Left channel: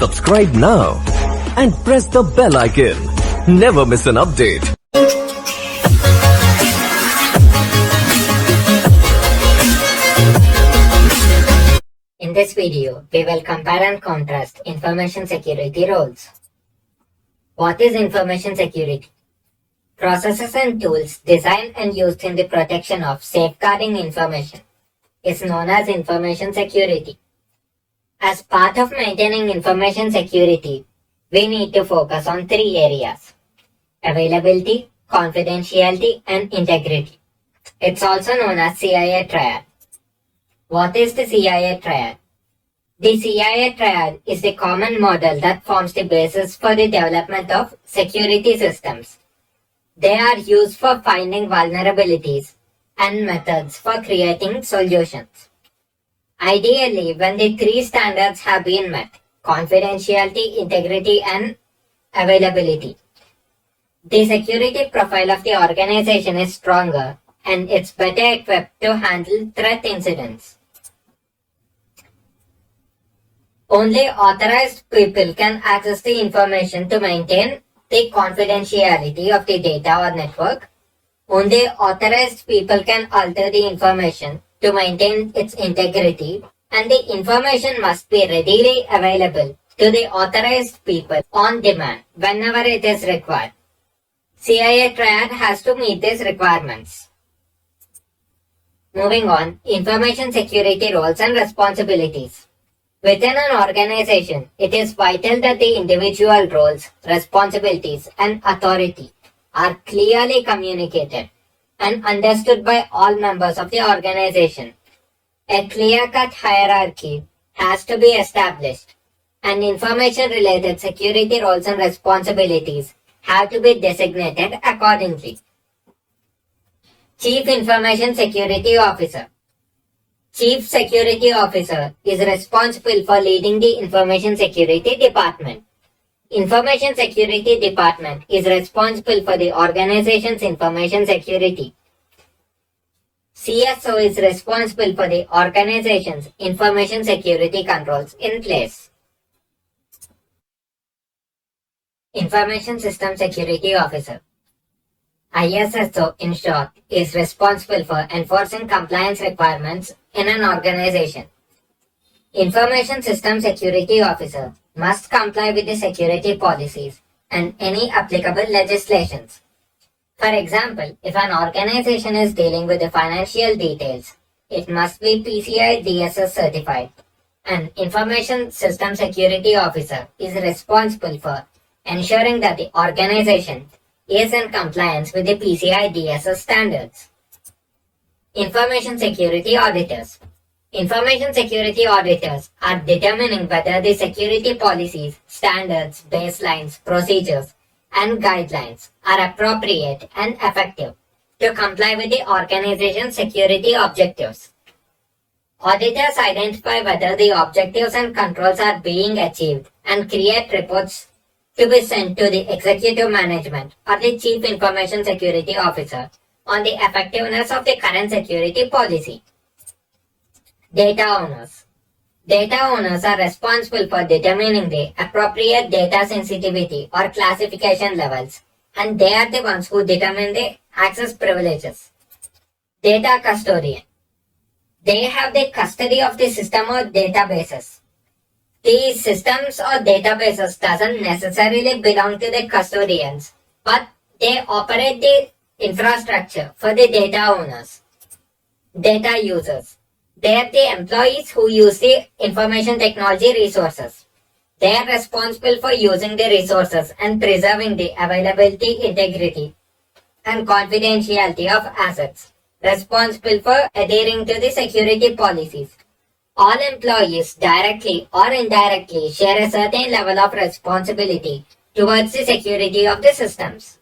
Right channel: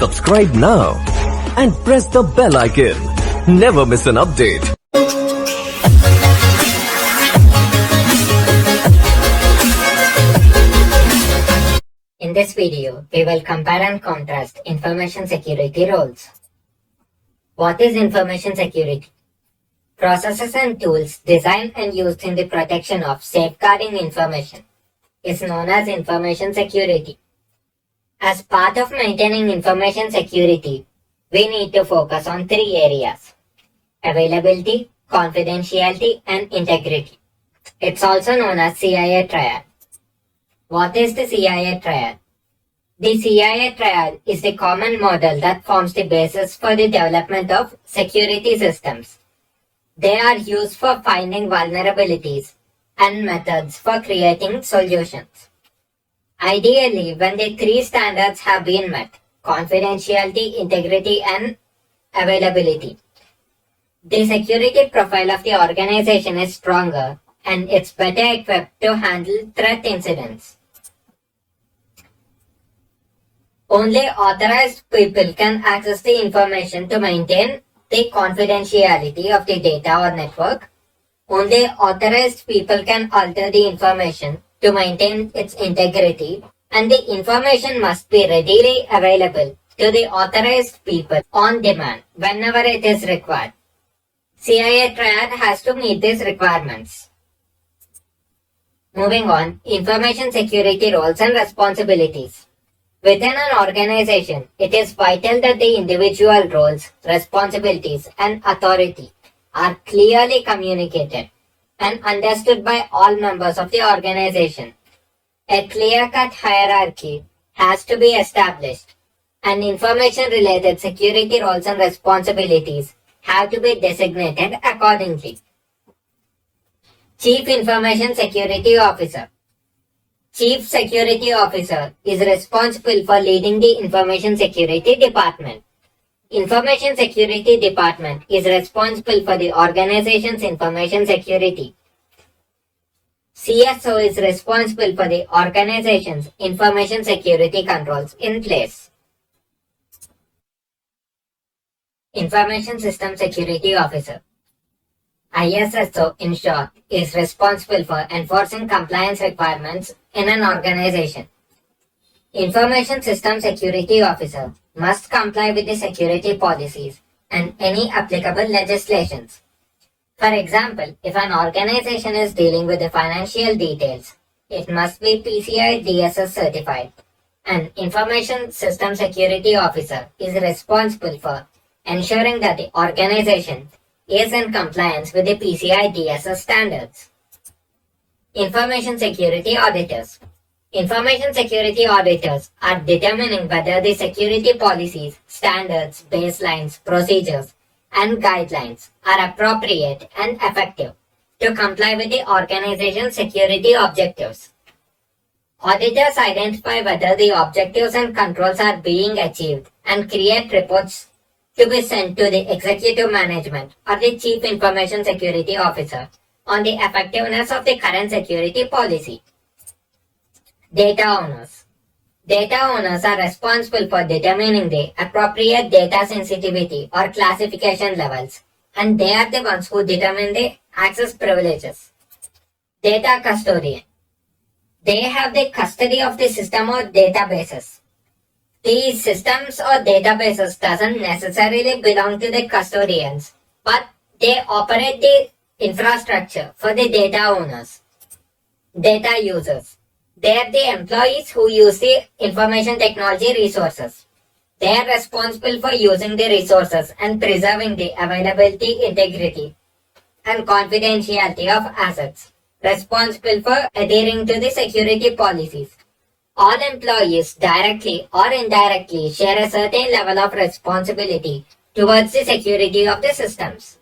Subscribe now and press the bell icon. Never miss an update. In this video, we will compare and contrast information security roles. What is information security? Processes and tools designed and used in the protection of safeguarding information is known as information security. As part of maintaining information security, we need to focus on three areas: availability, confidentiality, and integrity. It's also known as CIA triad. What is the CIA triad? The CIA triad is the common model that forms the basis for the development of security systems. They are used for finding vulnerabilities and methods for creating solutions. Ideally, when the three standards have been met, confidentiality, integrity, and availability, the security profile of the organization is stronger and it's better equipped to handle threat incidents. Only authorized people can access the information to maintain the confidentiality of the data or network. Only authorized people can alter the information to maintain its integrity, and the information must be readily available to the authorized people on demand whenever it is required. CIA triad has to meet these requirements. Moving on, information security roles and responsibilities. Within an organization, it is vital that the individual roles, responsibilities, and authority are clearly communicated and understood by all members of the organization. A clear-cut hierarchy has to be established, and information-related security roles and responsibilities have to be designated accordingly. Chief Information Security Officer. Chief Security Officer is responsible for leading the Information Security Department. Information Security Department is responsible for the organization's information security. CSO is responsible for the organization's information security controls in place. Information System Security Officer. ISSO, in short, is responsible for enforcing compliance requirements in an organization. Information System Security Officer must comply with the security policies and any applicable legislations. For example, if an organization is dealing with the financial details, it must be PCI DSS certified. An Information System Security Officer is responsible for ensuring that the organization is in compliance with the PCI DSS standards. Information Security Auditors. Information security auditors are determining whether the security policies, standards, baselines, procedures, and guidelines are appropriate and effective to comply with the organization's security objectives. Auditors identify whether the objectives and controls are being achieved and create reports to be sent to the executive management or the Chief Information Security Officer on the effectiveness of the current security policy. Data owners. Data owners are responsible for determining the appropriate data sensitivity or classification levels, and they are the ones who determine the access privileges. Data custodian. They have the custody of the system or databases. These systems or databases doesn't necessarily belong to the custodians, but they operate the infrastructure for the data owners. Data users. They are the employees who use the information technology resources. They are responsible for using the resources and preserving the availability, integrity, and confidentiality of assets. Responsible for adhering to the security policies. All employees, directly or indirectly, share a certain level of responsibility towards the security of the systems.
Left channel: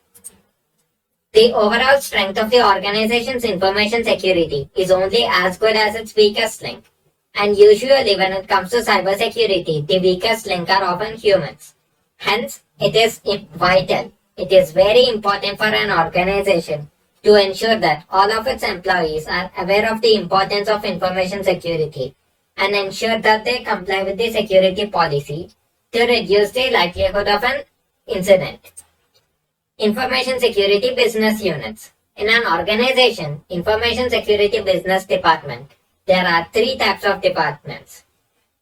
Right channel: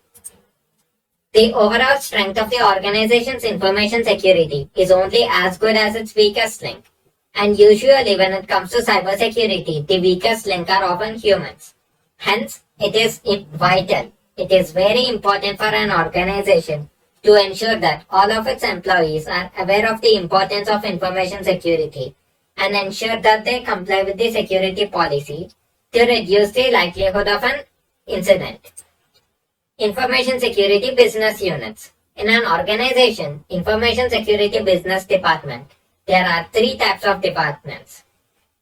The overall strength of the organization's information security is only as good as its weakest link. And usually when it comes to cybersecurity, the weakest link are often humans. Hence, it is vital. It is very important for an organization to ensure that all of its employees are aware of the importance of information security and ensure that they comply with the security policy to reduce the likelihood of an incident. Information Security Business Units. In an organization, Information Security Business Department, there are three types of departments.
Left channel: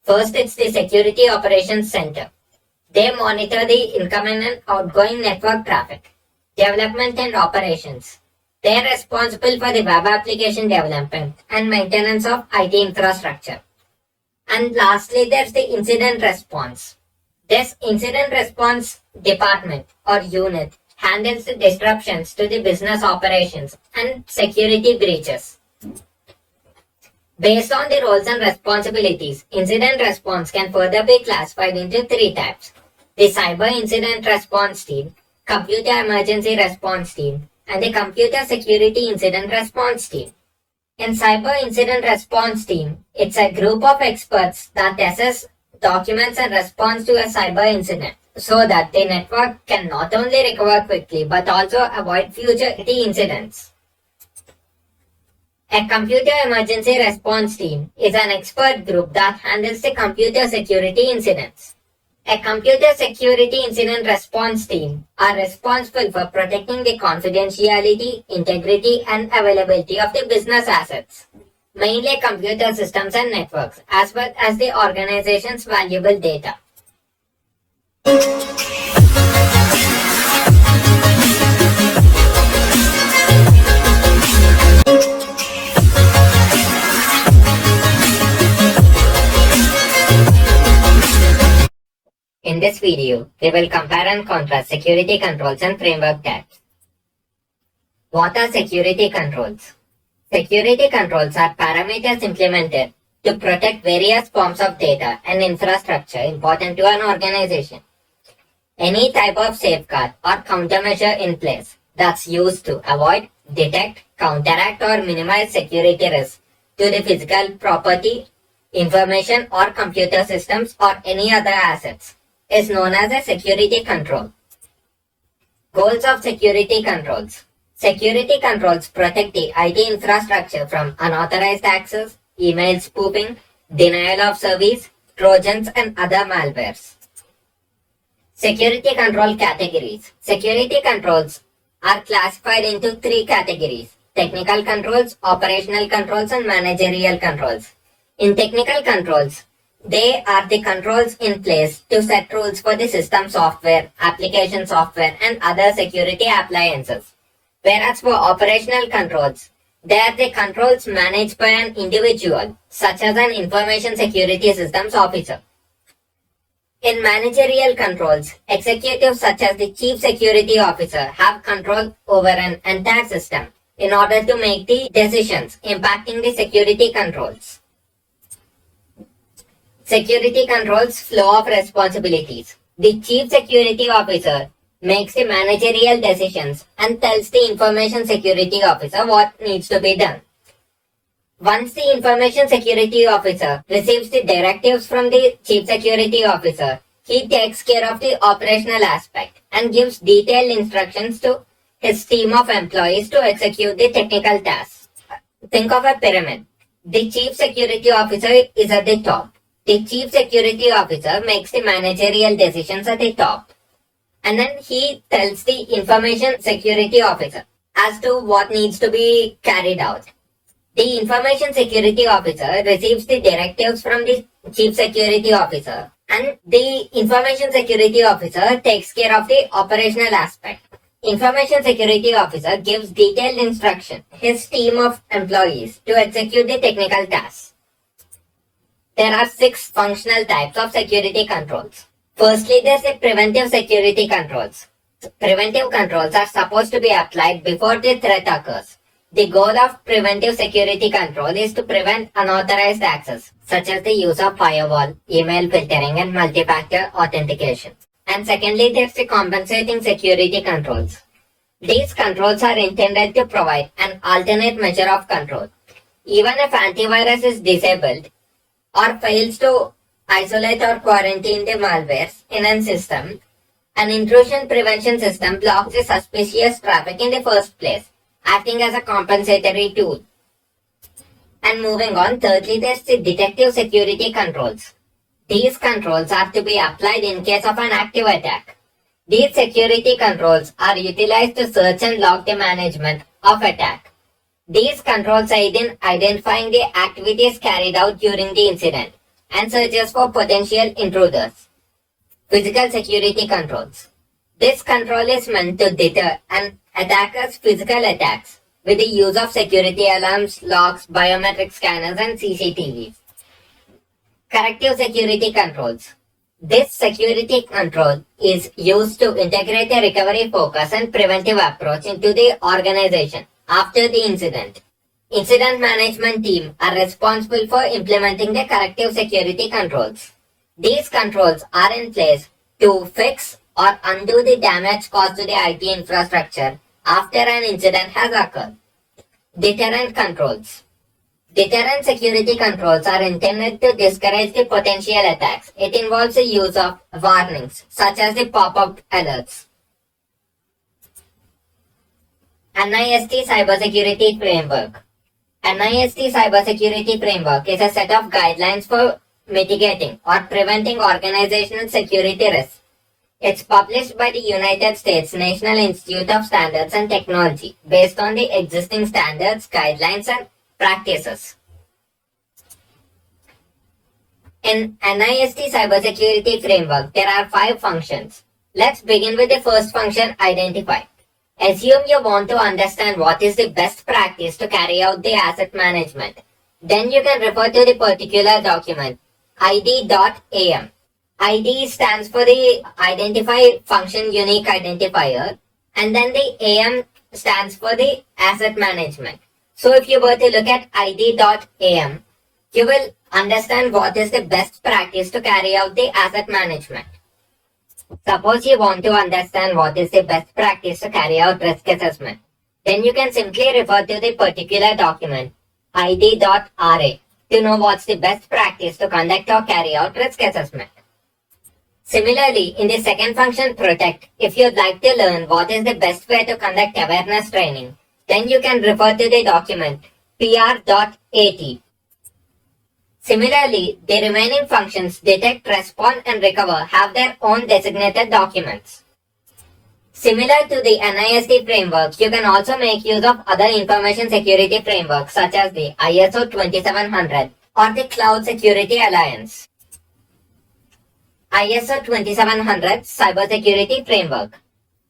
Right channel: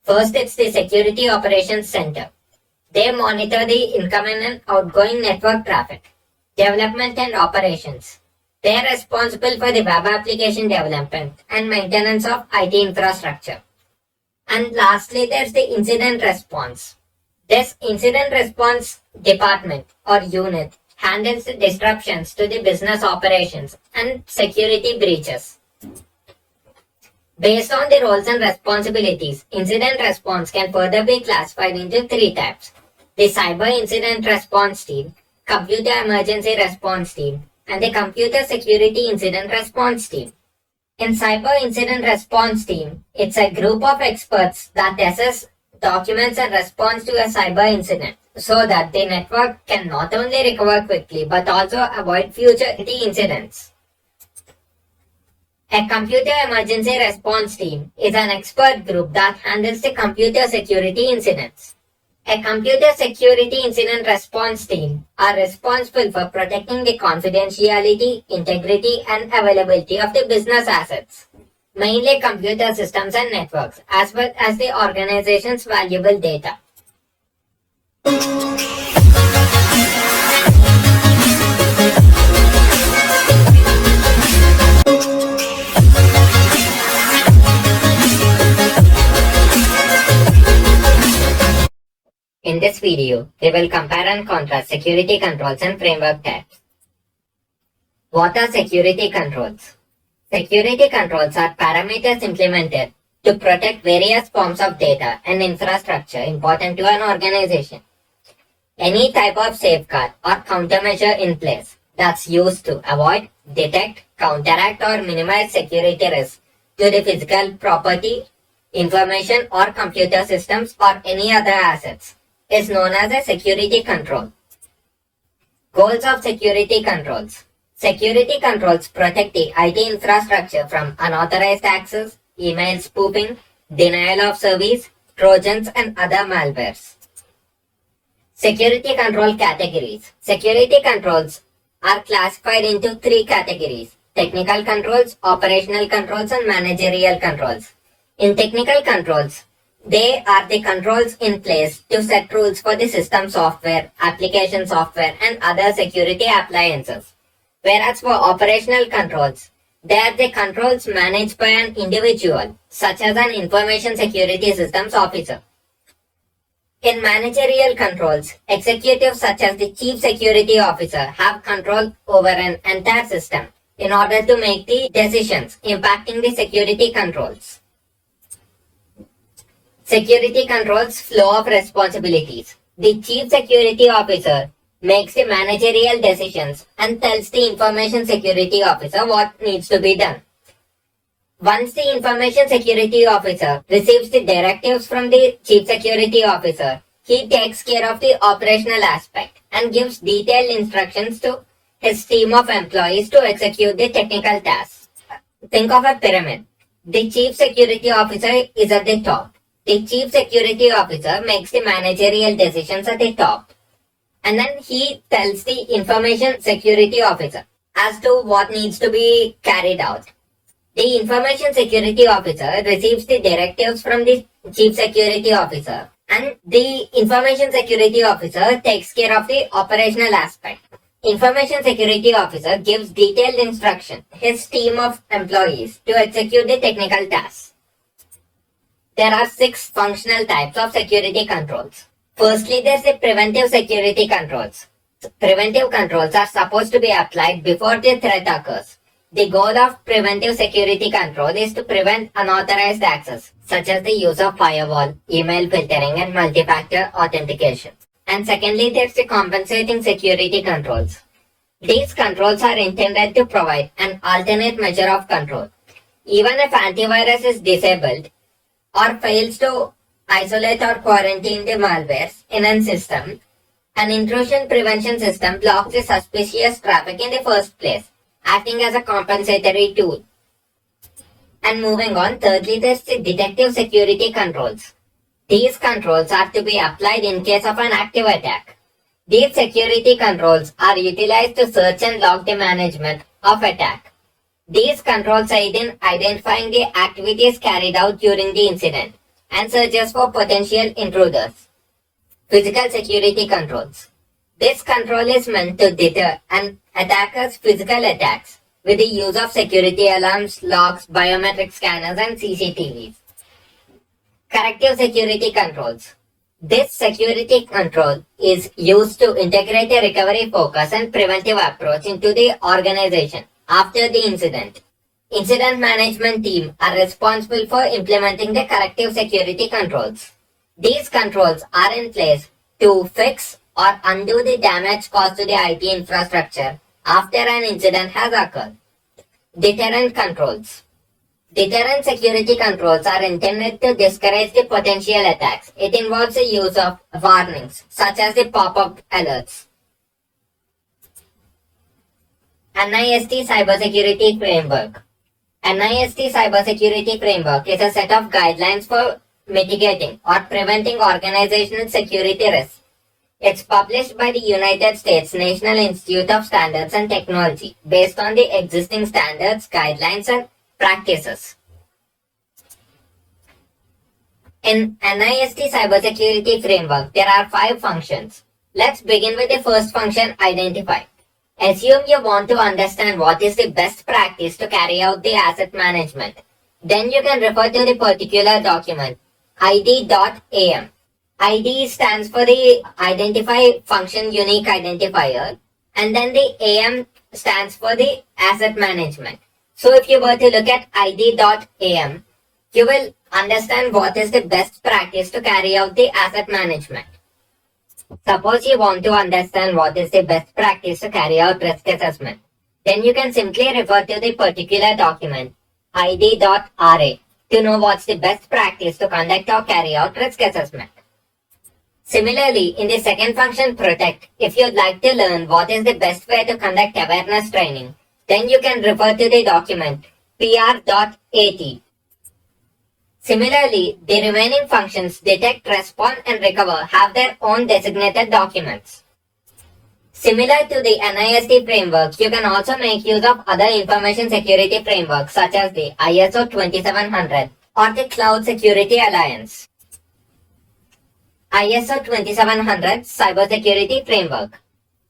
First, it's the Security Operations Center. They monitor the incoming and outgoing network traffic, development and operations. They are responsible for the web application development and maintenance of IT infrastructure. And lastly, there's the Incident Response. This Incident Response Department or unit handles the disruptions to the business operations and security breaches. Based on the roles and responsibilities, incident response can further be classified into three types: the Cyber Incident Response Team, Computer Emergency Response Team, and the Computer Security Incident Response Team. In Cyber Incident Response Team, it's a group of experts that assess, documents, and responds to a cyber incident so that the network can not only recover quickly but also avoid future incidents. A Computer Emergency Response Team is an expert group that handles the computer security incidents. A Computer Security Incident Response Team are responsible for protecting the confidentiality, integrity, and availability of the business assets, mainly computer systems and networks, as well as the organization's valuable data. In this video, we will compare and contrast security controls and framework types. What are security controls? Security controls are parameters implemented to protect various forms of data and infrastructure important to an organization. Any type of safeguard or countermeasure in place that's used to avoid, detect, counteract, or minimize security risks to the physical property, information, or computer systems or any other assets is known as a security control. Goals of security controls. Security controls protect the IT infrastructure from unauthorized access, email spoofing, denial of service, trojans, and other malwares. Security control categories. Security controls are classified into three categories: technical controls, operational controls, and managerial controls. In technical controls, they are the controls in place to set rules for the system software, application software, and other security appliances. Whereas for operational controls, they are the controls managed by an individual, such as an information security systems officer. In managerial controls, executives such as the chief security officer have control over an entire system in order to make the decisions impacting the security controls. Security controls flow of responsibilities. The chief security officer makes the managerial decisions and tells the information security officer what needs to be done. Once the information security officer receives the directives from the chief security officer, he takes care of the operational aspect and gives detailed instructions to his team of employees to execute the technical tasks. Think of a pyramid. The chief security officer is at the top. The chief security officer makes the managerial decisions at the top, and then he tells the information security officer as to what needs to be carried out. The information security officer receives the directives from the chief security officer, and the information security officer takes care of the operational aspect. Information security officer gives detailed instruction to his team of employees to execute the technical tasks. There are 6 functional types of security controls. Firstly, there's the preventive security controls. Preventive controls are supposed to be applied before the threat occurs. The goal of preventive security control is to prevent unauthorized access, such as the use of firewall, email filtering, and multi-factor authentication. And secondly, there's the compensating security controls. These controls are intended to provide an alternate measure of control. Even if antivirus is disabled, or fails to isolate or quarantine the malwares in a system, an intrusion prevention system blocks the suspicious traffic in the first place, acting as a compensatory tool. And moving on, thirdly, there's the detective security controls. These controls are to be applied in case of an active attack. These security controls are utilized to search and log the management of attack. These controls aid in identifying the activities carried out during the incident and searches for potential intruders. Physical security controls. This control is meant to deter an attacker's physical attacks with the use of security alarms, locks, biometric scanners, and CCTVs. Corrective security controls. This security control is used to integrate a recovery focus and preventive approach into the organization after the incident. Incident management team are responsible for implementing the corrective security controls. These controls are in place to fix or undo the damage caused to the IT infrastructure after an incident has occurred. Deterrent controls. Deterrent security controls are intended to discourage the potential attacks. It involves the use of warnings, such as the pop-up alerts. NIST Cybersecurity Framework. NIST Cybersecurity Framework is a set of guidelines for mitigating or preventing organizational security risks. It's published by the United States National Institute of Standards and Technology based on the existing standards, guidelines, and practices. In NIST Cybersecurity Framework, there are 5 functions. Let's begin with the first function, identify. Assume you want to understand what is the best practice to carry out the asset management. Then you can refer to the particular document, id.am. ID stands for the identify function unique identifier, and then the AM stands for the asset management. So if you were to look at id.am, you will understand what is the best practice to carry out the asset management. Suppose you want to understand what is the best practice to carry out risk assessment. Then you can simply refer to the particular document, id.ra, to know what's the best practice to conduct or carry out risk assessment. Similarly, in the second function, protect, if you'd like to learn what is the best way to conduct awareness training, then you can refer to the document pr.at. Similarly, the remaining functions, detect, respond, and recover, have their own designated documents. Similar to the NIST framework, you can also make use of other information security frameworks such as the ISO 2700 or the Cloud Security Alliance. ISO 2700 Cybersecurity Framework.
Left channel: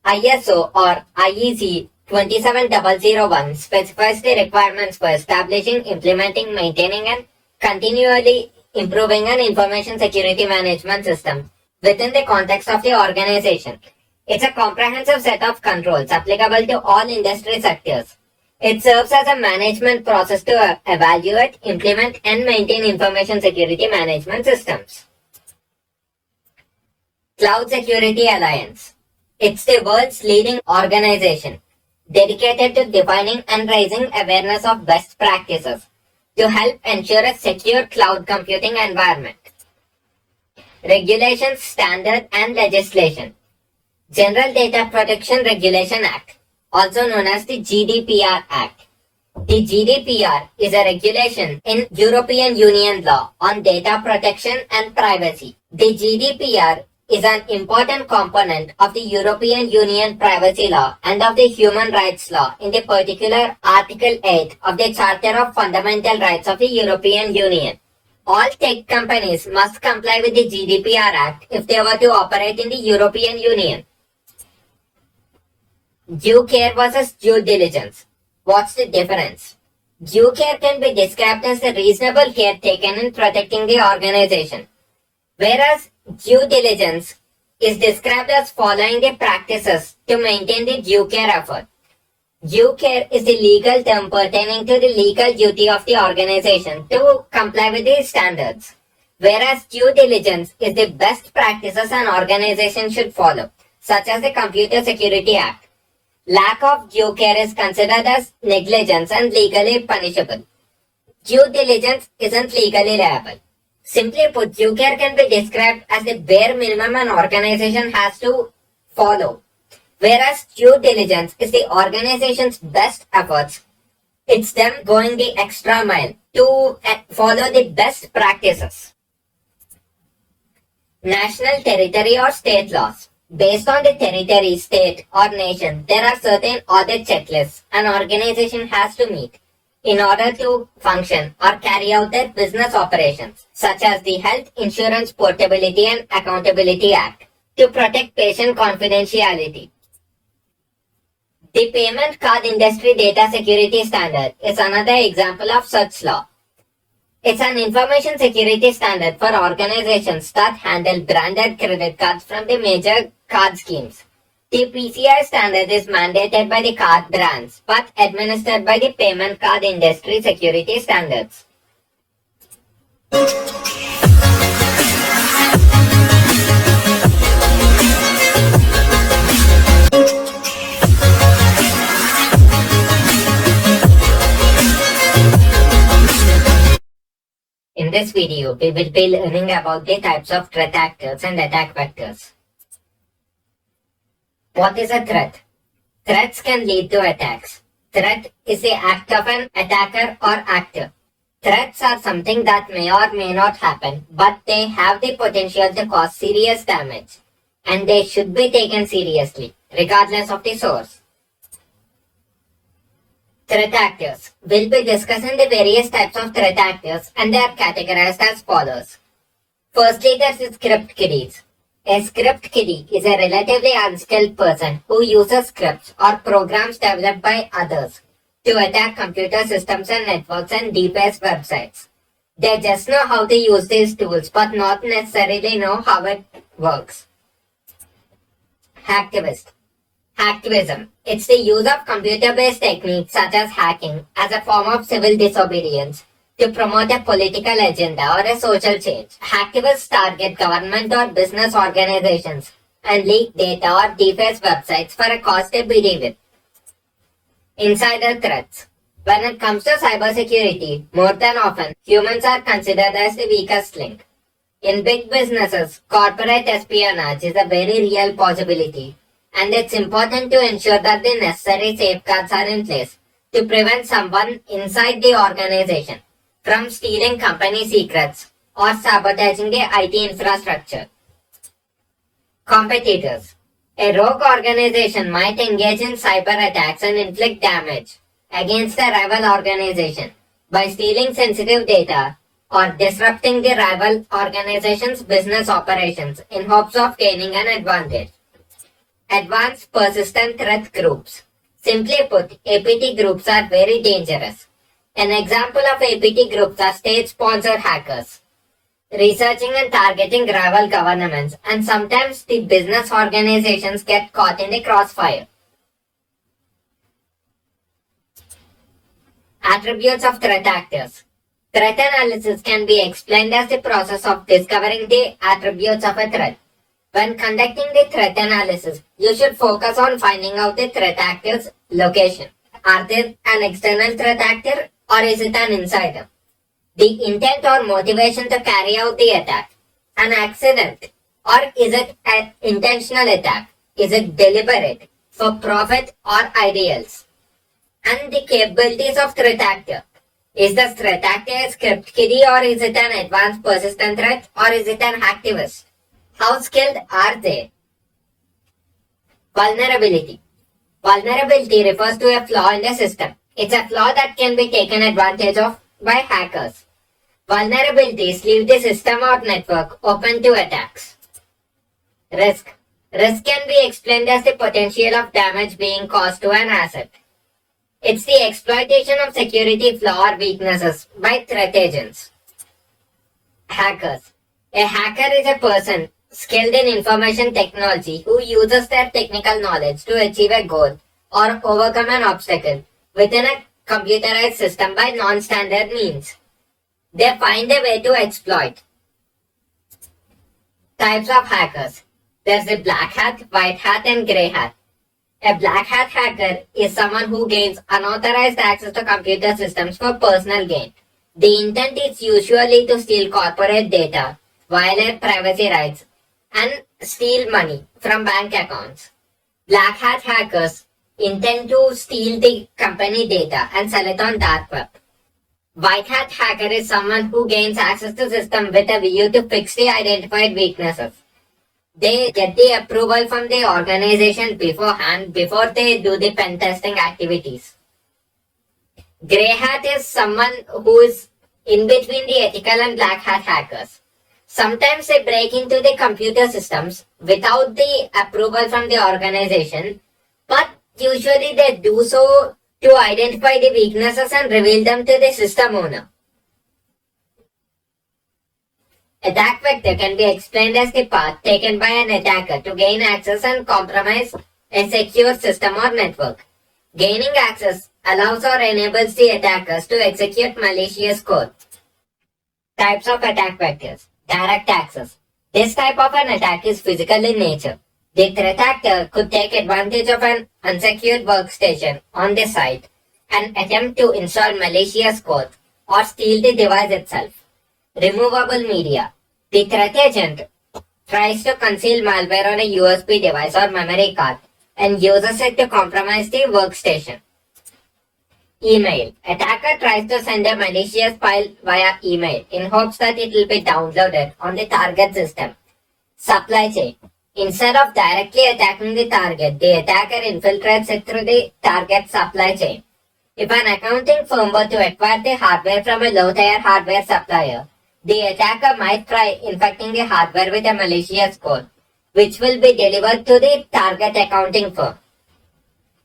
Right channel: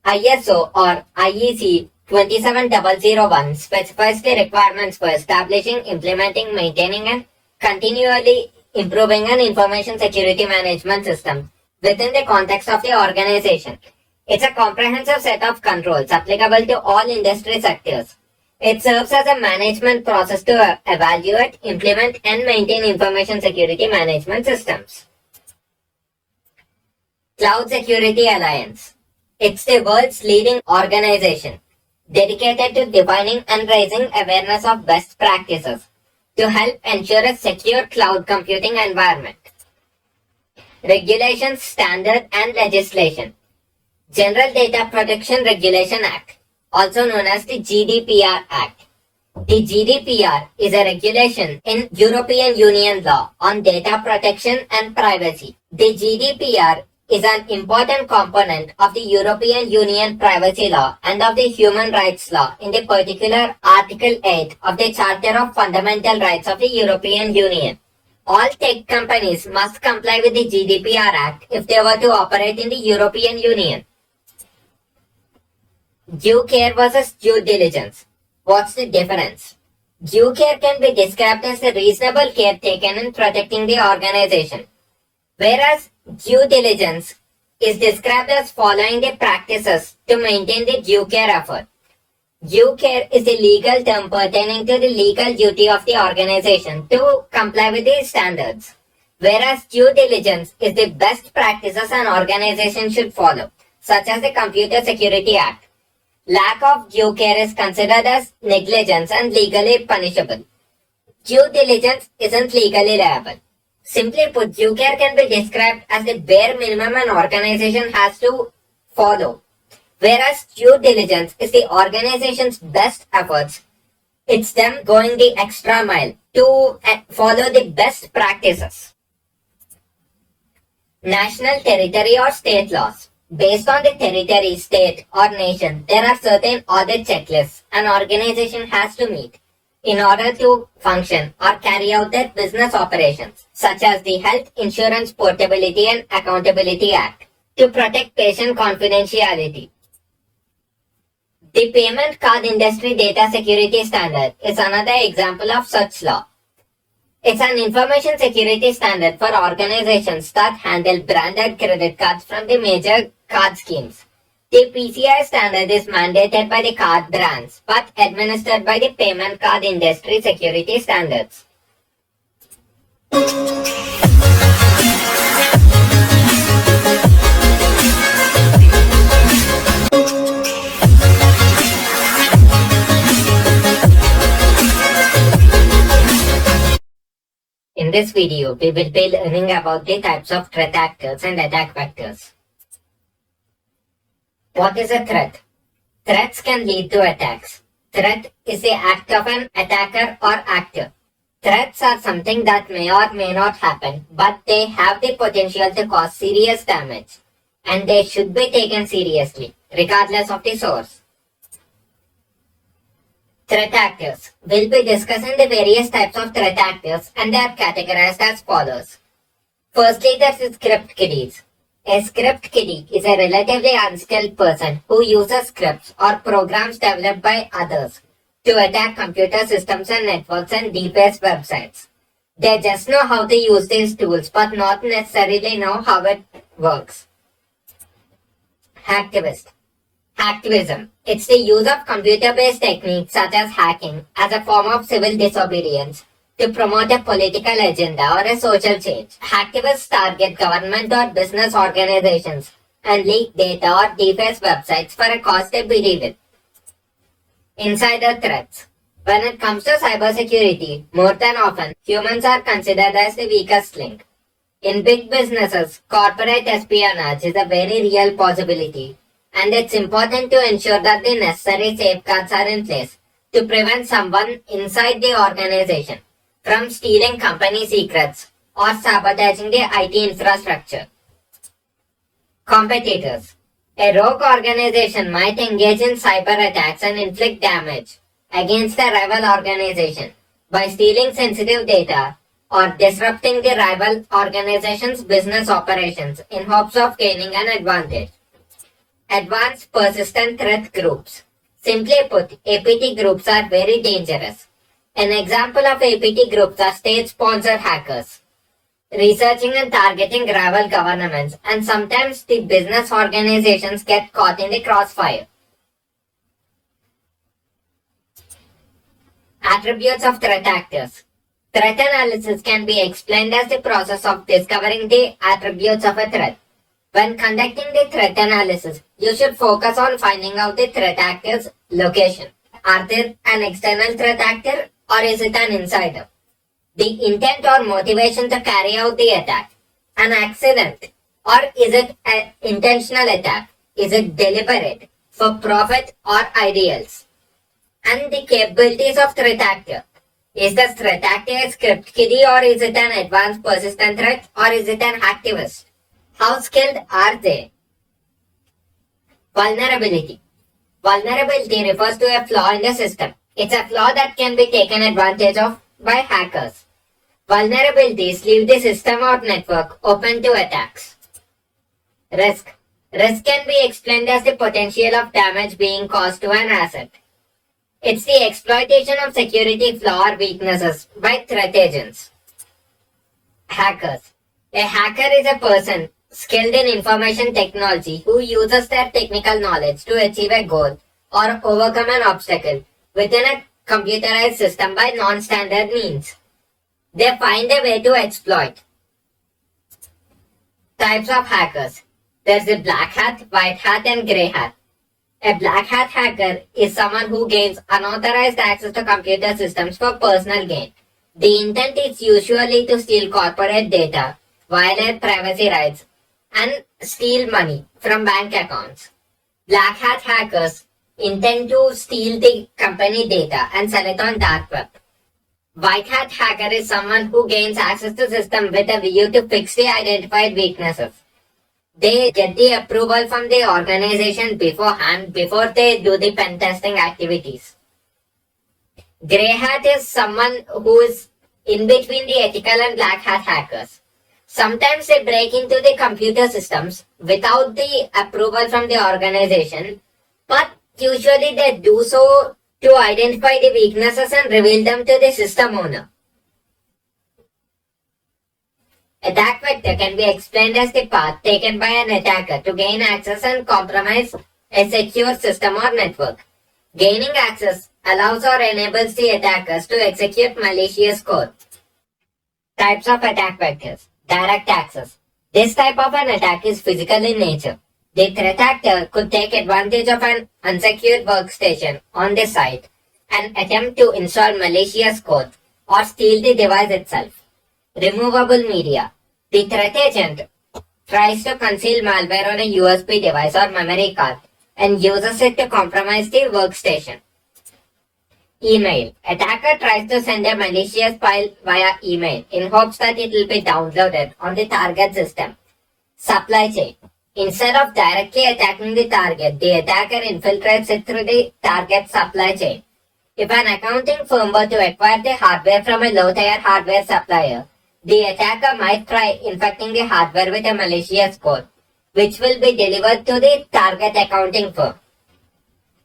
ISO or IEC 27001 specifies the requirements for establishing, implementing, maintaining, and continually improving an information security management system within the context of the organization. It's a comprehensive set of controls applicable to all industry sectors. It serves as a management process to evaluate, implement, and maintain information security management systems. Cloud Security Alliance. It's the world's leading organization dedicated to defining and raising awareness of best practices to help ensure a secure cloud computing environment. Regulations, standard, and legislation. General Data Protection Regulation Act, also known as the GDPR Act. The GDPR is a regulation in European Union law on data protection and privacy. The GDPR is an important component of the European Union privacy law and of the human rights law, in the particular Article 8 of the Charter of Fundamental Rights of the European Union. All tech companies must comply with the GDPR Act if they were to operate in the European Union. Due care versus due diligence. What's the difference? Due care can be described as the reasonable care taken in protecting the organization, whereas due diligence is described as following the practices to maintain the due care effort. Due care is the legal term pertaining to the legal duty of the organization to comply with the standards, whereas due diligence is the best practices an organization should follow, such as the Computer Security Act. Lack of due care is considered as negligence and legally punishable. Due diligence isn't legally liable. Simply put, due care can be described as the bare minimum an organization has to follow, whereas due diligence is the organization's best efforts. It's them going the extra mile to follow the best practices. National, territory, or state laws. Based on the territory, state, or nation, there are certain audit checklists an organization has to meet in order to function or carry out their business operations, such as the Health Insurance Portability and Accountability Act, to protect patient confidentiality. The Payment Card Industry Data Security Standard is another example of such law. It's an information security standard for organizations that handle branded credit cards from the major card schemes. The PCI standard is mandated by the card brands but administered by the Payment Card Industry Security Standards. In this video, we will be learning about the types of threat actors and attack vectors. What is a threat? Threats can lead to attacks. Threat is the act of an attacker or actor. Threats are something that may or may not happen, but they have the potential to cause serious damage, and they should be taken seriously, regardless of the source. Threat actors. We'll be discussing the various types of threat actors, and they are categorized as follows. Firstly, there is script kiddies. A script kiddie is a relatively unskilled person who uses scripts or programs developed by others to attack computer systems and networks and deface websites. They just know how to use these tools but not necessarily know how it works. Hacktivist. Hacktivism. It's the use of computer-based techniques such as hacking as a form of civil disobedience to promote a political agenda or a social change. Hacktivists target government or business organizations and leak data or deface websites for a cause they believe in. Insider threats. When it comes to cybersecurity, more than often, humans are considered as the weakest link. In big businesses, corporate espionage is a very real possibility, and it's important to ensure that the necessary safeguards are in place to prevent someone inside the organization from stealing company secrets or sabotaging the IT infrastructure. Competitors. A rogue organization might engage in cyber attacks and inflict damage against a rival organization by stealing sensitive data or disrupting the rival organization's business operations in hopes of gaining an advantage. Advanced Persistent Threat Groups. Simply put, APT groups are very dangerous. An example of APT groups are state-sponsored hackers, researching and targeting rival governments, and sometimes the business organizations get caught in the crossfire. Attributes of threat actors. Threat analysis can be explained as the process of discovering the attributes of a threat. When conducting the threat analysis, you should focus on finding out the threat actor's location. Are they an external threat actor or is it an insider? The intent or motivation to carry out the attack. An accident or is it an intentional attack? Is it deliberate, for profit or ideals? And the capabilities of threat actor. Is the threat actor a script kiddie or is it an advanced persistent threat or is it an hacktivist? How skilled are they? Vulnerability. Vulnerability refers to a flaw in the system. It's a flaw that can be taken advantage of by hackers. Vulnerabilities leave the system or network open to attacks. Risk. Risk can be explained as the potential of damage being caused to an asset. It's the exploitation of security flaw or weaknesses by threat agents. Hackers. A hacker is a person skilled in information technology who uses their technical knowledge to achieve a goal or overcome an obstacle within a computerized system by non-standard means. They find a way to exploit. Types of hackers. There's a black hat, white hat, and grey hat. A black hat hacker is someone who gains unauthorized access to computer systems for personal gain. The intent is usually to steal corporate data, violate privacy rights, and steal money from bank accounts. Black hat hackers intend to steal the company data and sell it on dark web. White hat hacker is someone who gains access to system with a view to fix the identified weaknesses. They get the approval from the organization beforehand before they do the pen testing activities. Grey hat is someone who is in between the ethical and black hat hackers. Sometimes they break into the computer systems without the approval from the organization, but usually they do so to identify the weaknesses and reveal them to the system owner. Attack vector can be explained as the path taken by an attacker to gain access and compromise a secure system or network. Gaining access allows or enables the attackers to execute malicious code. Types of attack vectors. Direct access. This type of an attack is physical in nature. The threat actor could take advantage of an unsecured workstation on the site and attempt to install malicious code or steal the device itself. Removable media. The threat agent tries to conceal malware on a USB device or memory card and uses it to compromise the workstation. Email. Attacker tries to send a malicious file via email in hopes that it will be downloaded on the target system. Supply chain. Instead of directly attacking the target, the attacker infiltrates it through the target supply chain. If an accounting firm were to acquire the hardware from a low-tier hardware supplier, the attacker might try infecting the hardware with a malicious code, which will be delivered to the target accounting firm.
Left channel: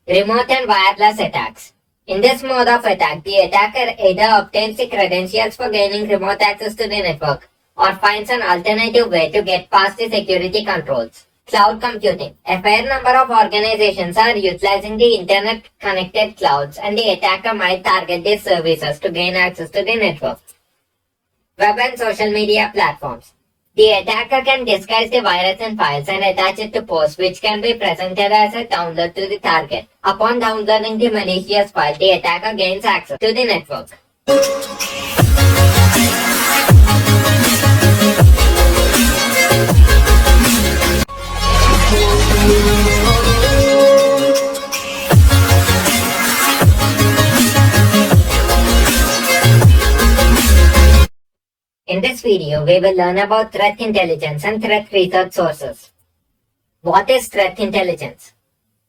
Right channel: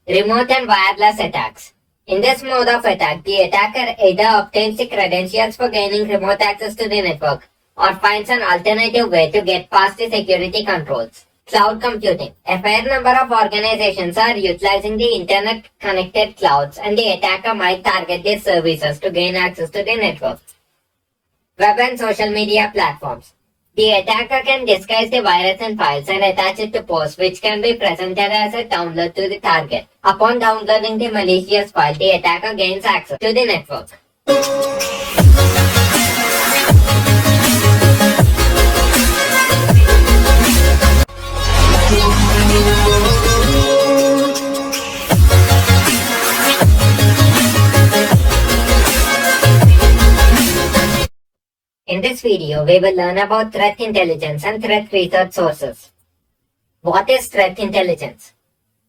Remote and wireless attacks. In this mode of attack, the attacker either obtains the credentials for gaining remote access to the network or finds an alternative way to get past the security controls. Cloud computing. A fair number of organizations are utilizing the internet connected clouds, and the attacker might target these services to gain access to the network. Web and social media platforms. The attacker can disguise the virus in files and attach it to posts, which can be presented as a download to the target. Upon downloading the malicious file, the attacker gains access to the network. In this video, we will learn about threat intelligence and threat research sources. What is threat intelligence?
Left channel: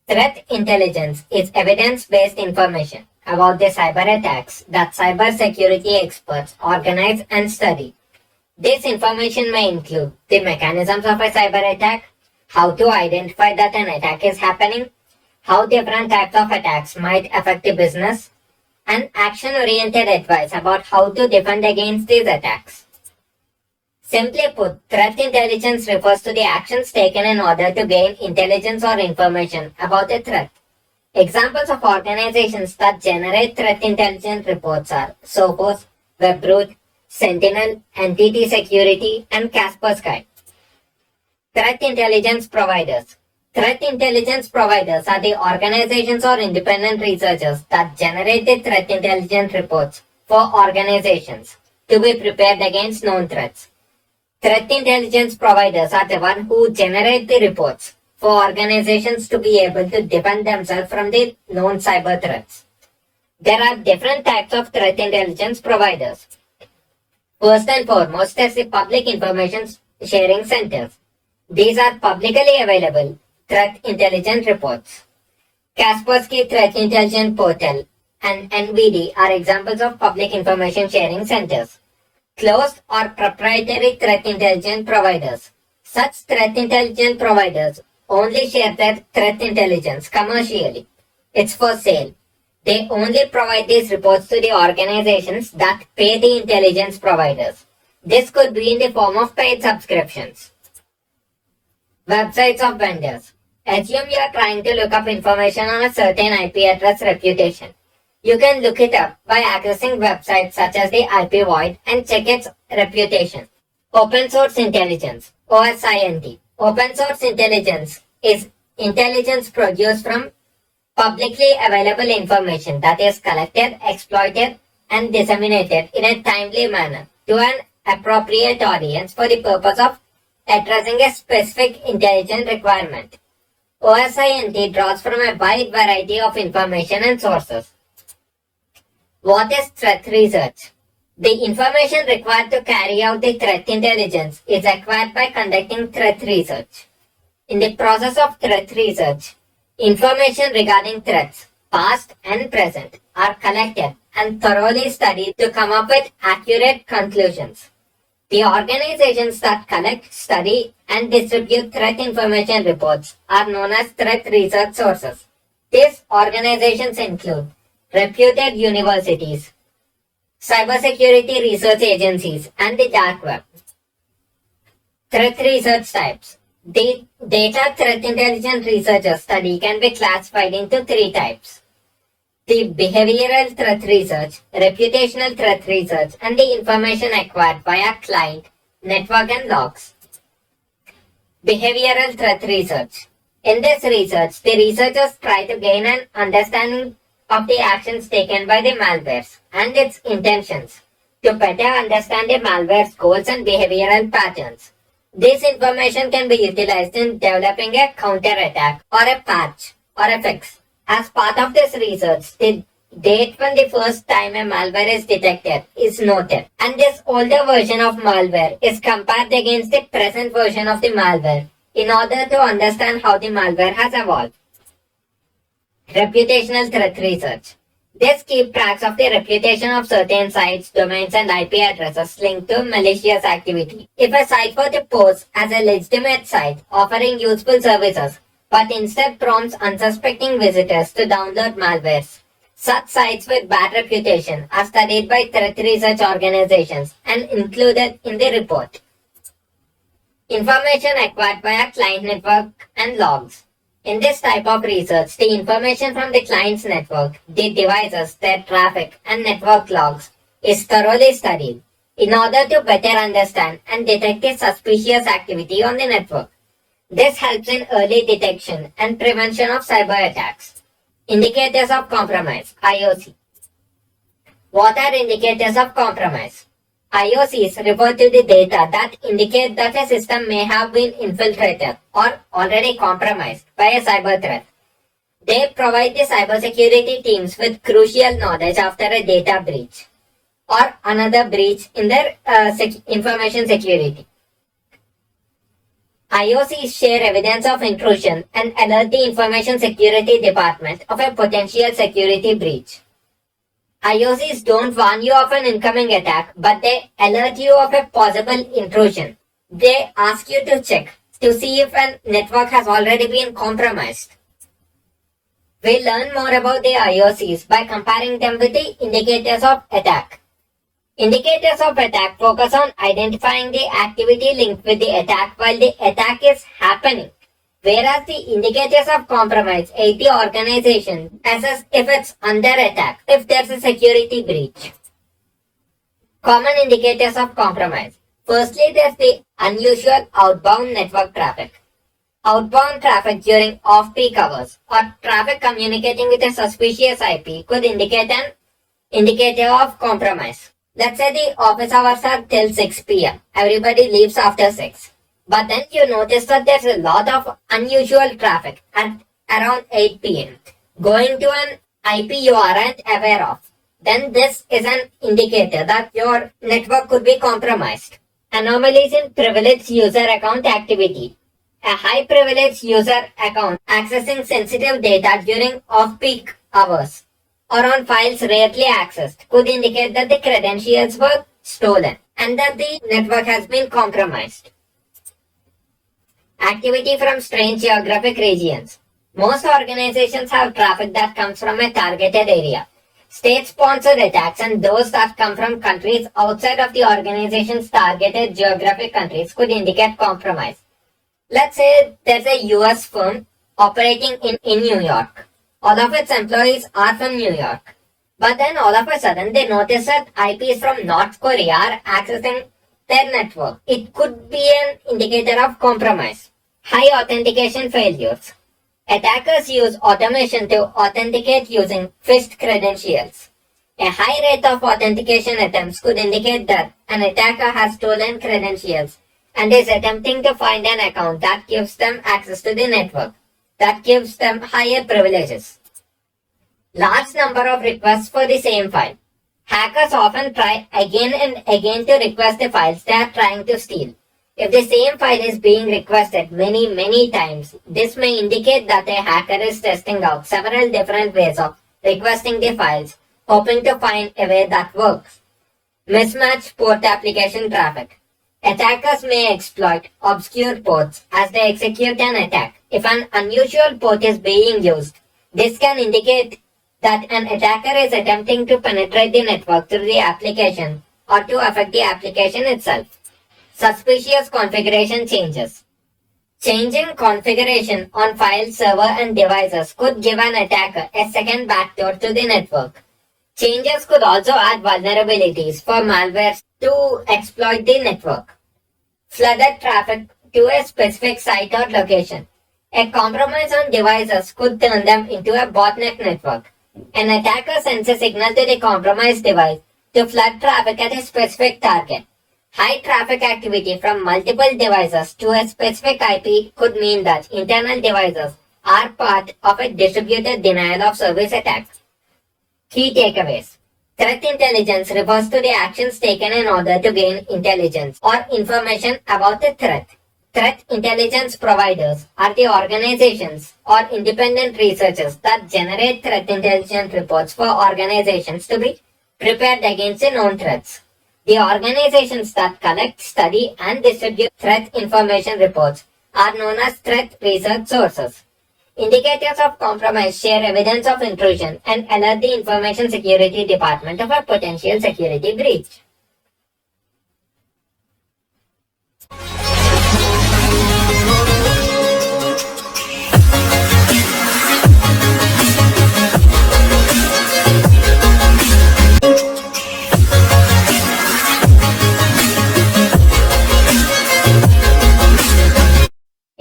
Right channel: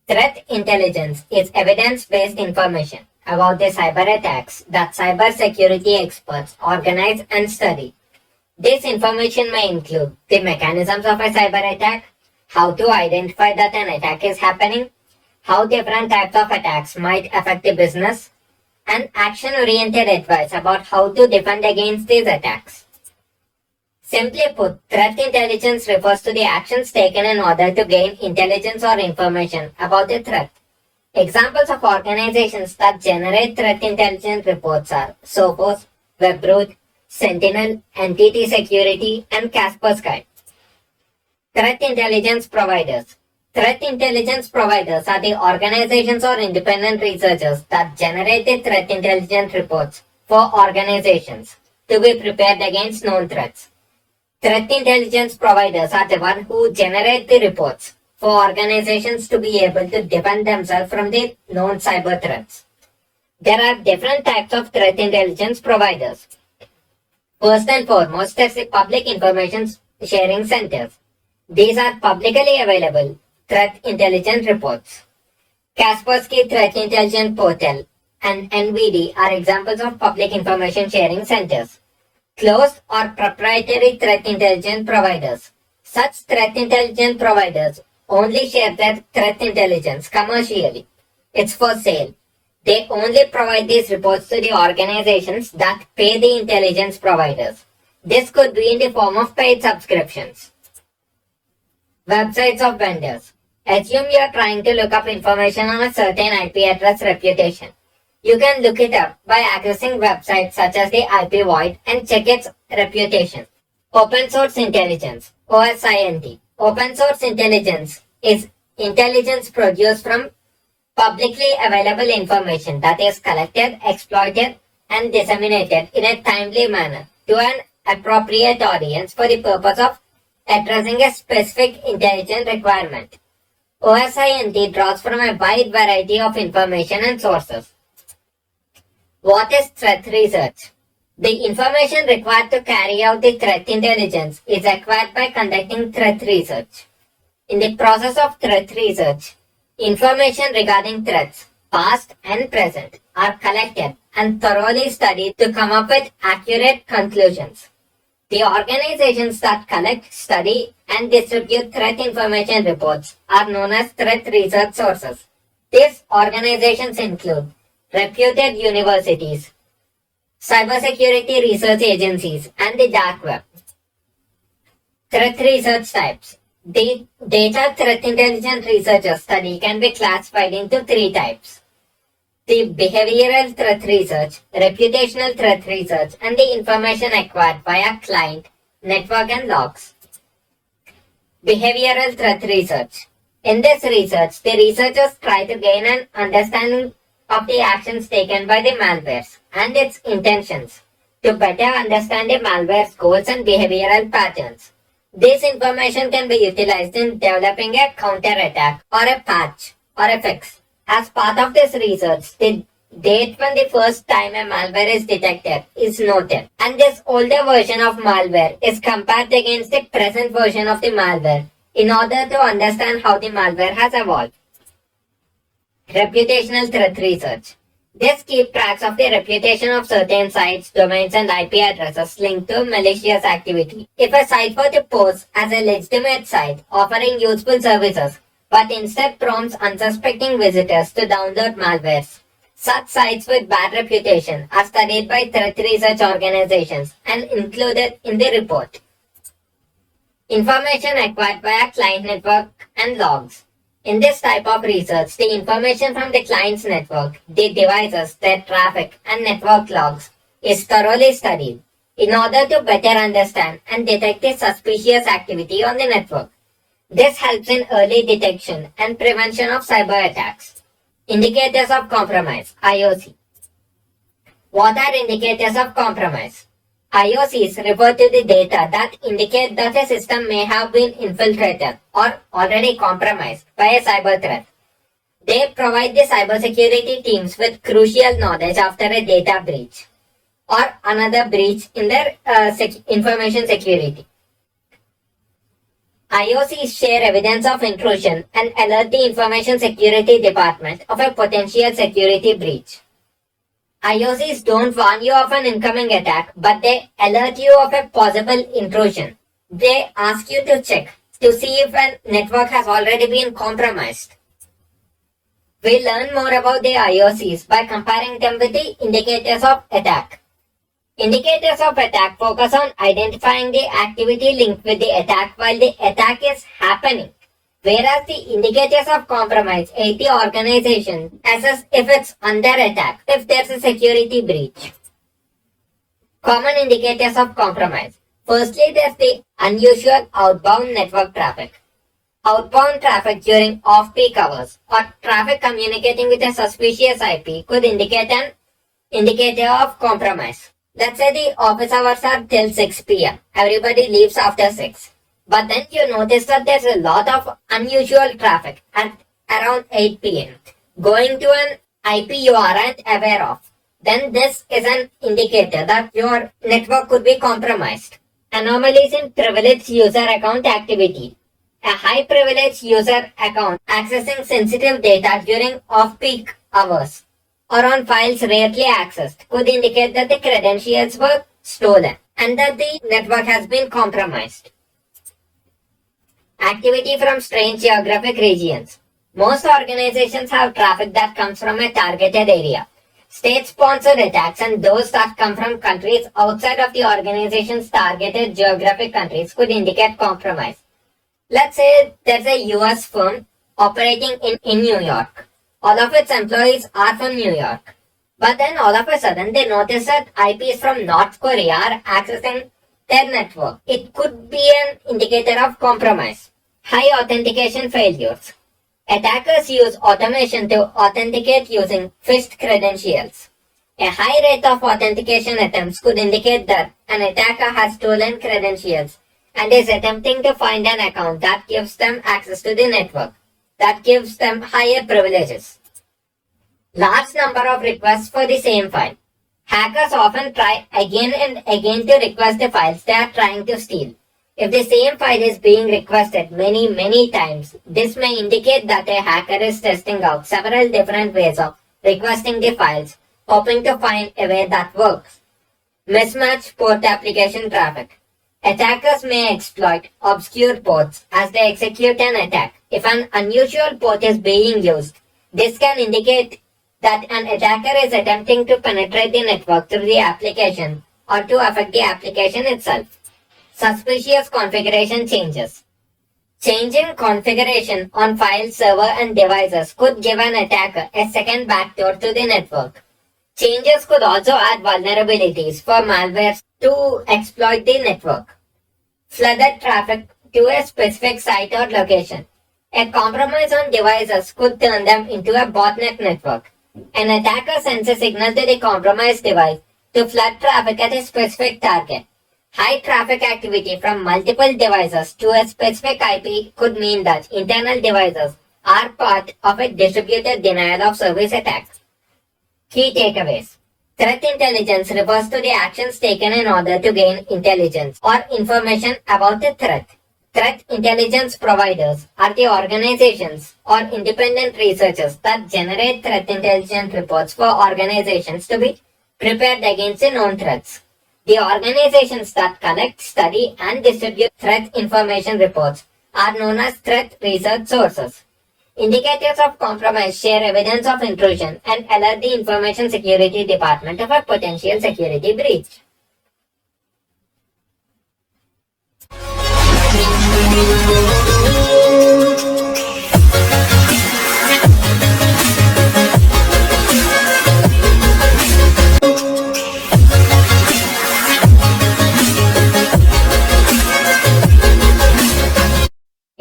Threat intelligence is evidence-based information about the cyber attacks that cybersecurity experts organize and study. This information may include the mechanisms of a cyber attack, how to identify that an attack is happening, how different types of attacks might affect the business, and action-oriented advice about how to defend against these attacks. Simply put, threat intelligence refers to the actions taken in order to gain intelligence or information about a threat. Examples of organizations that generate threat intelligence reports are Sophos, Webroot, Sentinel, Entity Security, and Kaspersky. Threat intelligence providers. Threat intelligence providers are the organizations or independent researchers that generate the threat intelligence reports for organizations to be prepared against known threats. Threat intelligence providers are the ones who generate the reports for organizations to be able to defend themselves from the known cyber threats. There are different types of threat intelligence providers. First and foremost is the public information sharing centers. These are publicly available threat intelligence reports. Kaspersky Threat Intelligence Portal and NVD are examples of public information sharing centers. Closed or proprietary threat intelligence providers. Such threat intelligence providers only share their threat intelligence commercially. It's for sale. They only provide these reports to the organizations that pay the intelligence providers. This could be in the form of paid subscriptions. Websites of vendors. Assume you are trying to look up information on a certain IP address reputation. You can look it up by accessing websites such as the IP void and check its reputation. Open Source Intelligence, OSINT. Open Source Intelligence is intelligence produced from publicly available information that is collected, exploited, and disseminated in a timely manner to an appropriate audience for the purpose of addressing a specific intelligence requirement. OSINT draws from a wide variety of information and sources. What is threat research? The information required to carry out the threat intelligence is acquired by conducting threat research. In the process of threat research, information regarding threats, past and present, are collected and thoroughly studied to come up with accurate conclusions. The organizations that collect, study, and distribute threat information reports are known as threat research sources. These organizations include reputed universities, cybersecurity research agencies, and the dark web. Threat research types. The data threat intelligence researcher study can be classified into three types: the behavioral threat research, reputational threat research, and the information acquired via client, network, and logs. Behavioral threat research. In this research, the researchers try to gain an understanding of the actions taken by the malwares and its intentions to better understand the malware's goals and behavioral patterns. This information can be utilized in developing a counterattack or a patch or a fix. As part of this research, the date when the first time a malware is detected is noted, and this older version of malware is compared against the present version of the malware in order to understand how the malware has evolved. Reputational threat research. This keeps track of the reputation of certain sites, domains, and IP addresses linked to malicious activity. If a site were to pose as a legitimate site offering useful services, but instead prompts unsuspecting visitors to download malwares, such sites with bad reputation are studied by threat research organizations and included in the report. Information acquired by a client network and logs. In this type of research, the information from the client's network, the devices, their traffic, and network logs is thoroughly studied in order to better understand and detect the suspicious activity on the network. This helps in early detection and prevention of cyber attacks. Indicators of compromise, IOC. What are indicators of compromise? IOCs refer to the data that indicate that a system may have been infiltrated or already compromised by a cyber threat. They provide the cybersecurity teams with crucial knowledge after a data breach or another breach in their information security. IOCs share evidence of intrusion and alert the Information Security Department of a potential security breach. IOCs don't warn you of an incoming attack, but they alert you of a possible intrusion. They ask you to check to see if a network has already been compromised. We learn more about the IOCs by comparing them with the indicators of attack. Indicators of attack focus on identifying the activity linked with the attack while the attack is happening, whereas the indicators of compromise aid the organization assess if it's under attack, if there's a security breach. Common indicators of compromise. Firstly, there's the unusual outbound network traffic. Outbound traffic during off-peak hours or traffic communicating with a suspicious IP could indicate an indicator of compromise. Let's say the office hours are till 6 p.m. Everybody leaves after 6. But then you notice that there's a lot of unusual traffic at around 8 p.m. going to an IP you aren't aware of. Then this is an indicator that your network could be compromised. Anomalies in privileged user account activity. A high privileged user account accessing sensitive data during off-peak hours or on files rarely accessed could indicate that the credentials were stolen and that the network has been compromised. Activity from strange geographic regions. Most organizations have traffic that comes from a targeted area. State-sponsored attacks and those that come from countries outside of the organization's targeted geographic countries could indicate compromise. Let's say there's a US firm operating in New York. All of its employees are from New York. But then all of a sudden they notice that IPs from North Korea are accessing their network. It could be an indicator of compromise. High authentication failures. Attackers use automation to authenticate using phished credentials. A high rate of authentication attempts could indicate that an attacker has stolen credentials and is attempting to find an account that gives them access to the network, that gives them higher privileges. Large number of requests for the same file. Hackers often try again and again to request the files they are trying to steal. If the same file is being requested many times, this may indicate that a hacker is testing out several different ways of requesting the files, hoping to find a way that works. Mismatched port application traffic. Attackers may exploit obscure ports as they execute an attack. If an unusual port is being used, this can indicate that an attacker is attempting to penetrate the network through the application or to affect the application itself. Suspicious configuration changes. Changing configuration on file server and devices could give an attacker a second backdoor to the network. Changes could also add vulnerabilities for malware to exploit the network. Flooded traffic to a specific site or location. A compromise on devices could turn them into a botnet network. An attacker sends a signal to the compromised device to flood traffic at a specific target. High traffic activity from multiple devices to a specific IP could mean that internal devices are part of a distributed denial of service attack. Key takeaways. Threat intelligence refers to the actions taken in order to gain intelligence or information about the threat. Threat intelligence providers are the organizations or independent researchers that generate threat intelligence reports for organizations to be prepared against the known threats. The organizations that collect, study, and distribute threat information reports are known as threat research sources. Indicators of compromise share evidence of intrusion and alert the Information Security Department of a potential security breach.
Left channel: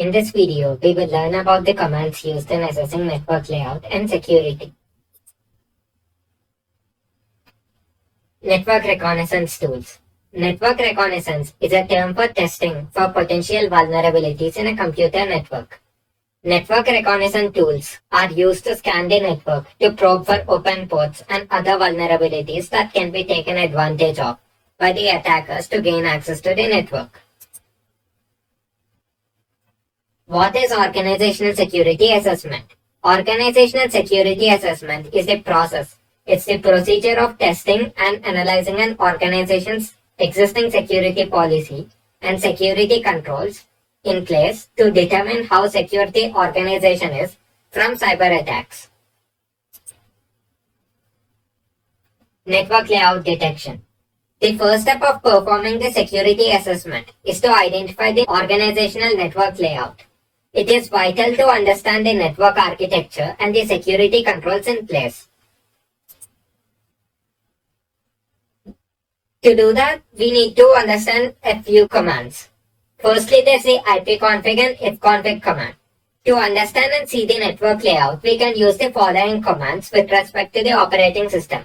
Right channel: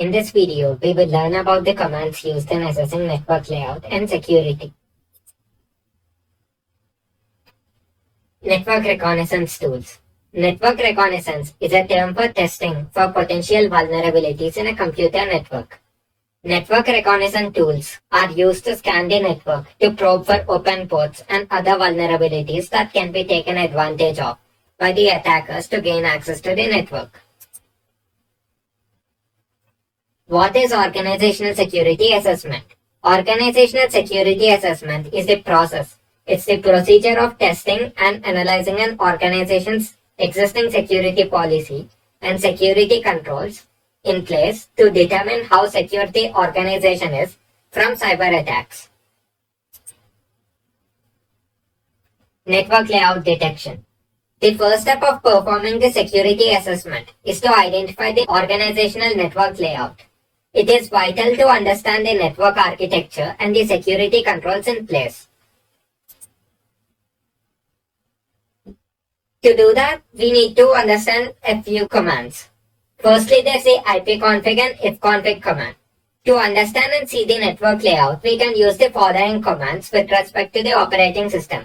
In this video, we will learn about the commands used in assessing network layout and security. Network reconnaissance tools. Network reconnaissance is a term for testing for potential vulnerabilities in a computer network. Network reconnaissance tools are used to scan the network to probe for open ports and other vulnerabilities that can be taken advantage of by the attackers to gain access to the network. What is organizational security assessment? Organizational security assessment is the process. It's the procedure of testing and analyzing an organization's existing security policy and security controls in place to determine how secure the organization is from cyber attacks. Network layout detection. The first step of performing the security assessment is to identify the organizational network layout. It is vital to understand the network architecture and the security controls in place. To do that, we need to understand a few commands. Firstly, there's the ipconfig and ifconfig command. To understand and see the network layout, we can use the following commands with respect to the operating system.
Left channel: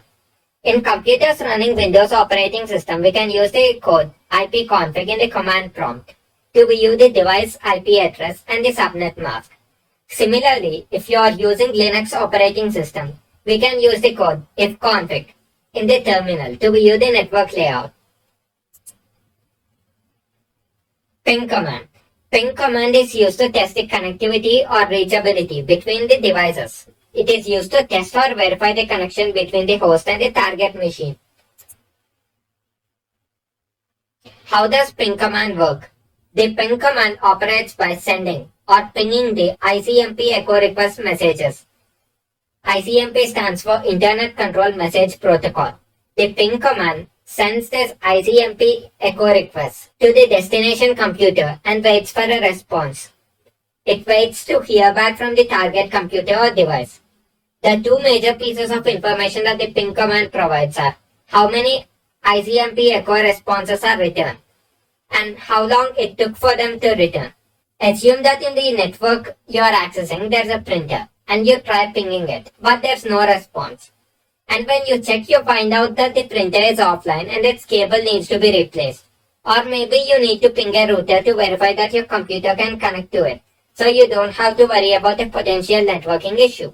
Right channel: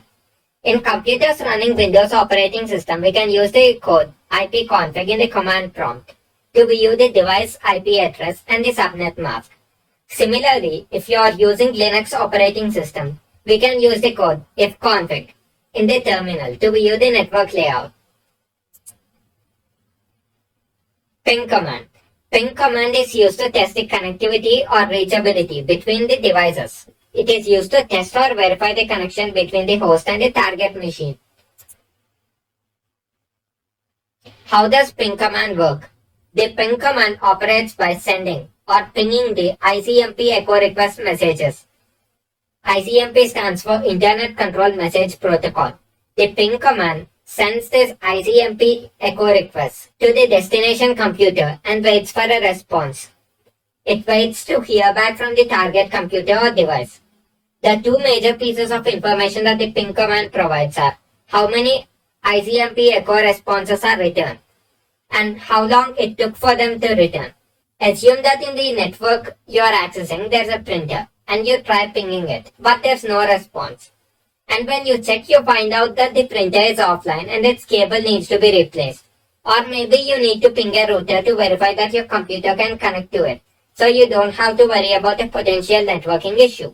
In computers running Windows operating system, we can use the code ipconfig in the command prompt to view the device IP address and the subnet mask. Similarly, if you are using Linux operating system, we can use the code ifconfig in the terminal to view the network layout. Ping command. Ping command is used to test the connectivity or reachability between the devices. It is used to test or verify the connection between the host and the target machine. How does ping command work? The ping command operates by sending or pinging the ICMP echo request messages. ICMP stands for Internet Control Message Protocol. The ping command sends this ICMP echo request to the destination computer and waits for a response. It waits to hear back from the target computer or device. The two major pieces of information that the ping command provides are how many ICMP echo responses are returned and how long it took for them to return. Assume that in the network you are accessing there's a printer and you try pinging it, but there's no response. And when you check, you find out that the printer is offline and its cable needs to be replaced. Or maybe you need to ping a router to verify that your computer can connect to it, so you don't have to worry about a potential networking issue.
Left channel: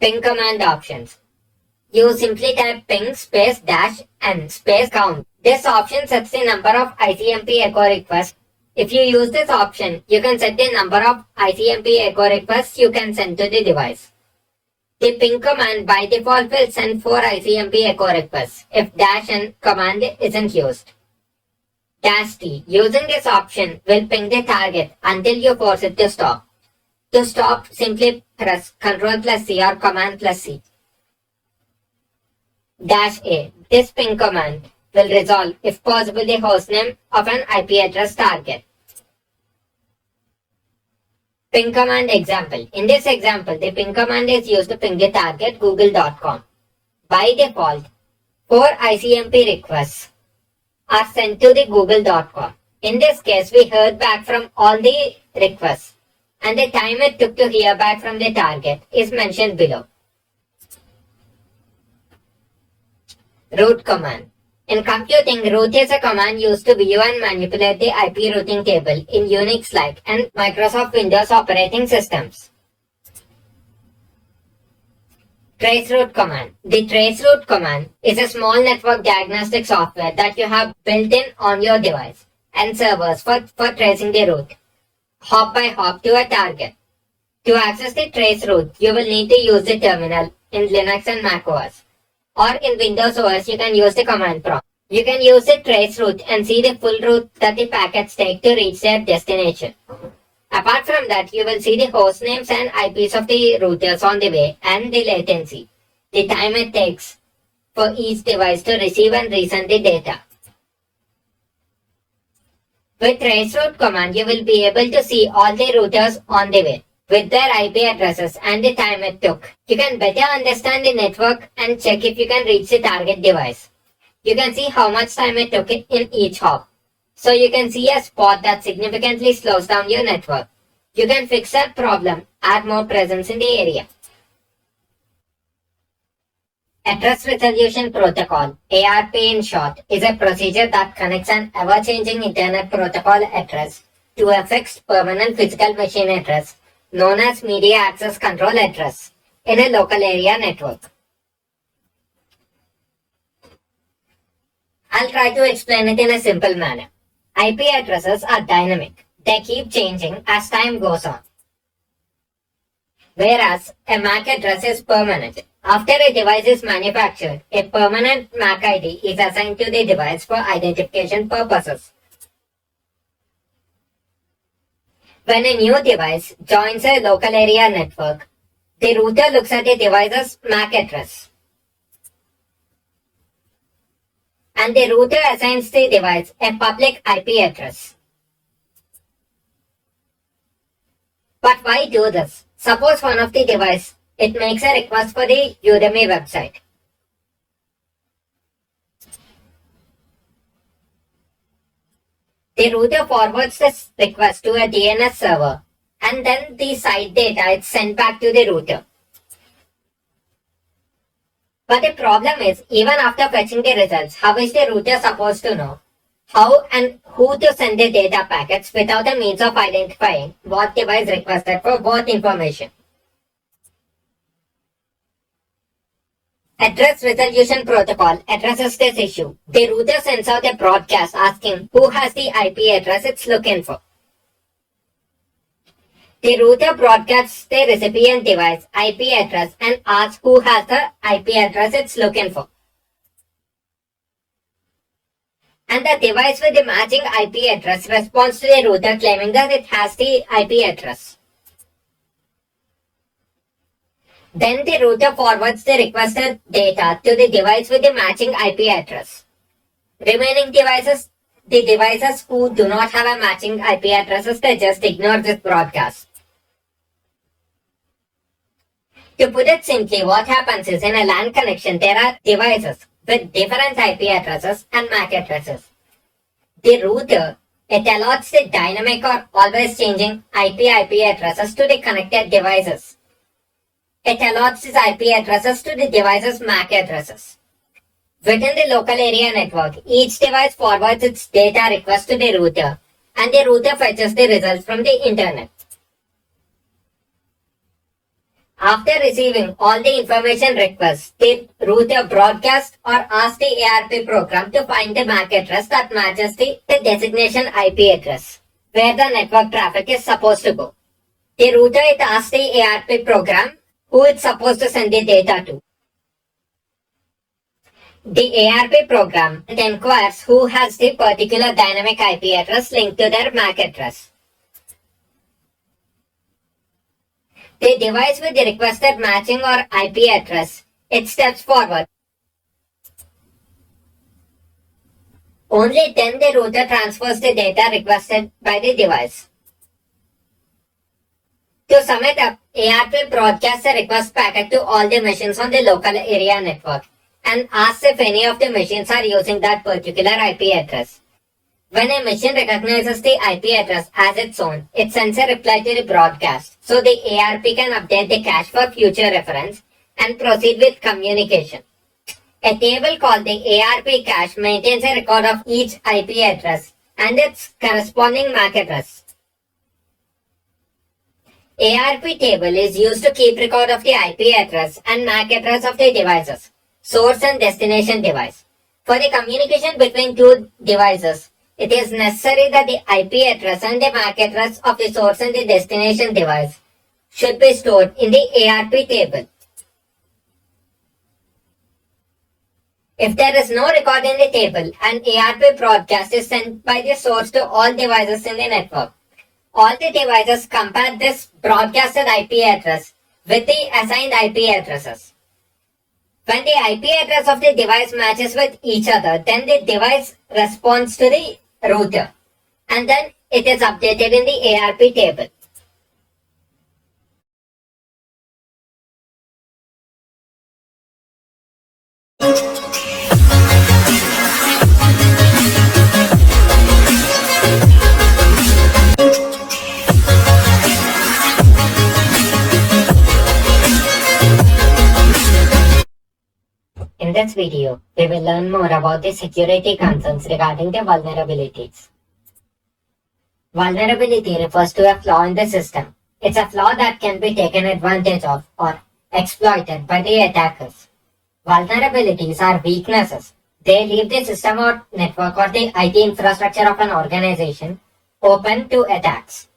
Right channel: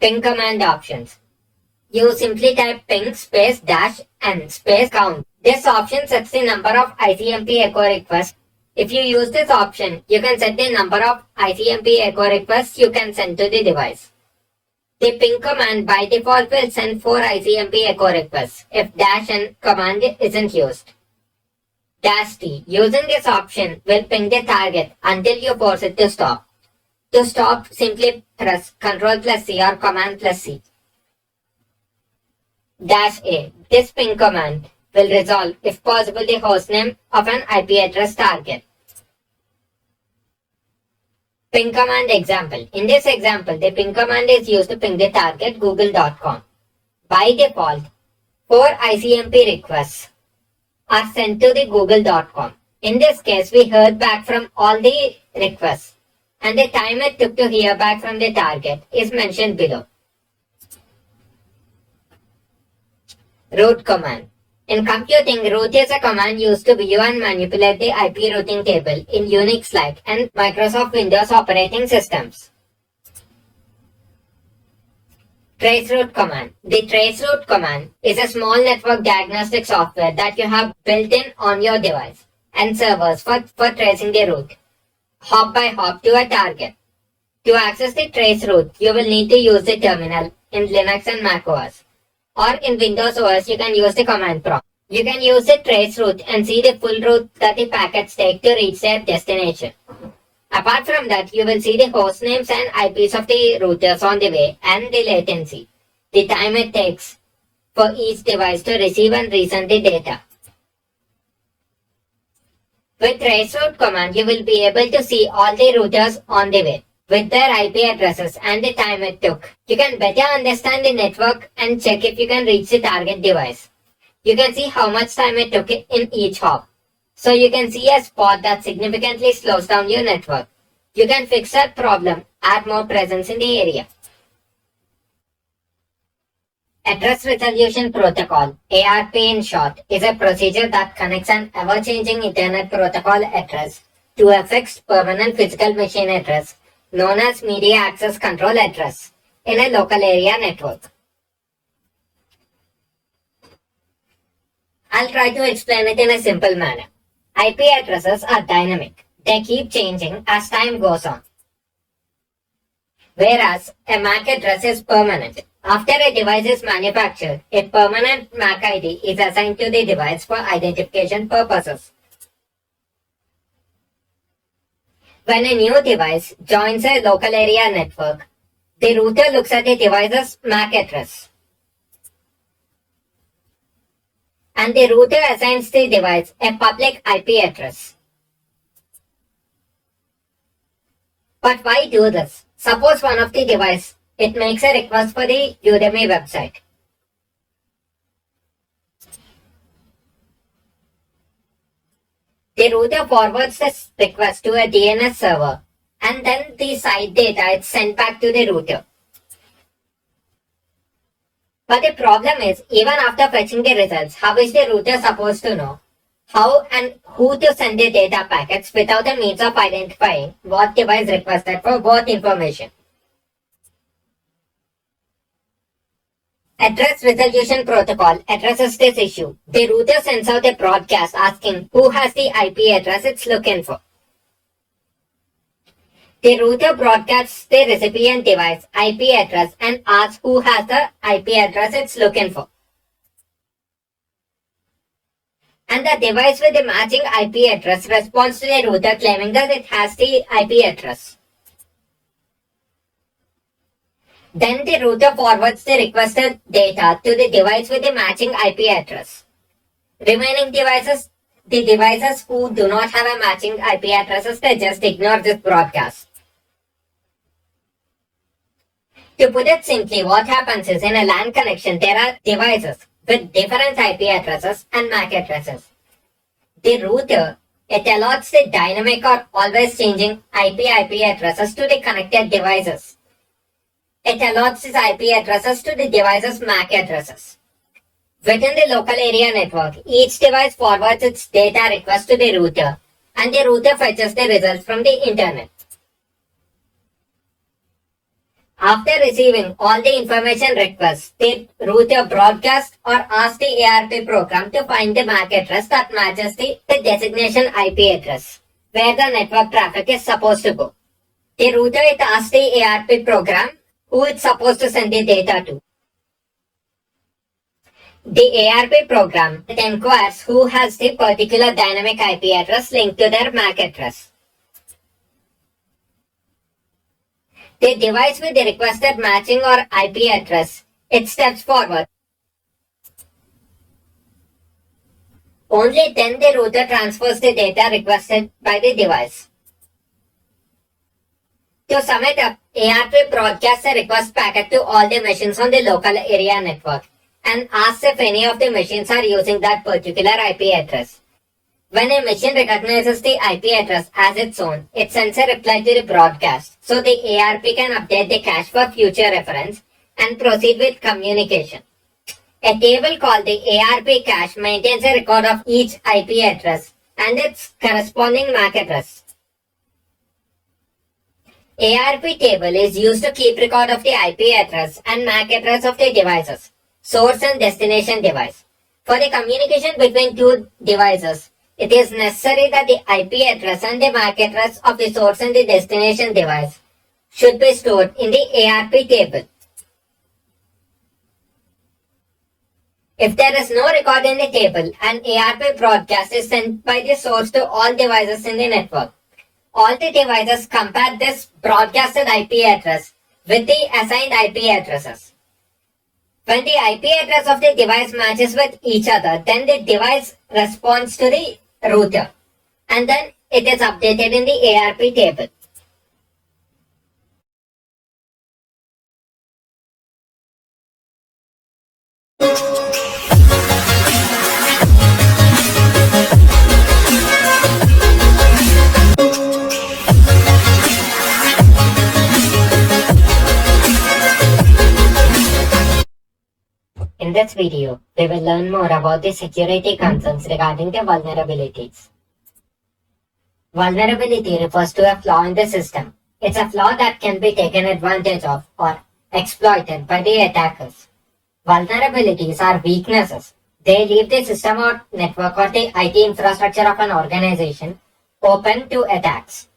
Ping command options. You simply type ping space dash n space count. This option sets the number of ICMP echo requests. If you use this option, you can set the number of ICMP echo requests you can send to the device. The ping command by default will send 4 ICMP echo requests if -n command isn't used. -t using this option will ping the target until you force it to stop. To stop, simply press Ctrl+C or Command+C. -a this ping command will resolve, if possible, the hostname of an IP address target. Ping command example. In this example, the ping command is used to ping the target google.com. By default, 4 ICMP requests are sent to the google.com. In this case, we heard back from all the requests, and the time it took to hear back from the target is mentioned below. Root command. In computing, root is a command used to view and manipulate the IP routing table in Unix-like and Microsoft Windows operating systems. Traceroute command. The traceroute command is a small network diagnostic software that you have built in on your device and servers for tracing the route, hop by hop to a target. To access the traceroute, you will need to use the terminal in Linux and Mac OS. Or in Windows OS, you can use the command prompt. You can use the traceroute and see the full route that the packets take to reach their destination. Apart from that, you will see the host names and IPs of the routers on the way and the latency, the time it takes for each device to receive and resend the data. With traceroute command, you will be able to see all the routers on the way, with their IP addresses and the time it took. You can better understand the network and check if you can reach the target device. You can see how much time it took in each hop. So you can see a spot that significantly slows down your network. You can fix that problem, add more presence in the area. Address Resolution Protocol, ARP in short, is a procedure that connects an ever-changing Internet Protocol address to a fixed permanent physical machine address known as Media Access Control Address in a local area network. I'll try to explain it in a simple manner. IP addresses are dynamic. They keep changing as time goes on. Whereas a MAC address is permanent. After a device is manufactured, a permanent MAC ID is assigned to the device for identification purposes. When a new device joins a local area network, the router looks at the device's MAC address, and the router assigns the device a public IP address. But why do this? Suppose one of the devices, it makes a request for the Udemy website. The router forwards this request to a DNS server, and then the site data is sent back to the router. But the problem is, even after fetching the results, how is the router supposed to know how and who to send the data packets without a means of identifying what device requested for what information? Address Resolution Protocol addresses this issue. The router sends out a broadcast asking who has the IP address it's looking for. The router broadcasts the recipient device IP address and asks who has the IP address it's looking for. And the device with the matching IP address responds to the router claiming that it has the IP address. Then the router forwards the requested data to the device with the matching IP address. Remaining devices, the devices who do not have a matching IP addresses, they just ignore this broadcast. To put it simply, what happens is in a LAN connection, there are devices with different IP addresses and MAC addresses. The router, it allots the dynamic or always changing IP addresses to the connected devices. It allots these IP addresses to the device's MAC addresses. Within the local area network, each device forwards its data request to the router, and the router fetches the results from the internet. After receiving all the information requests, the router broadcasts or asks the ARP program to find the MAC address that matches the designation IP address where the network traffic is supposed to go. The router it asks the ARP program who it's supposed to send the data to. The ARP program it inquires who has the particular dynamic IP address linked to their MAC address. The device with the requested matching or IP address, it steps forward. Only then the router transfers the data requested by the device. To sum it up, ARP broadcasts a request packet to all the machines on the local area network and asks if any of the machines are using that particular IP address. When a machine recognizes the IP address as its own, it sends a reply to the broadcast, so the ARP can update the cache for future reference and proceed with communication. A table called the ARP cache maintains a record of each IP address and its corresponding MAC address. ARP table is used to keep record of the IP address and MAC address of the devices, source and destination device. For the communication between two devices, it is necessary that the IP address and the MAC address of the source and the destination device should be stored in the ARP table. If there is no record in the table, an ARP broadcast is sent by the source to all devices in the network. All the devices compare this broadcasted IP address with the assigned IP addresses. When the IP address of the device matches with each other, then the device responds to the router and then it is updated in the ARP table. In this video, we will learn more about the security concerns regarding the vulnerabilities. Vulnerability refers to a flaw in the system. It's a flaw that can be taken advantage of or exploited by the attackers. Vulnerabilities are weaknesses. They leave the system or network or the IT infrastructure of an organization open to attacks.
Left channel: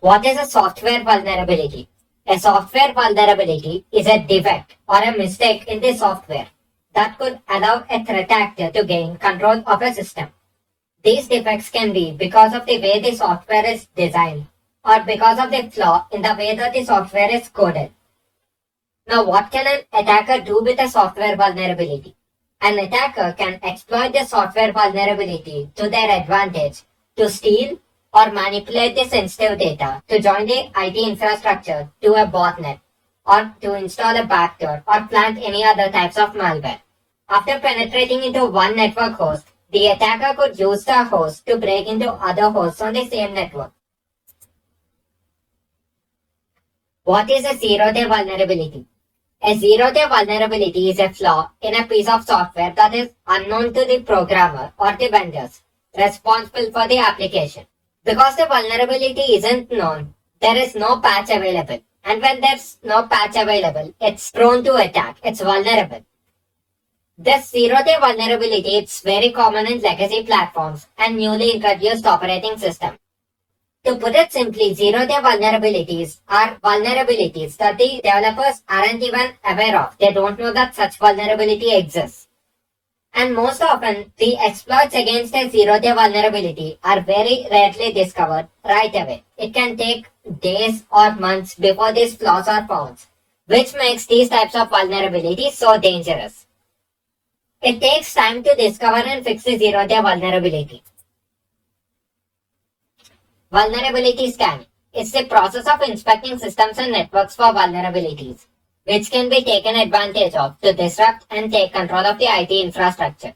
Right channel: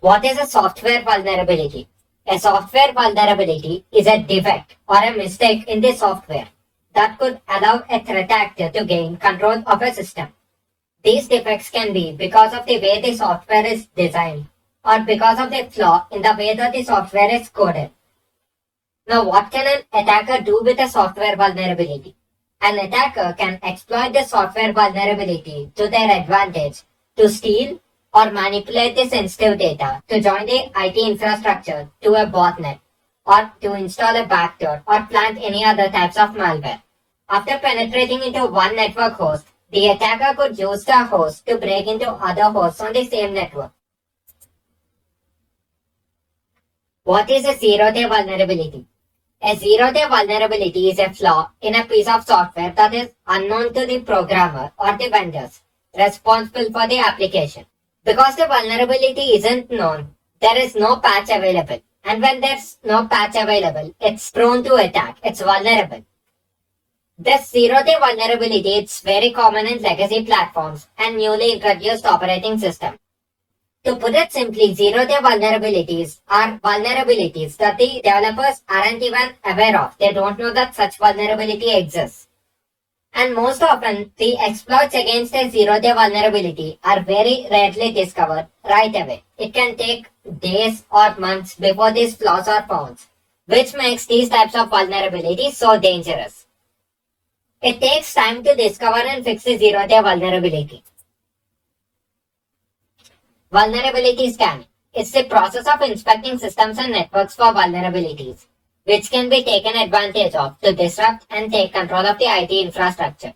What is a software vulnerability? A software vulnerability is a defect or a mistake in the software that could allow a threat actor to gain control of a system. These defects can be because of the way the software is designed or because of the flaw in the way that the software is coded. Now, what can an attacker do with a software vulnerability? An attacker can exploit the software vulnerability to their advantage to steal or manipulate the sensitive data, to join the IT infrastructure to a botnet, or to install a backdoor or plant any other types of malware. After penetrating into one network host, the attacker could use the host to break into other hosts on the same network. What is a zero-day vulnerability? A zero-day vulnerability is a flaw in a piece of software that is unknown to the programmer or the vendors responsible for the application. Because the vulnerability isn't known, there is no patch available. And when there's no patch available, it's prone to attack. It's vulnerable. This zero-day vulnerability is very common in legacy platforms and newly introduced operating systems. To put it simply, zero-day vulnerabilities are vulnerabilities that the developers aren't even aware of. They don't know that such vulnerability exists. And most often, the exploits against a zero-day vulnerability are very rarely discovered right away. It can take days or months before these flaws are found, which makes these types of vulnerabilities so dangerous. It takes time to discover and fix a zero-day vulnerability. Vulnerability scanning. It's the process of inspecting systems and networks for vulnerabilities, which can be taken advantage of to disrupt and take control of the IT infrastructure.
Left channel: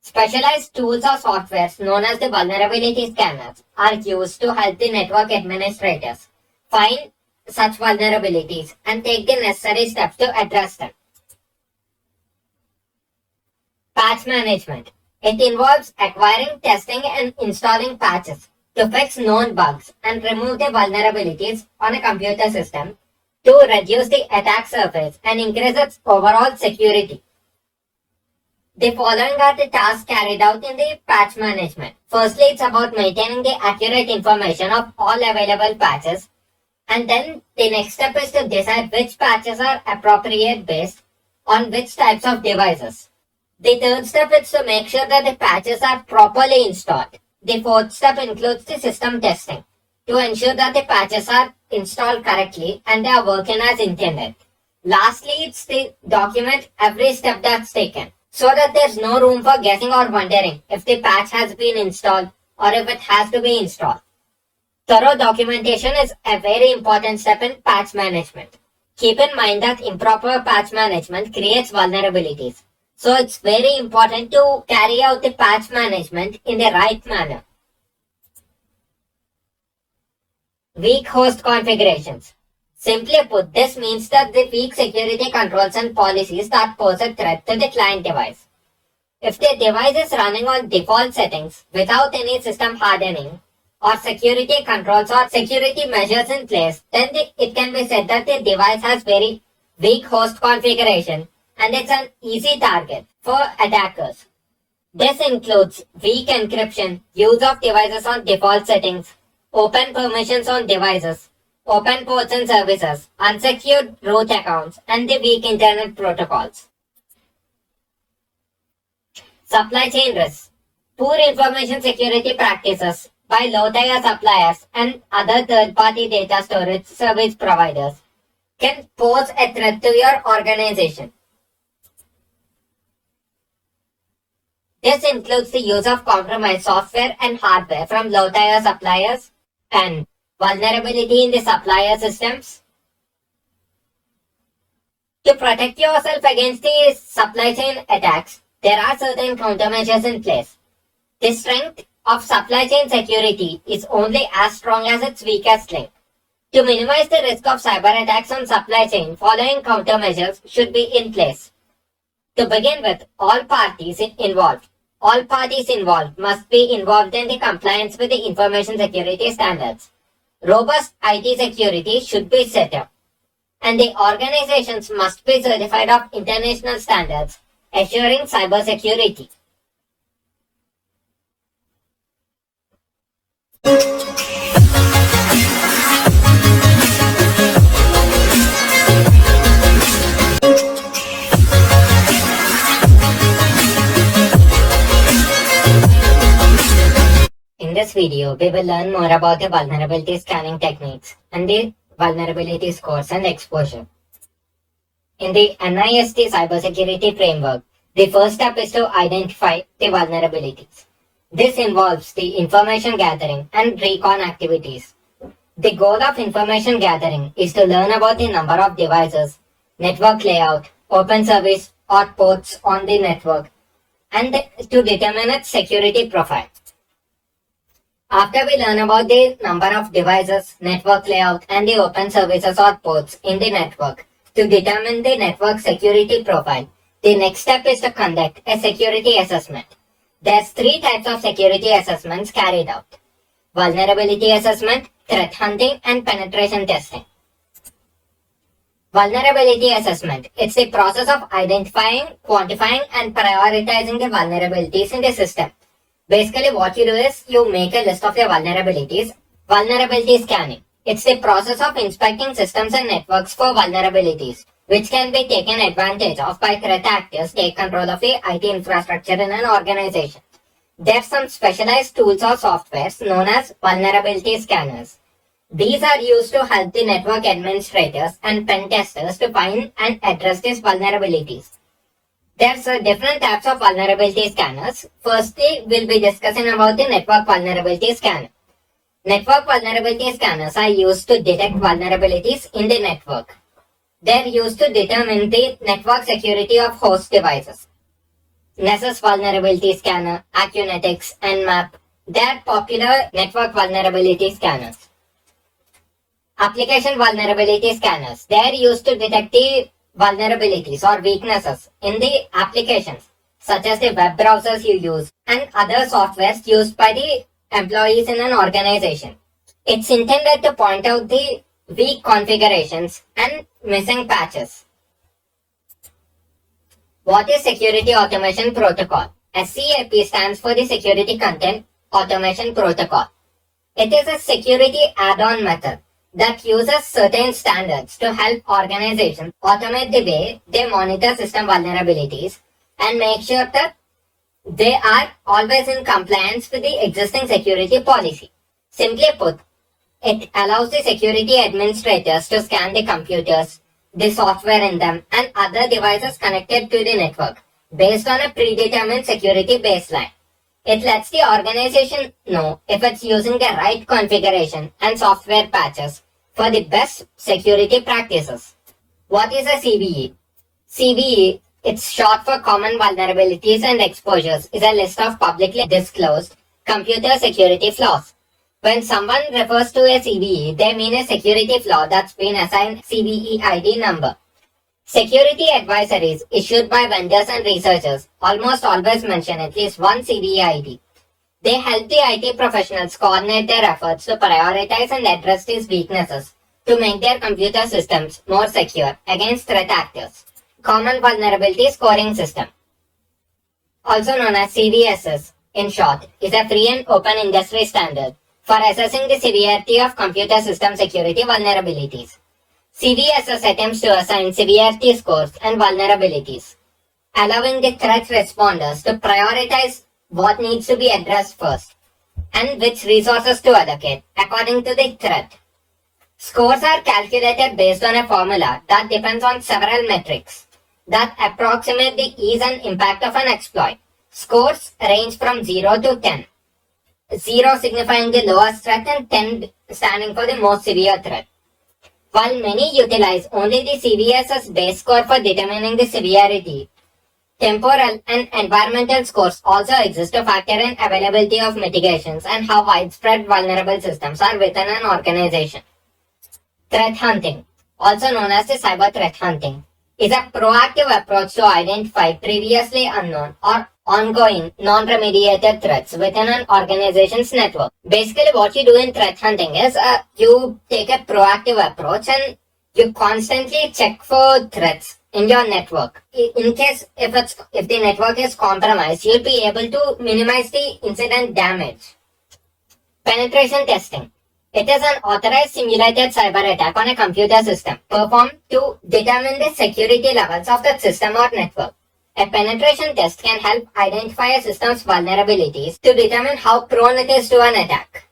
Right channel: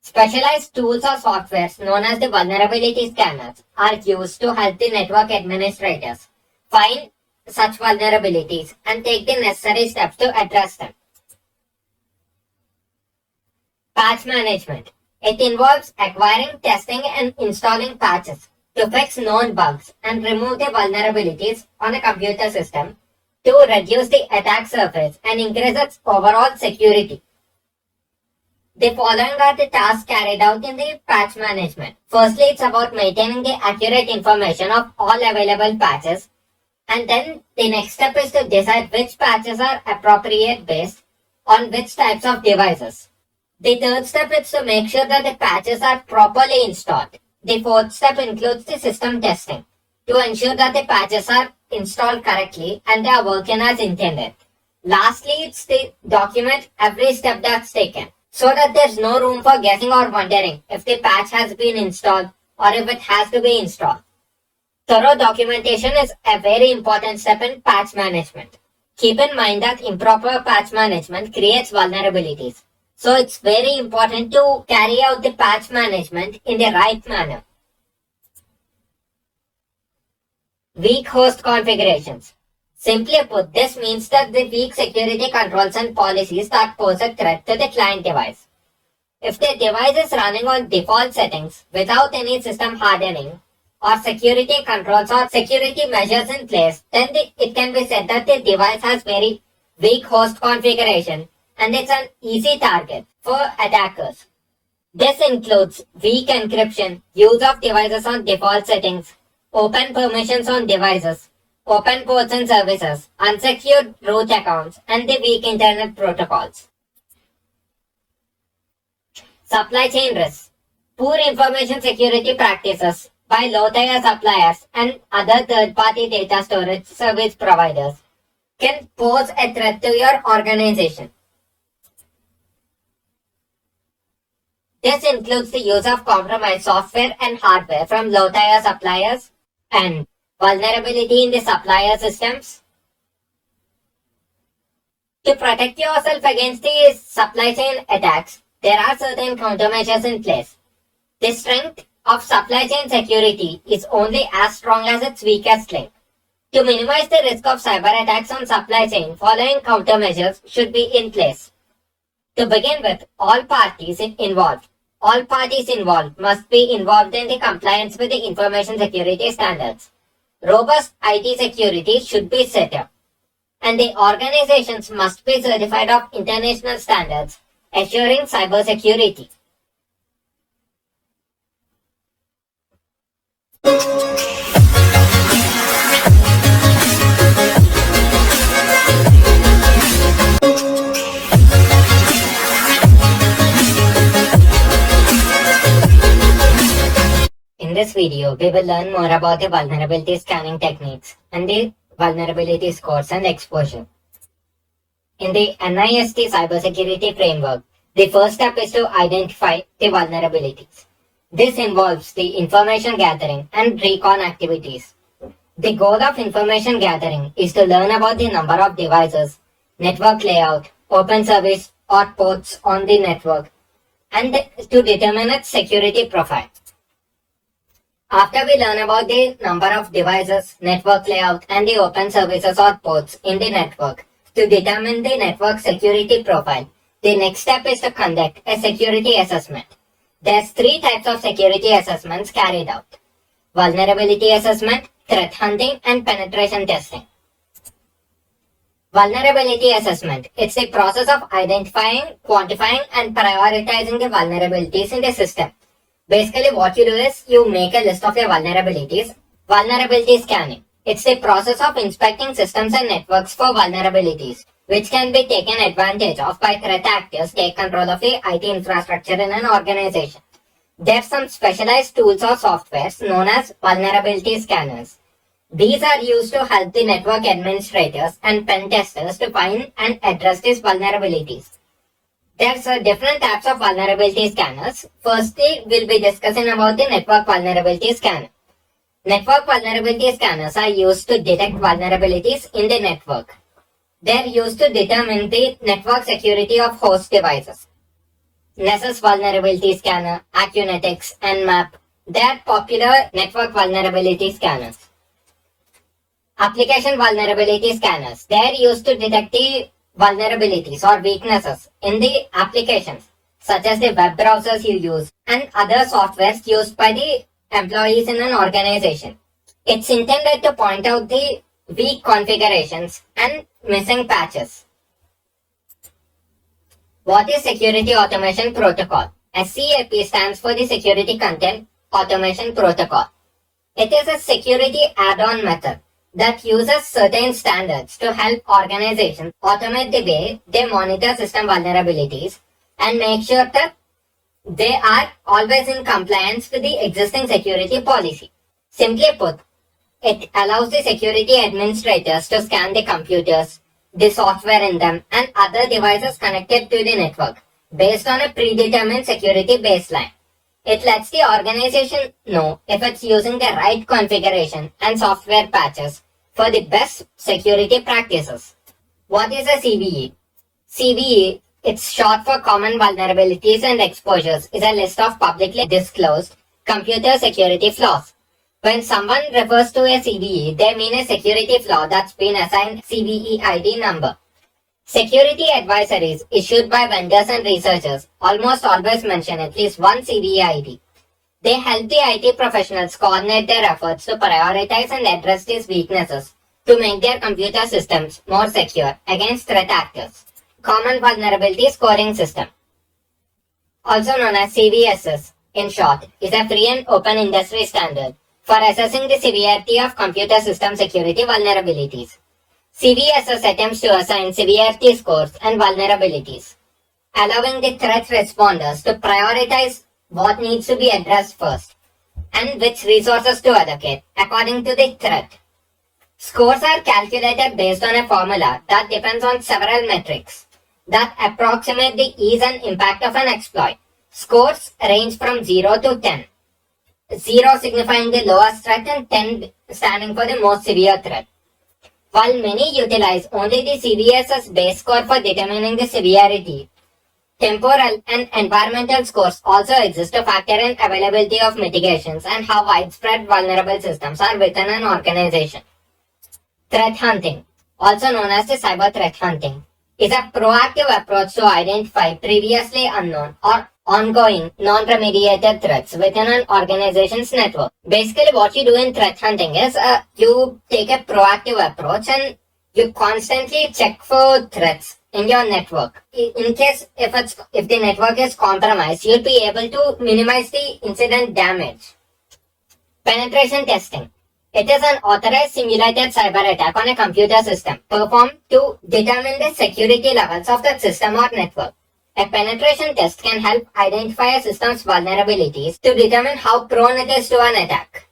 Specialized tools or softwares known as the vulnerability scanners are used to help the network administrators find such vulnerabilities and take the necessary steps to address them. Patch management. It involves acquiring, testing, and installing patches to fix known bugs and remove the vulnerabilities on a computer system to reduce the attack surface and increase its overall security. The following are the tasks carried out in the patch management. Firstly, it's about maintaining the accurate information of all available patches. And then the next step is to decide which patches are appropriate based on which types of devices. The third step is to make sure that the patches are properly installed. The fourth step includes the system testing to ensure that the patches are installed correctly and they are working as intended. Lastly, it's to document every step that's taken so that there's no room for guessing or wondering if the patch has been installed or if it has to be installed. Thorough documentation is a very important step in patch management. Keep in mind that improper patch management creates vulnerabilities. So it's very important to carry out the patch management in the right manner. Weak host configurations. Simply put, this means that the weak security controls and policies that pose a threat to the client device. If the device is running on default settings without any system hardening or security controls or security measures in place, then it can be said that the device has very weak host configuration and it's an easy target for attackers. This includes weak encryption, use of devices on default settings, open permissions on devices, open ports and services, unsecured root accounts, and the weak internet protocols. Supply chain risks. Poor information security practices by low-tier suppliers and other third-party data storage service providers can pose a threat to your organization. This includes the use of compromised software and hardware from low-tier suppliers and vulnerability in the supplier systems. To protect yourself against the supply chain attacks, there are certain countermeasures in place. The strength of supply chain security is only as strong as its weakest link. To minimize the risk of cyber attacks on supply chain, following countermeasures should be in place. To begin with, all parties involved must be involved in the compliance with the information security standards. Robust IT security should be set up, and the organizations must be certified of international standards, assuring cybersecurity. In this video, we will learn more about the vulnerability scanning techniques and the vulnerability scores and exposure. In the NIST cybersecurity framework, the first step is to identify the vulnerabilities. This involves the information gathering and recon activities. The goal of information gathering is to learn about the number of devices, network layout, open service or ports on the network, and to determine its security profile. After we learn about the number of devices, network layout, and the open services or ports in the network to determine the network security profile, the next step is to conduct a security assessment. There's 3 types of security assessments carried out: vulnerability assessment, threat hunting, and penetration testing. Vulnerability assessment. It's the process of identifying, quantifying, and prioritizing the vulnerabilities in the system. Basically, what you do is you make a list of your vulnerabilities. Vulnerability scanning. It's the process of inspecting systems and networks for vulnerabilities, which can be taken advantage of by threat actors take control of the IT infrastructure in an organization. There are some specialized tools or softwares known as vulnerability scanners. These are used to help the network administrators and pen testers to find and address these vulnerabilities. There's different types of vulnerability scanners. Firstly, we'll be discussing about the network vulnerability scanner. Network vulnerability scanners are used to detect vulnerabilities in the network. They're used to determine the network security of host devices. Nessus Vulnerability Scanner, Acunetics, and Nmap. They're popular network vulnerability scanners. Application vulnerability scanners. They're used to detect the vulnerabilities or weaknesses in the applications, such as the web browsers you use and other softwares used by the employees in an organization. It's intended to point out the weak configurations and missing patches. What is Security Automation Protocol? SCAP stands for the Security Content Automation Protocol. It is a security add-on method that uses certain standards to help organizations automate the way they monitor system vulnerabilities and make sure that they are always in compliance with the existing security policy. Simply put, it allows the security administrators to scan the computers, the software in them, and other devices connected to the network based on a predetermined security baseline. It lets the organization know if it's using the right configuration and software patches for the best security practices. What is a CVE? CVE, it's short for Common Vulnerabilities and Exposures, is a list of publicly disclosed computer security flaws. When someone refers to a CVE, they mean a security flaw that's been assigned CVE ID number. Security advisories issued by vendors and researchers almost always mention at least one CVE ID. They help the IT professionals coordinate their efforts to prioritize and address these weaknesses to make their computer systems more secure against threat actors. Common Vulnerability Scoring System, also known as CVSS in short, is a free and open industry standard for assessing the severity of computer system security vulnerabilities. CVSS attempts to assign severity scores and vulnerabilities, allowing the threat responders to prioritize what needs to be addressed first and which resources to allocate according to the threat. Scores are calculated based on a formula that depends on several metrics that approximate the ease and impact of an exploit. Scores range from 0 to 10. 0 signifying the lowest threat and 10 standing for the most severe threat. While many utilize only the CVSS base score for determining the severity, temporal and environmental scores also exist to factor in availability of mitigations and how widespread vulnerable systems are within an organization. Threat hunting, also known as the cyber threat hunting, is a proactive approach to identify previously unknown or ongoing non-remediated threats within an organization's network. Basically, what you do in threat hunting is you take a proactive approach and you constantly check for threats in your network. In case if the network is compromised, you'll be able to minimize the incident damage. Penetration testing. It is an authorized simulated cyber attack on a computer system performed to determine the security levels of that system or network. A penetration test can help identify a system's vulnerabilities to determine how prone it is to an attack.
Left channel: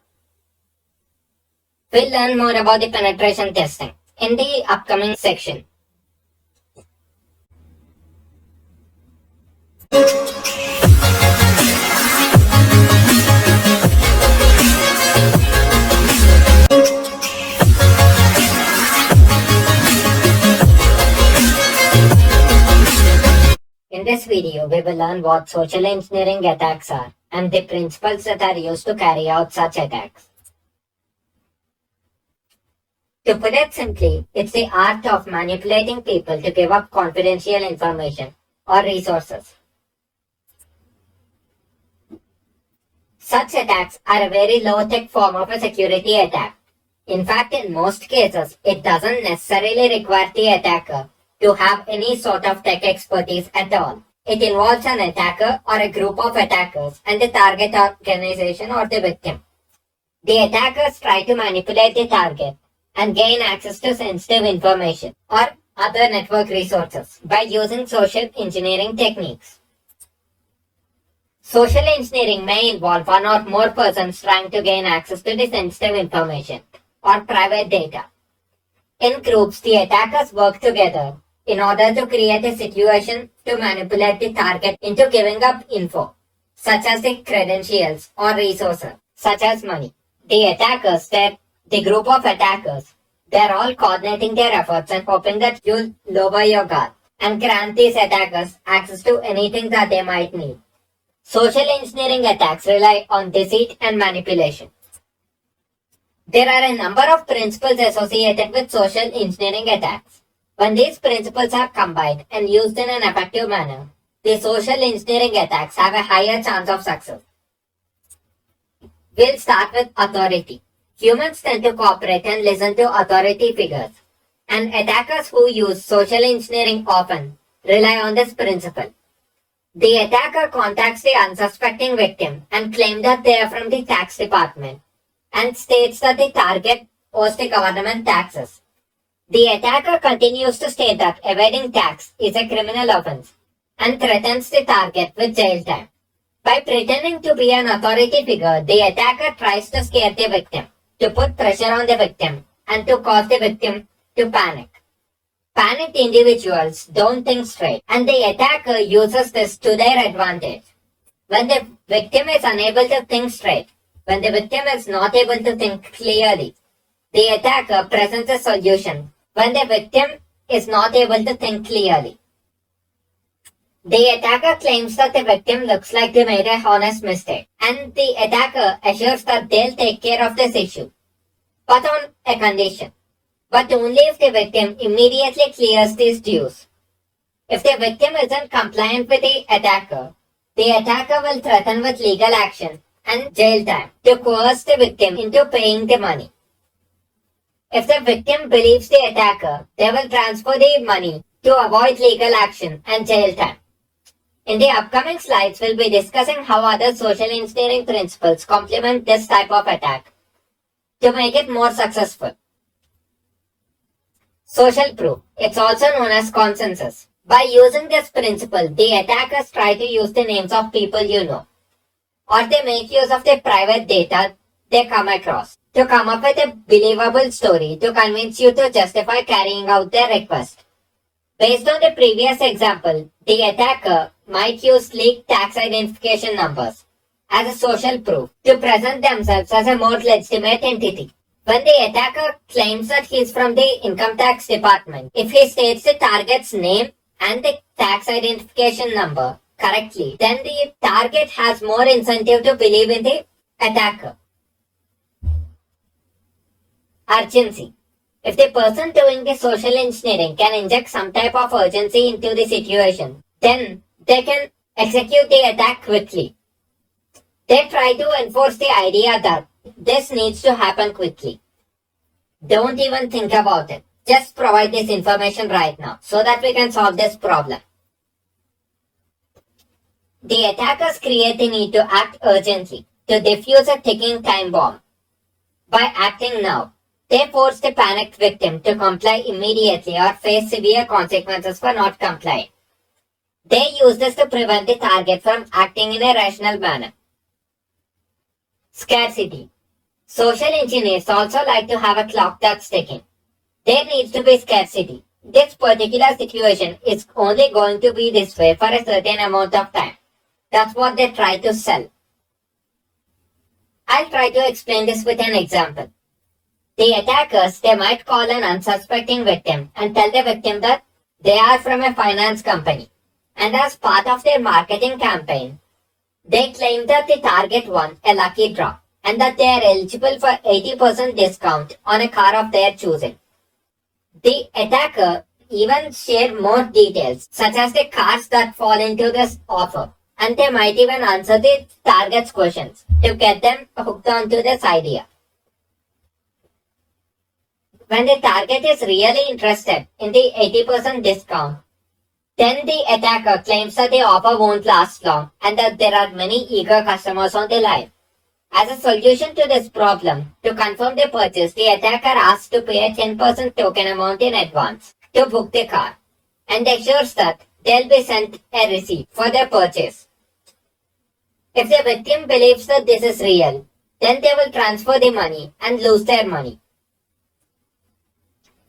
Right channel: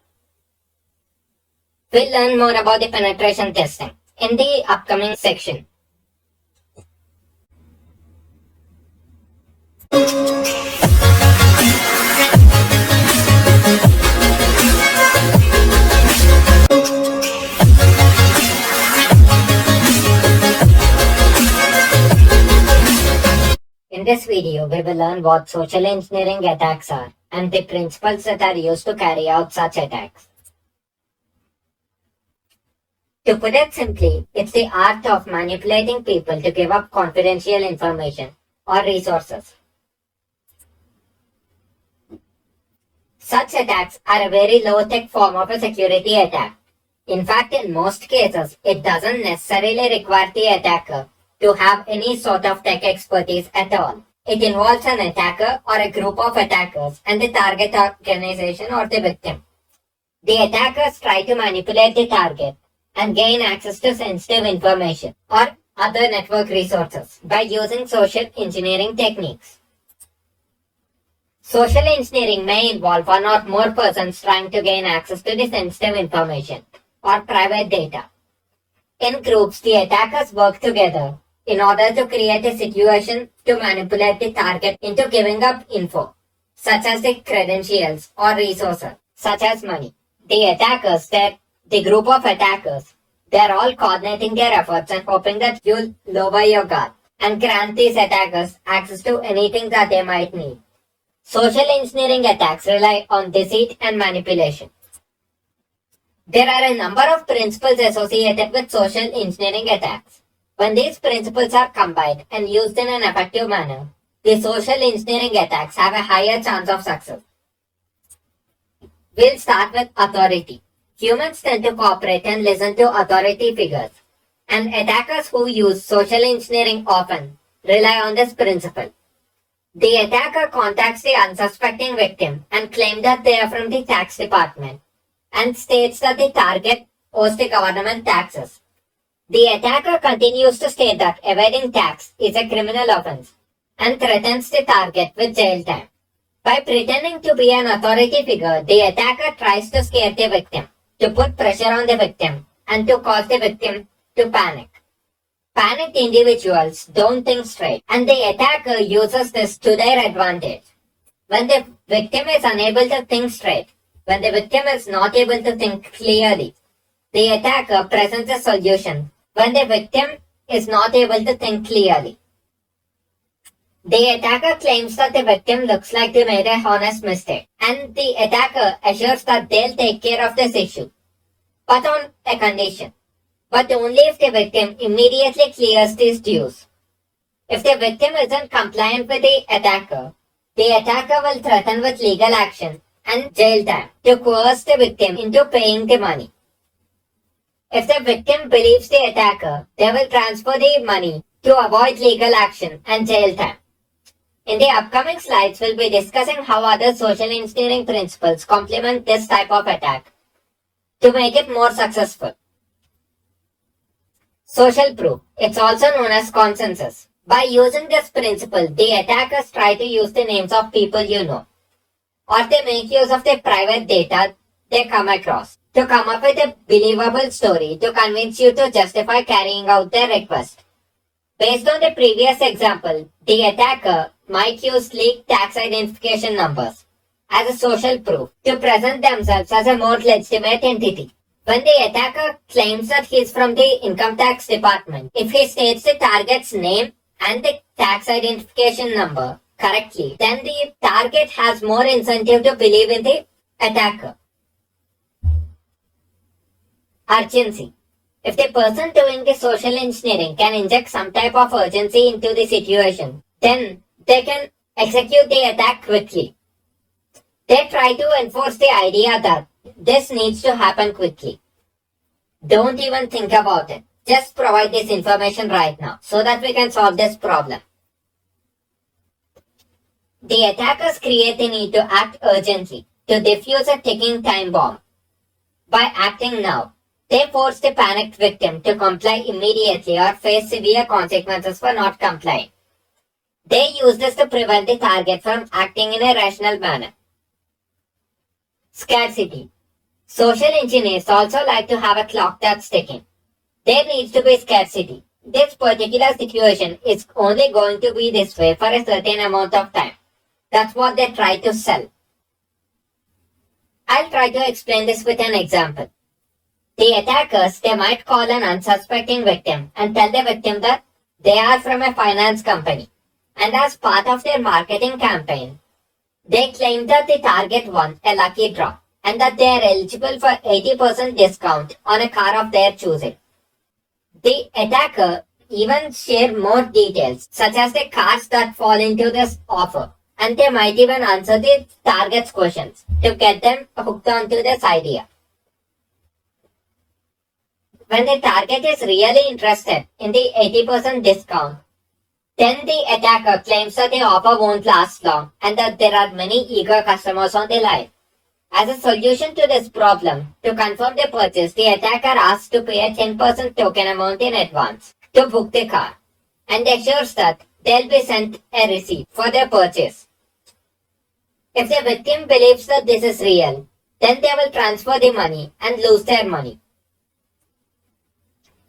We'll learn more about the penetration testing in the upcoming section. In this video, we will learn what social engineering attacks are and the principles that are used to carry out such attacks. To put it simply, it's the art of manipulating people to give up confidential information or resources. Such attacks are a very low-tech form of a security attack. In fact, in most cases, it doesn't necessarily require the attacker to have any sort of tech expertise at all. It involves an attacker or a group of attackers and the target organization or the victim. The attackers try to manipulate the target and gain access to sensitive information or other network resources by using social engineering techniques. Social engineering may involve one or more persons trying to gain access to the sensitive information or private data. In groups, the attackers work together in order to create a situation to manipulate the target into giving up info, such as the credentials or resources, such as money. The attackers, the group of attackers, they're all coordinating their efforts and hoping that you'll lower your guard and grant these attackers access to anything that they might need. Social engineering attacks rely on deceit and manipulation. There are a number of principles associated with social engineering attacks. When these principles are combined and used in an effective manner, the social engineering attacks have a higher chance of success. We'll start with authority. Humans tend to cooperate and listen to authority figures, and attackers who use social engineering often rely on this principle. The attacker contacts the unsuspecting victim and claims that they are from the tax department and states that the target owes the government taxes. The attacker continues to state that evading tax is a criminal offense and threatens the target with jail time. By pretending to be an authority figure, the attacker tries to scare the victim, to put pressure on the victim, and to cause the victim to panic. Panicked individuals don't think straight, and the attacker uses this to their advantage. When the victim is unable to think straight, when the victim is not able to think clearly, the attacker presents a solution when the victim is not able to think clearly. The attacker claims that the victim looks like they made a honest mistake, and the attacker assures that they'll take care of this issue, but on a condition. But only if the victim immediately clears these dues. If the victim isn't compliant with the attacker will threaten with legal action and jail time to coerce the victim into paying the money. If the victim believes the attacker, they will transfer the money to avoid legal action and jail time. In the upcoming slides, we'll be discussing how other social engineering principles complement this type of attack to make it more successful. Social proof. It's also known as consensus. By using this principle, the attackers try to use the names of people you know, or they make use of the private data they come across to come up with a believable story to convince you to justify carrying out their request. Based on the previous example, the attacker might use leaked tax identification numbers as a social proof to present themselves as a more legitimate entity. When the attacker claims that he is from the income tax department, if he states the target's name and the tax identification number correctly, then the target has more incentive to believe in the attacker. Urgency. If the person doing the social engineering can inject some type of urgency into the situation, then they can execute the attack quickly. They try to enforce the idea that this needs to happen quickly. Don't even think about it. Just provide this information right now so that we can solve this problem. The attackers create the need to act urgently to defuse a ticking time bomb. By acting now, they force the panicked victim to comply immediately or face severe consequences for not complying. They use this to prevent the target from acting in a rational manner. Scarcity. Social engineers also like to have a clock that's ticking. There needs to be scarcity. This particular situation is only going to be this way for a certain amount of time. That's what they try to sell. I'll try to explain this with an example. The attackers, they might call an unsuspecting victim and tell the victim that they are from a finance company. And as part of their marketing campaign, they claim that the target won a lucky draw and that they are eligible for 80% discount on a car of their choosing. The attacker even share more details such as the cars that fall into this offer, and they might even answer the target's questions to get them hooked onto this idea. When the target is really interested in the 80% discount, then the attacker claims that the offer won't last long and that there are many eager customers on the line. As a solution to this problem, to confirm the purchase, the attacker asks to pay a 10% token amount in advance to book the car and assures that they'll be sent a receipt for their purchase. If the victim believes that this is real, then they will transfer the money and lose their money.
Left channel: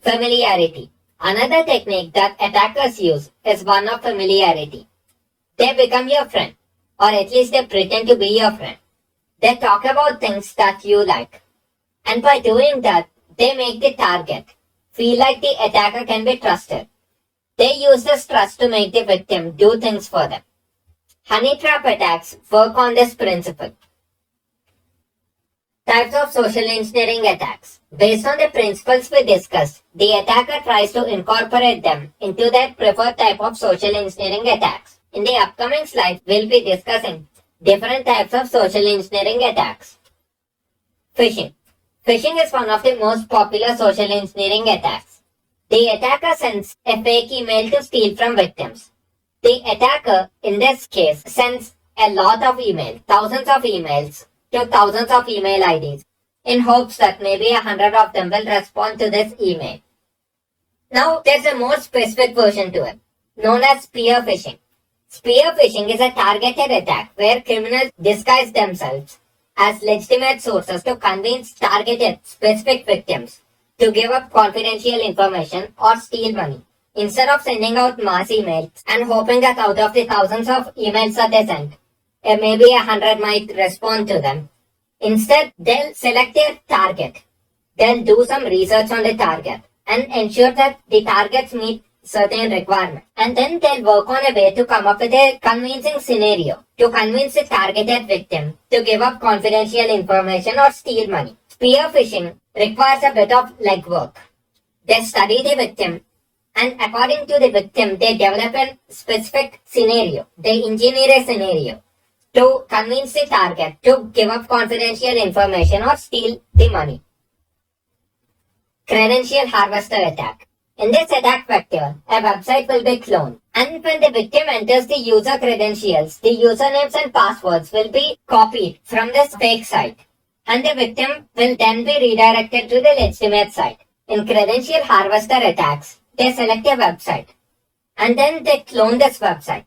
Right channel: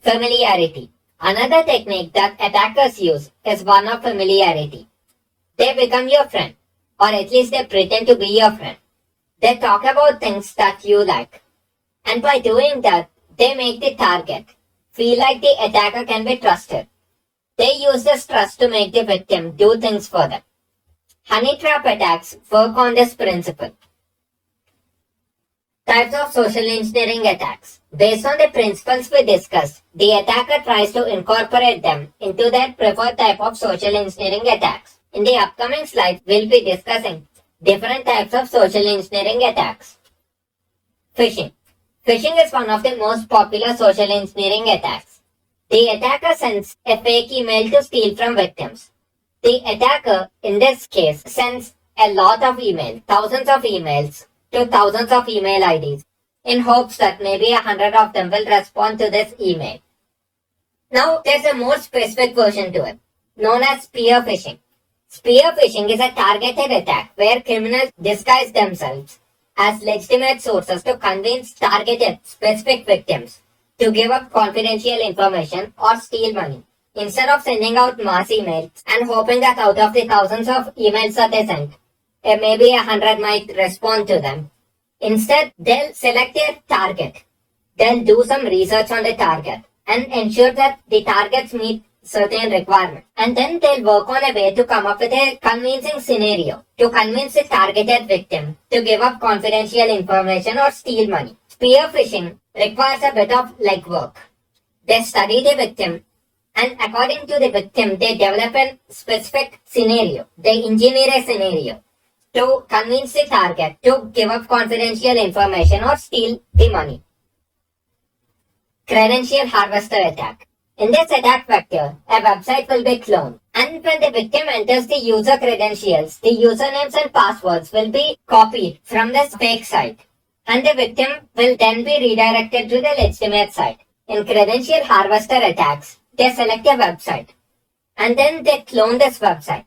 Familiarity. Another technique that attackers use is one of familiarity. They become your friend, or at least they pretend to be your friend. They talk about things that you like. And by doing that, they make the target feel like the attacker can be trusted. They use this trust to make the victim do things for them. Honey trap attacks work on this principle. Types of social engineering attacks. Based on the principles we discussed, the attacker tries to incorporate them into their preferred type of social engineering attacks. In the upcoming slides, we'll be discussing different types of social engineering attacks. Phishing. Phishing is one of the most popular social engineering attacks. The attacker sends a fake email to steal from victims. The attacker, in this case, sends a lot of emails, thousands of emails, to thousands of email IDs, in hopes that maybe 100 of them will respond to this email. Now, there's a more specific version to it, known as spear phishing. Spear phishing is a targeted attack where criminals disguise themselves as legitimate sources to convince targeted specific victims to give up confidential information or steal money. Instead of sending out mass emails and hoping that out of the thousands of emails that they sent, maybe 100 might respond to them. Instead, they'll select their target. They'll do some research on the target and ensure that the targets meet certain requirements. And then they'll work on a way to come up with a convincing scenario to convince the targeted victim to give up confidential information or steal money. Spear phishing requires a bit of legwork. They study the victim, and according to the victim, they develop a specific scenario. They engineer a scenario to convince the target to give up confidential information or steal the money. Credential harvester attack. In this attack vector, a website will be cloned, and when the victim enters the user credentials, the usernames and passwords will be copied from this fake site, and the victim will then be redirected to the legitimate site. In credential harvester attacks, they select a website, and then they clone this website,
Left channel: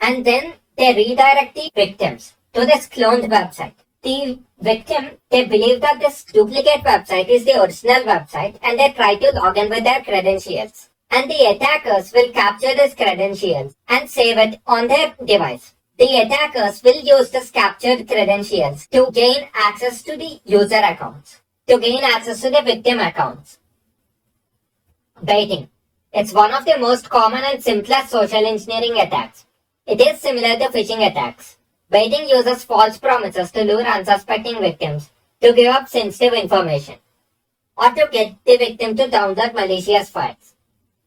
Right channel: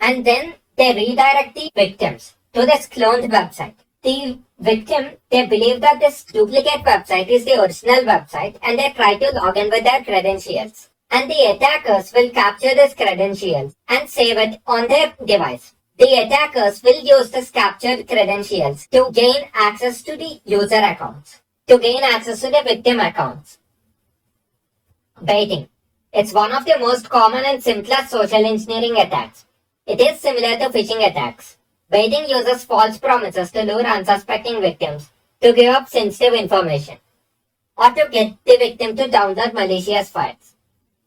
and then they redirect the victims to this cloned website. The victim, they believe that this duplicate website is the original website, and they try to log in with their credentials. And the attackers will capture this credentials and save it on their device. The attackers will use this captured credentials to gain access to the user accounts, to gain access to the victim accounts. Baiting. It's one of the most common and simplest social engineering attacks. It is similar to phishing attacks. Baiting uses false promises to lure unsuspecting victims to give up sensitive information or to get the victim to download malicious files.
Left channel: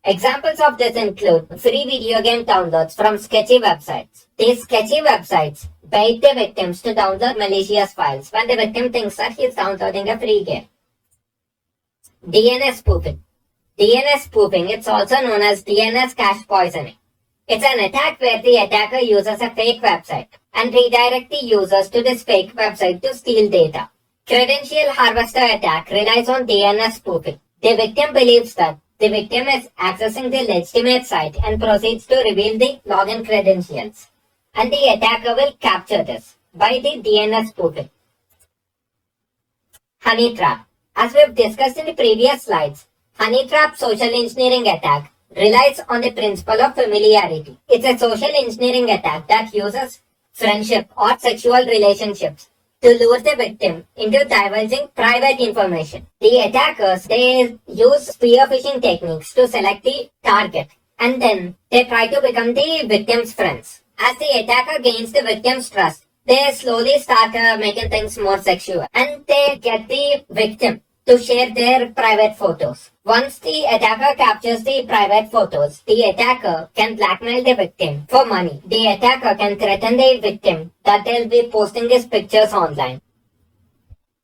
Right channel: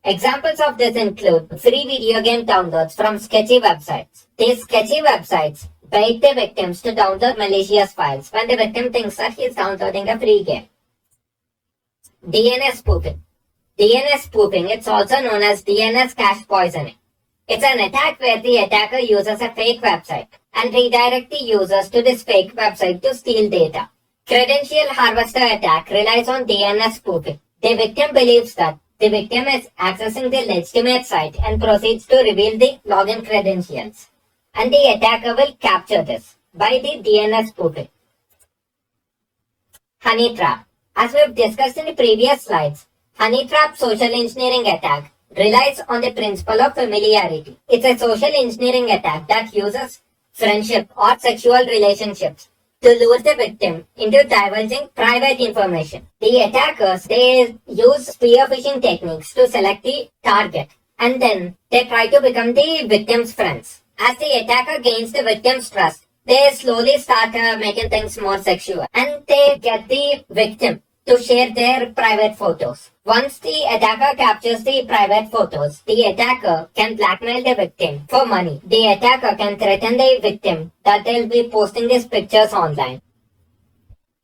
Examples of this include free video game downloads from sketchy websites. These sketchy websites bait the victims to download malicious files when the victim thinks that he is downloading a free game. DNS spoofing. DNS spoofing, it's also known as DNS cache poisoning. It's an attack where the attacker uses a fake website and redirect the users to this fake website to steal data. Credential harvester attack relies on DNS spoofing. The victim believes that the victim is accessing the legitimate site and proceeds to reveal the login credentials, and the attacker will capture this by the DNS spoofing. Honey trap. As we've discussed in the previous slides, honey trap social engineering attack relies on the principle of familiarity. It's a social engineering attack that uses friendship or sexual relationships to lure the victim into divulging private information. The attackers, they use spear phishing techniques to select the target, and then they try to become the victim's friends. As the attacker gains the victim's trust, they slowly start making things more sexual, and they get the victim to share their private photos. Once the attacker captures the private photos, the attacker can blackmail the victim for money. The attacker can threaten the victim that they'll be posting these pictures online.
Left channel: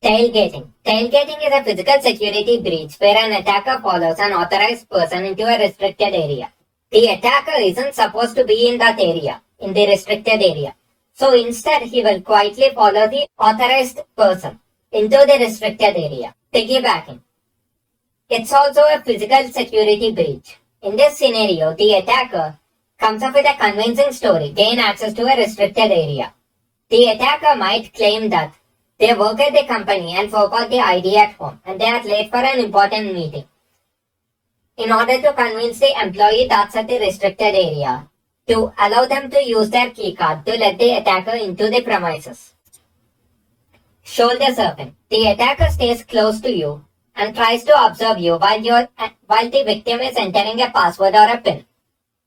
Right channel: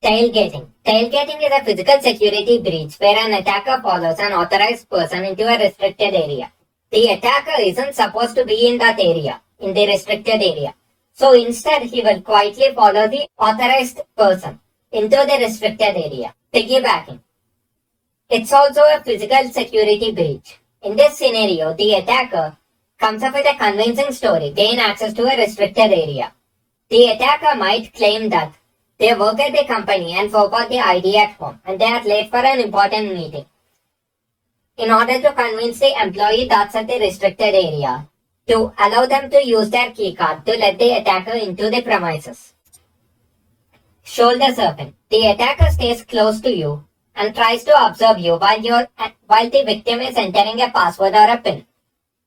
Tailgating. Tailgating is a physical security breach where an attacker follows an authorized person into a restricted area. The attacker isn't supposed to be in that area, in the restricted area. So instead, he will quietly follow the authorized person into the restricted area. Piggybacking. It's also a physical security breach. In this scenario, the attacker comes up with a convincing story, gain access to a restricted area. The attacker might claim that they work at the company and forgot the ID at home, and they are late for an important meeting. In order to convince the employee that's at the restricted area to allow them to use their keycard to let the attacker into the premises. Shoulder surfing. The attacker stays close to you and tries to observe you while the victim is entering a password or a PIN.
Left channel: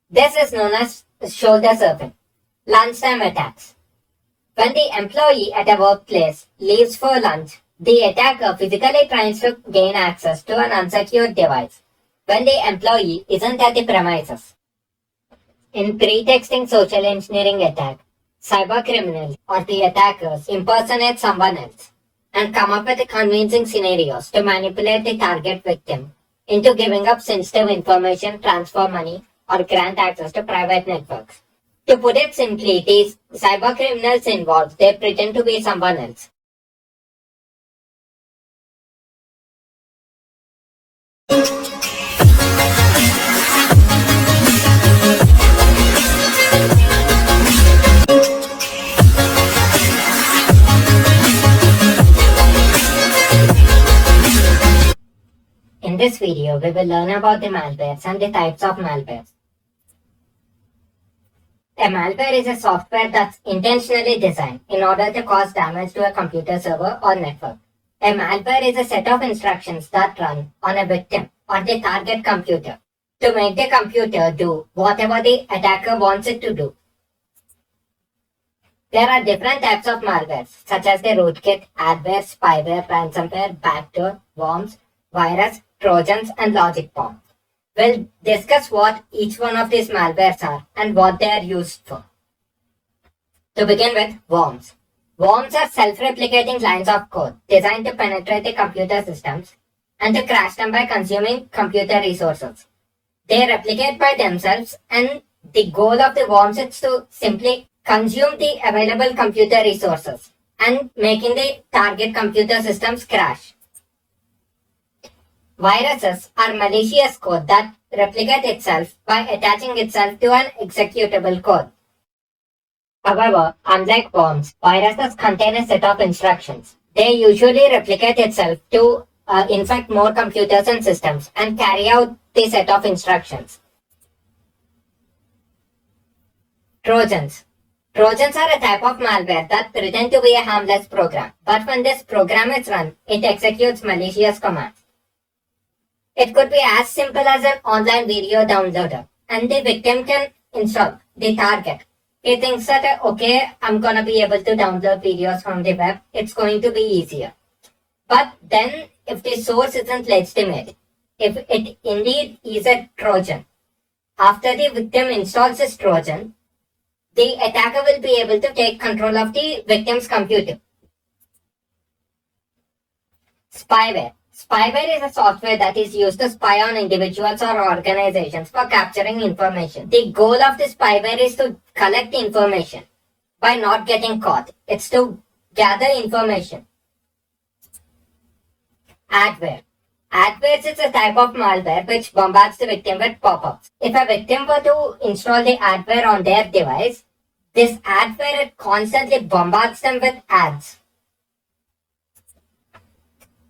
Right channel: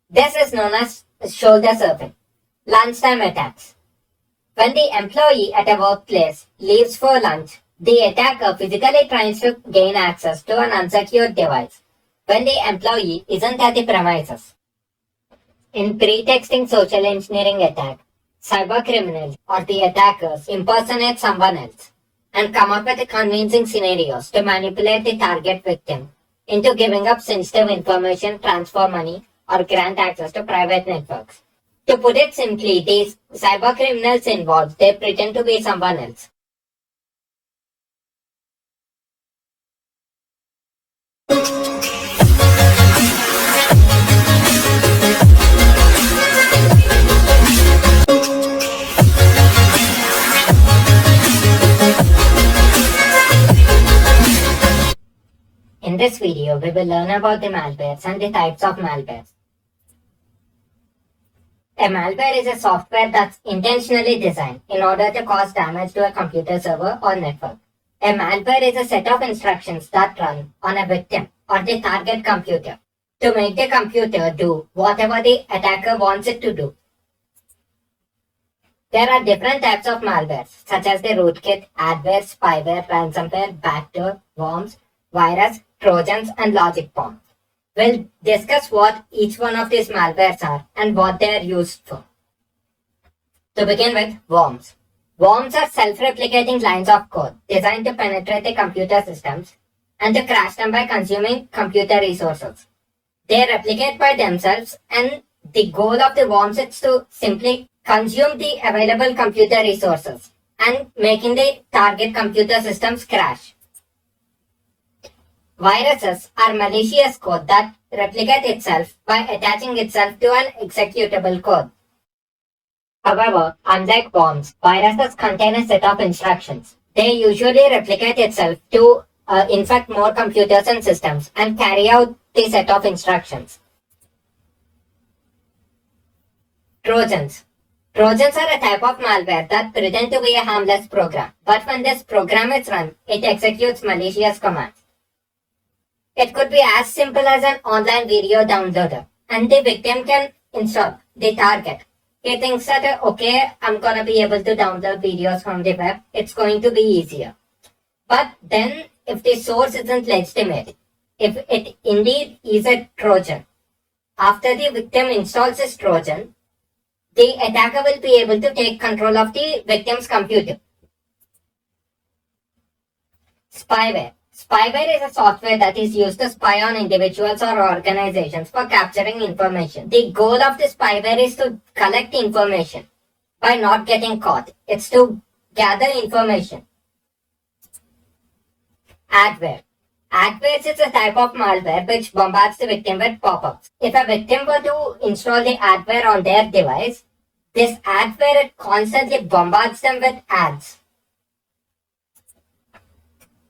This is known as shoulder surfing. Lunchtime attacks. When the employee at a workplace leaves for lunch, the attacker physically tries to gain access to an unsecured device when the employee isn't at the premises. In pretexting social engineering attack, cybercriminals or the attackers impersonate someone else and come up with convincing scenarios to manipulate the target victim into giving up sensitive information, transfer money, or grant access to private networks. To put it simply, these cyber criminals involved, they pretend to be someone else. In this video, we will learn about the malwares and the types of malwares. A malware is a software that's intentionally designed in order to cause damage to a computer server or network. A malware is a set of instructions that run on a victim or the target computer to make the computer do whatever the attacker wants it to do. There are different types of malwares, such as the rootkit, adware, spyware, ransomware, backdoor, worms, virus, trojans, and logic bomb. We'll discuss what each one of these malwares are and what they are used for. To begin with, worms. Worms are self-replicating lines of code designed to penetrate the computer systems and to crash them by consuming computer resources. They replicate by themselves, and the goal of the worms is to simply consume the available computer resources and making the target computer systems crash. Viruses are malicious code that replicate itself by attaching itself to an executable code. However, unlike worms, viruses contain a set of instructions. They usually replicate itself to infect more computers and systems and carry out the set of instructions. Trojans. Trojans are a type of malware that pretend to be a harmless program, but when this program is run, it executes malicious commands. It could be as simple as an online video downloader, and the victim can install the target. He thinks that, okay, I'm gonna be able to download videos from the web, it's going to be easier. But then, if the source isn't legitimate, if it indeed is a Trojan, after the victim installs this Trojan, the attacker will be able to take control of the victim's computer. Spyware. Spyware is a software that is used to spy on individuals or organizations for capturing information. The goal of the spyware is to collect information by not getting caught. It's to gather information. Adware. Adware is a type of malware which bombards the victim with pop-ups. If a victim were to install the adware on their device, this adware constantly bombards them with ads.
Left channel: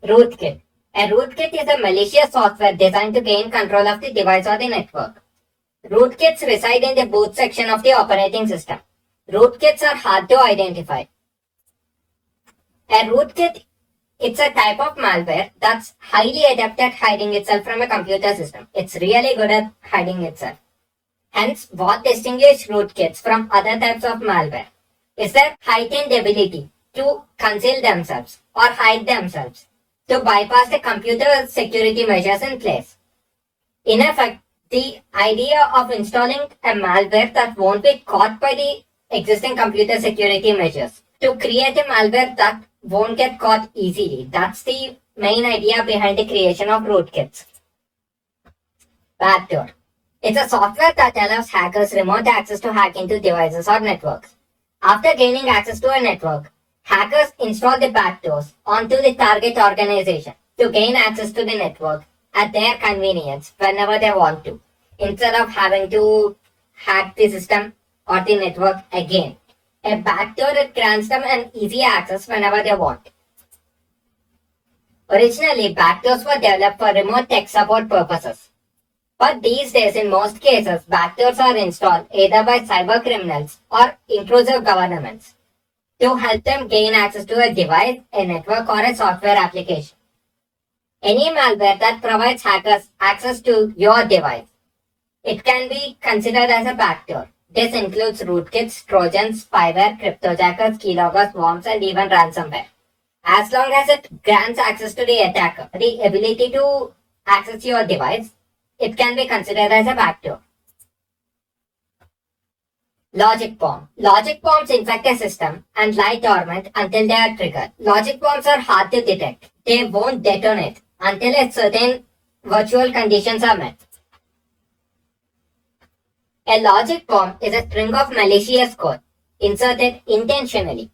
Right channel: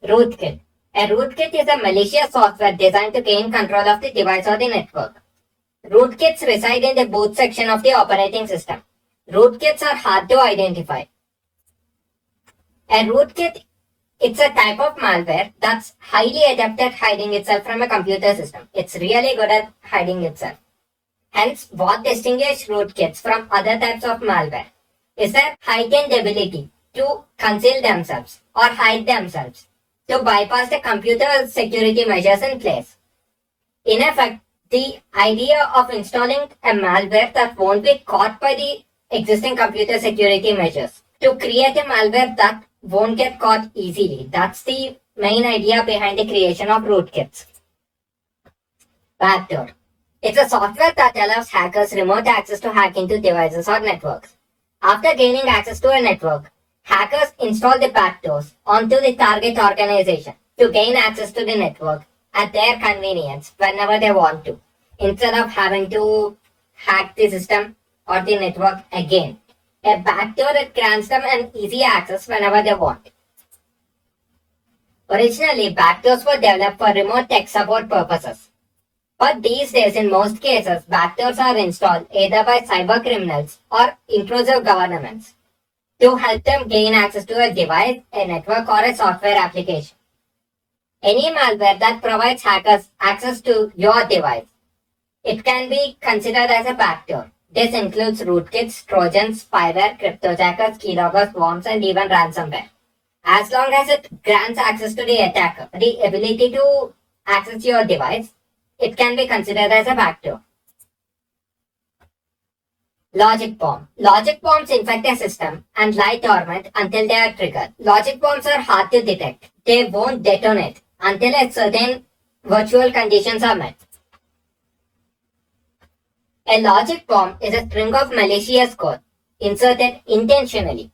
Rootkit. A rootkit is a malicious software designed to gain control of the device or the network. Rootkits reside in the boot section of the operating system. Rootkits are hard to identify. A rootkit, it's a type of malware that's highly adept at hiding itself from a computer system. It's really good at hiding itself. Hence, what distinguishes rootkits from other types of malware is their heightened ability to conceal themselves or hide themselves, to bypass the computer security measures in place. In effect, the idea of installing a malware that won't be caught by the existing computer security measures, to create a malware that won't get caught easily. That's the main idea behind the creation of rootkits. Backdoor. It's a software that allows hackers remote access to hack into devices or networks. After gaining access to a network, hackers install the backdoors onto the target organization to gain access to the network at their convenience whenever they want to, instead of having to hack the system or the network again. A backdoor grants them an easy access whenever they want. Originally, backdoors were developed for remote tech support purposes. But these days, in most cases, backdoors are installed either by cyber criminals or intrusive governments to help them gain access to a device, a network, or a software application. Any malware that provides hackers access to your device, it can be considered as a backdoor. This includes rootkits, trojans, spyware, cryptojackers, keyloggers, worms, and even ransomware. As long as it grants access to the attacker, the ability to access your device, it can be considered as a backdoor. Logic bomb. Logic bombs infect a system and lie dormant until they are triggered. Logic bombs are hard to detect. They won't detonate until a certain virtual conditions are met. A logic bomb is a string of malicious code inserted intentionally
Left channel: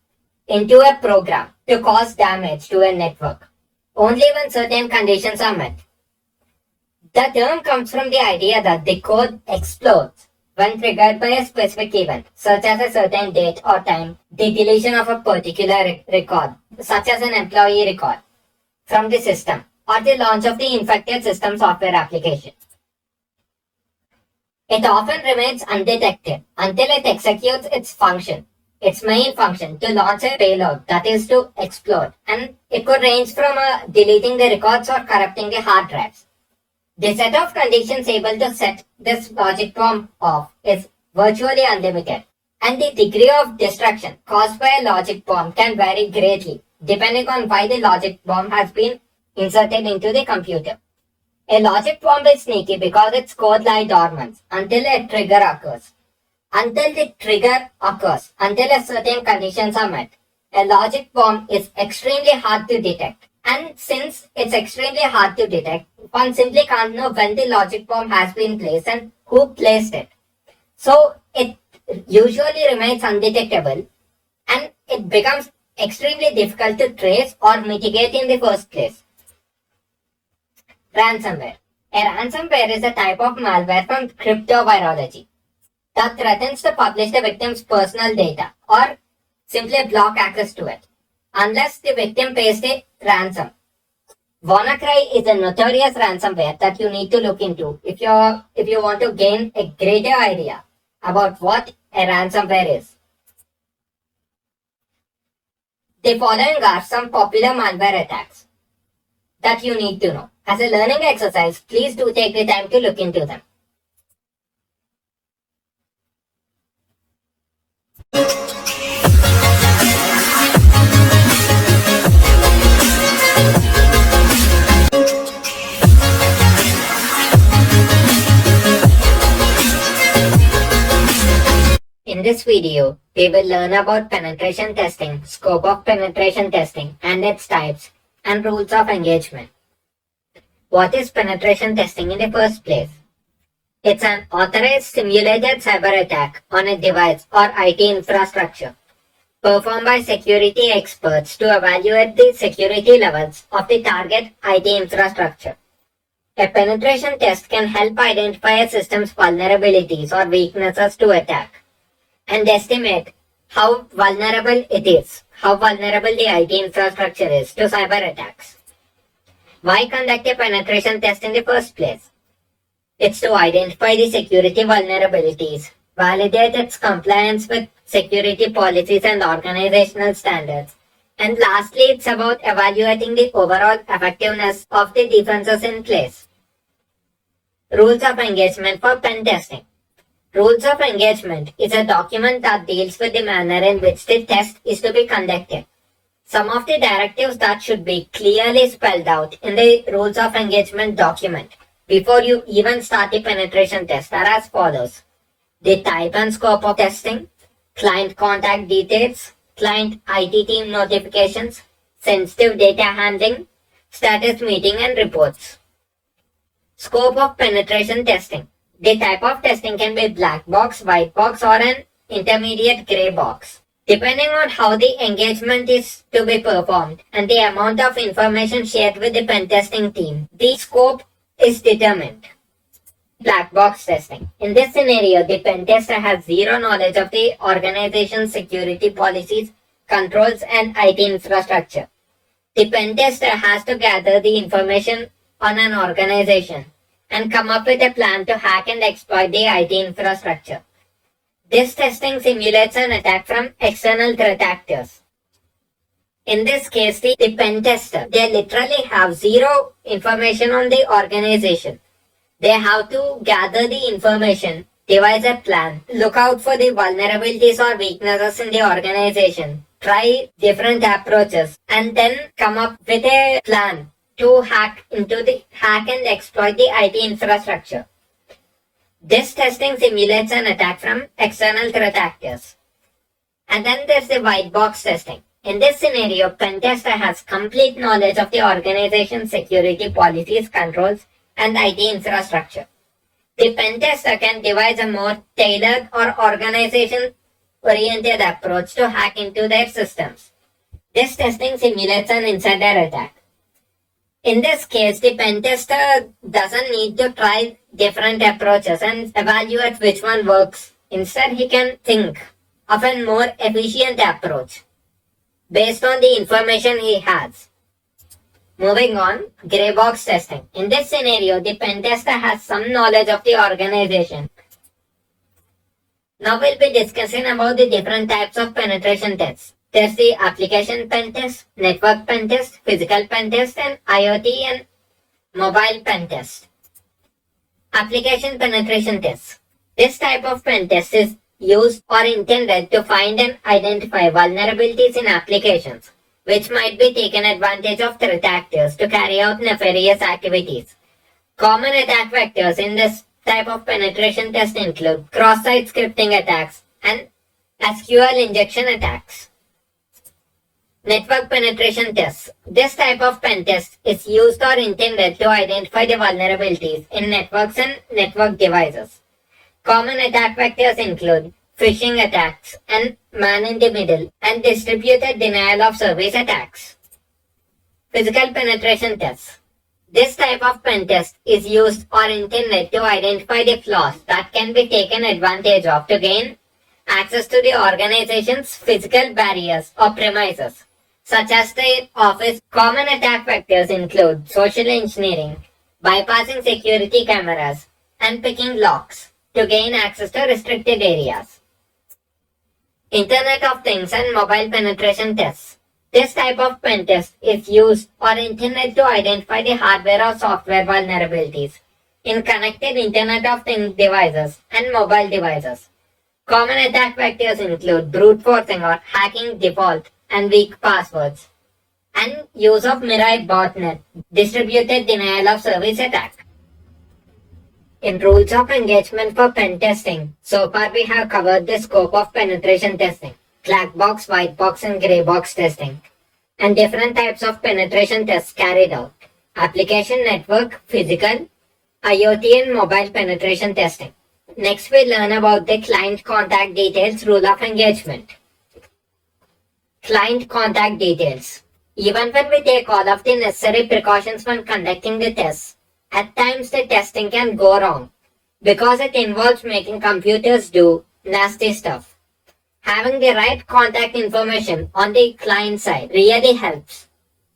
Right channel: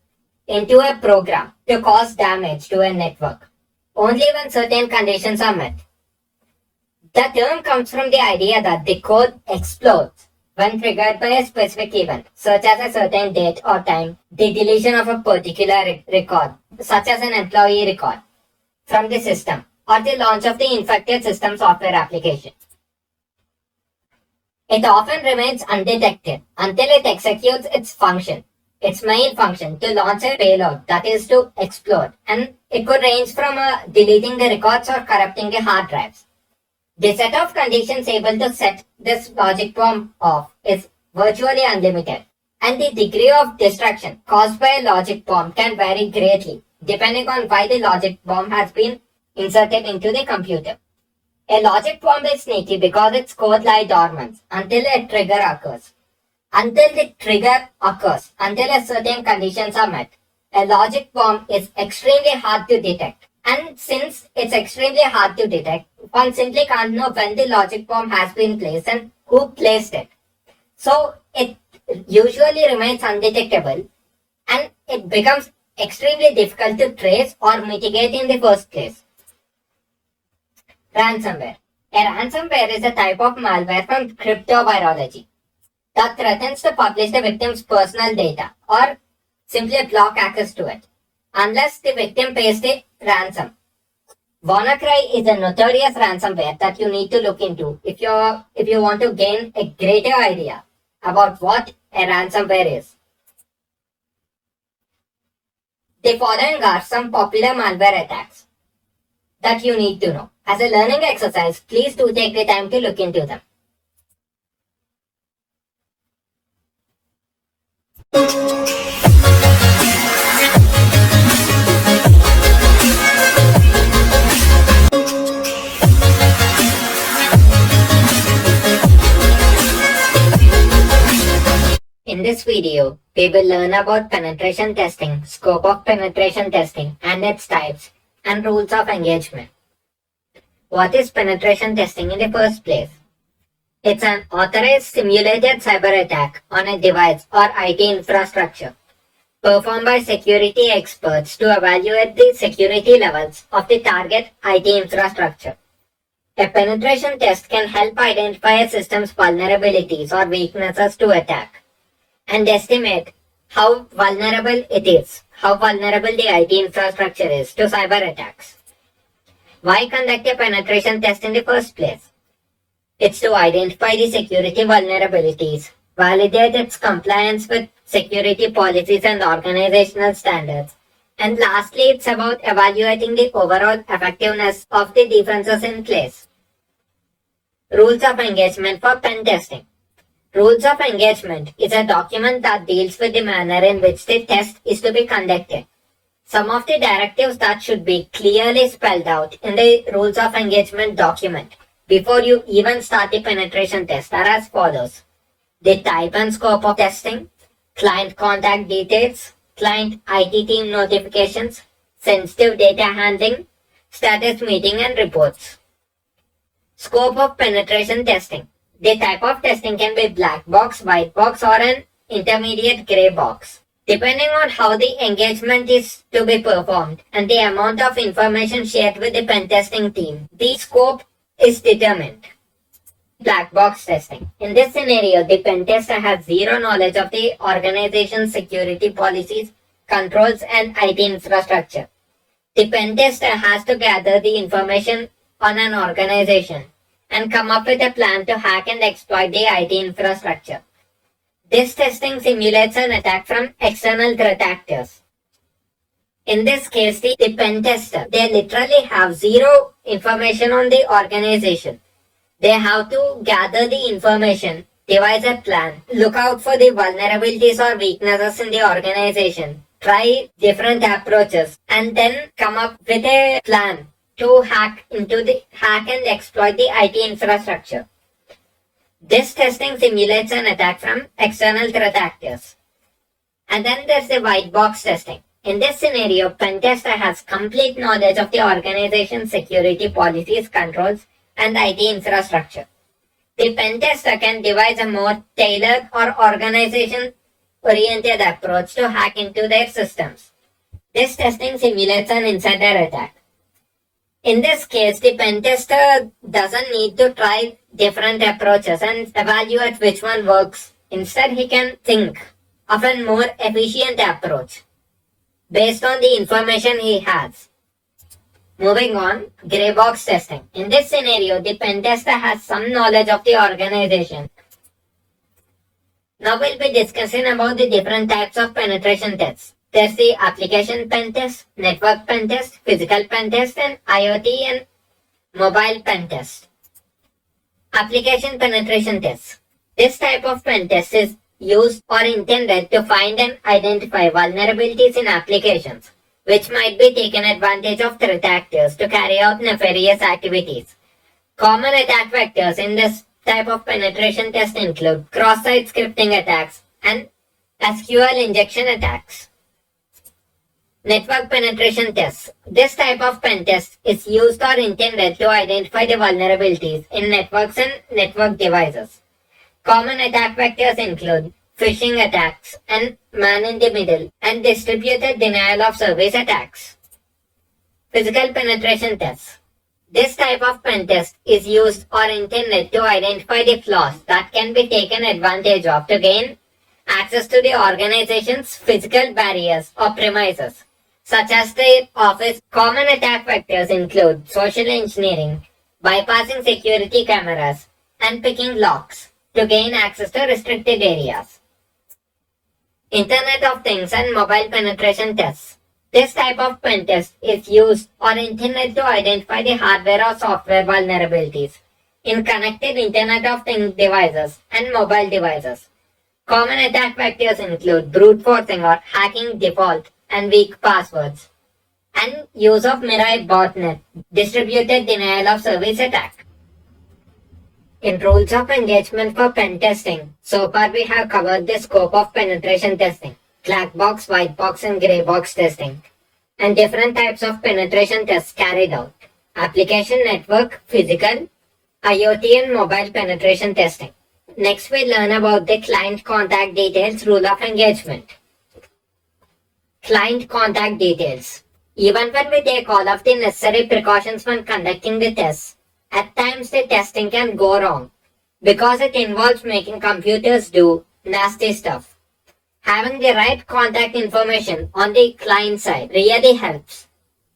into a program to cause damage to a network, only when certain conditions are met. The term comes from the idea that the code explodes when triggered by a specific event, such as a certain date or time, the deletion of a particular record, such as an employee record, from the system, or the launch of the infected system software application. It often remains undetected until it executes its main function to launch a payload, that is to explode, and it could range from deleting the records or corrupting the hard drives. The set of conditions able to set this logic bomb off is virtually unlimited, and the degree of destruction caused by a logic bomb can vary greatly depending on why the logic bomb has been inserted into the computer. A logic bomb is sneaky because its code lies dormant until a trigger occurs. Until a certain conditions are met, a logic bomb is extremely hard to detect. And since it's extremely hard to detect, one simply can't know when the logic bomb has been placed and who placed it. So it usually remains undetectable and it becomes extremely difficult to trace or mitigate in the first place. Ransomware. A ransomware is a type of malware from cryptovirology that threatens to publish the victim's personal data or simply block access to it, unless the victim pays the ransom. WannaCry is a notorious ransomware that you need to look into if you want to gain a greater idea about what a ransomware is. The following are some popular malware attacks that you need to know. As a learning exercise, please do take the time to look into them. In this video, we will learn about penetration testing, scope of penetration testing and its types, and rules of engagement. What is penetration testing in the first place? It's an authorized simulated cyber attack on a device or IT infrastructure performed by security experts to evaluate the security levels of the target IT infrastructure. A penetration test can help identify a system's vulnerabilities or weaknesses to attack and estimate how vulnerable the IT infrastructure is to cyber attacks. Why conduct a penetration test in the first place? It's to identify the security vulnerabilities, validate its compliance with security policies and organizational standards, and lastly, it's about evaluating the overall effectiveness of the defenses in place. Rules of engagement for pen testing. Rules of engagement is a document that deals with the manner in which the test is to be conducted. Some of the directives that should be clearly spelled out in the rules of engagement document before you even start the penetration test are as follows. The type and scope of testing, client contact details, client IT team notifications, sensitive data handling, status meeting and reports. Scope of penetration testing. The type of testing can be black box, white box or an intermediate gray box. Depending on how the engagement is to be performed and the amount of information shared with the pen testing team, the scope is determined. Black box testing. In this scenario, the pen tester has zero knowledge of the organization's security policies, controls and IT infrastructure. The pen tester has to gather the information on an organization and come up with a plan to hack and exploit the IT infrastructure. This testing simulates an attack from external threat actors. In this case, the pen tester, they literally have zero information on the organization. They have to gather the information, devise a plan, look out for the vulnerabilities or weaknesses in the organization, try different approaches, and then come up with a plan to hack and exploit the IT infrastructure. This testing simulates an attack from external threat actors. And then there's the white box testing. In this scenario, pen tester has complete knowledge of the organization's security policies, controls, and IT infrastructure. The pen tester can devise a more tailored or organization-oriented approach to hack into their systems. This testing simulates an insider attack. In this case, the pen tester doesn't need to try different approaches and evaluate which one works. Instead, he can think of a more efficient approach based on the information he has. Moving on, grey box testing. In this scenario, the pen tester has some knowledge of the organization. Now we'll be discussing about the different types of penetration tests. There's the application pen test, network pen test, physical pen test, and IoT and mobile pen test. Application penetration test. This type of pen test is used or intended to find and identify vulnerabilities in applications, which might be taken advantage of threat actors to carry out nefarious activities. Common attack vectors in this type of penetration test include cross-site scripting attacks and SQL injection attacks. Network penetration tests. This type of pen test is used or intended to identify the vulnerabilities in networks and network devices. Common attack vectors include phishing attacks and man-in-the-middle and distributed denial of service attacks. Physical penetration tests. This type of pen test is used or intended to identify the flaws that can be taken advantage of to gain access to the organization's physical barriers or premises, such as the office. Common attack vectors include social engineering, bypassing security cameras, and picking locks to gain access to restricted areas. Internet of Things and mobile penetration tests. This type of pen test is used or intended to identify the hardware or software vulnerabilities in connected Internet of Things devices and mobile devices. Common attack vectors include brute forcing or hacking default and weak passwords, and use of Mirai botnet, distributed denial of service attack. In rules of engagement for pen testing, so far we have covered the scope of penetration testing, black box, white box and grey box testing, and different types of penetration tests carried out, application, network, physical, IoT and mobile penetration testing. Next we learn about the client contact details rule of engagement. Client contact details. Even when we take all of the necessary precautions when conducting the tests, at times the testing can go wrong because it involves making computers do nasty stuff. Having the right contact information on the client side really helps.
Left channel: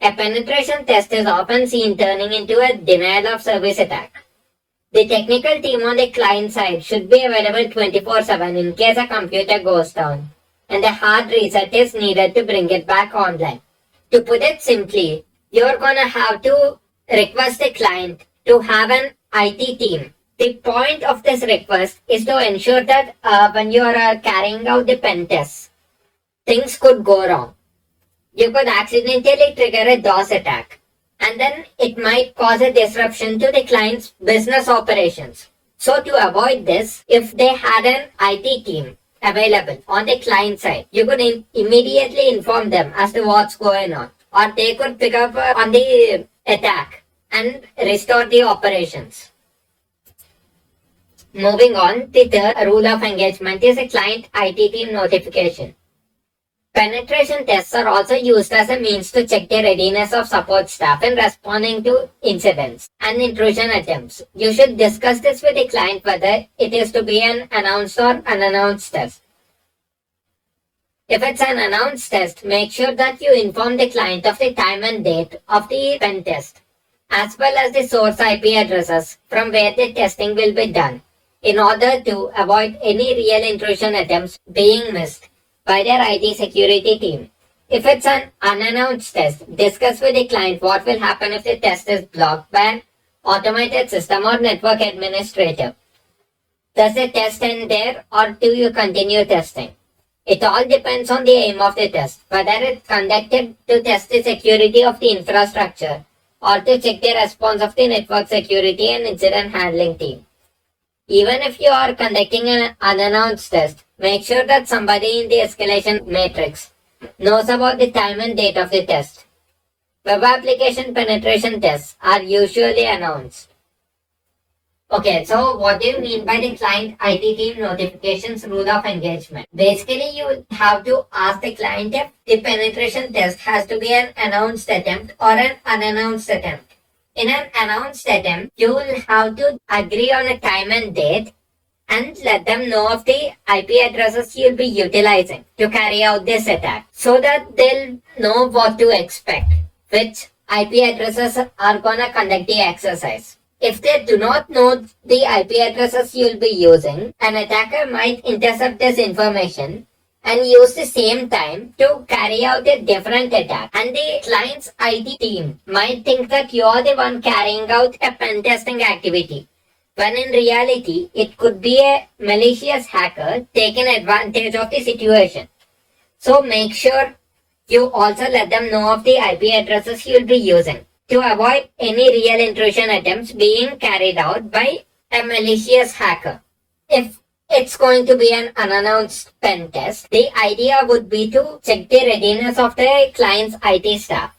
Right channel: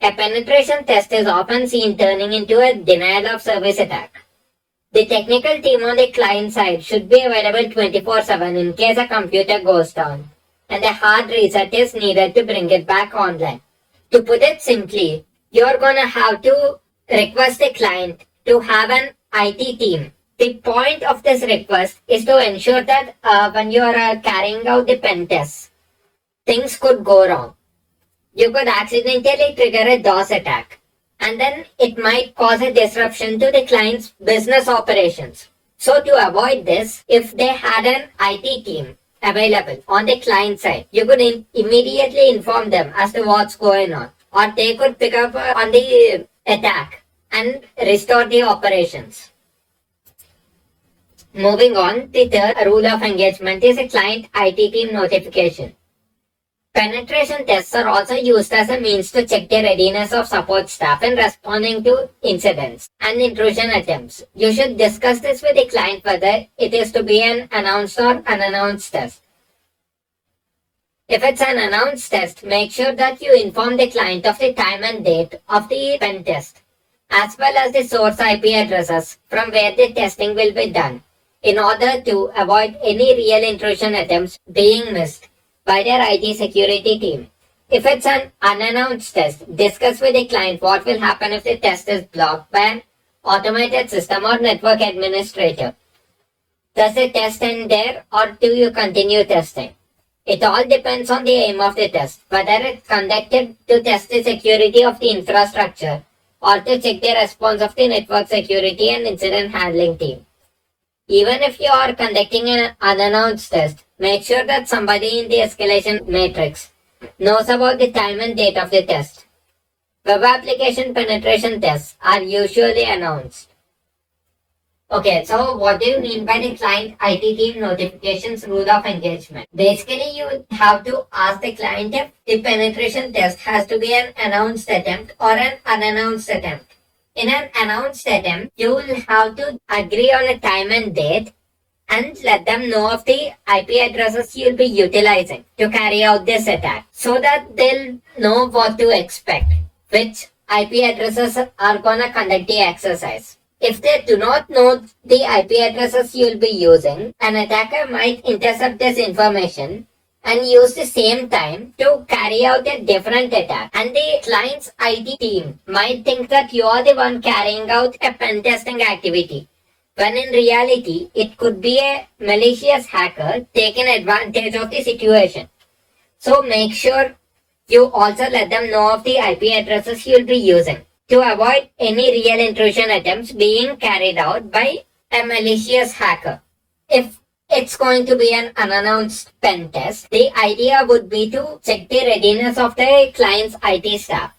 A penetration test is often seen turning into a denial of service attack. The technical team on the client side should be available 24/7 in case a computer goes down and a hard reset is needed to bring it back online. To put it simply, you're gonna have to request the client to have an IT team. The point of this request is to ensure that when you are carrying out the pen test, things could go wrong. You could accidentally trigger a DOS attack, and then it might cause a disruption to the client's business operations. So to avoid this, if they had an IT team available on the client side, you could immediately inform them as to what's going on, or they could pick up on the attack and restore the operations. Moving on, the third rule of engagement is a client IT team notification. Penetration tests are also used as a means to check the readiness of support staff in responding to incidents and intrusion attempts. You should discuss this with the client whether it is to be an announced or unannounced test. If it's an announced test, make sure that you inform the client of the time and date of the pen test, as well as the source IP addresses from where the testing will be done, in order to avoid any real intrusion attempts being missed by their IT security team. If it's an unannounced test, discuss with the client what will happen if the test is blocked by an automated system or network administrator. Does the test end there, or do you continue testing? It all depends on the aim of the test, whether it's conducted to test the security of the infrastructure or to check the response of the network security and incident handling team. Even if you are conducting an unannounced test, make sure that somebody in the escalation matrix knows about the time and date of the test. Web application penetration tests are usually announced. Okay, so what do you mean by the client IT team notifications rule of engagement? Basically, you have to ask the client if the penetration test has to be an announced attempt or an unannounced attempt. In an announced attempt, you will have to agree on a time and date and let them know of the IP addresses you'll be utilizing to carry out this attack so that they'll know what to expect, which IP addresses are gonna conduct the exercise. If they do not know the IP addresses you'll be using, an attacker might intercept this information and use the same time to carry out a different attack. And the client's IT team might think that you are the one carrying out a pen testing activity, when in reality it could be a malicious hacker taking advantage of the situation. So make sure you also let them know of the IP addresses you'll be using to avoid any real intrusion attempts being carried out by a malicious hacker. If it's going to be an unannounced pen test, the idea would be to check the readiness of the client's IT staff.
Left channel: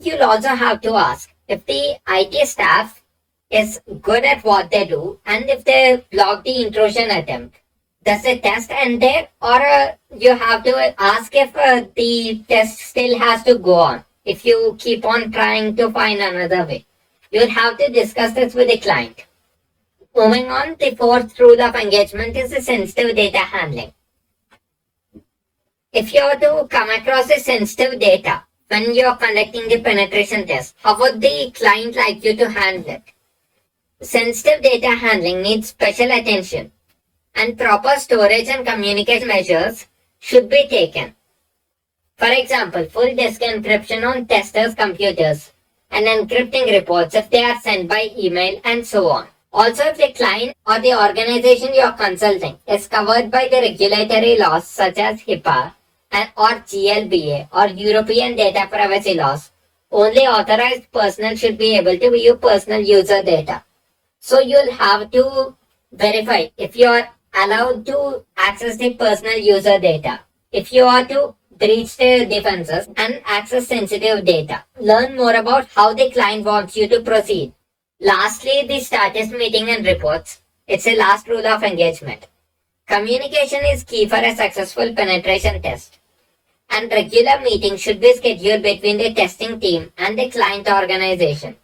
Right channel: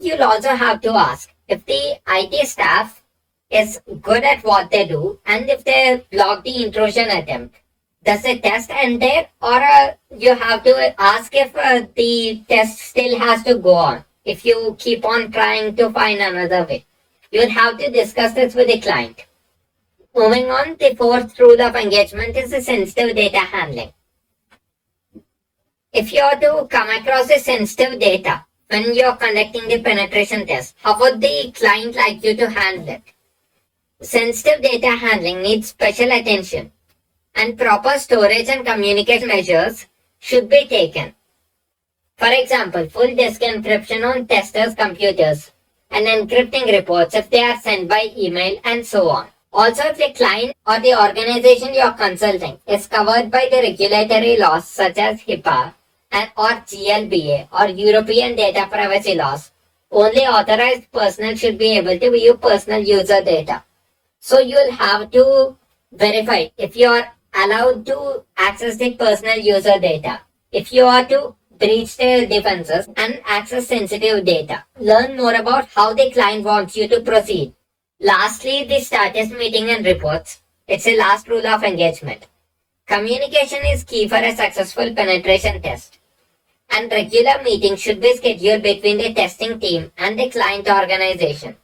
You'll also have to ask if the IT staff is good at what they do and if they block the intrusion attempt. Does the test end there, or you have to ask if the test still has to go on? If you keep on trying to find another way, you will have to discuss this with the client. Moving on, the fourth rule of engagement is the sensitive data handling. If you are to come across the sensitive data when you are conducting the penetration test, how would the client like you to handle it? Sensitive data handling needs special attention, and proper storage and communication measures should be taken. For example, full disk encryption on testers' computers and encrypting reports if they are sent by email and so on. Also, if the client or the organization you are consulting is covered by the regulatory laws such as HIPAA and or GLBA or European data privacy laws, only authorized personnel should be able to view personal user data. So you'll have to verify if you are allowed to access the personal user data. If you are to breach their defenses and access sensitive data. Learn more about how the client wants you to proceed. Lastly, the status meeting and reports. It's a last rule of engagement. Communication is key for a successful penetration test, and regular meetings should be scheduled between the testing team and the client organization.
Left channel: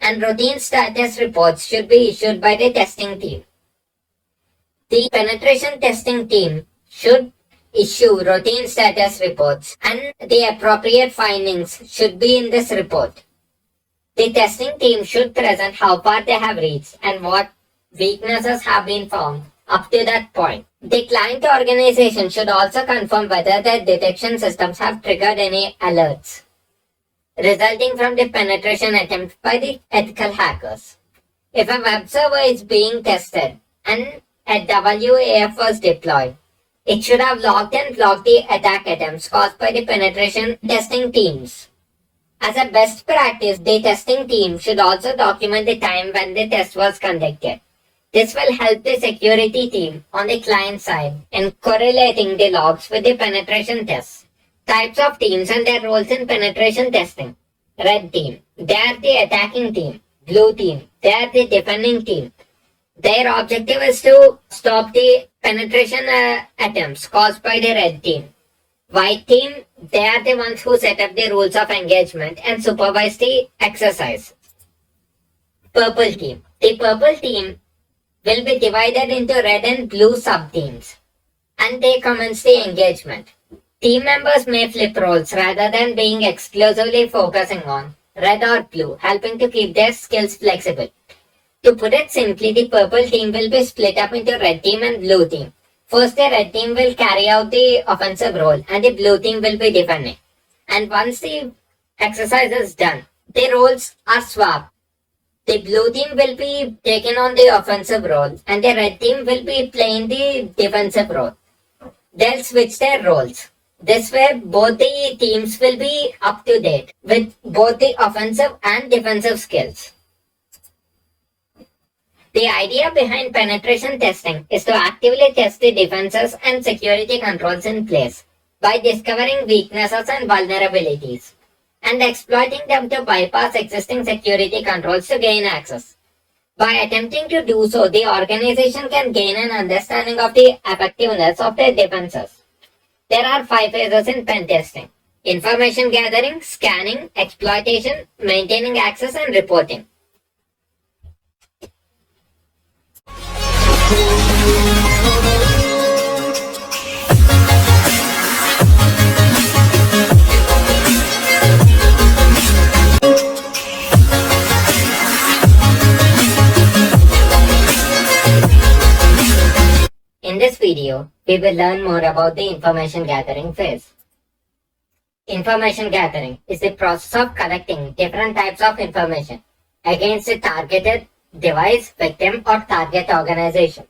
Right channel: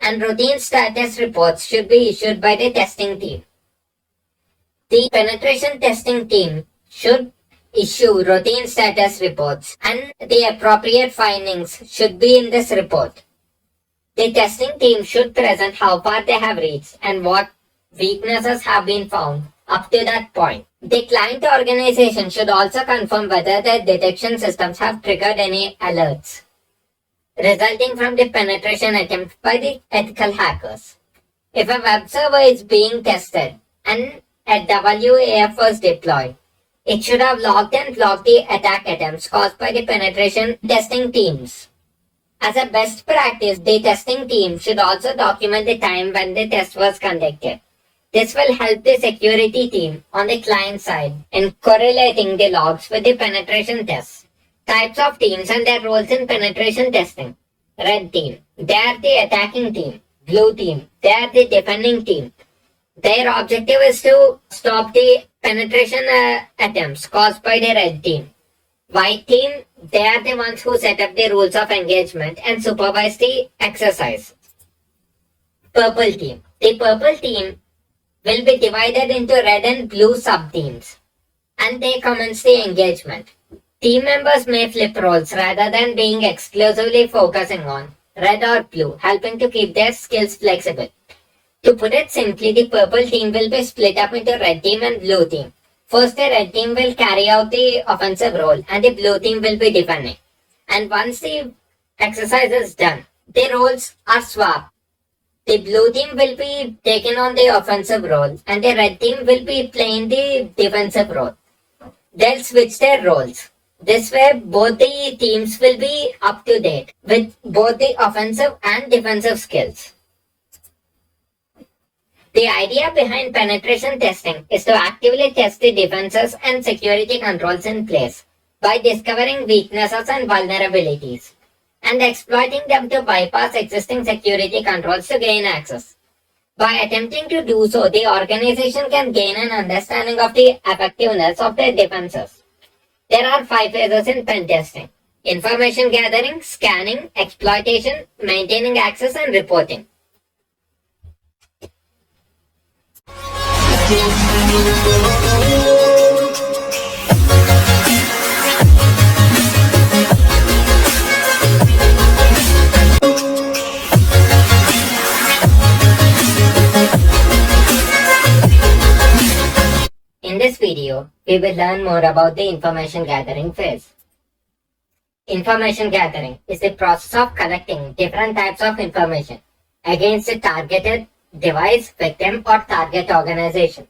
And routine status reports should be issued by the testing team. The penetration testing team should issue routine status reports, and the appropriate findings should be in this report. The testing team should present how far they have reached and what weaknesses have been found up to that point. The client organization should also confirm whether the detection systems have triggered any alerts resulting from the penetration attempt by the ethical hackers. If a web server is being tested and a WAF was deployed, it should have logged and blocked the attack attempts caused by the penetration testing teams. As a best practice, the testing team should also document the time when the test was conducted. This will help the security team on the client side in correlating the logs with the penetration tests. Types of teams and their roles in penetration testing. Red team, they are the attacking team. Blue team, they are the defending team. Their objective is to stop the penetration attempts caused by the red team. White team, they are the ones who set up the rules of engagement and supervise the exercise. Purple team. The purple team will be divided into red and blue sub-teams, and they commence the engagement. Team members may flip roles rather than being exclusively focusing on red or blue, helping to keep their skills flexible. To put it simply, the purple team will be split up into red team and blue team. First, the red team will carry out the offensive role and the blue team will be defending. And once the exercise is done, the roles are swapped. The blue team will be taking on the offensive role and the red team will be playing the defensive role. They'll switch their roles. This way, both the teams will be up to date with both the offensive and defensive skills. The idea behind penetration testing is to actively test the defenses and security controls in place by discovering weaknesses and vulnerabilities and exploiting them to bypass existing security controls to gain access. By attempting to do so, the organization can gain an understanding of the effectiveness of their defenses. There are 5 phases in pen testing: information gathering, scanning, exploitation, maintaining access, and reporting. In this video, we will learn more about the information gathering phase. Information gathering is the process of collecting different types of information against a targeted device, victim, or target organization.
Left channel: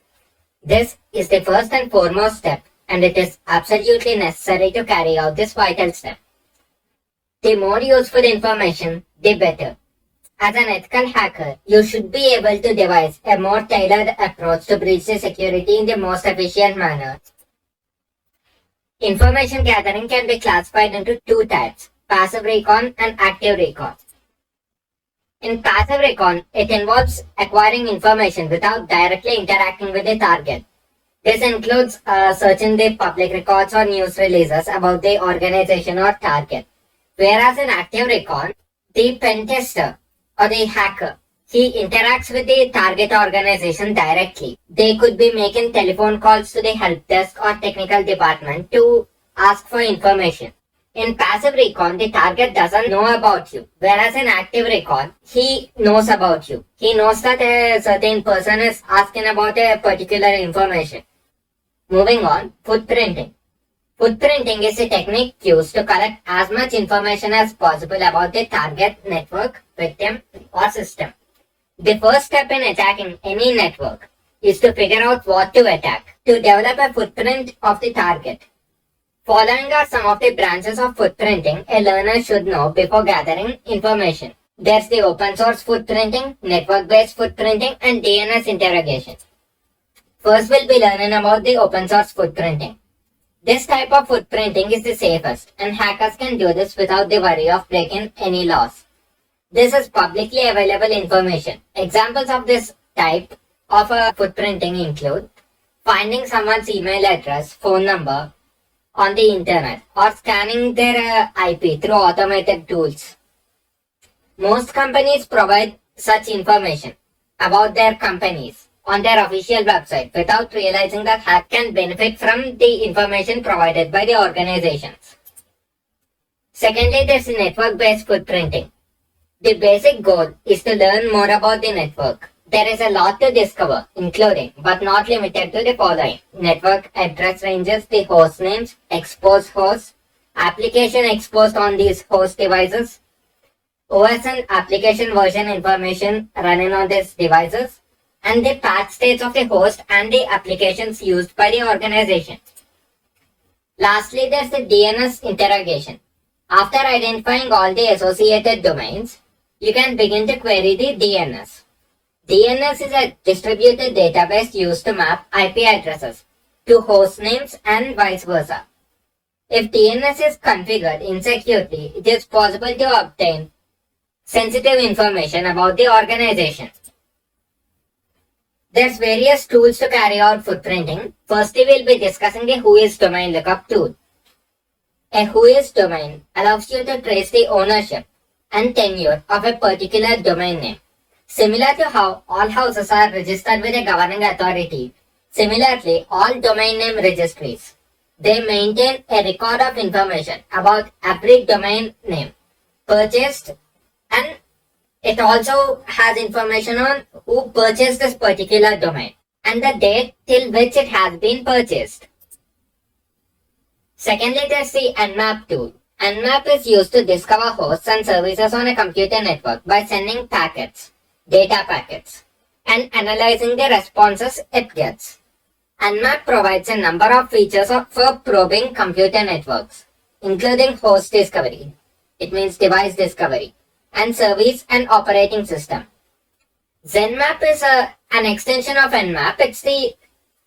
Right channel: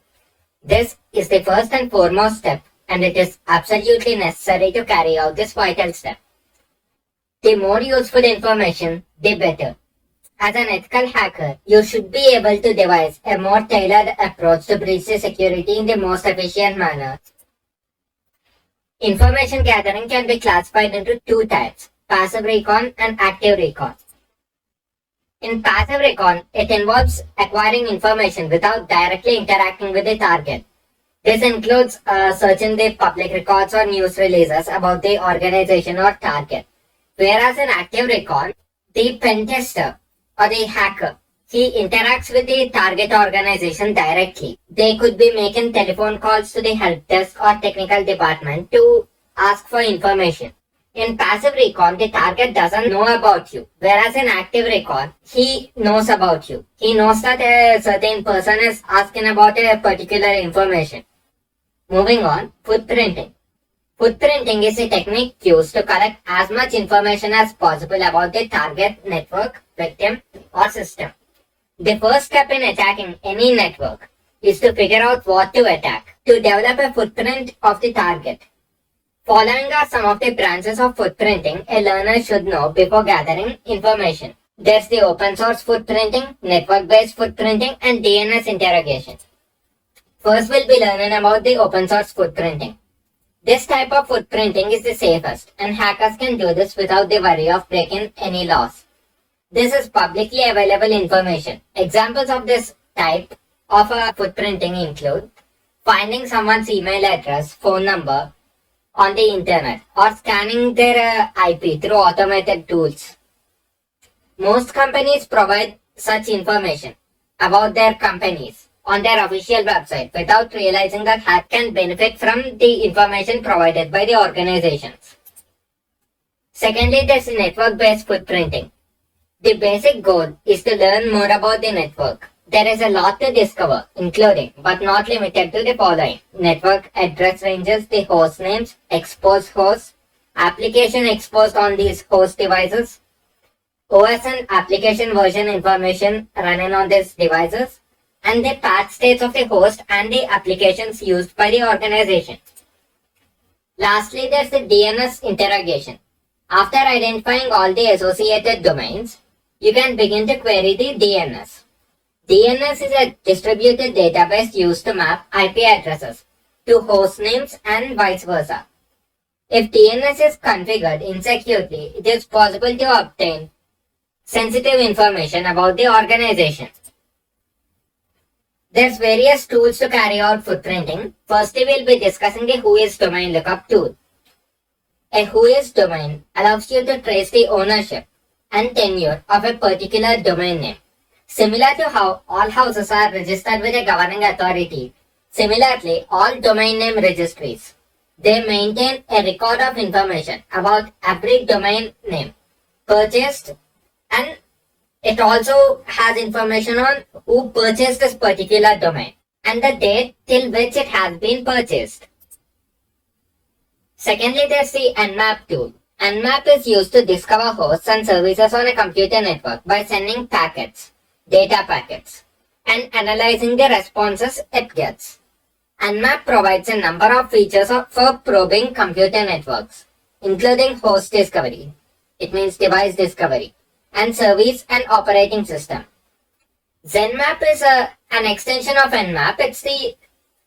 This is the first and foremost step, and it is absolutely necessary to carry out this vital step. The more useful information, the better. As an ethical hacker, you should be able to devise a more tailored approach to breach the security in the most efficient manner. Information gathering can be classified into 2 types: passive recon and active recon. In passive recon, it involves acquiring information without directly interacting with the target. This includes searching the public records or news releases about the organization or target. Whereas in active recon, the pen tester or the hacker, he interacts with the target organization directly. They could be making telephone calls to the help desk or technical department to ask for information. In passive recon, the target doesn't know about you, whereas in active recon, he knows about you. He knows that a certain person is asking about a particular information. Moving on, footprinting. Footprinting is a technique used to collect as much information as possible about the target network, victim, or system. The first step in attacking any network is to figure out what to attack. To develop a footprint of the target, following are some of the branches of footprinting a learner should know before gathering information. There's the open source footprinting, network-based footprinting, and DNS interrogation. First, we'll be learning about the open source footprinting. This type of footprinting is the safest, and hackers can do this without the worry of breaking any laws. This is publicly available information. Examples of this type of footprinting include finding someone's email address, phone number on the internet, or scanning their IP through automated tools. Most companies provide such information about their companies on their official website without realizing that hackers can benefit from the information provided by the organizations. Secondly, there's network-based footprinting. The basic goal is to learn more about the network. There is a lot to discover, including but not limited to the following: network address ranges, the host names, exposed hosts, application exposed on these host devices, OS and application version information running on these devices, and the patch states of the host and the applications used by the organization. Lastly, there's the DNS interrogation. After identifying all the associated domains, you can begin to query the DNS. DNS is a distributed database used to map IP addresses to host names and vice versa. If DNS is configured insecurely, it is possible to obtain sensitive information about the organization. There's various tools to carry out footprinting. Firstly, we'll be discussing the Whois domain lookup tool. A Whois domain allows you to trace the ownership and tenure of a particular domain name. Similar to how all houses are registered with a governing authority, similarly, all domain name registries, they maintain a record of information about every domain name purchased, and it also has information on who purchased this particular domain and the date till which it has been purchased. Secondly, there's the Nmap tool. Nmap is used to discover hosts and services on a computer network by sending packets, data packets, and analyzing the responses it gets. Nmap provides a number of features for probing computer networks, including host discovery, it means device discovery, and service and operating system. ZenMap is an extension of Nmap. It's the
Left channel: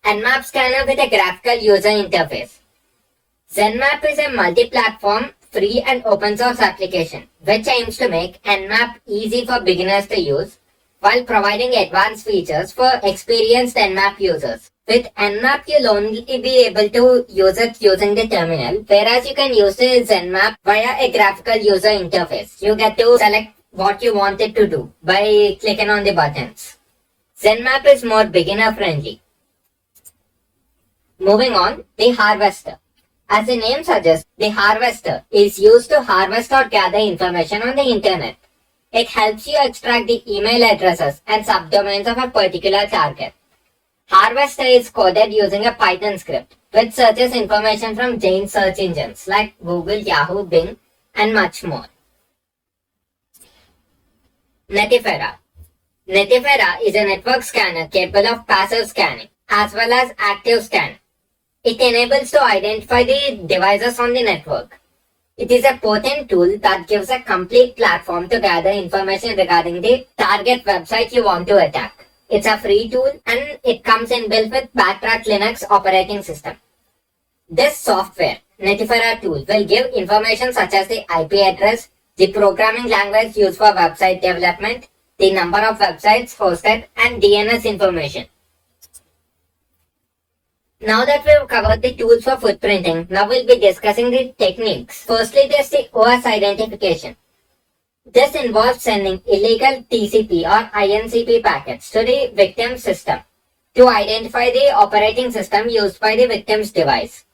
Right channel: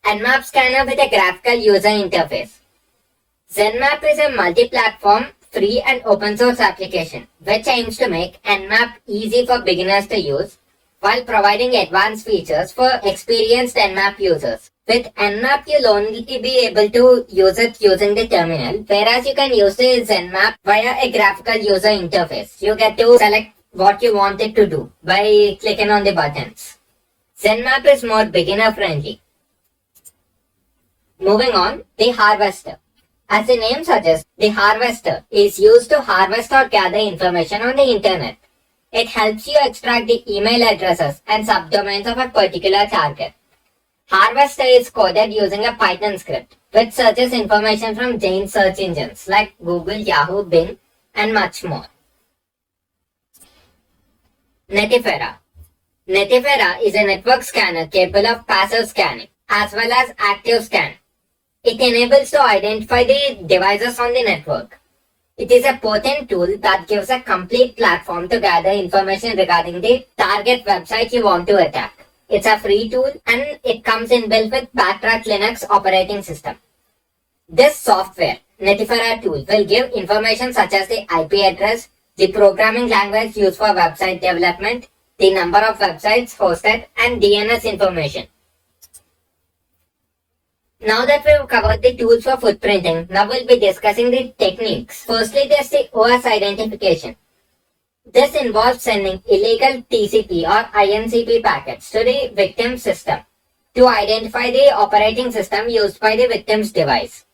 Nmap scanner with a graphical user interface. ZenMap is a multi-platform, free and open source application which aims to make Nmap easy for beginners to use while providing advanced features for experienced Nmap users. With Nmap, you'll only be able to use it using the terminal, whereas you can use the ZenMap via a graphical user interface. You get to select what you want it to do by clicking on the buttons. ZenMap is more beginner friendly. Moving on, the harvester. As the name suggests, the harvester is used to harvest or gather information on the internet. It helps you extract the email addresses and subdomains of a particular target. Harvester is coded using a Python script, which searches information from giant search engines like Google, Yahoo, Bing, and much more. Netifera. Netifera is a network scanner capable of passive scanning as well as active scan. It enables to identify the devices on the network. It is a potent tool that gives a complete platform to gather information regarding the target website you want to attack. It's a free tool and it comes inbuilt with Backtrack Linux operating system. This software, Netifera tool, will give information such as the IP address, the programming language used for website development, the number of websites hosted, and DNS information. Now that we've covered the tools for footprinting, now we'll be discussing the techniques. Firstly, there's the OS identification. This involves sending illegal TCP or INCP packets to the victim system to identify the operating system used by the victim's device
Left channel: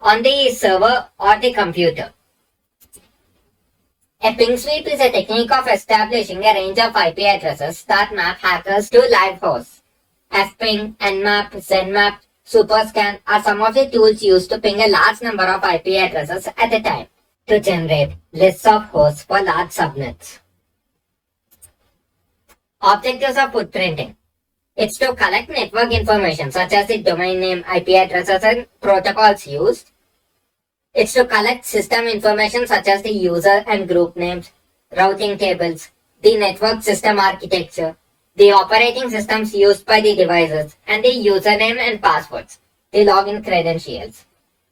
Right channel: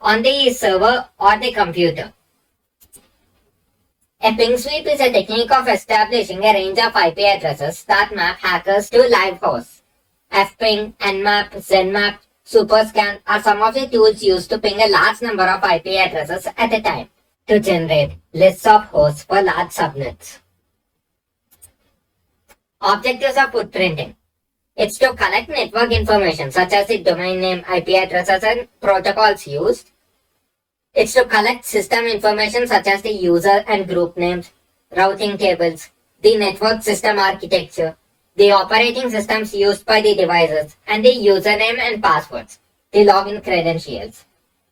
on the server or the computer. A ping sweep is a technique of establishing a range of IP addresses that map hackers to live hosts. Fping, Nmap, ZenMap, Superscan are some of the tools used to ping a large number of IP addresses at a time to generate lists of hosts for large subnets. Objectives of footprinting. It's to collect network information such as the domain name, IP addresses, and protocols used. It's to collect system information such as the user and group names, routing tables, the network system architecture, the operating systems used by the devices, and the username and passwords, the login credentials.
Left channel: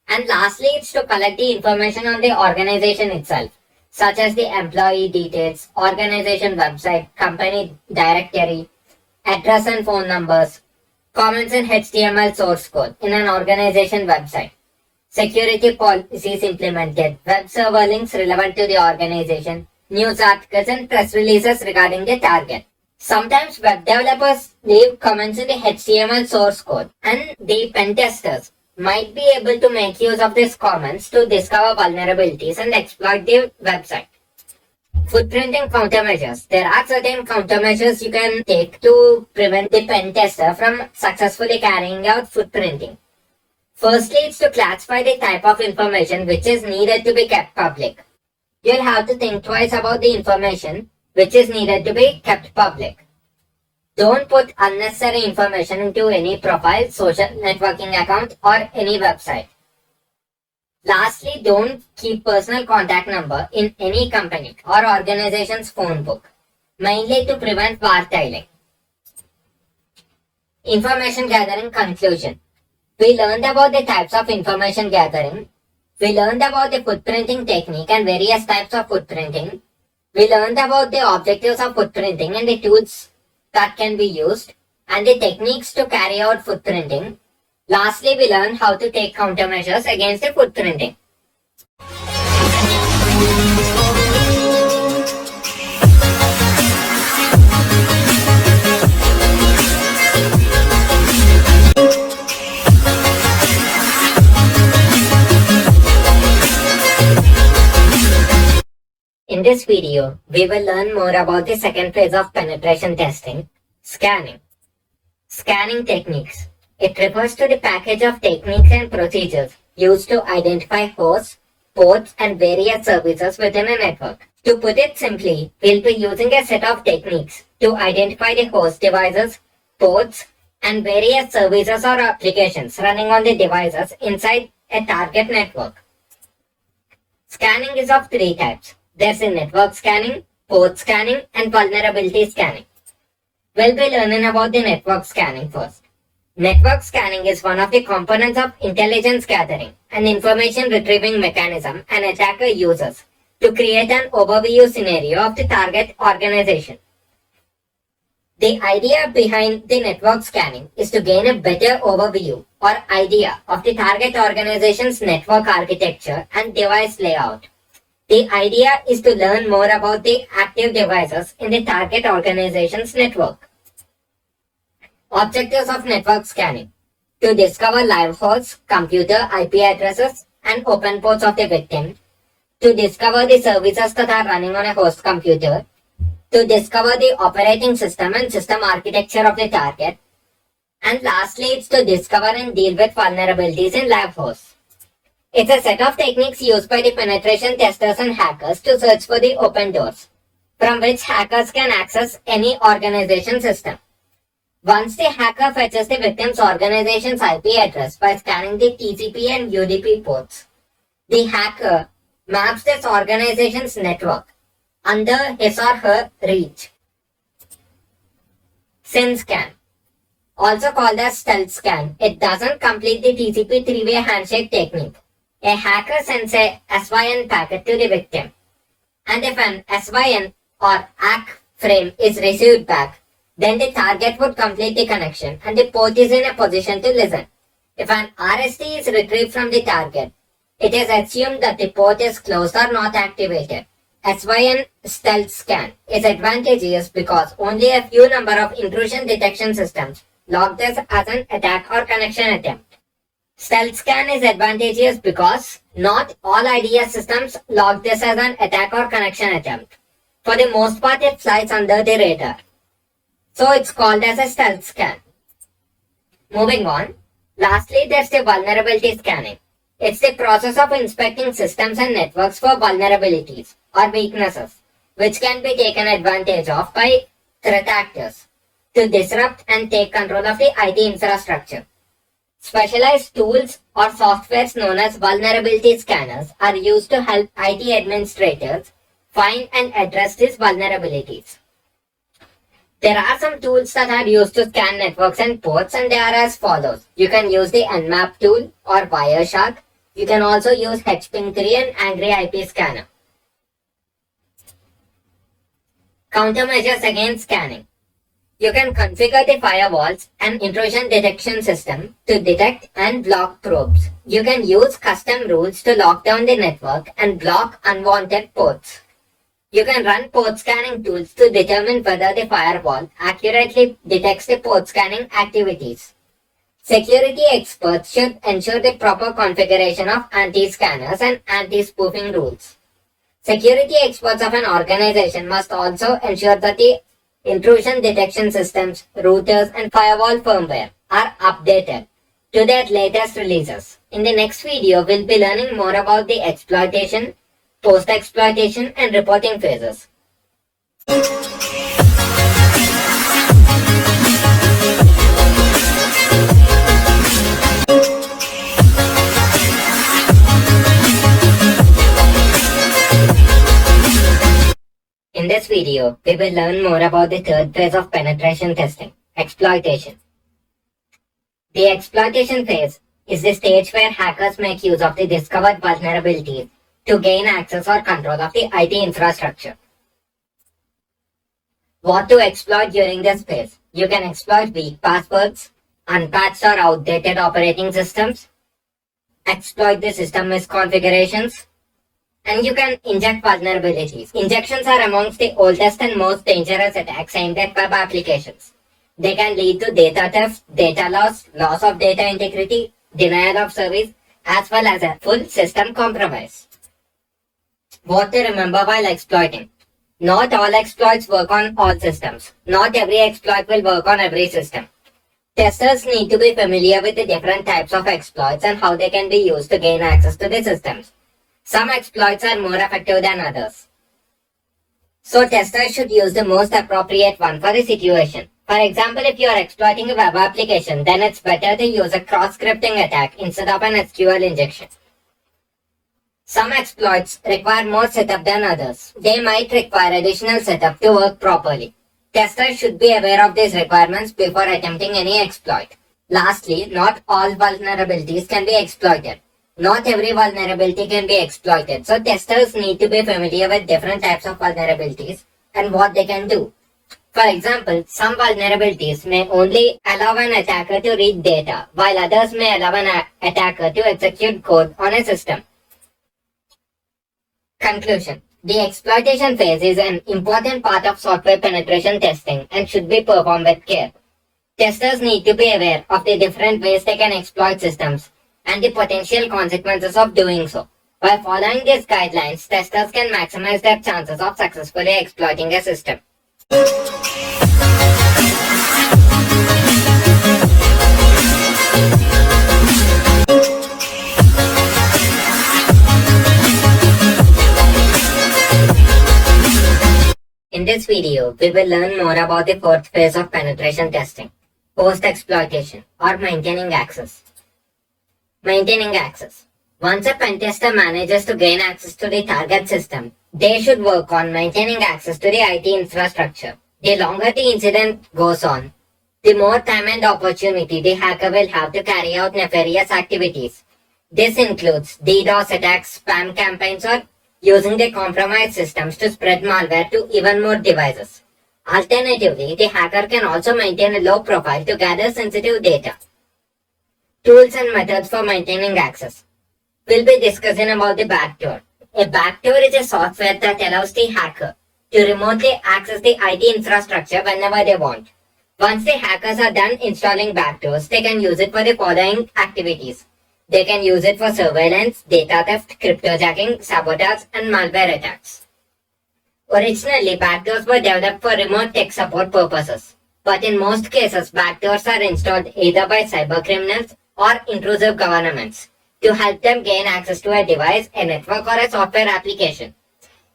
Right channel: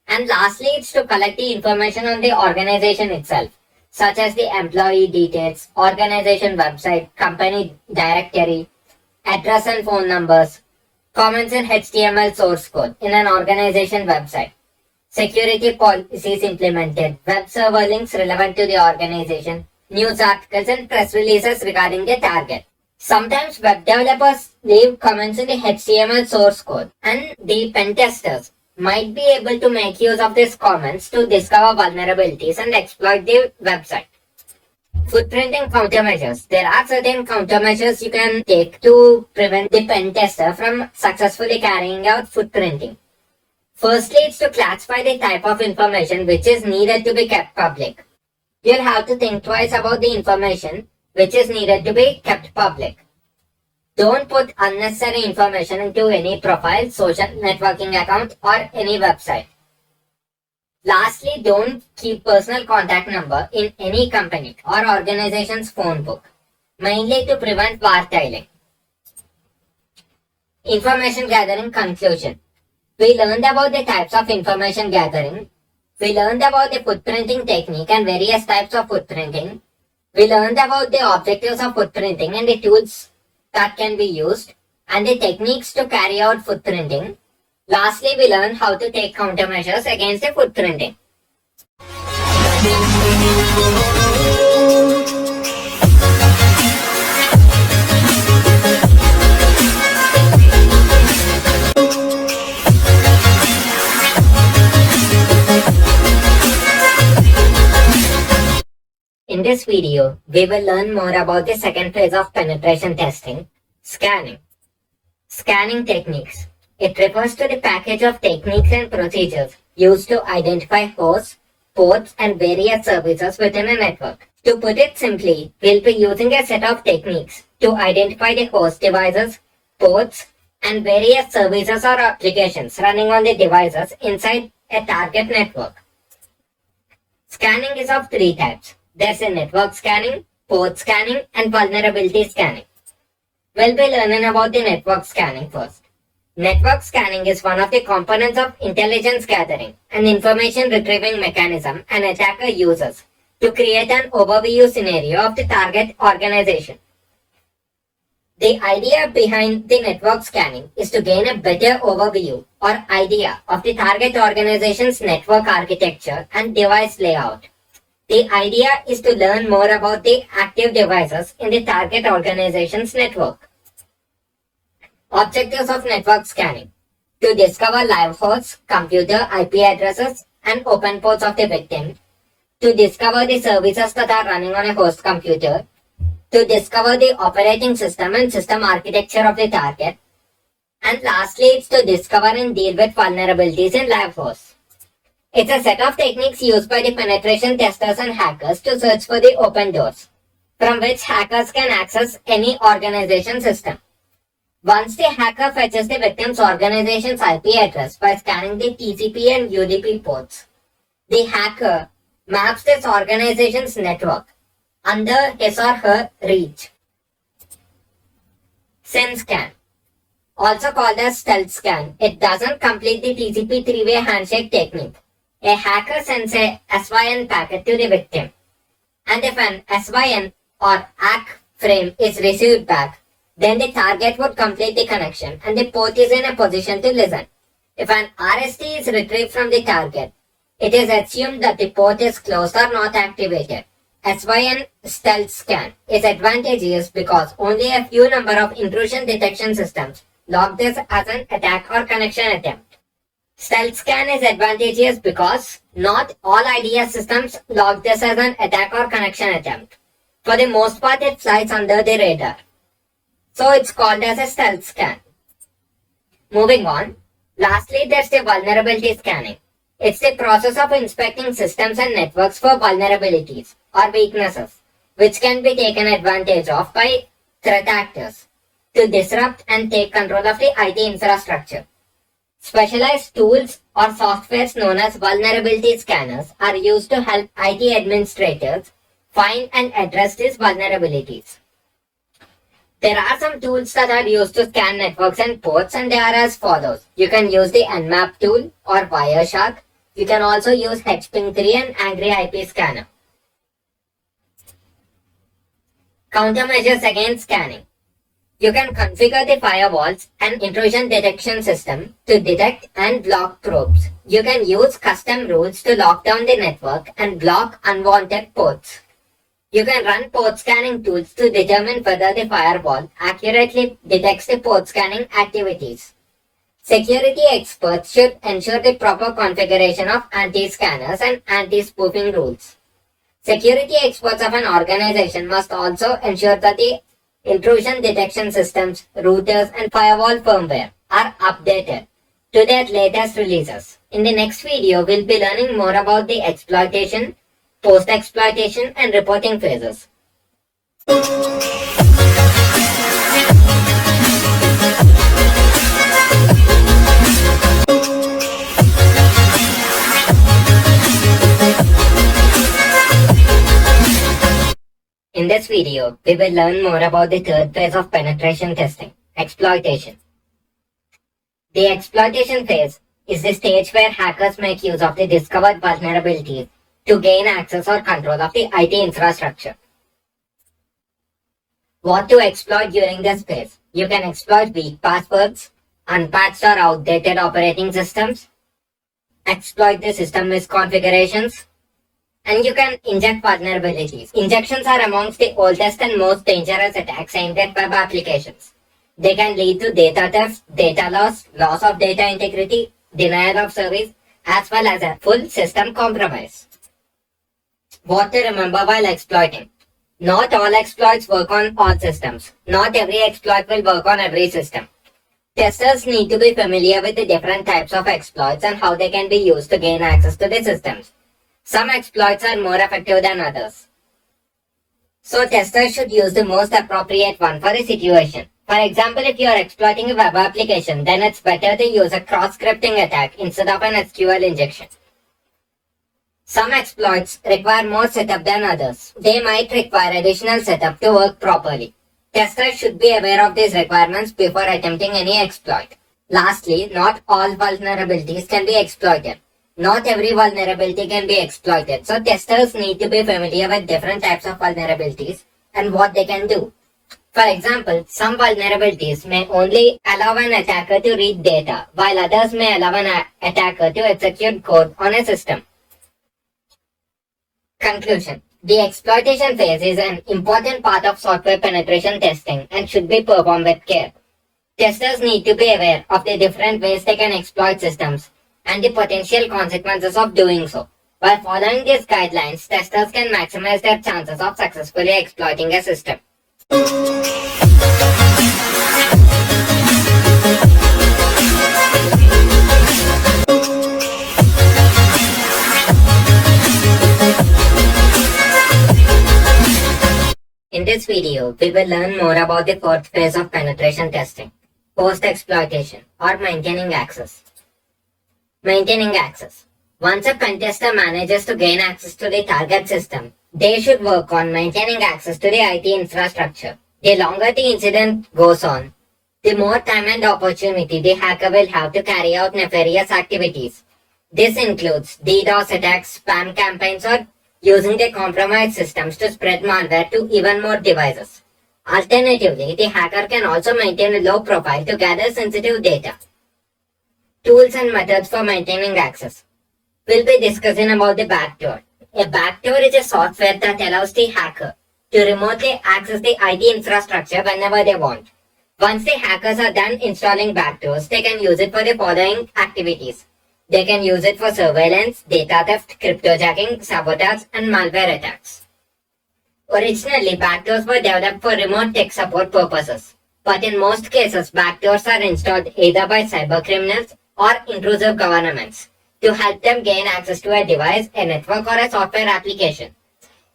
And lastly, it's to collect the information on the organization itself, such as the employee details, organization website, company directory, address and phone numbers, comments in HTML source code in an organization website, security policies implemented, web server links relevant to the organization, news articles and press releases regarding the target. Sometimes web developers leave comments in the HTML source code, and the pen testers might be able to make use of these comments to discover vulnerabilities and exploit the website. Footprinting countermeasures. There are certain countermeasures you can take to prevent the pen tester from successfully carrying out footprinting. Firstly, it's to classify the type of information which is needed to be kept public. You'll have to think twice about the information which is needed to be kept public. Don't put unnecessary information into any profile, social networking account, or any website. Lastly, don't keep personal contact number in any company or organization's phone book, mainly to prevent wartailing. Information gathering conclusion. We learned about the types of information gathering. We learned about the footprinting technique and various types of footprinting. We learned about the objectives of footprinting and the tools that can be used and the techniques to carry out footprinting. Lastly, we learned how to take countermeasures against the footprinting. In this video, we will learn more about the second phase of penetration testing, scanning. Scanning techniques. It refers to the package of techniques and procedures used to identify hosts, ports, and various services within a network. To put it simply, we'll be using a set of techniques to identify the host devices, ports, and various services or applications running on the devices inside a target network. Scanning is of three types. There's a network scanning, port scanning, and vulnerability scanning. We'll be learning about the network scanning first. Network scanning is one of the components of intelligence gathering and information retrieving mechanism an attacker uses to create an overview scenario of the target organization. The idea behind the network scanning is to gain a better overview or idea of the target organization's network architecture and device layout. The idea is to learn more about the active devices in the target organization's network. Objectives of network scanning: to discover live hosts, computer IP addresses, and open ports of the victim, to discover the services that are running on a host computer, to discover the operating system and system architecture of the target, and lastly, it's to discover and deal with vulnerabilities in live hosts. It's a set of techniques used by the penetration testers and hackers to search for the open doors, from which hackers can access any organization system. Once the hacker fetches the victim's organization's IP address by scanning the TCP and UDP ports, the hacker maps this organization's network under his or her reach. SYN scan, also called as stealth scan, it doesn't complete the TCP three-way handshake technique. A hacker sends a SYN packet to the victim, and if an SYN or ACK frame is received back, then the target would complete the connection and the port is in a position to listen. If an RST is retrieved from the target, it is assumed that the port is closed or not activated. SYN stealth scan is advantageous because only a few number of intrusion detection systems log this as an attack or connection attempt. Stealth scan is advantageous because not all IDS systems log this as an attack or connection attempt. For the most part, it flies under the radar. So it's called as a stealth scan. Moving on, lastly there's the vulnerability scanning. It's the process of inspecting systems and networks for vulnerabilities or weaknesses, which can be taken advantage of by threat actors to disrupt and take control of the IT infrastructure. Specialized tools or softwares known as vulnerability scanners are used to help IT administrators find and address these vulnerabilities. There are some tools that are used to scan networks and ports, and they are as follows. You can use the Nmap tool or Wireshark. You can also use HPing3 and Angry IP Scanner. Countermeasures against scanning. You can configure the firewalls and intrusion detection system to detect and block probes. You can use custom rules to lock down the network and block unwanted ports. You can run port scanning tools to determine whether the firewall accurately detects the port scanning activities. Security experts should ensure the proper configuration of anti-scanners and anti-spoofing rules. Security experts of an organization must also ensure that the intrusion detection systems, routers, and firewall firmware are updated to their latest releases. In the next video, we'll be learning more about the exploitation, post-exploitation, and reporting phases. In this video, we will learn more about the third phase of penetration testing, exploitation. The exploitation phase is the stage where hackers make use of the discovered vulnerabilities to gain access or control of the IT infrastructure. What to exploit during this phase? You can exploit weak passwords, unpatched or outdated operating systems, exploit the system misconfigurations, and you can inject vulnerabilities. Injections are amongst the oldest and most dangerous attacks aimed at web applications. They can lead to data theft, data loss, loss of data integrity, denial of service, as well as a full system compromise. What to remember while exploiting. Not all exploits work on all systems. Not every exploit will work on every system. Testers need to be familiar with the different types of exploits and how they can be used to gain access to the systems. Some exploits are more effective than others. So testers should use the most appropriate one for a situation. For example, if you are exploiting a web application, then it's better to use a cross-scripting attack instead of an SQL injection. Some exploits require more setup than others. They might require additional setup to work properly. Testers should be aware of these requirements before attempting any exploit. Lastly, not all vulnerabilities can be exploited. Not every vulnerability can be exploited, so testers need to be familiar with different types of vulnerabilities and what they can do. For example, some vulnerabilities may only allow an attacker to read data, while others may allow an attacker to execute code on a system. Conclusion. The exploitation phase is an important part of software penetration testing and should be performed with care. Testers need to be aware of the different ways they can exploit systems and the potential consequences of doing so. By following these guidelines, testers can maximize their chances of successfully exploiting a system. In this video, we will learn more about the fourth phase of penetration testing, post-exploitation or maintaining access. Maintaining access. Once a pen tester manages to gain access to the target system, they should work on maintaining access to the IT infrastructure. The longer the incident goes on, the more time and opportunity the hacker will have to carry out nefarious activities. This includes DDoS attacks, spam campaigns, or using the compromised systems to spread malware to even more devices. Alternatively, the hacker can also maintain a low profile to gather sensitive data. Tools and methods for maintaining access. We'll be discussing about the backdoor. A backdoor is a software that allows the hacker to remotely access the IT infrastructure whenever they want. Once the hackers are done installing backdoors, they can use it for the following activities. They can use it for surveillance, data theft, cryptojacking, sabotage, and malware attacks. Originally, backdoors were developed for remote tech support purposes, but in most cases, backdoors are installed either by cybercriminals or intrusive governments to help them gain access to a device, a network, or a software application.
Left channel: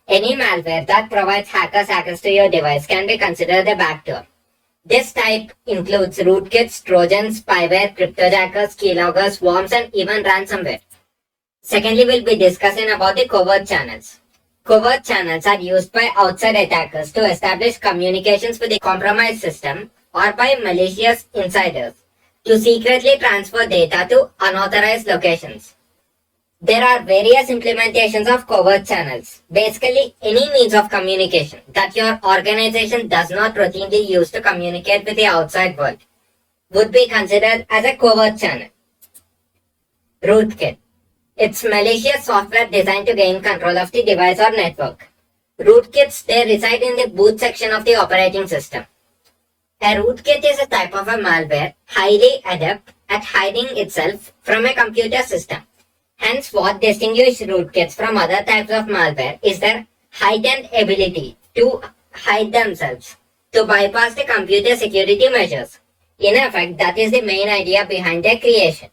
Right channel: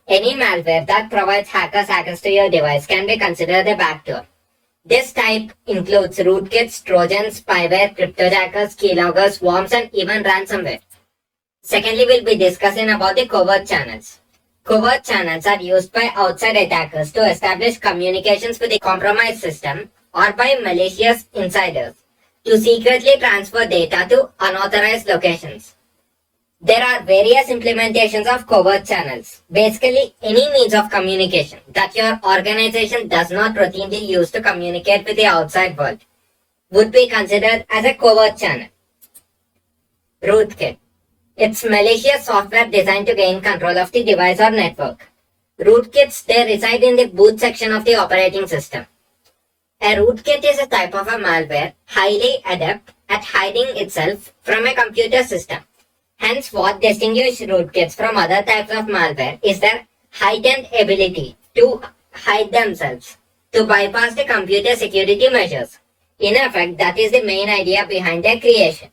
Any malware that provides hackers access to your device can be considered a backdoor. This type includes rootkits, trojans, spyware, cryptojackers, keyloggers, worms, and even ransomware. Secondly, we'll be discussing about the covert channels. Covert channels are used by outside attackers to establish communications with the compromised system or by malicious insiders to secretly transfer data to unauthorized locations. There are various implementations of covert channels, basically any means of communication that your organization does not routinely use to communicate with the outside world would be considered as a covert channel. Rootkit. It's malicious software designed to gain control of the device or network. Rootkits, they reside in the boot section of the operating system. A rootkit is a type of a malware highly adept at hiding itself from a computer system. Hence, what distinguishes rootkits from other types of malware is their heightened ability to hide themselves, to bypass the computer security measures. In effect, that is the main idea behind their creation.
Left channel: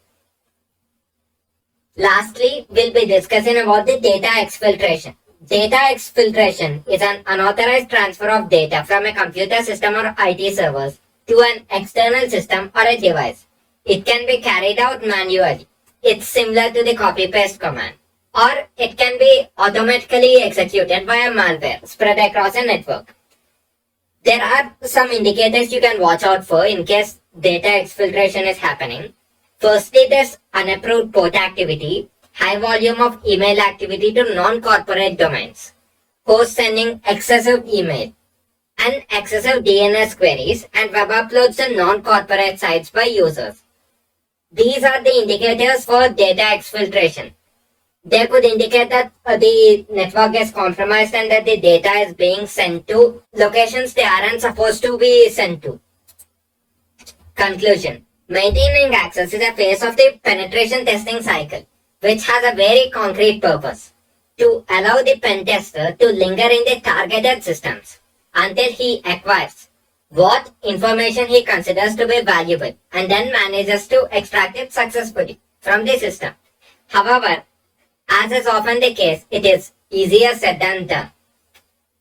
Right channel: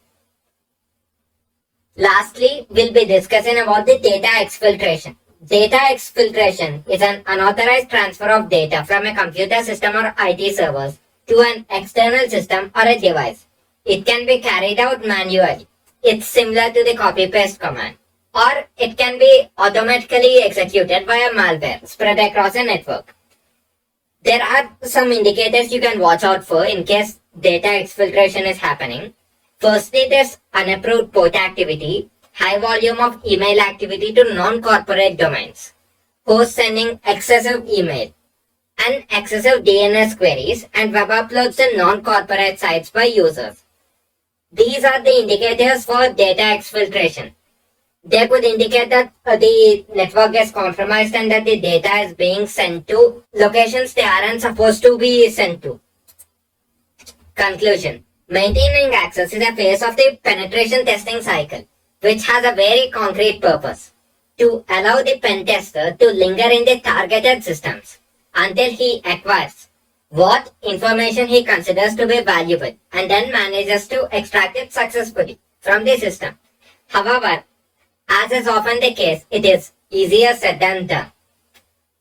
Lastly, we'll be discussing about the data exfiltration. Data exfiltration is an unauthorized transfer of data from a computer system or IT servers to an external system or a device. It can be carried out manually. It's similar to the copy-paste command. Or it can be automatically executed by a malware spread across a network. There are some indicators you can watch out for in case data exfiltration is happening. Firstly, there's unapproved port activity, high volume of email activity to non-corporate domains, hosts sending excessive email, and excessive DNS queries and web uploads to non-corporate sites by users. These are the indicators for data exfiltration. They could indicate that the network is compromised and that the data is being sent to locations they aren't supposed to be sent to. Conclusion. Maintaining access is a phase of the penetration testing cycle, which has a very concrete purpose: to allow the pen tester to linger in the targeted systems until he acquires what information he considers to be valuable and then manages to extract it successfully from the system. However, as is often the case, it is easier said than done.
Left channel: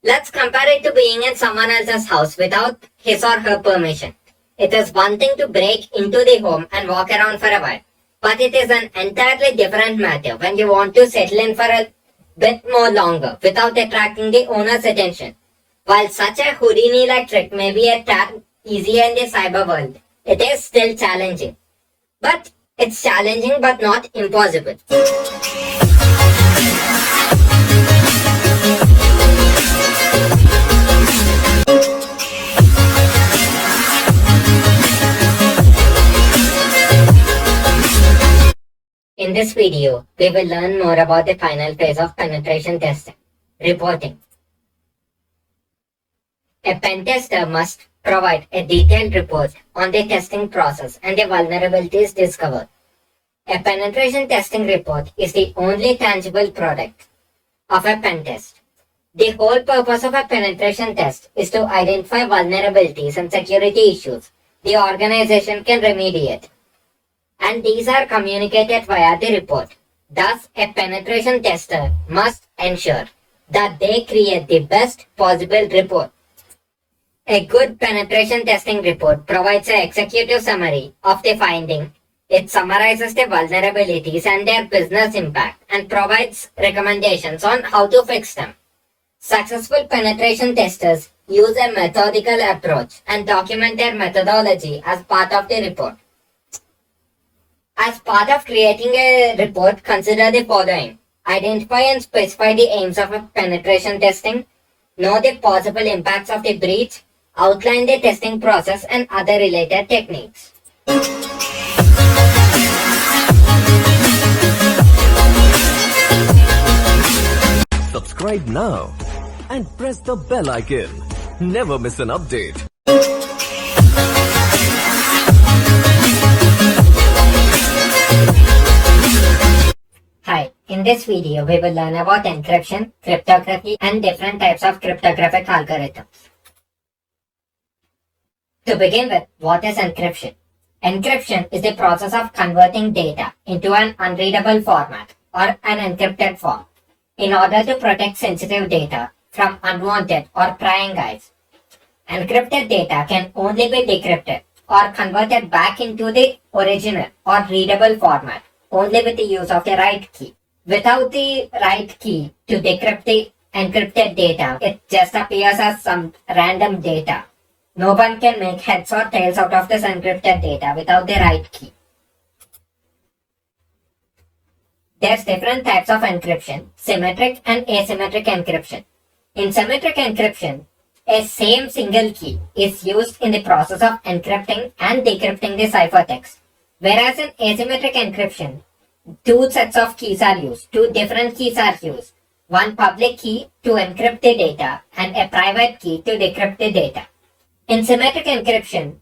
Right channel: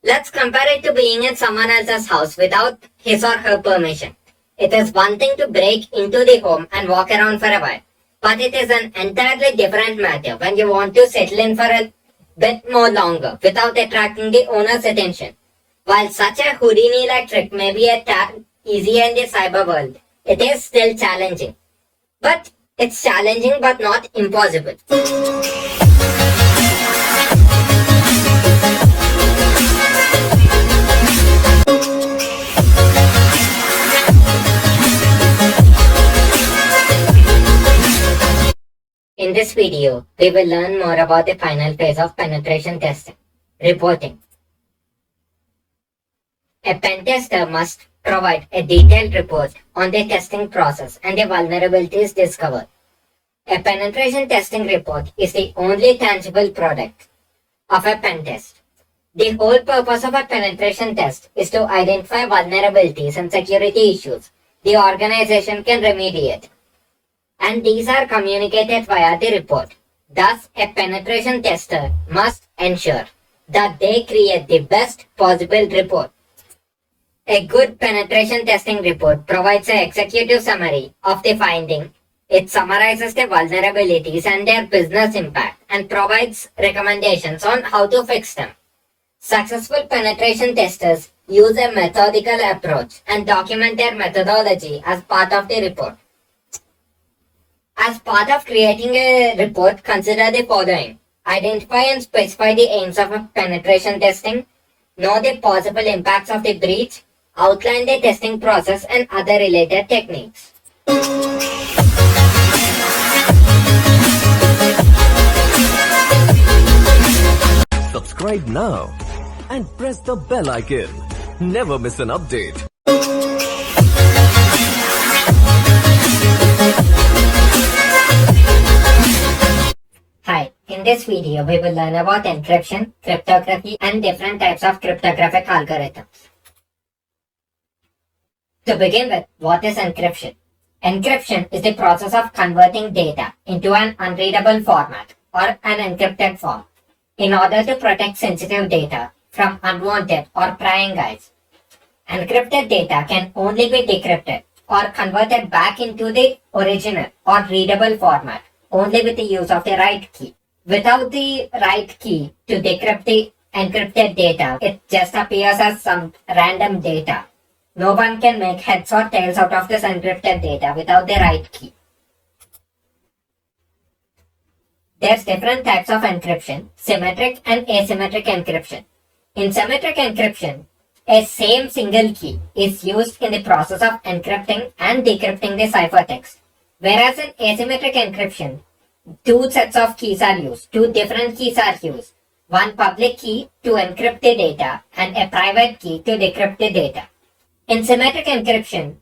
Let's compare it to being in someone else's house without his or her permission. It is one thing to break into the home and walk around for a while, but it is an entirely different matter when you want to settle in for a bit more longer without attracting the owner's attention. While such a Houdini-like trick may be a tad easier in the cyber world, it is still challenging. But it's challenging but not impossible. In this video, we will learn more about the final phase of penetration testing, reporting. A pen tester must provide a detailed report on the testing process and the vulnerabilities discovered. A penetration testing report is the only tangible product of a pen test. The whole purpose of a penetration test is to identify vulnerabilities and security issues the organization can remediate, and these are communicated via the report. Thus, a penetration tester must ensure that they create the best possible report. A good penetration testing report provides an executive summary of the finding. It summarizes the vulnerabilities and their business impact and provides recommendations on how to fix them. Successful penetration testers use a methodical approach and document their methodology as part of the report. As part of creating a report, consider the following. Identify and specify the aims of a penetration testing. Know the possible impacts of the breach. Outline the testing process and other related techniques. Subscribe now and press the bell icon. Never miss an update. Hi, in this video we will learn about encryption, cryptography and different types of cryptographic algorithms. To begin with, what is encryption? Encryption is the process of converting data into an unreadable format or an encrypted form in order to protect sensitive data from unwanted or prying eyes. Encrypted data can only be decrypted or converted back into the original or readable format only with the use of the right key. Without the right key to decrypt the encrypted data, it just appears as some random data. No one can make heads or tails out of this encrypted data without the right key. There's different types of encryption, symmetric and asymmetric encryption. In symmetric encryption, a same single key is used in the process of encrypting and decrypting the ciphertext. Whereas in asymmetric encryption, two sets of keys are used, two different keys are used. One public key to encrypt the data and a private key to decrypt the data. In symmetric encryption,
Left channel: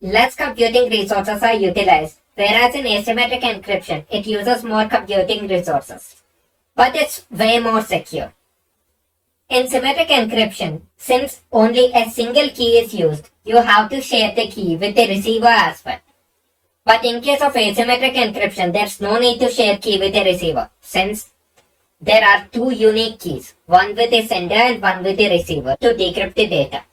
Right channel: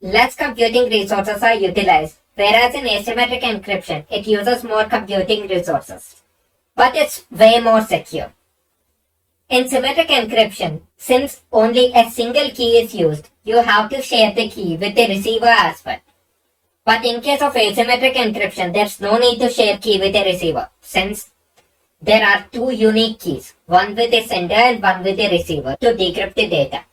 less computing resources are utilized, whereas in asymmetric encryption, it uses more computing resources. But it's way more secure. In symmetric encryption, since only a single key is used, you have to share the key with the receiver as well. But in case of asymmetric encryption, there's no need to share key with the receiver, since there are two unique keys, one with the sender and one with the receiver, to decrypt the data.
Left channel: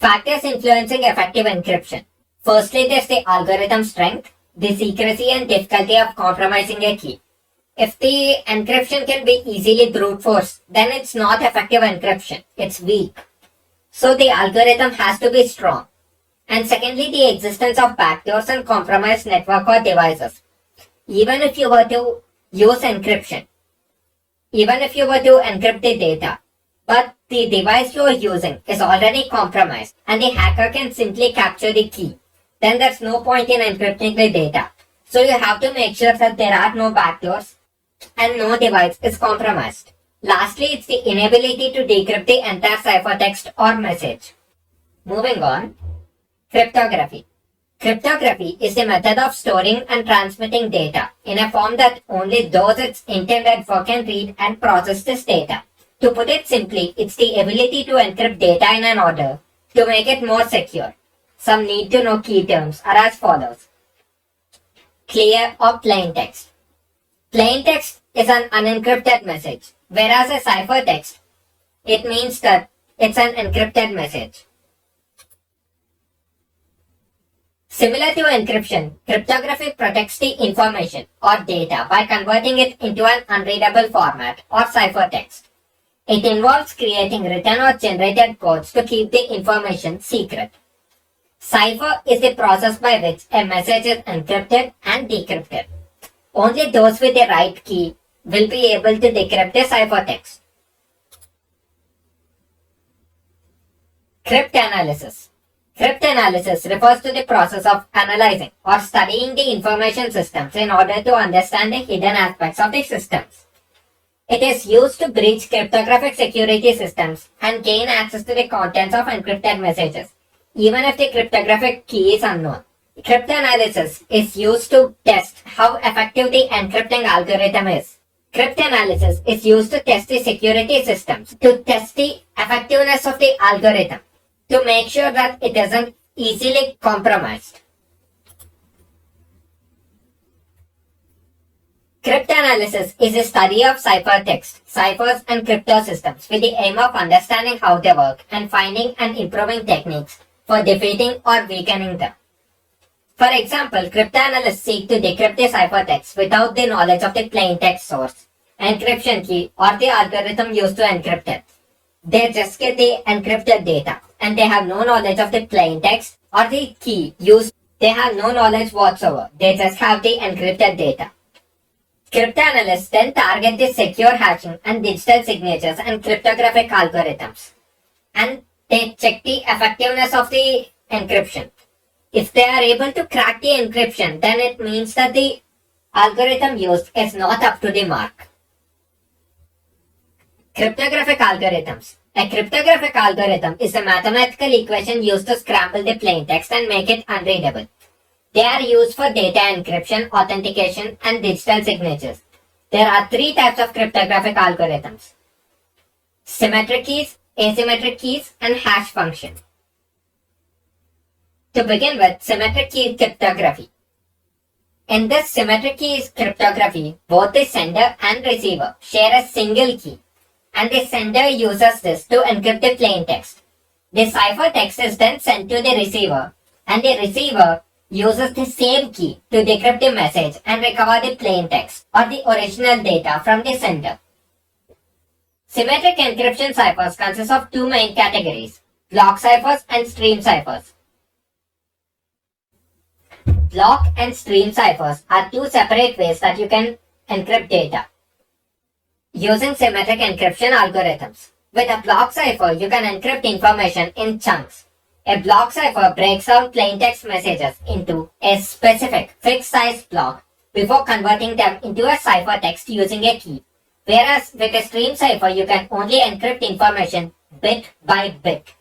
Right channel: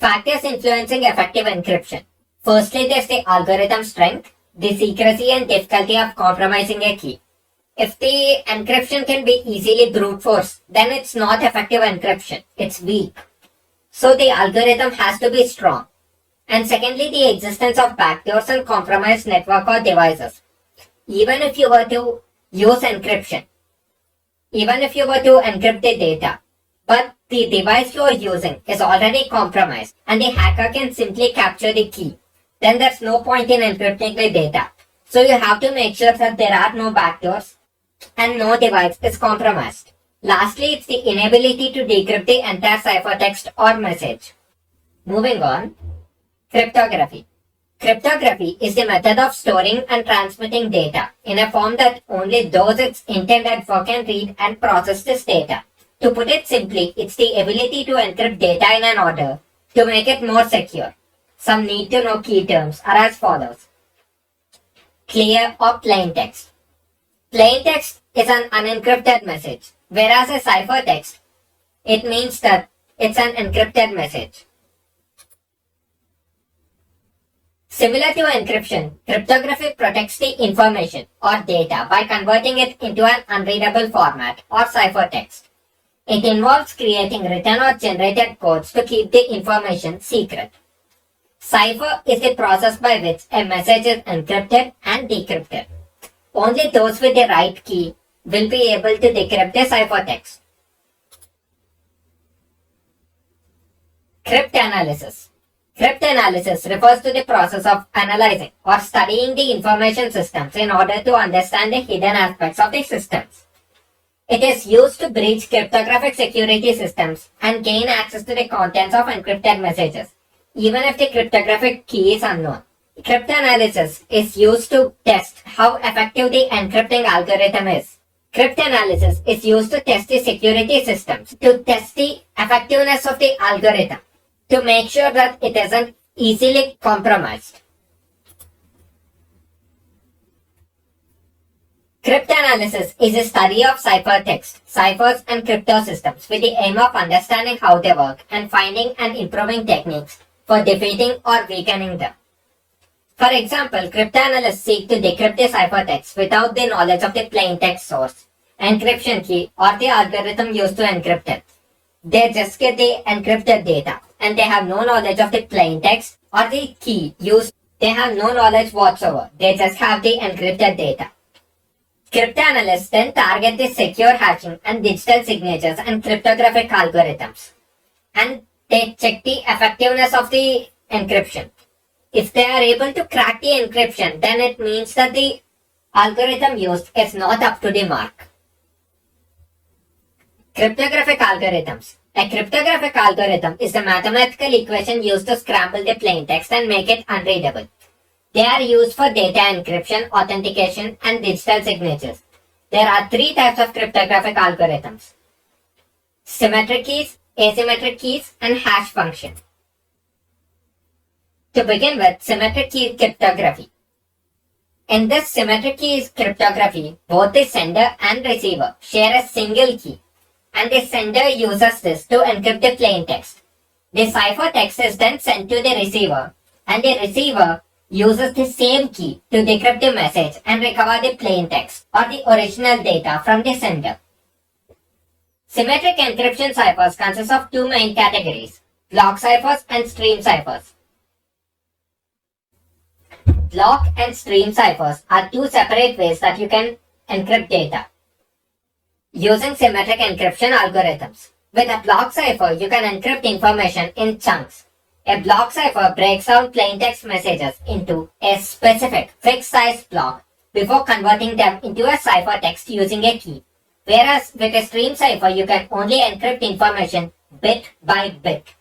Factors influencing effective encryption. Firstly, there's the algorithm strength, the secrecy and difficulty of compromising a key. If the encryption can be easily brute force, then it's not effective encryption, it's weak. So the algorithm has to be strong. And secondly, the existence of backdoors and compromised network or devices. Even if you were to use encryption, even if you were to encrypt the data, but the device you are using is already compromised and the hacker can simply capture the key, then there's no point in encrypting the data. So you have to make sure that there are no backdoors and no device is compromised. Lastly, it's the inability to decrypt the entire ciphertext or message. Moving on, cryptography. Cryptography is the method of storing and transmitting data in a form that only those it's intended for can read and process this data. To put it simply, it's the ability to encrypt data in an order to make it more secure. Some need to know key terms are as follows. Clear or plain text. Plain text is an unencrypted message, whereas a ciphertext, it means that it's an encrypted message. Similar to encryption, cryptography protects the information or data by converting it into an unreadable format or ciphertext. It involves creating written or generated codes to keep the information secret. Cipher is the process by which a message is encrypted and decrypted. Only those with the right key will be able to decrypt the ciphertext. Cryptanalysis. Cryptanalysis refers to the process of analyzing or studying the information systems in order to understand the hidden aspects of the systems. It is used to breach cryptographic security systems and gain access to the contents of encrypted messages, even if the cryptographic key is unknown. Cryptanalysis is used to test how effective the encrypting algorithm is. Cryptanalysis is used to test the security systems, to test the effectiveness of the algorithm, to make sure that it isn't easily compromised. Cryptanalysis is a study of ciphertext, ciphers, and crypto systems with the aim of understanding how they work and finding and improving techniques for defeating or weakening them. For example, cryptanalysts seek to decrypt the ciphertext without the knowledge of the plaintext source, encryption key, or the algorithm used to encrypt it. They just get the encrypted data, and they have no knowledge of the plaintext or the key used. They have no knowledge whatsoever. They just have the encrypted data. Cryptanalysts then target the secure hashing and digital signatures and cryptographic algorithms, and they check the effectiveness of the encryption. If they are able to crack the encryption, then it means that the algorithm used is not up to the mark. Cryptographic algorithms. A cryptographic algorithm is a mathematical equation used to scramble the plaintext and make it unreadable. They are used for data encryption, authentication, and digital signatures. There are three types of cryptographic algorithms: symmetric keys, asymmetric keys, and hash function. To begin with, symmetric key cryptography. In this symmetric key cryptography, both the sender and receiver share a single key, and the sender uses this to encrypt the plaintext. The ciphertext is then sent to the receiver, and the receiver uses the same key to decrypt the message and recover the plaintext or the original data from the sender. Symmetric encryption ciphers consist of two main categories: block ciphers and stream ciphers. Block and stream ciphers are two separate ways that you can encrypt data using symmetric encryption algorithms. With a block cipher, you can encrypt information in chunks. A block cipher breaks down plaintext messages into a specific fixed size block before converting them into a ciphertext using a key. Whereas with a stream cipher, you can only encrypt information bit by bit.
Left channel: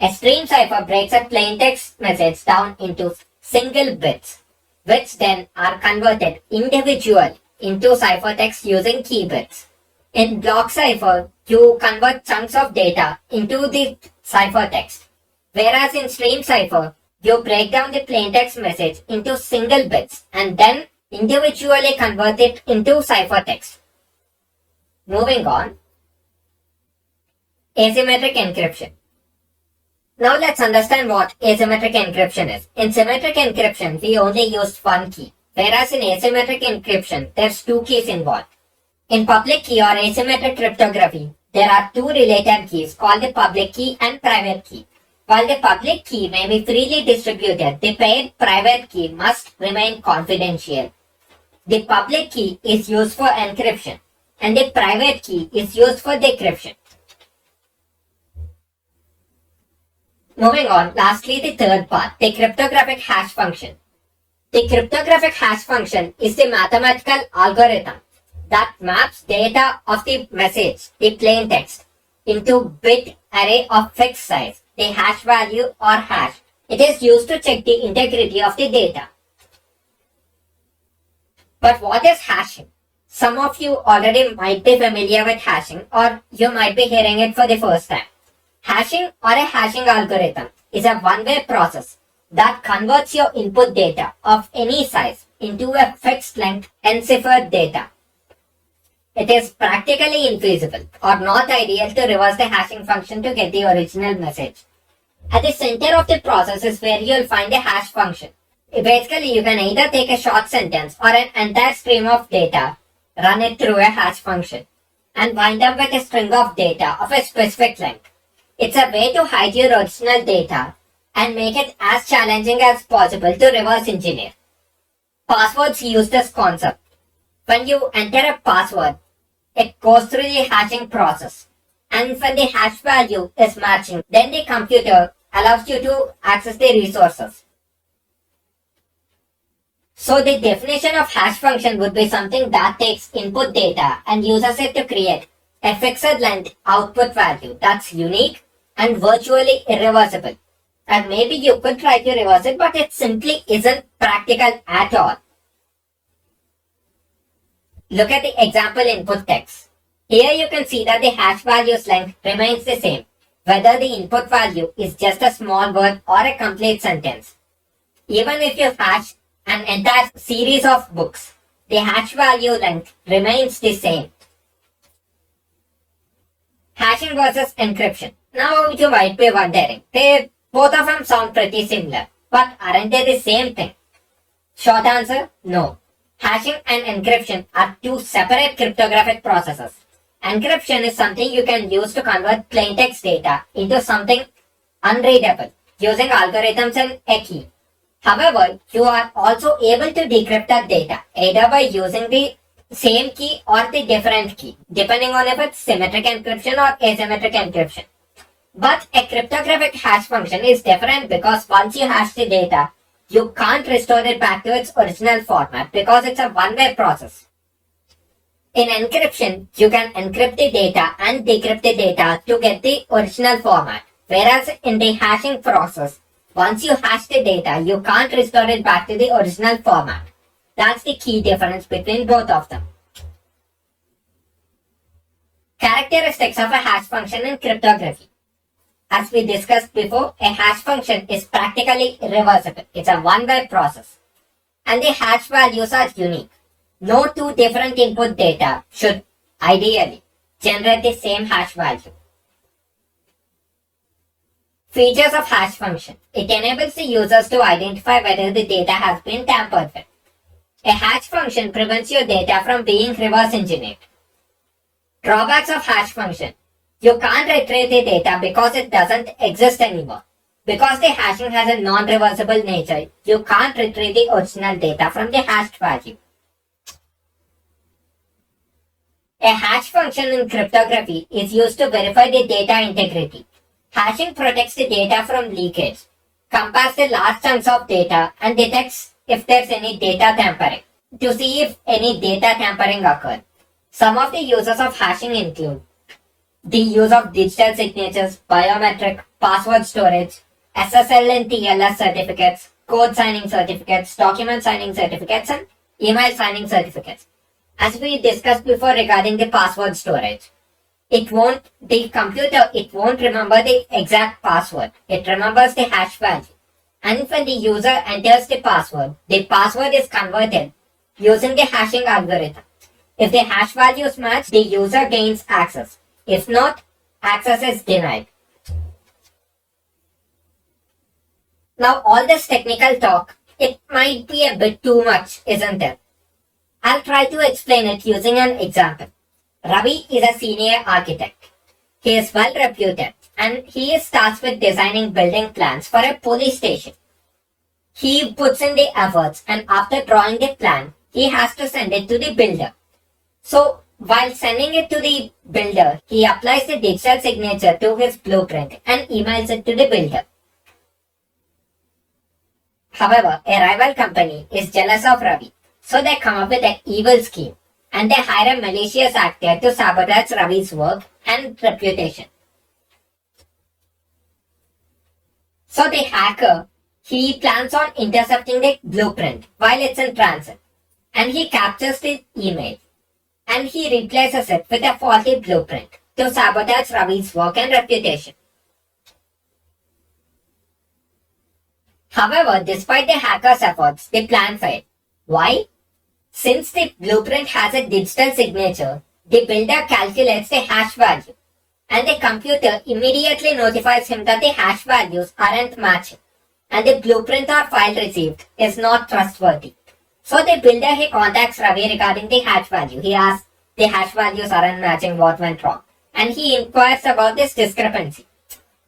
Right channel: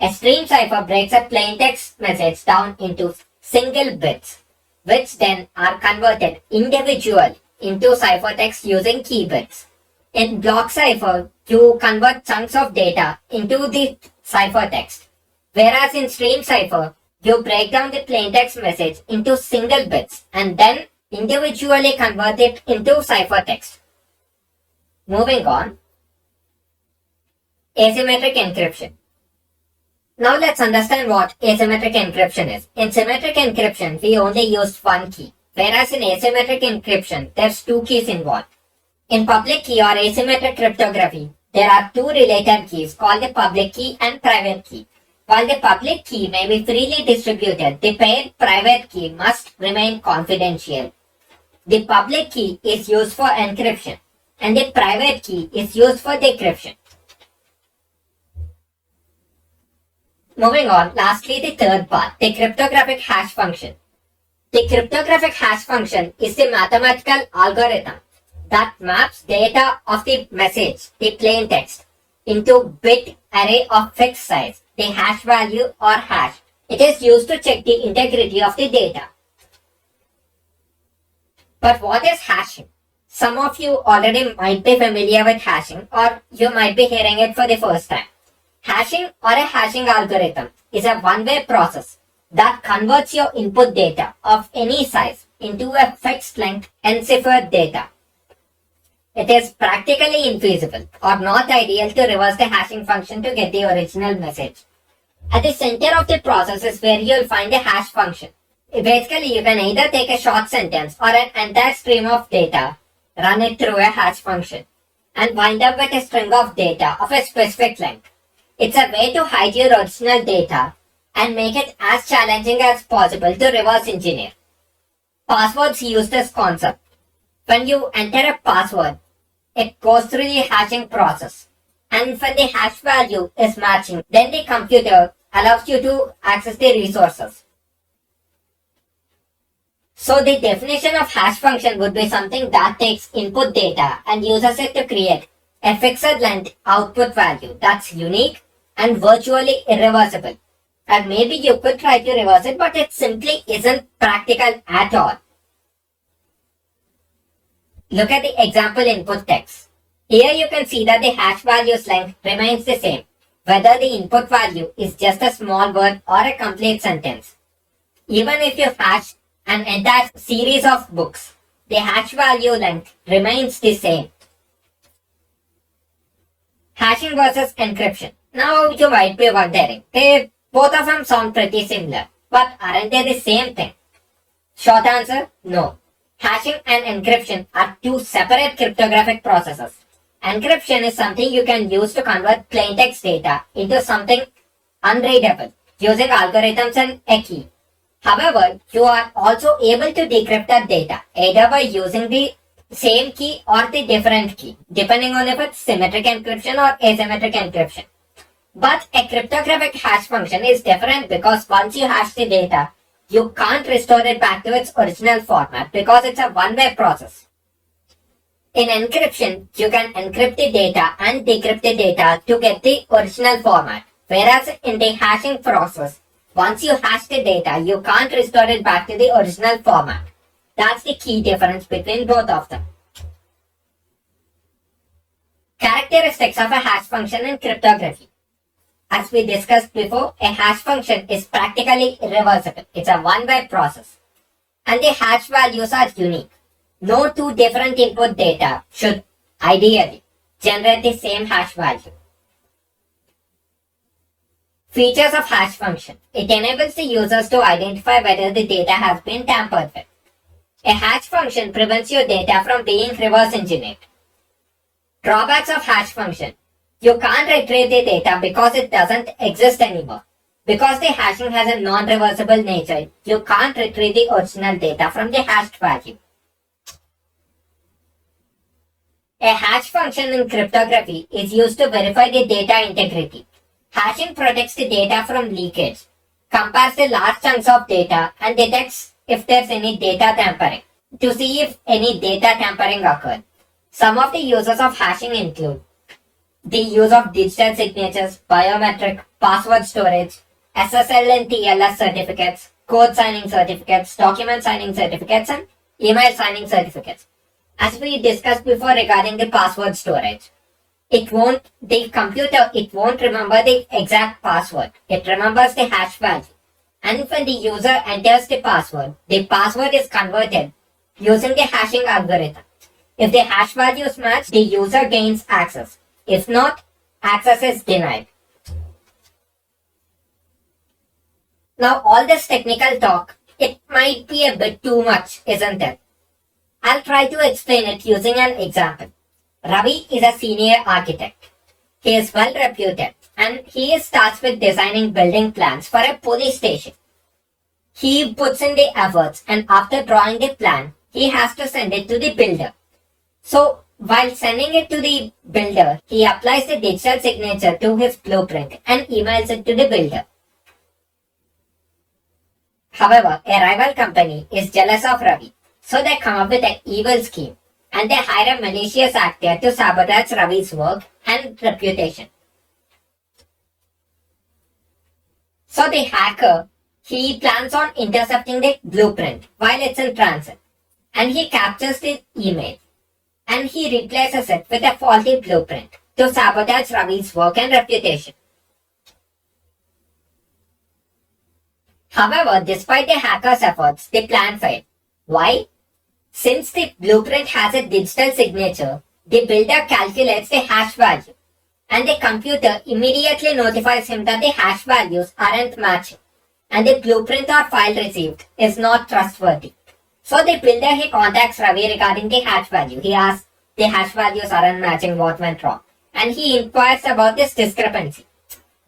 A stream cipher breaks a plaintext message down into single bits, which then are converted individually into ciphertext using key bits. In block cipher, you convert chunks of data into the ciphertext, whereas in stream cipher, you break down the plaintext message into single bits and then individually convert it into ciphertext. Moving on, asymmetric encryption. Now let's understand what asymmetric encryption is. In symmetric encryption, we only use one key, whereas in asymmetric encryption, there's two keys involved. In public key or asymmetric cryptography, there are two related keys called the public key and private key. While the public key may be freely distributed, the paired private key must remain confidential. The public key is used for encryption, and the private key is used for decryption. Moving on, lastly the third part, the cryptographic hash function. The cryptographic hash function is the mathematical algorithm that maps data of the message, the plaintext, into bit array of fixed size, the hash value or hash. It is used to check the integrity of the data. But what is hashing? Some of you already might be familiar with hashing, or you might be hearing it for the first time. Hashing or a hashing algorithm is a one-way process that converts your input data of any size into a fixed length enciphered data. It is practically infeasible or not ideal to reverse the hashing function to get the original message. At the center of the process is where you will find a hash function. Basically, you can either take a short sentence or an entire stream of data, run it through a hash function, and wind up with a string of data of a specific length. It's a way to hide your original data and make it as challenging as possible to reverse engineer. Passwords use this concept. When you enter a password, it goes through the hashing process. And when the hash value is matching, then the computer allows you to access the resources. So the definition of hash function would be something that takes input data and uses it to create a fixed length output value that's unique and virtually irreversible. And maybe you could try to reverse it, but it simply isn't practical at all. Look at the example input text. Here you can see that the hash value's length remains the same, whether the input value is just a small word or a complete sentence. Even if you hash an entire series of books, the hash value length remains the same. Hashing versus encryption. Now you might be wondering, both of them sound pretty similar, but aren't they the same thing? Short answer, no. Hashing and encryption are two separate cryptographic processes. Encryption is something you can use to convert plain text data into something unreadable using algorithms and a key. However, you are also able to decrypt that data either by using the same key or the different key, depending on if it's symmetric encryption or asymmetric encryption. But a cryptographic hash function is different because once you hash the data, you can't restore it back to its original format because it's a one-way process. In encryption, you can encrypt the data and decrypt the data to get the original format, whereas in the hashing process, once you hash the data, you can't restore it back to the original format. That's the key difference between both of them. Characteristics of a hash function in cryptography. As we discussed before, a hash function is practically irreversible. It's a one-way process. And the hash values are unique. No two different input data should ideally generate the same hash value. Features of hash function. It enables the users to identify whether the data has been tampered with. A hash function prevents your data from being reverse engineered. Drawbacks of hash function. You can't retrieve the data because it doesn't exist anymore. Because the hashing has a non-reversible nature, you can't retrieve the original data from the hashed value. A hash function in cryptography is used to verify the data integrity. Hashing protects the data from leakage, compares the large chunks of data, and detects if there's any data tampering to see if any data tampering occurred. Some of the uses of hashing include the use of digital signatures, biometric, password storage, SSL and TLS certificates, code signing certificates, document signing certificates, and email signing certificates. As we discussed before regarding the password storage, the computer won't remember the exact password. It remembers the hash value. And when the user enters the password is converted using the hashing algorithm. If the hash values match, the user gains access. If not, access is denied. Now all this technical talk, it might be a bit too much, isn't it? I'll try to explain it using an example. Ravi is a senior architect. He is well reputed and he is tasked with designing building plans for a police station. He puts in the efforts and after drawing the plan, he has to send it to the builder. So, while sending it to the builder, he applies the digital signature to his blueprint and emails it to the builder. However, a rival company is jealous of Ravi, so they come up with an evil scheme and they hire a malicious actor to sabotage Ravi's work and reputation. So the hacker, he plans on intercepting the blueprint while it's in transit and he captures the email and he replaces it with a faulty blueprint to sabotage Ravi's work and reputation. However, despite the hacker's efforts, the plan failed. Why? Since the blueprint has a digital signature, the builder calculates the hash value and the computer immediately notifies him that the hash values aren't matching and the blueprint or file received is not trustworthy. So the builder, he contacts Ravi regarding the hash value. He asks, the hash values aren't matching, what went wrong? And he inquires about this discrepancy.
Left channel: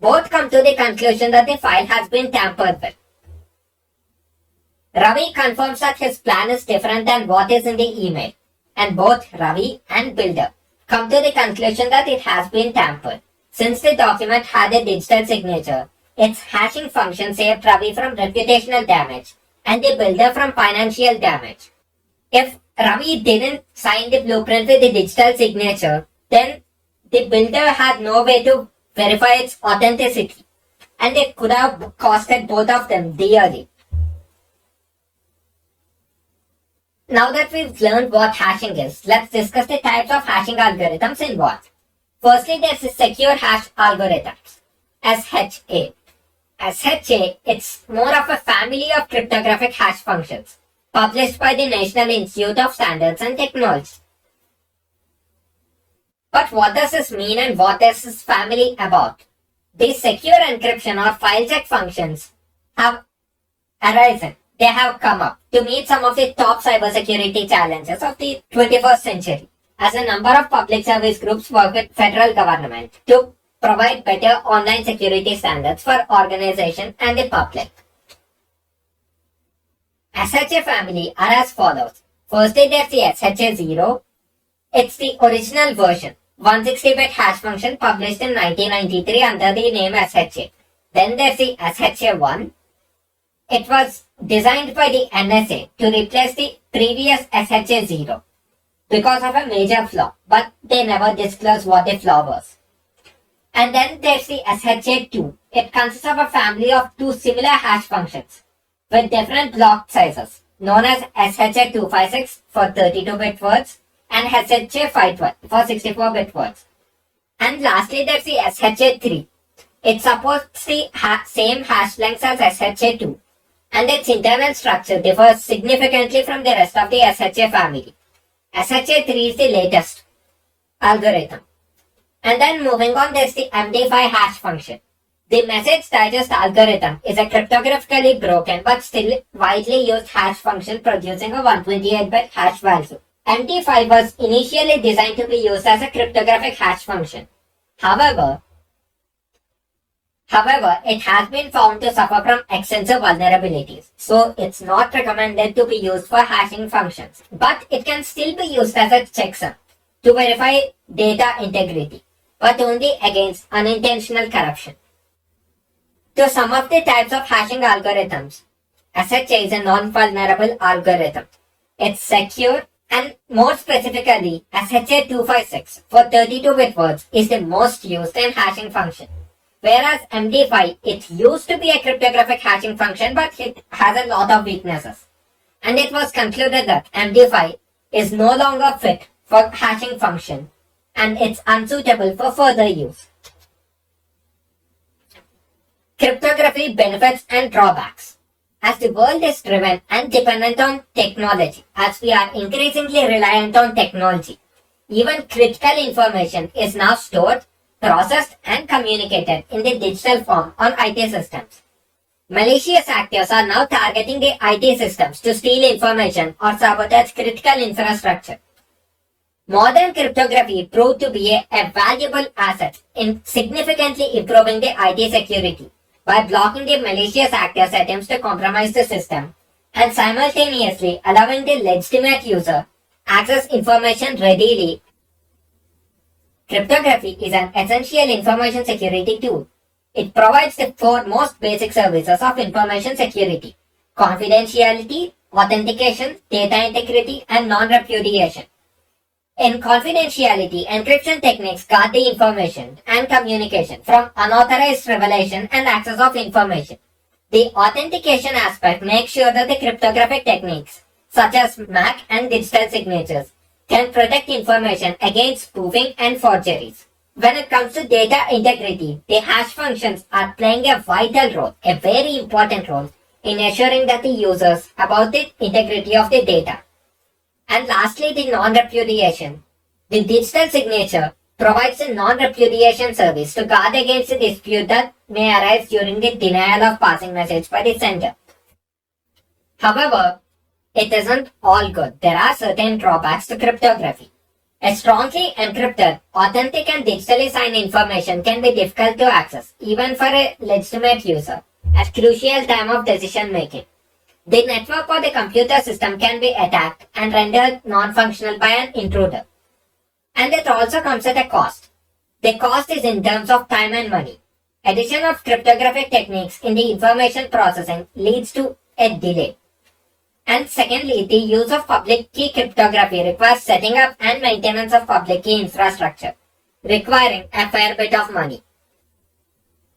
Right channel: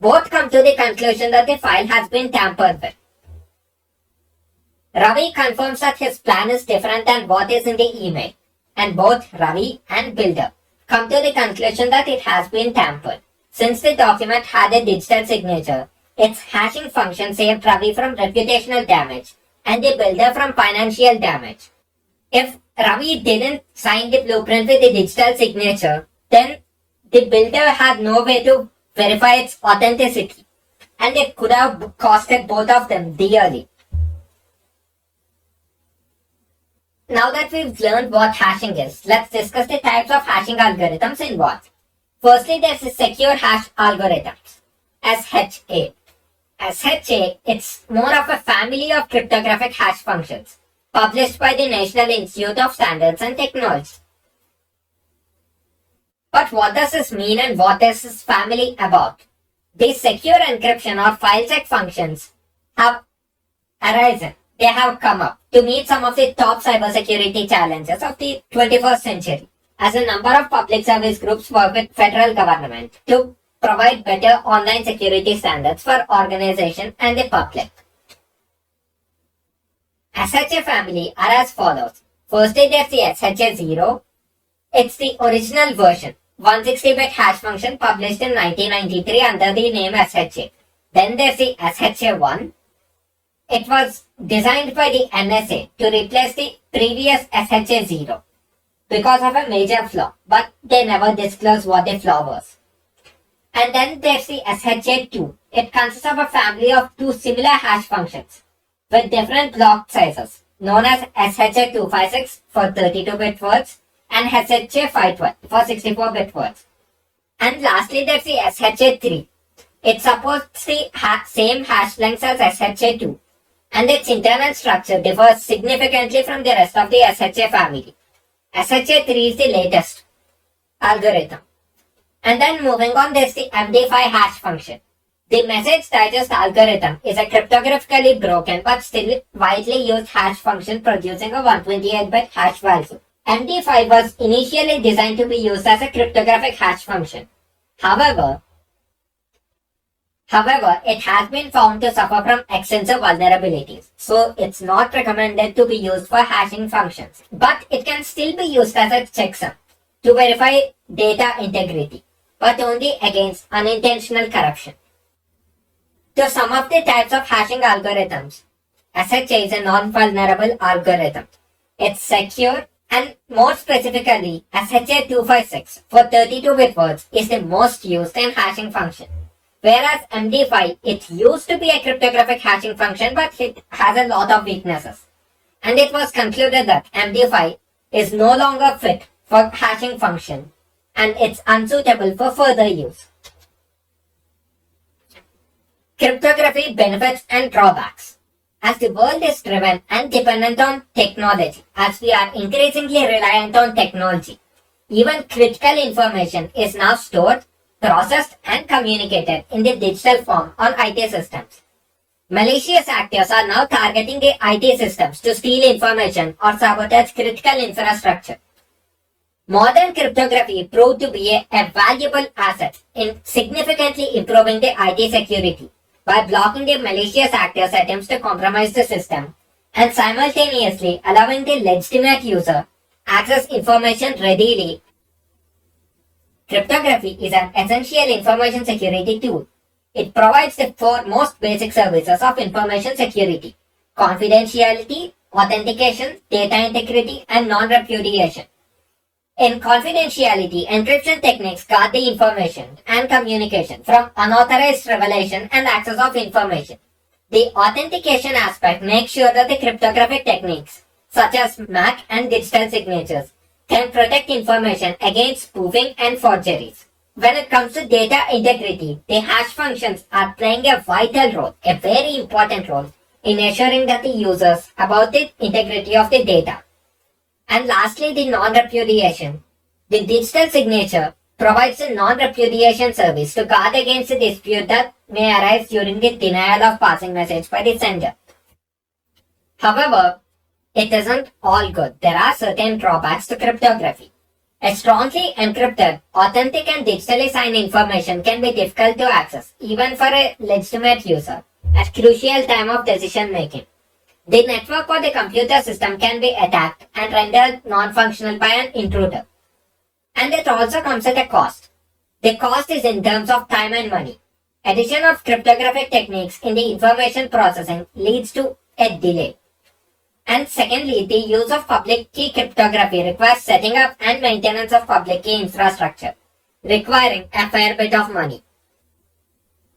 Both come to the conclusion that the file has been tampered with. Ravi confirms that his plan is different than what is in the email, and both Ravi and Builder come to the conclusion that it has been tampered. Since the document had a digital signature, its hashing function saved Ravi from reputational damage and the Builder from financial damage. If Ravi didn't sign the blueprint with the digital signature, then the Builder had no way to verify its authenticity, and it could have costed both of them dearly. Now that we've learned what hashing is, let's discuss the types of hashing algorithms involved. Firstly, there's the secure hash algorithms, SHA. SHA, it's more of a family of cryptographic hash functions, published by the National Institute of Standards and Technology. But what does this mean and what is this family about? These secure encryption or file check functions have arisen. They have come up to meet some of the top cybersecurity challenges of the 21st century, as a number of public service groups work with federal government to provide better online security standards for organization and the public. SHA family are as follows. Firstly, there's the SHA-0. It's the original version, 160-bit hash function published in 1993 under the name SHA. Then there's the SHA-1. It was designed by the NSA to replace the previous SHA-0 because of a major flaw, but they never disclosed what the flaw was. And then there's the SHA-2. It consists of a family of two similar hash functions with different block sizes, known as SHA-256 for 32-bit words and SHA-512 for 64-bit words. And lastly, there's the SHA-3. It supports the same hash lengths as SHA-2, and its internal structure differs significantly from the rest of the SHA family. SHA-3 is the latest algorithm. And then moving on, there's the MD5 hash function. The message digest algorithm is a cryptographically broken but still widely used hash function producing a 128-bit hash value. MD5 was initially designed to be used as a cryptographic hash function. However, it has been found to suffer from extensive vulnerabilities, so it's not recommended to be used for hashing functions. But it can still be used as a checksum to verify data integrity, but only against unintentional corruption. To sum up the types of hashing algorithms, SHA is a non-vulnerable algorithm. It's secure, and more specifically, SHA-256 for 32-bit words is the most used in hashing function. Whereas MD5, it used to be a cryptographic hashing function, but it has a lot of weaknesses. And it was concluded that MD5 is no longer fit for hashing function, and it's unsuitable for further use. Cryptography benefits and drawbacks. As the world is driven and dependent on technology, as we are increasingly reliant on technology, even critical information is now stored, processed and communicated in the digital form on IT systems. Malicious actors are now targeting the IT systems to steal information or sabotage critical infrastructure. Modern cryptography proved to be a valuable asset in significantly improving the IT security by blocking the malicious actors' attempts to compromise the system and simultaneously allowing the legitimate user access information readily. Cryptography is an essential information security tool. It provides the four most basic services of information security: confidentiality, authentication, data integrity, and non-repudiation. In confidentiality, encryption techniques guard the information and communication from unauthorized revelation and access of information. The authentication aspect makes sure that the cryptographic techniques, such as MAC and digital signatures, can protect information against spoofing and forgeries. When it comes to data integrity, the hash functions are playing a vital role, a very important role, in assuring that the users about the integrity of the data. And lastly, the non-repudiation. The digital signature provides a non-repudiation service to guard against the dispute that may arise during the denial of passing message by the sender. However, it isn't all good. There are certain drawbacks to cryptography. A strongly encrypted, authentic and digitally signed information can be difficult to access, even for a legitimate user, at crucial time of decision making. The network or the computer system can be attacked and rendered non-functional by an intruder. And it also comes at a cost. The cost is in terms of time and money. Addition of cryptographic techniques in the information processing leads to a delay. And secondly, the use of public key cryptography requires setting up and maintenance of public key infrastructure, requiring a fair bit of money.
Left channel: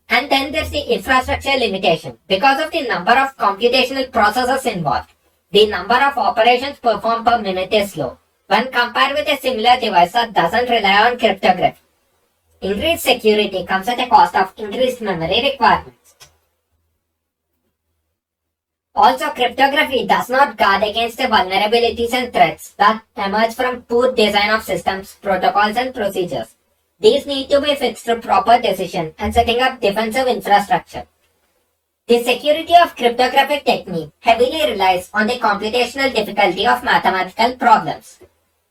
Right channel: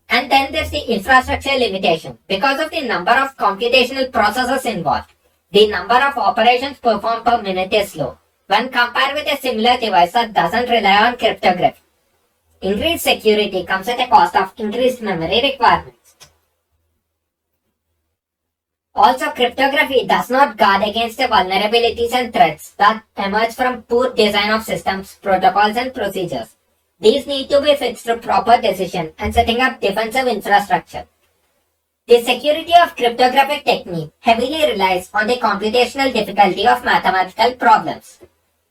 And then there's the infrastructure limitation. Because of the number of computational processors involved, the number of operations performed per minute is low when compared with a similar device that doesn't rely on cryptography. Increased security comes at a cost of increased memory requirements. Also, cryptography does not guard against the vulnerabilities and threats that emerge from poor design of systems, protocols, and procedures. These need to be fixed through proper decision and setting up defensive infrastructure. The security of cryptographic technique heavily relies on the computational difficulty of mathematical problems.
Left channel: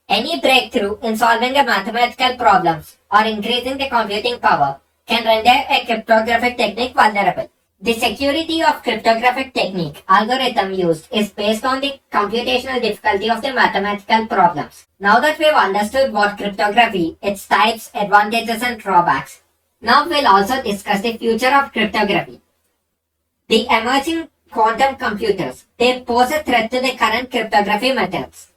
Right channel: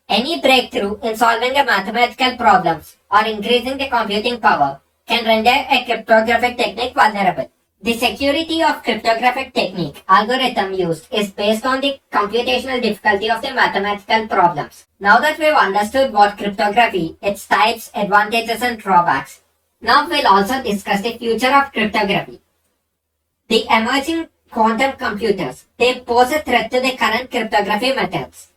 Any breakthrough in solving a mathematical problems or increasing the computing power can render a cryptographic technique vulnerable. The security of cryptographic technique algorithm used is based on the computational difficulty of the mathematical problems. Now that we've understood what cryptography, its types, advantages and drawbacks, now we'll also discuss the future of cryptography. The emerging quantum computers, they pose a threat to the current cryptography methods.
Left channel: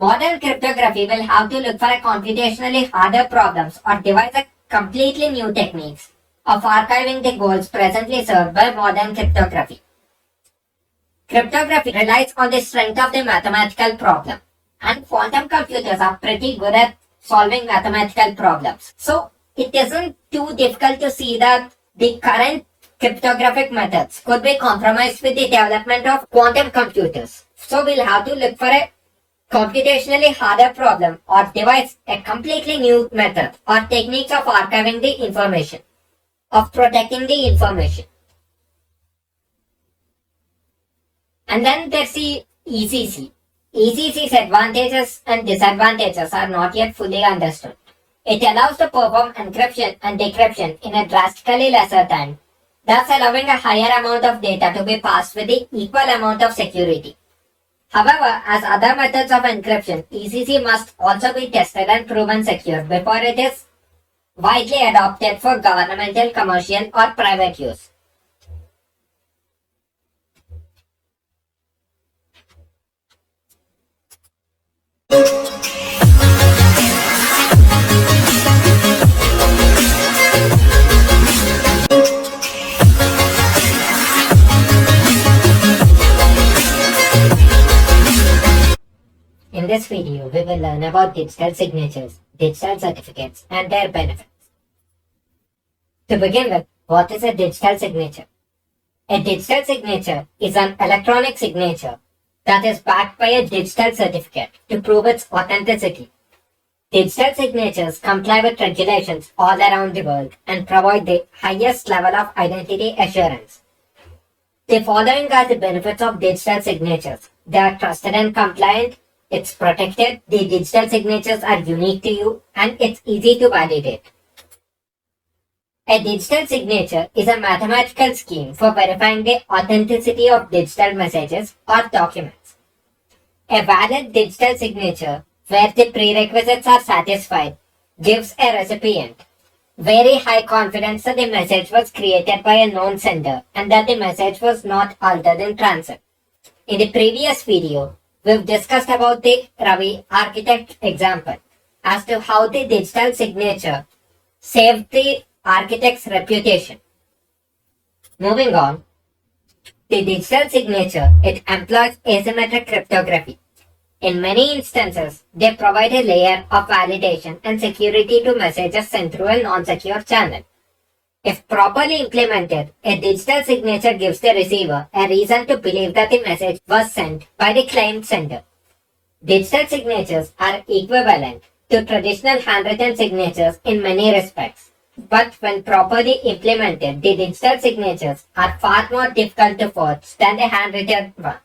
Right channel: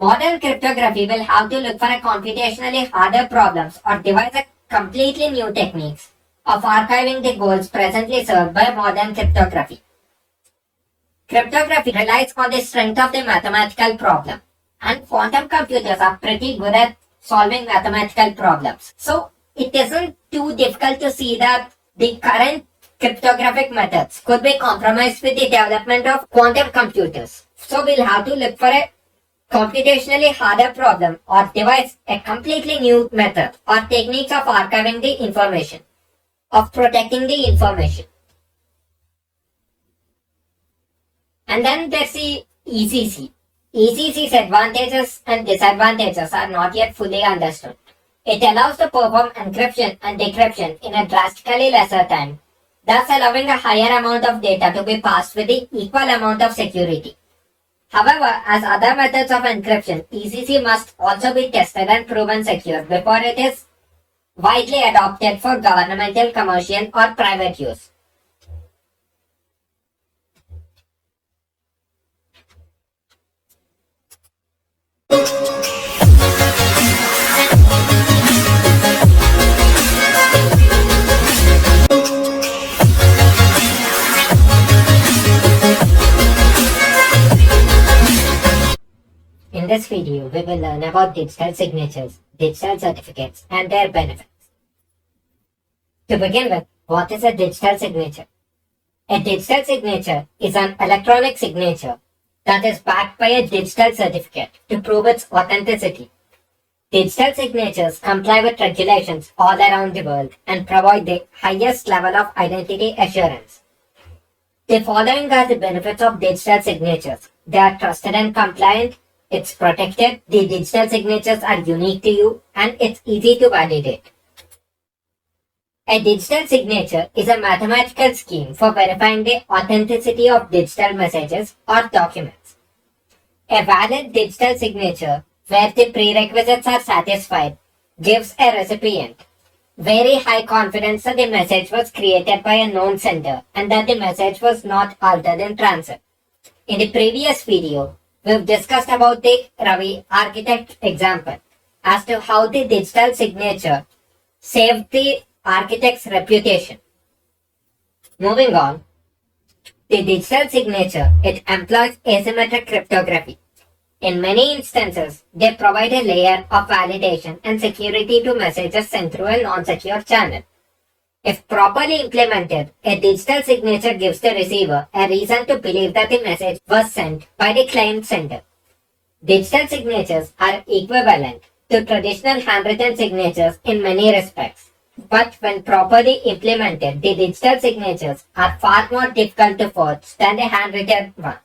Modern cryptography will have to look for a computationally harder problems or devise a completely new techniques of archiving the goals presently served by modern cryptography. Cryptography relies on the strength of the mathematical problem, and quantum computers are pretty good at solving mathematical problems. So it isn't too difficult to see that the current cryptographic methods could be compromised with the development of quantum computers. So we'll have to look for a computationally harder problem or devise a completely new method or techniques of archiving the information, of protecting the information. And then there's the ECC. ECC's advantages and disadvantages are not yet fully understood. It allows to perform encryption and decryption in a drastically lesser time, thus allowing a higher amount of data to be passed with the equal amount of security. However, as other methods of encryption, ECC must also be tested and proven secure before it is widely adopted for governmental, commercial, or private use. In this video, we will learn about digital signatures, digital certificates, and their benefits. To begin with, what is a digital signature? A digital signature is an electronic signature that is backed by a digital certificate to prove its authenticity. Digital signatures comply with regulations all around the world and provide the highest level of identity assurance. The following are the benefits of digital signatures. They are trusted and compliant, it's protected, the digital signatures are unique to you, and it's easy to validate. A digital signature is a mathematical scheme for verifying the authenticity of digital messages or documents. A valid digital signature, where the prerequisites are satisfied, gives a recipient very high confidence that the message was created by a known sender and that the message was not altered in transit. In the previous video, we've discussed about the Ravi architect example as to how the digital signature saved the architect's reputation. Moving on, the digital signature, it employs asymmetric cryptography. In many instances, they provide a layer of validation and security to messages sent through a non-secure channel. If properly implemented, a digital signature gives the receiver a reason to believe that the message was sent by the claimed sender. Digital signatures are equivalent to traditional handwritten signatures in many respects. But when properly implemented, the digital signatures are far more difficult to forge than the handwritten one.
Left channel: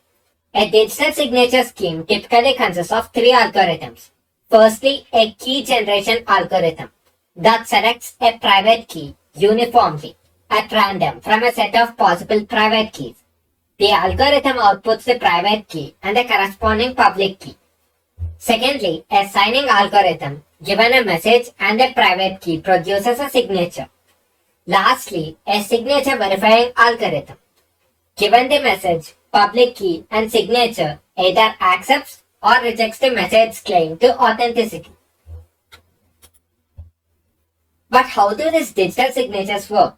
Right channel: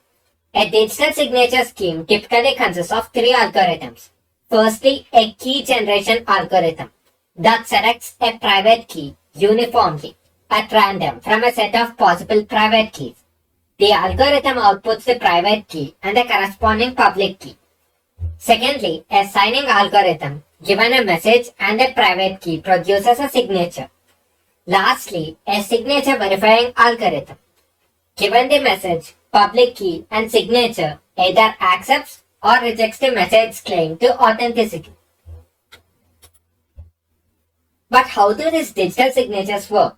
A digital signature scheme typically consists of three algorithms. Firstly, a key generation algorithm that selects a private key uniformly at random from a set of possible private keys. The algorithm outputs the private key and the corresponding public key. Secondly, a signing algorithm given a message and a private key produces a signature. Lastly, a signature verifying algorithm given the message, public key and signature either accepts or rejects the message's claim to authenticity. But how do these digital signatures work?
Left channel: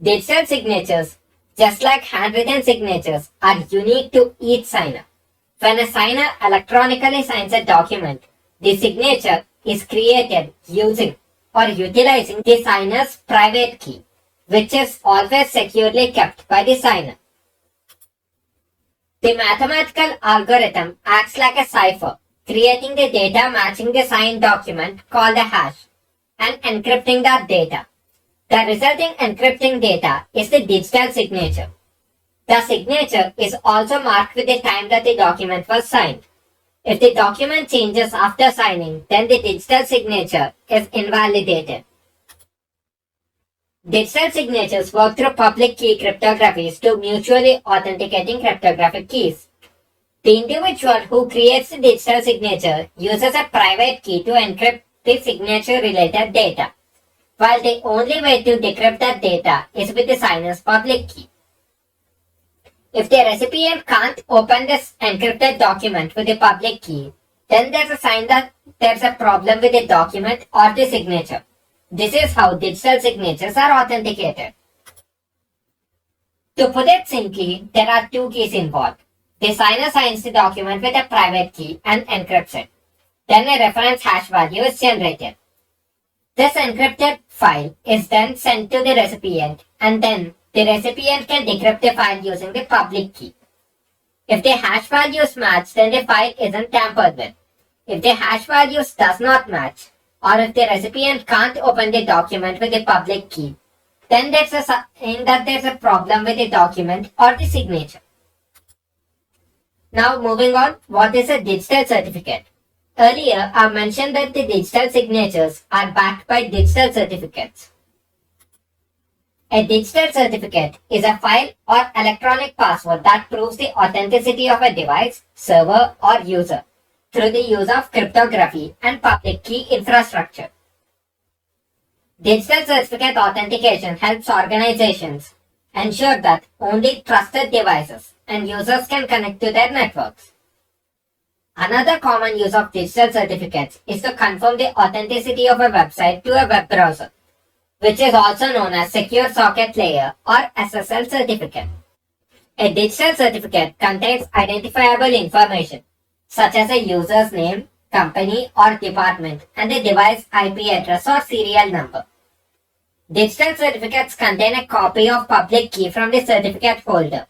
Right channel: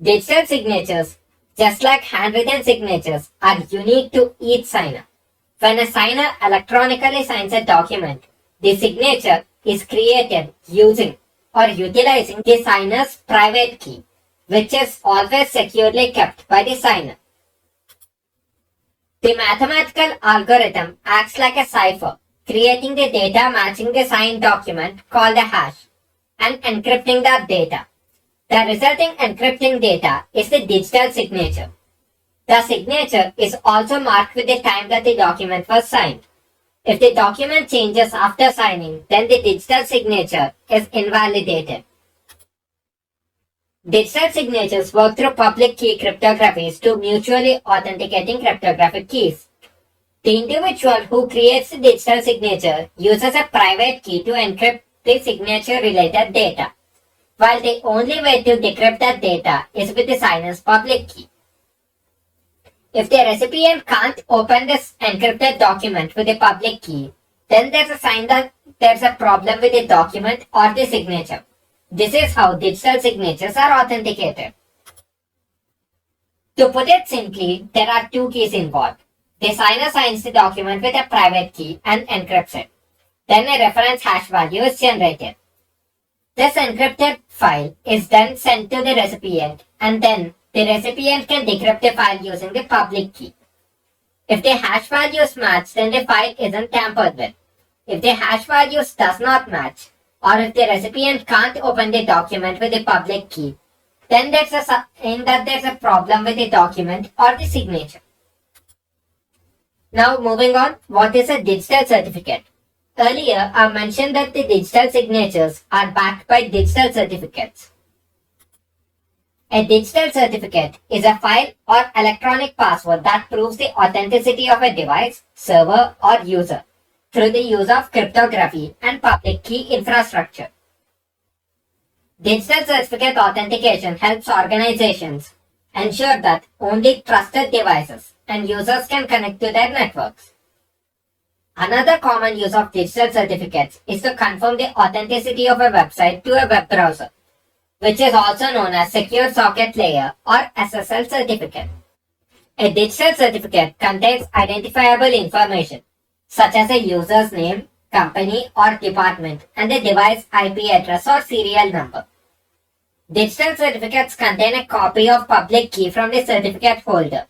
Digital signatures, just like handwritten signatures, are unique to each signer. When a signer electronically signs a document, the signature is created using or utilizing the signer's private key, which is always securely kept by the signer. The mathematical algorithm acts like a cipher, creating the data matching the signed document called a hash and encrypting that data. The resulting encrypting data is the digital signature. The signature is also marked with the time that the document was signed. If the document changes after signing, then the digital signature is invalidated. Digital signatures work through public key cryptographies to mutually authenticating cryptographic keys. The individual who creates the digital signature uses a private key to encrypt the signature-related data, while the only way to decrypt that data is with the signer's public key. If the recipient can't open this encrypted document with the public key, then there's a sign that there's a problem with the document or the signature. This is how digital signatures are authenticated. To put it simply, there are two keys involved. The signer signs the document with a private key and encrypts it. Then a reference hash value is generated. This encrypted file is then sent to the recipient, and then the recipient can decrypt the file using the public key. If the hash values match, then the file isn't tampered with. If the hash values does not match, or if the recipient can't open the document with the public key, then there's a sign that there's a problem with the document or the signature. Now moving on, what is a digital certificate? Earlier, I mentioned that the digital signatures are backed by digital certificates. A digital certificate is a file or electronic password that proves the authenticity of a device, server, or user through the use of cryptography and public key infrastructure. Digital certificate authentication helps organizations ensure that only trusted devices and users can connect to their networks. Another common use of digital certificates is to confirm the authenticity of a website to a web browser, which is also known as Secure Socket Layer or SSL certificate. A digital certificate contains identifiable information such as a user's name, company or department, and the device IP address or serial number. Digital certificates contain a copy of public key from the certificate holder,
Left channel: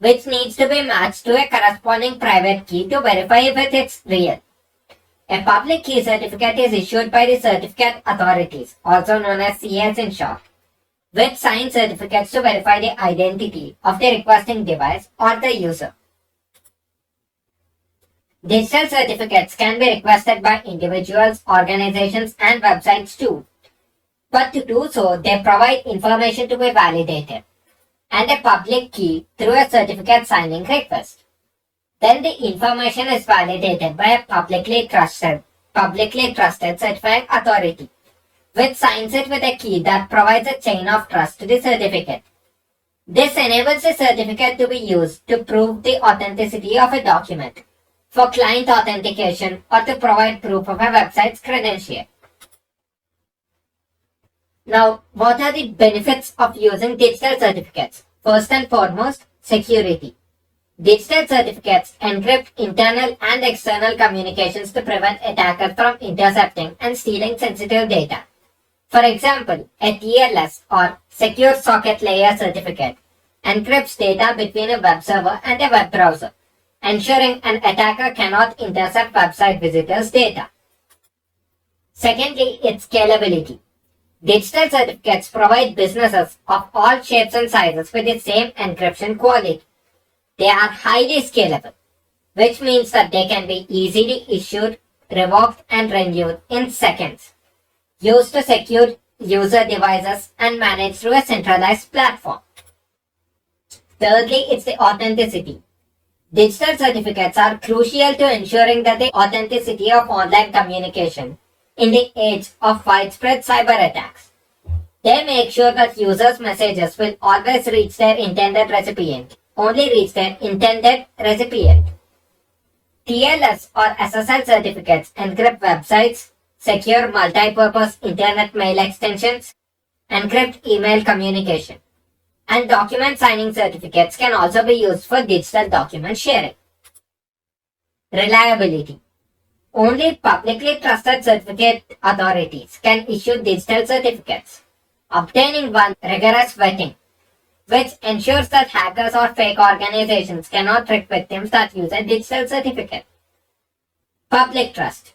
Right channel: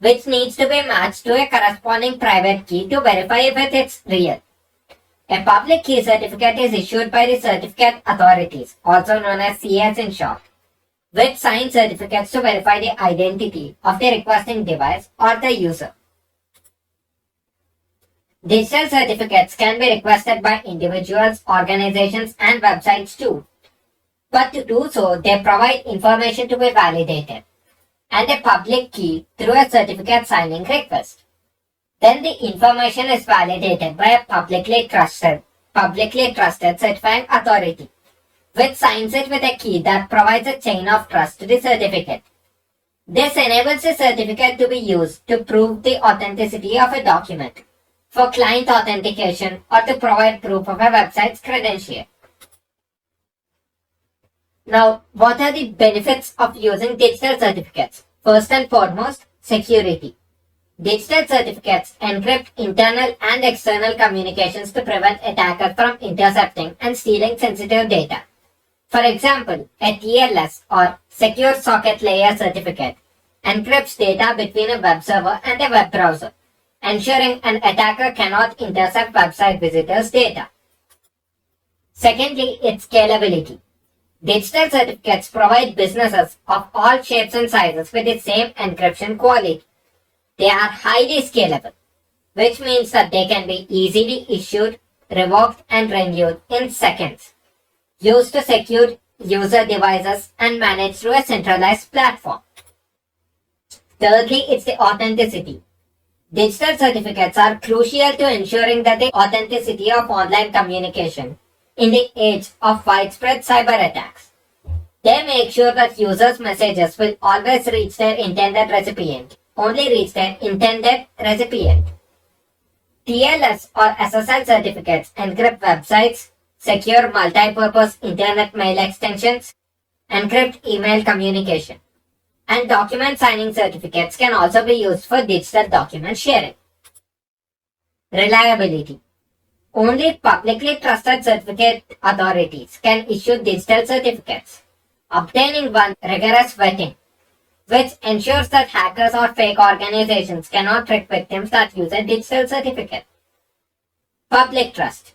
which needs to be matched to a corresponding private key to verify if it's real. A public key certificate is issued by the certificate authorities, also known as CS in short, which sign certificates to verify the identity of the requesting device or the user. Digital certificates can be requested by individuals, organizations, and websites too. But to do so, they provide information to be validated and a public key through a certificate signing request. Then the information is validated by a publicly trusted certifying authority, which signs it with a key that provides a chain of trust to the certificate. This enables the certificate to be used to prove the authenticity of a document, for client authentication, or to provide proof of a website's credential. Now, what are the benefits of using digital certificates? First and foremost, security. Digital certificates encrypt internal and external communications to prevent attackers from intercepting and stealing sensitive data. For example, a TLS or Secure Socket Layer certificate encrypts data between a web server and a web browser, ensuring an attacker cannot intercept website visitors' data. Secondly, its scalability. Digital certificates provide businesses of all shapes and sizes with the same encryption quality. They are highly scalable, which means that they can be easily issued, revoked, and renewed in seconds, used to secure user devices and managed through a centralized platform. Thirdly, it's the authenticity. Digital certificates are crucial to ensuring that the authenticity of online communication in the age of widespread cyber attacks. They make sure that users' messages will always reach their intended recipient, only reach their intended recipient. TLS or SSL certificates encrypt websites, secure multi-purpose internet mail extensions, encrypt email communication, and document signing certificates can also be used for digital document sharing. Reliability. Only publicly trusted certificate authorities can issue digital certificates. Obtaining one rigorous vetting, which ensures that hackers or fake organizations cannot trick victims that use a digital certificate. Public trust.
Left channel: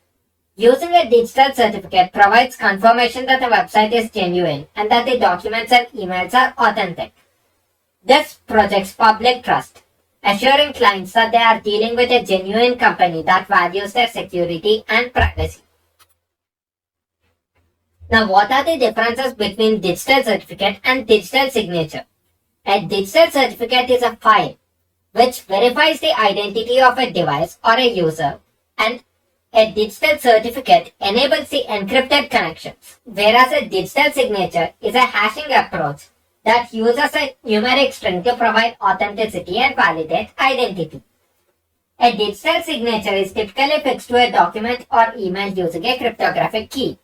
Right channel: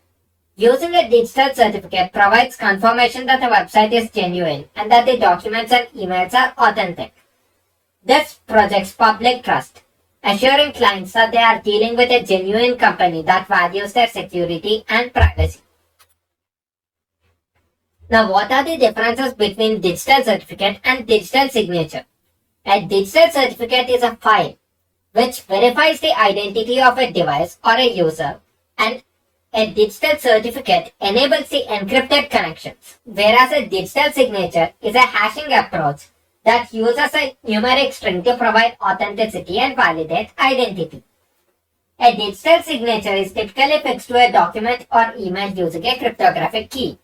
Using a digital certificate provides confirmation that the website is genuine and that the documents and emails are authentic. This projects public trust, assuring clients that they are dealing with a genuine company that values their security and privacy. Now, what are the differences between digital certificate and digital signature? A digital certificate is a file which verifies the identity of a device or a user, and a digital certificate enables the encrypted connections, whereas a digital signature is a hashing approach that uses a numeric string to provide authenticity and validate identity. A digital signature is typically fixed to a document or email using a cryptographic key.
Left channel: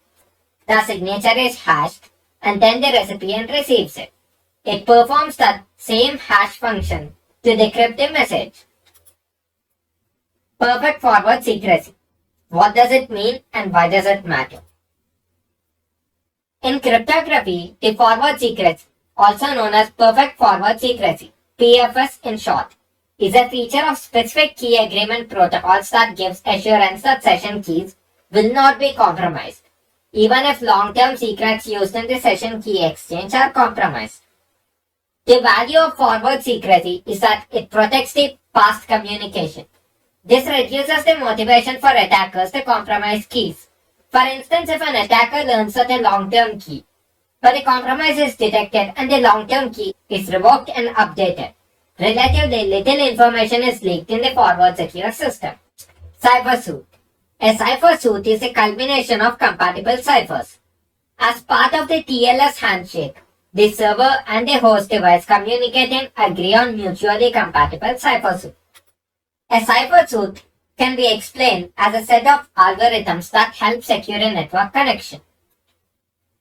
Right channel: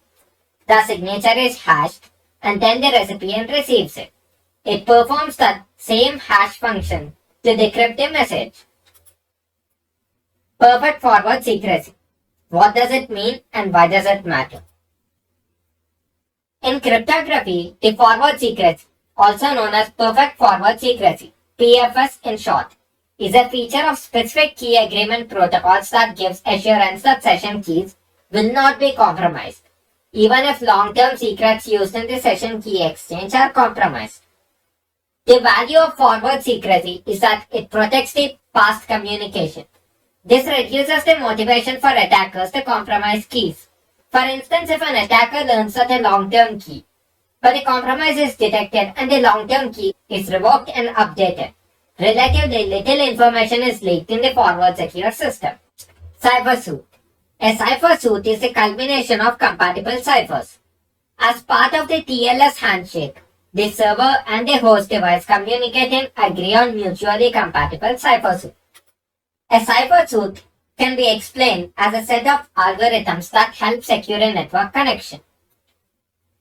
The signature is hashed and then the recipient receives it. It performs the same hash function to decrypt the message. Perfect forward secrecy. What does it mean and why does it matter? In cryptography, the forward secrecy, also known as perfect forward secrecy, PFS in short, is a feature of specific key agreement protocols that gives assurance that session keys will not be compromised, even if long-term secrets used in the session key exchange are compromised. The value of forward secrecy is that it protects the past communication. This reduces the motivation for attackers to compromise keys. For instance, if an attacker learns that a long-term key, but the compromise is detected and the long-term key is revoked and updated, relatively little information is leaked in the forward secure system. Cipher suit. A cipher suit is the culmination of compatible ciphers. As part of the TLS handshake, the server and the host device communicating agree on mutually compatible cipher suit. A cipher suit can be explained as a set of algorithms that help secure a network connection.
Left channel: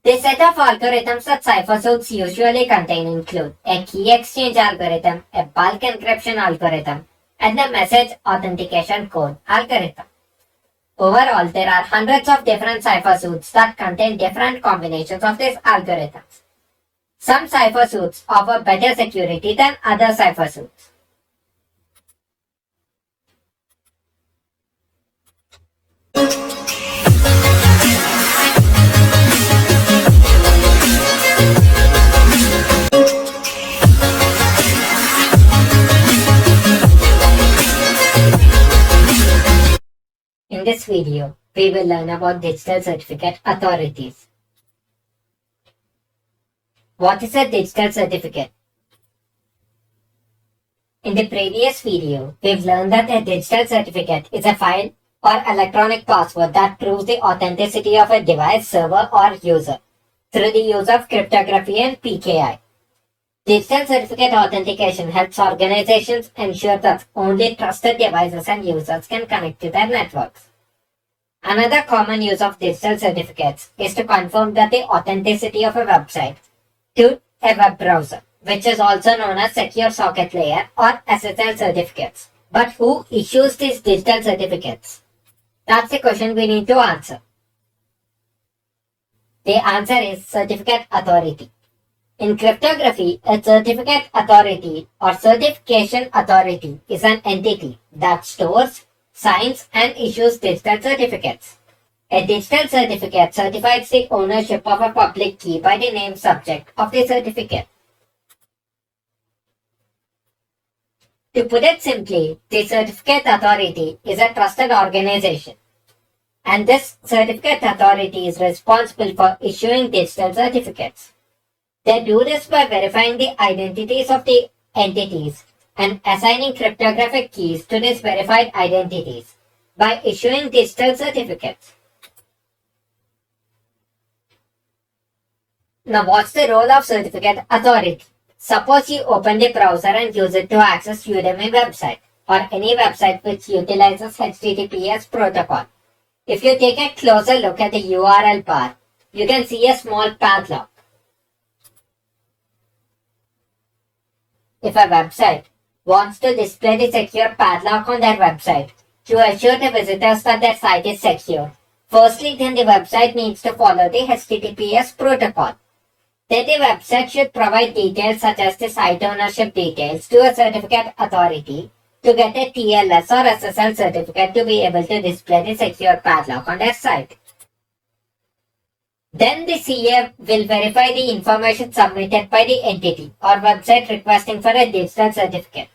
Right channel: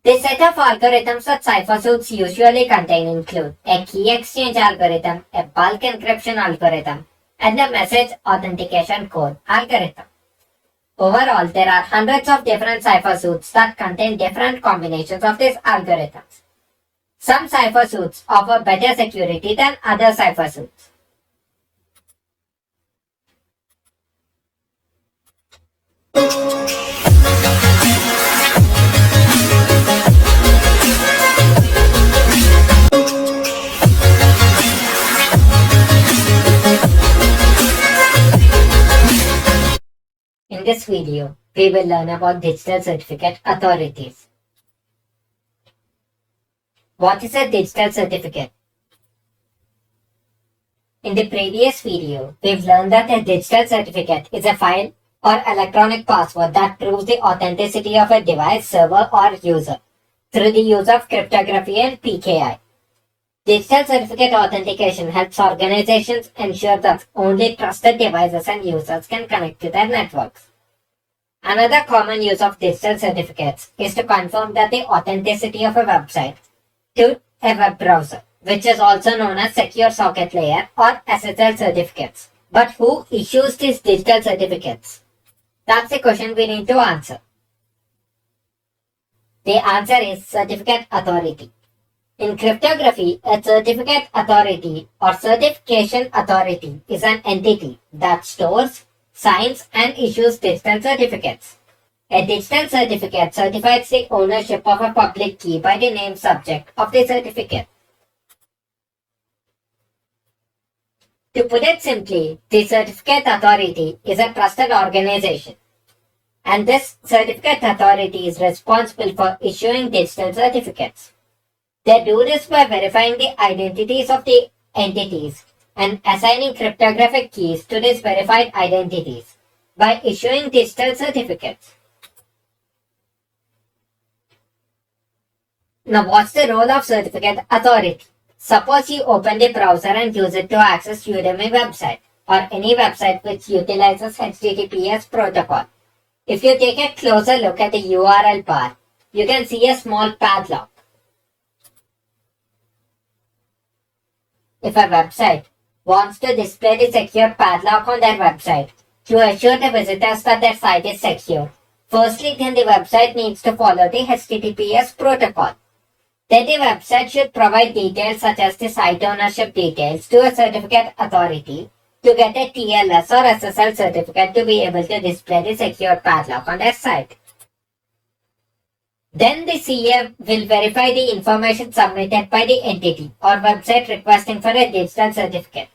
The set of algorithms that cipher suits usually contain include a key exchange algorithm, a bulk encryption algorithm, and a message authentication code algorithm. Overall, there are hundreds of different cipher suits that contain different combinations of these algorithms. Some cipher suits offer better security than other cipher suits. In this video, we will learn about digital certificate authorities. What is a digital certificate? In the previous video, we've learned that a digital certificate is a file or electronic password that proves the authenticity of a device, server, or user through the use of cryptography and PKI. Digital certificate authentication helps organizations ensure that only trusted devices and users can connect to their networks. Another common use of digital certificates is to confirm that the authenticity of a website to a web browser, which is also known as Secure Socket Layer or SSL certificates. But who issues these digital certificates? That's the question we need to answer. The answer is certificate authority. In cryptography, a certificate authority or certification authority is an entity that stores, signs, and issues digital certificates. A digital certificate certifies the ownership of a public key by the named subject of the certificate. To put it simply, the certificate authority is a trusted organization. And this certificate authority is responsible for issuing digital certificates. They do this by verifying the identities of the entities and assigning cryptographic keys to these verified identities by issuing digital certificates. Now, what's the role of certificate authority? Suppose you open the browser and use it to access Udemy website or any website which utilizes HTTPS protocol. If you take a closer look at the URL bar, you can see a small padlock. If a website wants to display the secure padlock on their website to assure the visitors that their site is secure, firstly then the website needs to follow the HTTPS protocol. Then the website should provide details such as the site ownership details to a certificate authority to get a TLS or SSL certificate to be able to display the secure padlock on their site. Then the CA will verify the information submitted by the entity or website requesting for a digital certificate.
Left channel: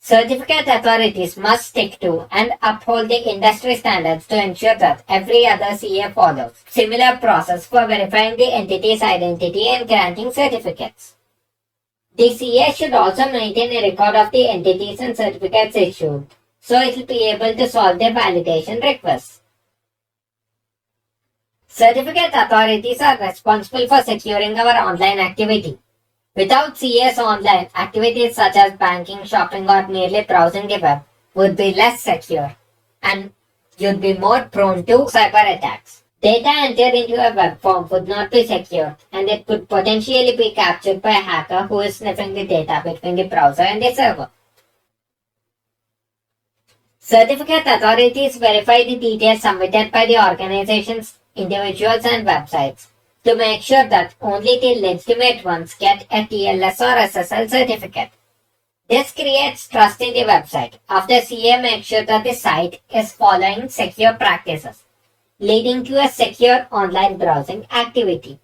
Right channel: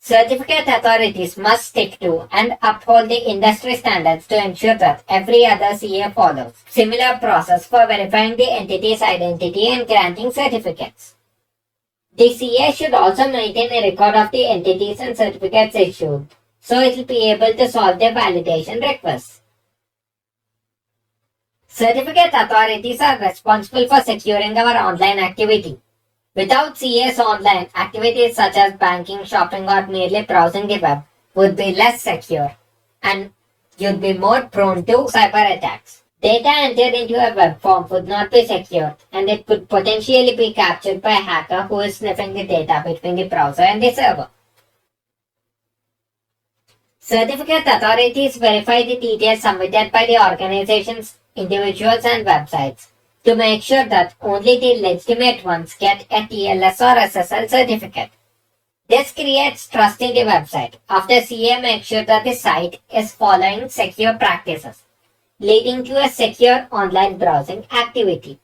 Certificate authorities must stick to and uphold the industry standards to ensure that every other CA follows similar process for verifying the entity's identity and granting certificates. The CA should also maintain a record of the entities and certificates issued, so it will be able to solve the validation requests. Certificate authorities are responsible for securing our online activity. Without CAs, online activities such as banking, shopping, or merely browsing the web would be less secure, and you'd be more prone to cyber attacks. Data entered into a web form would not be secure, and it could potentially be captured by a hacker who is sniffing the data between the browser and the server. Certificate authorities verify the details submitted by the organizations, individuals, and websites to make sure that only the legitimate ones get a TLS or SSL certificate. This creates trust in the website after CA makes sure that the site is following secure practices, leading to a secure online browsing activity.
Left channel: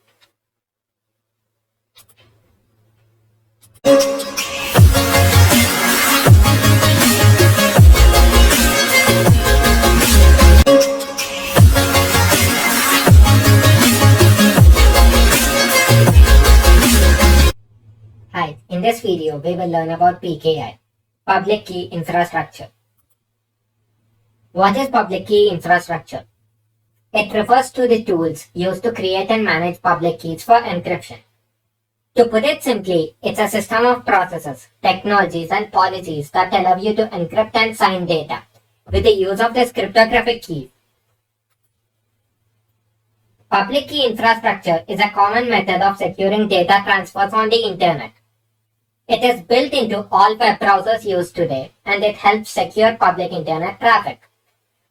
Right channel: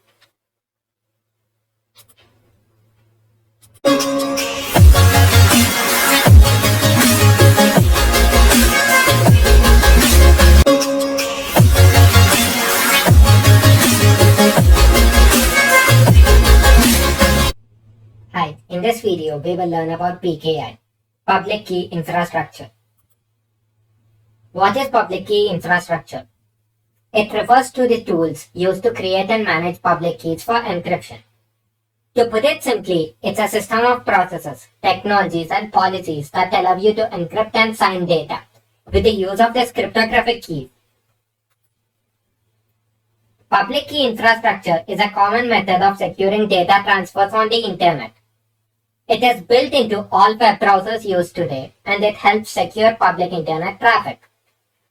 Hi, in this video we will learn about PKI, Public Key Infrastructure. What is Public Key Infrastructure? It refers to the tools used to create and manage public keys for encryption. To put it simply, it's a system of processes, technologies, and policies that allow you to encrypt and sign data with the use of this cryptographic key. Public key infrastructure is a common method of securing data transfers on the internet. It is built into all web browsers used today, and it helps secure public internet traffic.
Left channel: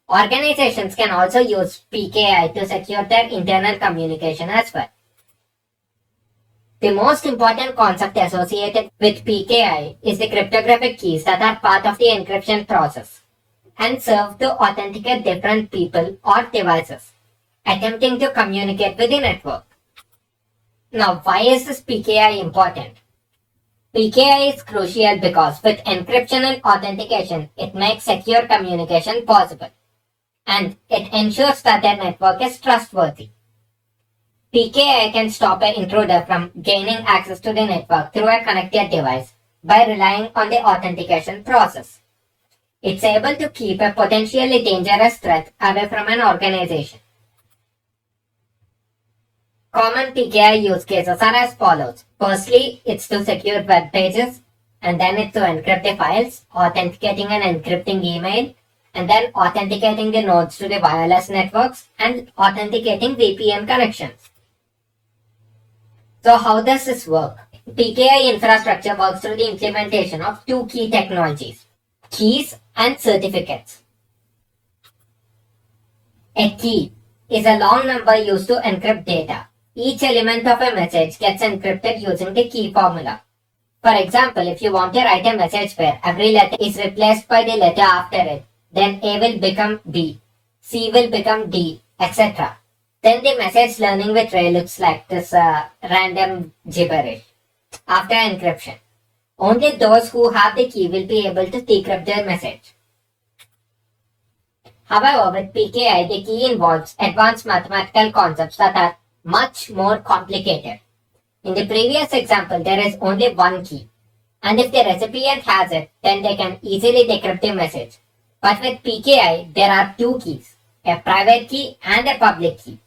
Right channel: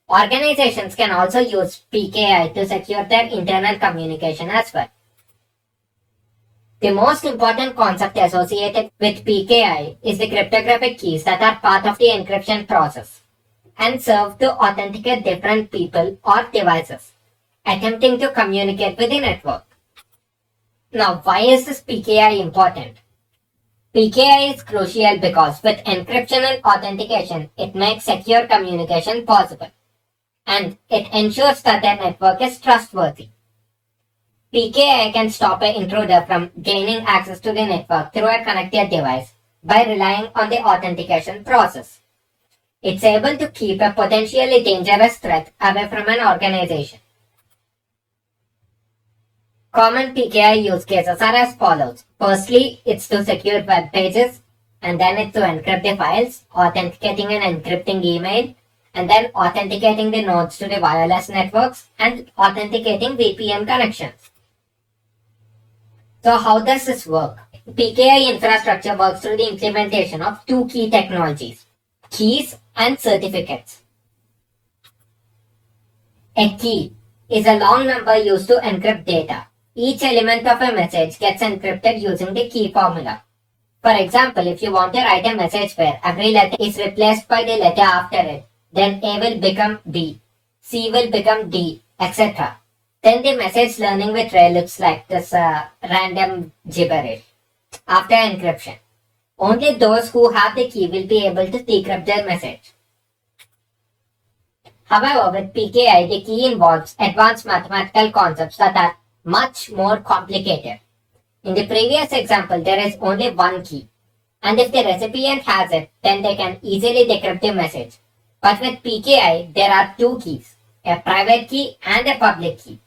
Organizations can also use PKI to secure their internal communication as well. The most important concept associated with PKI is the cryptographic keys that are part of the encryption process and serve to authenticate different people or devices attempting to communicate with the network. Now, why is this PKI important? PKI is crucial because with encryption and authentication, it makes secure communication possible, and it ensures that the network is trustworthy. PKI can stop an intruder from gaining access to the network through a connected device by relying on the authentication process. It's able to keep a potentially dangerous threat away from an organization. Common PKI use cases are as follows. Firstly, it's to secure web pages, and then it's to encrypt the files, authenticating and encrypting email, and then authenticating the nodes to the wireless networks, and authenticating VPN connections. So how does this work? PKI infrastructure works through the implementation of two key technologies, keys and certificates. A key is a long number used to encrypt data. Each element of a message gets encrypted using the key formula. For example, if you want to write a message where every letter is replaced by the letter after it, then A will become B, C will become D, etc. Then the message learning with Ray looks like this random gibberish. After encryption, only those who have the key will be able to decrypt their message. However, with PKI, the key involves advanced mathematical concepts that are much more complicated. In the previous example, there is only one key, and if the recipient has it, then they can easily decrypt the message. But with PKI, there are two keys, a private key and a public key.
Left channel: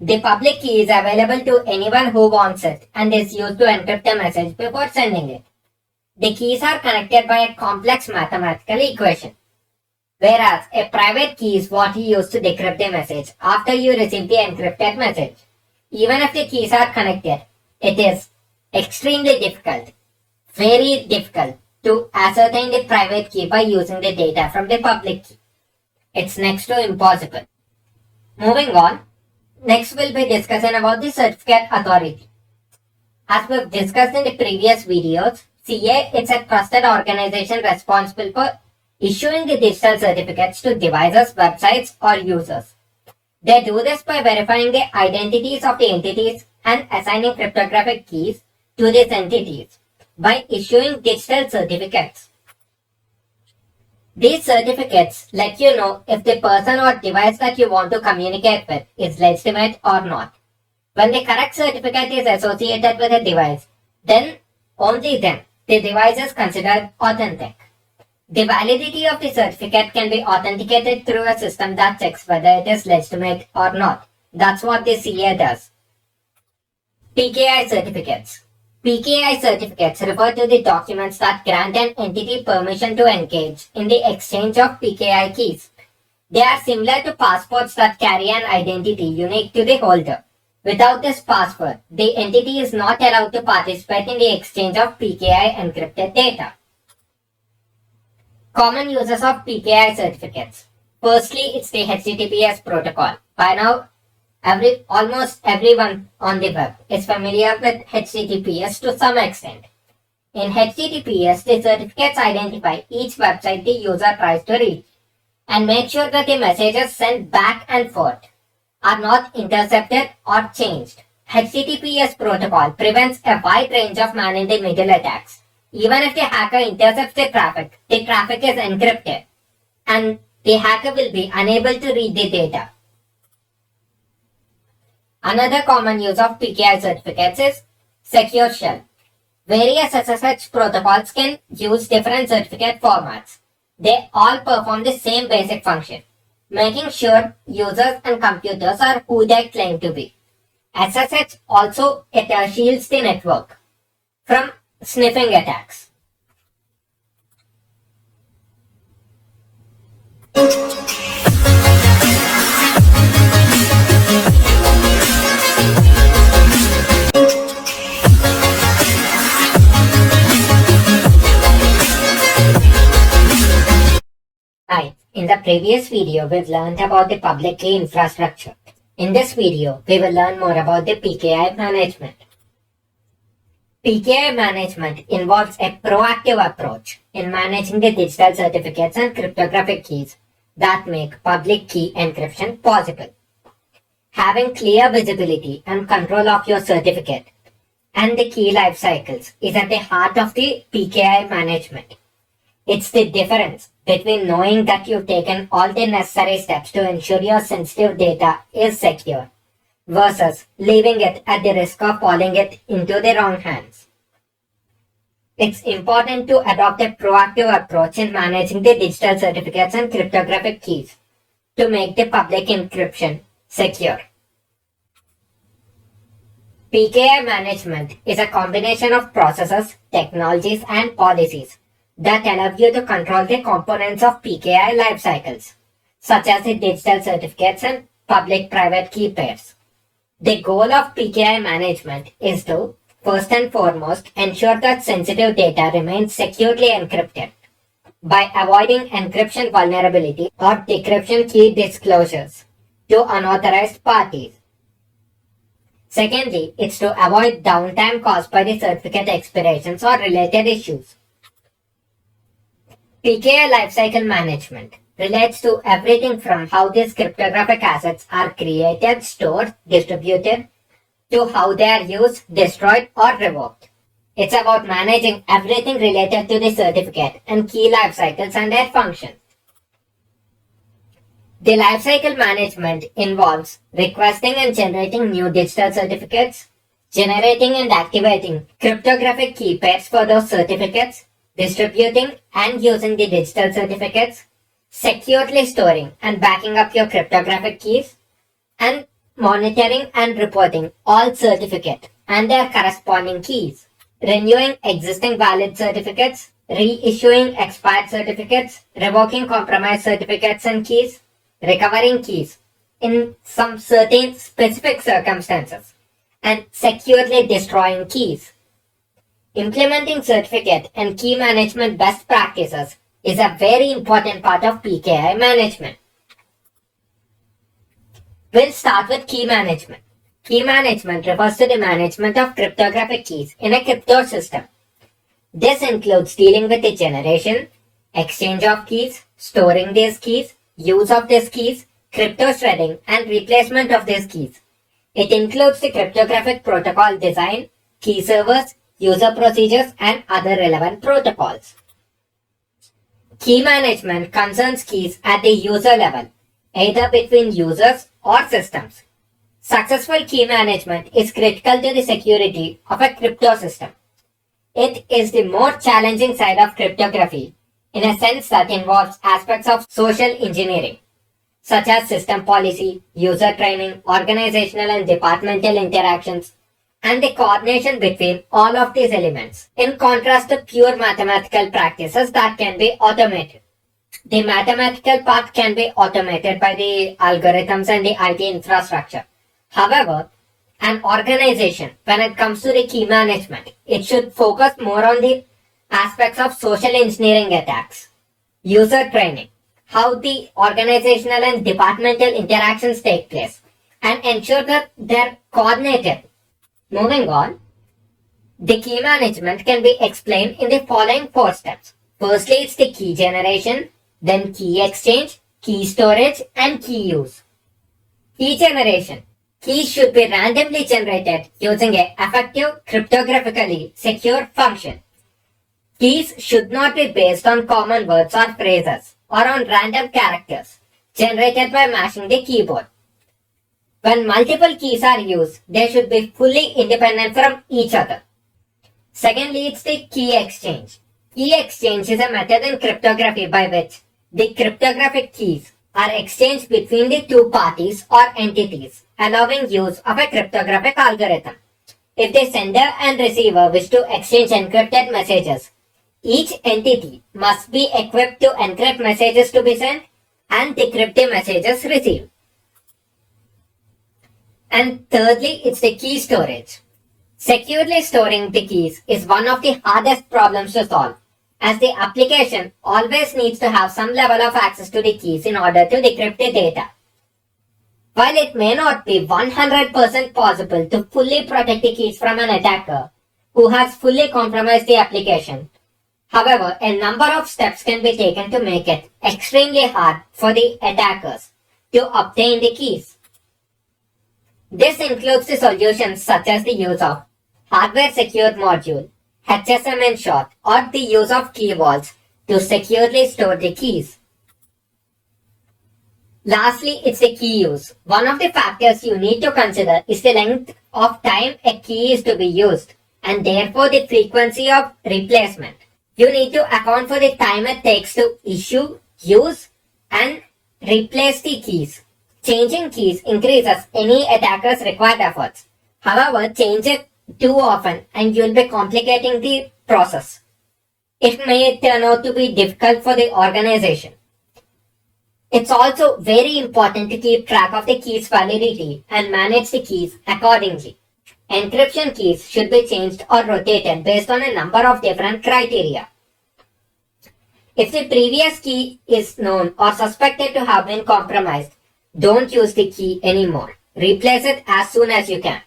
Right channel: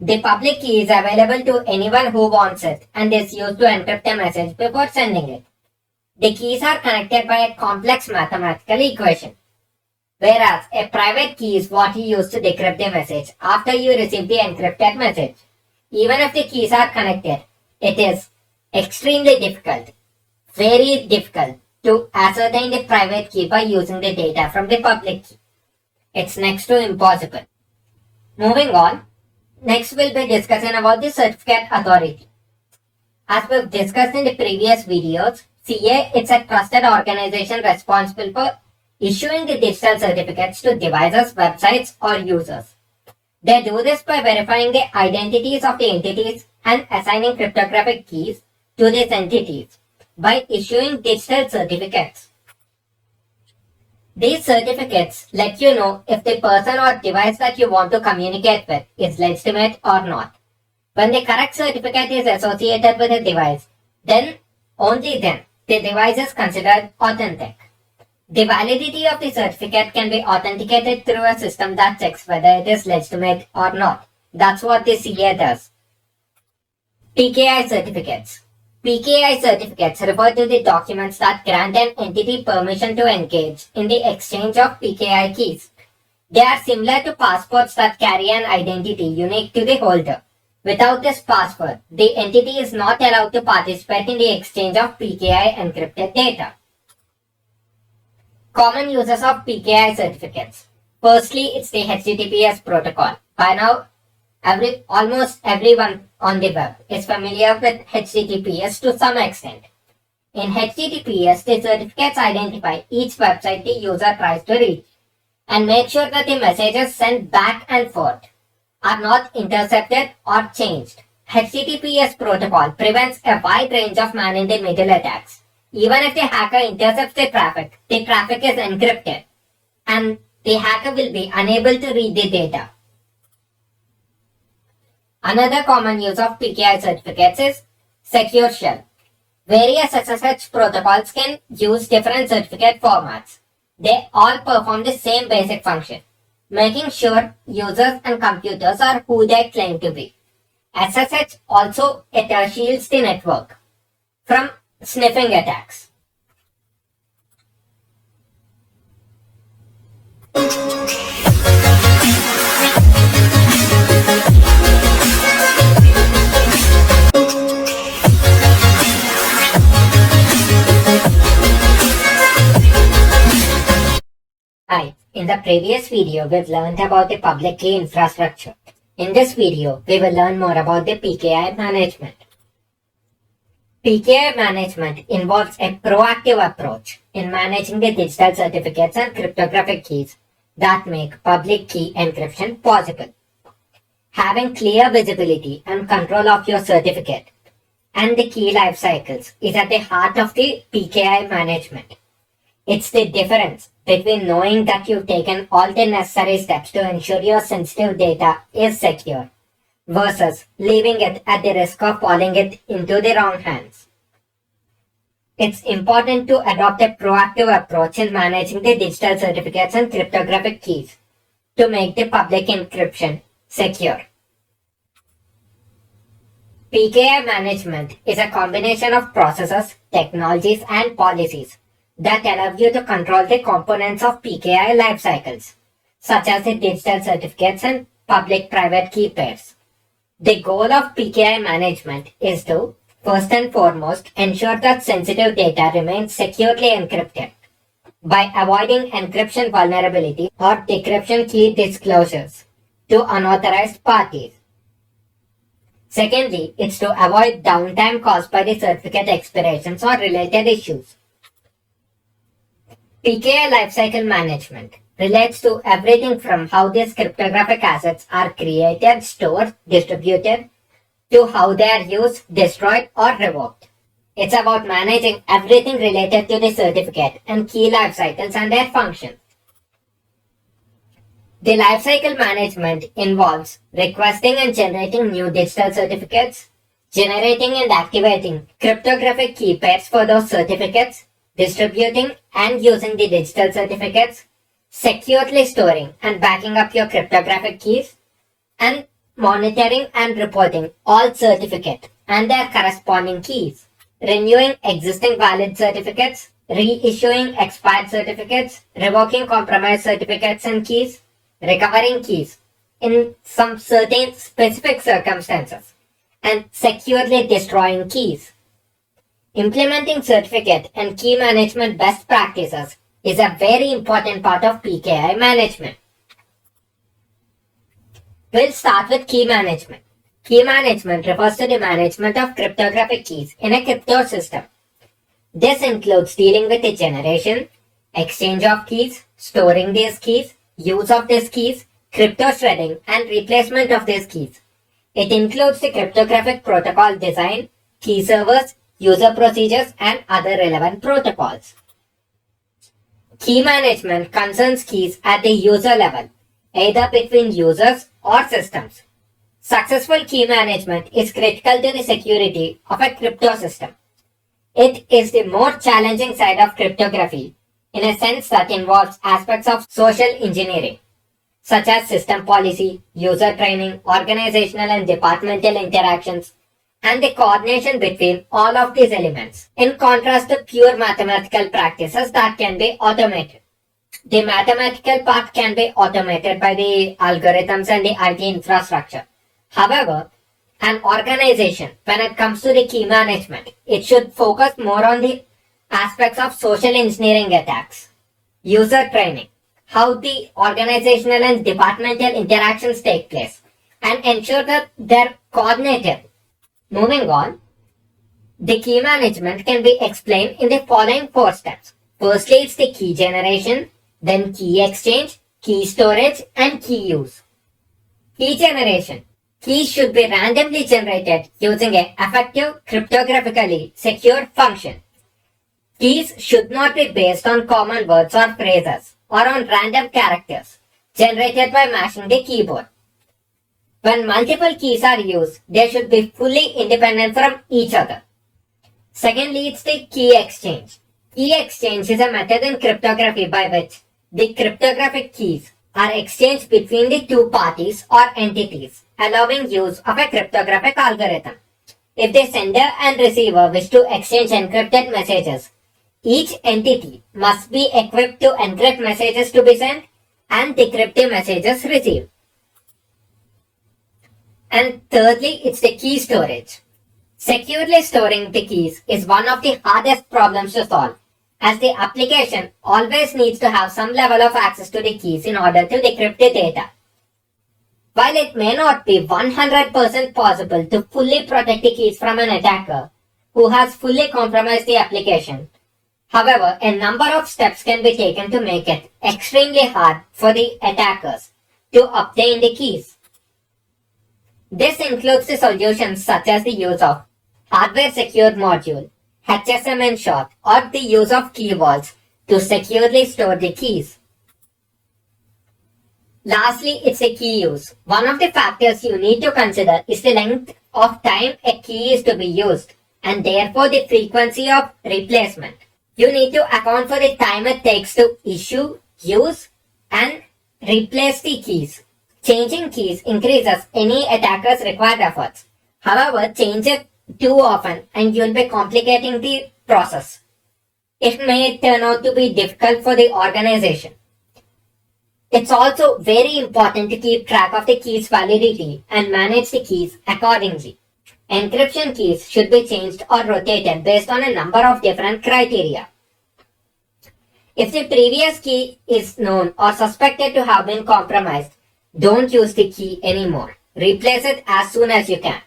The public key is available to anyone who wants it and is used to encrypt a message before sending it. The keys are connected by a complex mathematical equation, whereas a private key is what you use to decrypt the message after you receive the encrypted message. Even if the keys are connected, it is extremely difficult, very difficult, to ascertain the private key by using the data from the public key. It's next to impossible. Moving on, next we'll be discussing about the certificate authority. As we've discussed in the previous videos, CA is a trusted organization responsible for issuing the digital certificates to devices, websites, or users. They do this by verifying the identities of the entities and assigning cryptographic keys to these entities by issuing digital certificates. These certificates let you know if the person or device that you want to communicate with is legitimate or not. When the correct certificate is associated with a device, then, only then, the device is considered authentic. The validity of the certificate can be authenticated through a system that checks whether it is legitimate or not. That's what the CA does. PKI certificates. PKI certificates refer to the documents that grant an entity permission to engage in the exchange of PKI keys. They are similar to passports that carry an identity unique to the holder. Without this passport, the entity is not allowed to participate in the exchange of PKI encrypted data. Common uses of PKI certificates. Firstly, it's the HTTPS protocol. By now, almost everyone on the web is familiar with HTTPS to some extent. In HTTPS, the certificates identify each website the user tries to reach and make sure that the messages sent back and forth are not intercepted or changed. HTTPS protocol prevents a wide range of man-in-the-middle attacks. Even if the hacker intercepts the traffic is encrypted and the hacker will be unable to read the data. Another common use of PKI certificates is secure shell. Various SSH protocols can use different certificate formats. They all perform the same basic function, making sure users and computers are who they claim to be. SSH also shields the network from sniffing attacks. Hi, in the previous video we've learned about the public key infrastructure. In this video, we will learn more about the PKI management. PKI management involves a proactive approach in managing the digital certificates and cryptographic keys that make public key encryption possible. Having clear visibility and control of your certificate and the key life cycles is at the heart of the PKI management. It's the difference between knowing that you've taken all the necessary steps to ensure your sensitive data is secure versus leaving it at the risk of falling it into the wrong hands. It's important to adopt a proactive approach in managing the digital certificates and cryptographic keys to make the public encryption secure. PKI management is a combination of processes, technologies, and policies that allow you to control the components of PKI life cycles, such as the digital certificates and public-private key pairs. The goal of PKI management is to, first and foremost, ensure that sensitive data remains securely encrypted by avoiding encryption vulnerability or decryption key disclosures to unauthorized parties. Secondly, it's to avoid downtime caused by the certificate expirations or related issues. PKI lifecycle management relates to everything from how these cryptographic assets are created, stored, distributed, to how they are used, destroyed, or revoked. It's about managing everything related to the certificate and key life cycles and their functions. The lifecycle management involves requesting and generating new digital certificates, generating and activating cryptographic key pairs for those certificates, distributing and using the digital certificates, securely storing and backing up your cryptographic keys, and monitoring and reporting all certificates and their corresponding keys, renewing existing valid certificates, reissuing expired certificates, revoking compromised certificates and keys, recovering keys in some certain specific circumstances, and securely destroying keys. Implementing certificate and key management best practices is a very important part of PKI management. We'll start with key management. Key management refers to the management of cryptographic keys in a crypto system. This includes dealing with the generation, exchange of keys, storing these keys, use of these keys, crypto shredding, and replacement of these keys. It includes the cryptographic protocol design, key servers, user procedures, and other relevant protocols. Key management concerns keys at the user level, either between users or systems. Successful key management is critical to the security of a crypto system. It is the more challenging side of cryptography, in a sense that involves aspects of social engineering, such as system policy, user training, organizational and departmental interactions, and the coordination between all of these elements, in contrast to pure mathematical practices that can be automated. The mathematical part can be automated by the algorithms and the IT infrastructure. However, an organization, when it comes to the key management, it should focus more on the aspects of social engineering attacks, user training, how the organizational and departmental interactions take place, and ensure that they're coordinated. Moving on, the key management can be explained in the following 4 steps. Firstly, it's the key generation, then key exchange, key storage, and key use. Key generation. Keys should be randomly generated using an effective cryptographically secure function. Keys should not be based on common words or phrases or on random characters generated by mashing the keyboard. When multiple keys are used, they should be fully independent from each other. Secondly, it's the key exchange. Key exchange is a method in cryptography by which the cryptographic keys are exchanged between the two parties or entities, allowing use of a cryptographic algorithm. If the sender and receiver wish to exchange encrypted messages, each entity must be equipped to encrypt messages to be sent and decrypt the messages received. And thirdly, it's the key storage. Securely storing the keys is one of the hardest problems to solve, as the application always needs to have some level of access to the keys in order to decrypt the data. While it may not be 100% possible to fully protect the keys from an attacker who has fully compromised the application, however, a number of steps can be taken to make it extremely hard for the attackers to obtain the keys. This includes the solutions such as the use of hardware secured module, HSM in short, or the use of key vaults to securely store the keys. Lastly, it's a key use. One of the factors you need to consider is the length of time a key is to be used, and therefore the frequency of replacement. You need to account for the time it takes to issue, use, and replace the keys. Changing keys increases any attacker's required efforts. However, change it too often and you'll be complicating the process. It may turn out to be difficult for the organization. It's also very important to keep track of the key's validity and manage the keys accordingly. Encryption keys should be changed or rotated based on a number of different criteria. If the previous key is known or suspected to have been compromised, don't use the key anymore. Replace it as soon as you can.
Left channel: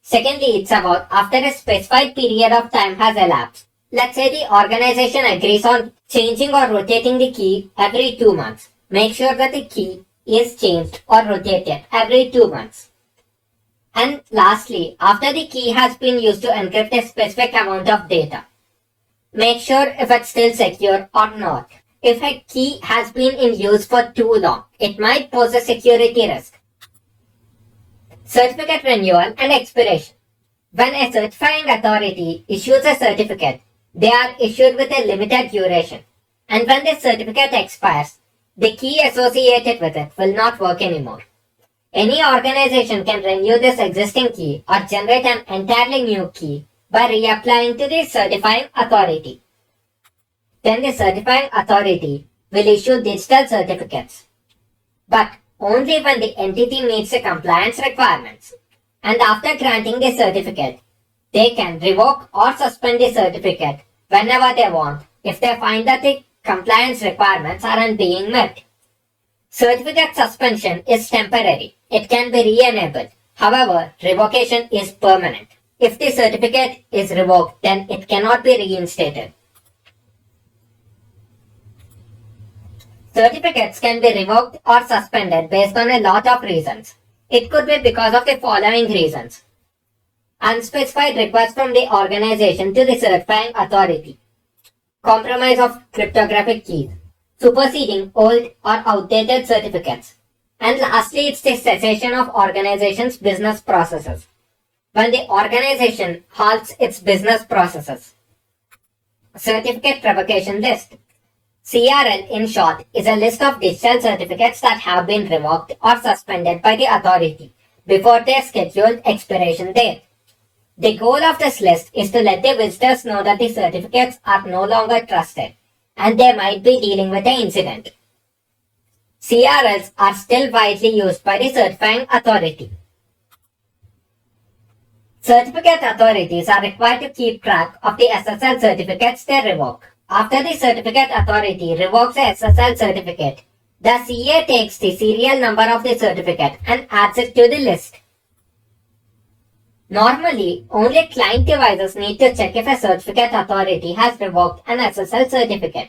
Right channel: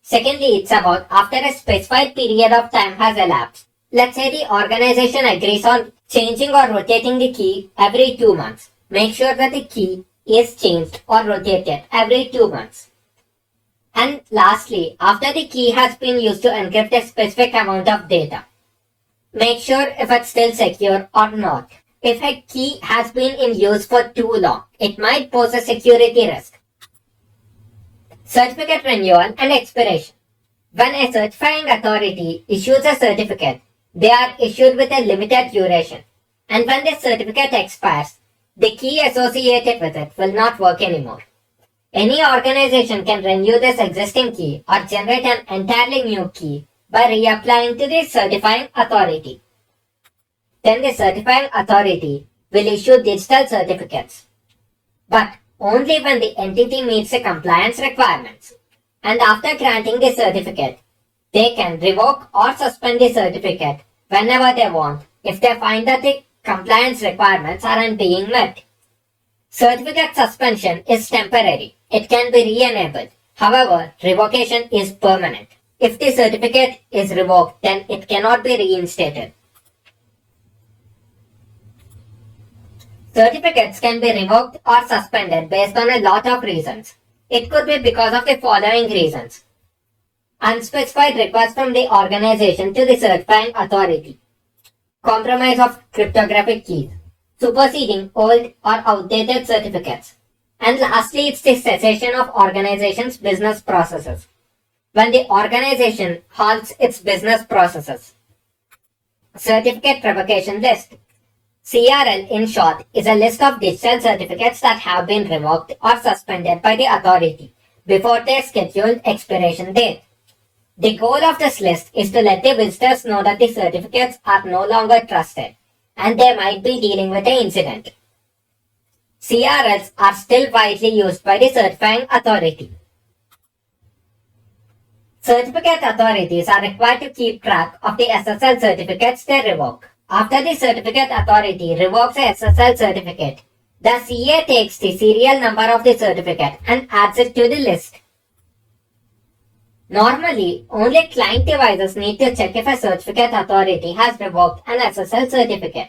Secondly, it's about after a specified period of time has elapsed. Let's say the organization agrees on changing or rotating the key every 2 months. Make sure that the key is changed or rotated every 2 months. And lastly, after the key has been used to encrypt a specific amount of data, make sure if it's still secure or not. If a key has been in use for too long, it might pose a security risk. Certificate renewal and expiration. When a certifying authority issues a certificate, they are issued with a limited duration. And when the certificate expires, the key associated with it will not work anymore. Any organization can renew this existing key or generate an entirely new key by reapplying to the certifying authority. Then the certifying authority will issue digital certificates, but only when the entity meets the compliance requirements. And after granting the certificate, they can revoke or suspend the certificate whenever they want if they find that the compliance requirements aren't being met. Certificate suspension is temporary. It can be re-enabled. However, revocation is permanent. If the certificate is revoked, then it cannot be reinstated. Certificates can be revoked or suspended based on a lot of reasons. It could be because of the following reasons. Unspecified request from the organization to the certifying authority. Compromise of cryptographic keys. Superseding old or outdated certificates. And lastly, it's the cessation of organization's business processes. When the organization halts its business processes. Certificate revocation list. CRL, in short, is a list of digital certificates that have been revoked or suspended by the authority before their scheduled expiration date. The goal of this list is to let the visitors know that the certificates are no longer trusted and they might be dealing with an incident. CRLs are still widely used by the certifying authority. Certificate authorities are required to keep track of the SSL certificates they revoke. After the certificate authority revokes a SSL certificate, the CA takes the serial number of the certificate and adds it to the list. Normally, only client devices need to check if a certificate authority has revoked an SSL certificate.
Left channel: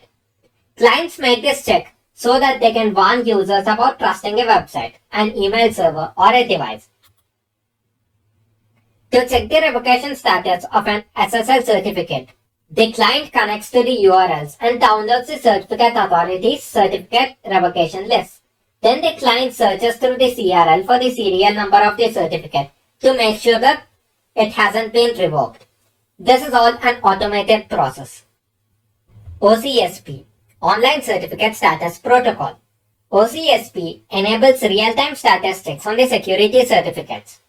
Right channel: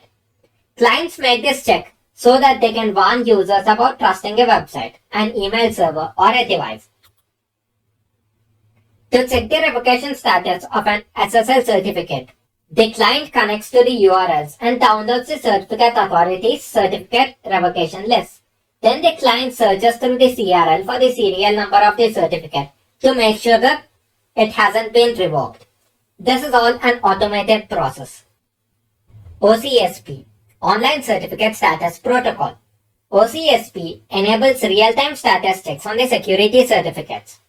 Clients make this check so that they can warn users about trusting a website, an email server, or a device. To check the revocation status of an SSL certificate, the client connects to the URLs and downloads the certificate authority's certificate revocation list. Then the client searches through the CRL for the serial number of the certificate to make sure that it hasn't been revoked. This is all an automated process. OCSP, Online Certificate Status Protocol. OCSP enables real-time status checks on the security certificates.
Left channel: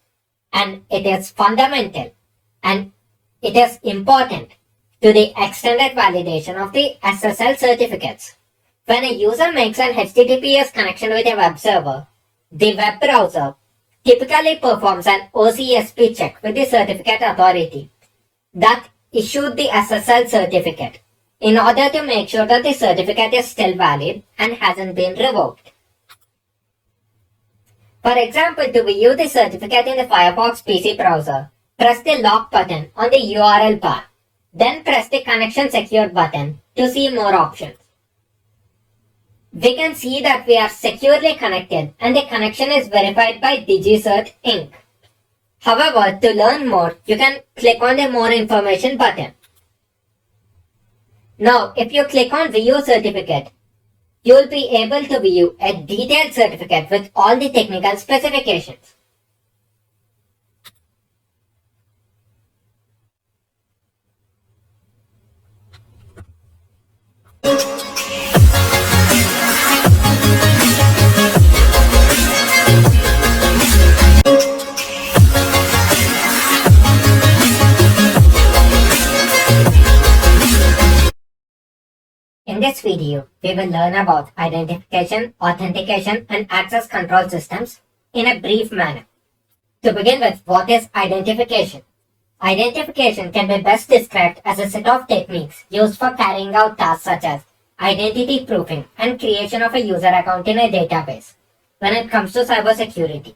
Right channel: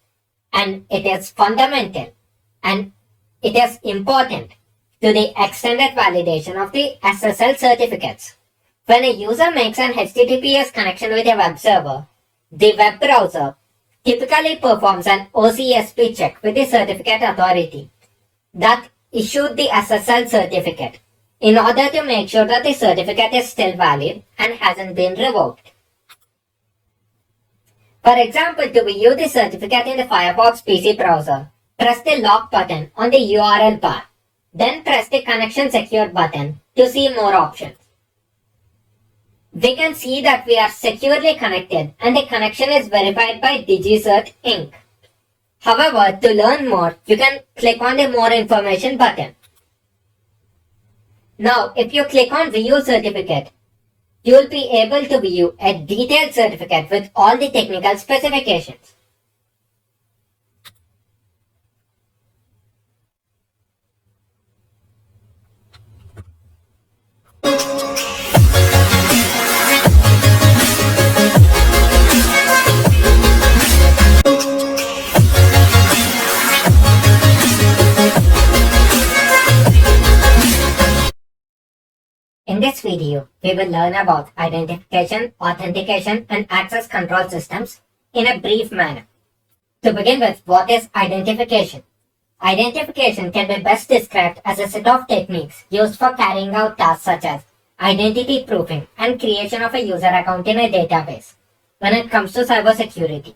And it is fundamental and it is important to the extended validation of the SSL certificates. When a user makes an HTTPS connection with a web server, the web browser typically performs an OCSP check with the certificate authority that issued the SSL certificate in order to make sure that the certificate is still valid and hasn't been revoked. For example, to view the certificate in the Firefox PC browser, press the lock button on the URL bar. Then press the Connection Secure button to see more options. We can see that we are securely connected and the connection is verified by DigiCert Inc. However, to learn more, you can click on the More Information button. Now, if you click on View Certificate, you will be able to view a detailed certificate with all the technical specifications. In this video, we will learn about identification, authentication, and access control systems in a brief manner. To begin with, what is identification? Identification can be best described as a set of techniques used for carrying out tasks such as identity proofing and creation of a user account in a database when it comes to cybersecurity.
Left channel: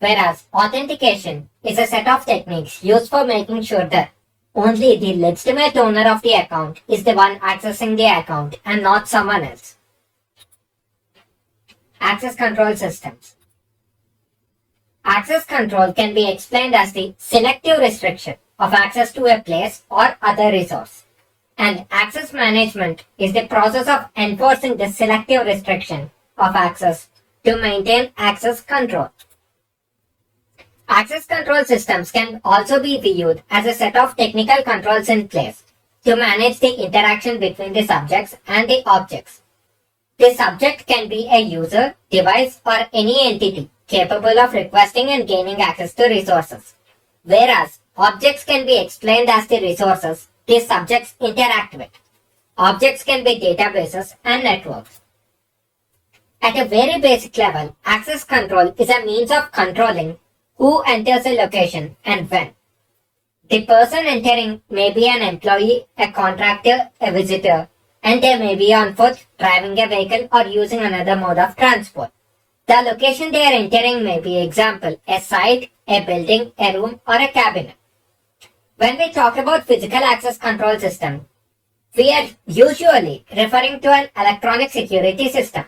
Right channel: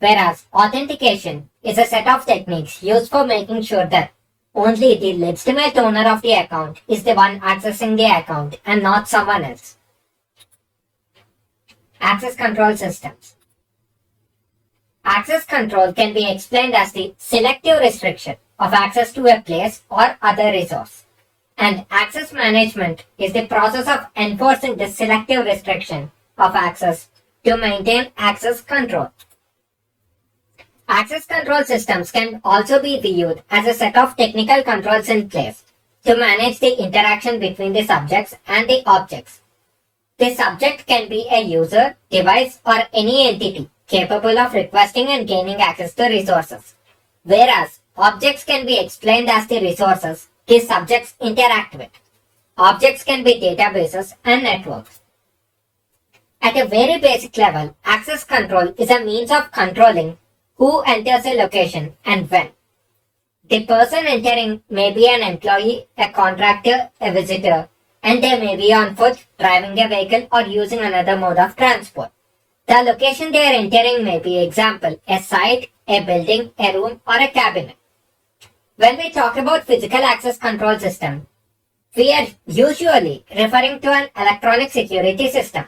Whereas authentication is a set of techniques used for making sure that only the legitimate owner of the account is the one accessing the account and not someone else. Access control systems. Access control can be explained as the selective restriction of access to a place or other resource. And access management is the process of enforcing the selective restriction of access to maintain access control. Access control systems can also be viewed as a set of technical controls in place to manage the interaction between the subjects and the objects. The subject can be a user, device, or any entity capable of requesting and gaining access to resources, whereas objects can be explained as the resources the subjects interact with. Objects can be databases and networks. At a very basic level, access control is a means of controlling who enters a location and when. The person entering may be an employee, a contractor, a visitor, and they may be on foot, driving a vehicle, or using another mode of transport. The location they are entering may be, example, a site, a building, a room, or a cabinet. When we talk about physical access control system, we are usually referring to an electronic security system.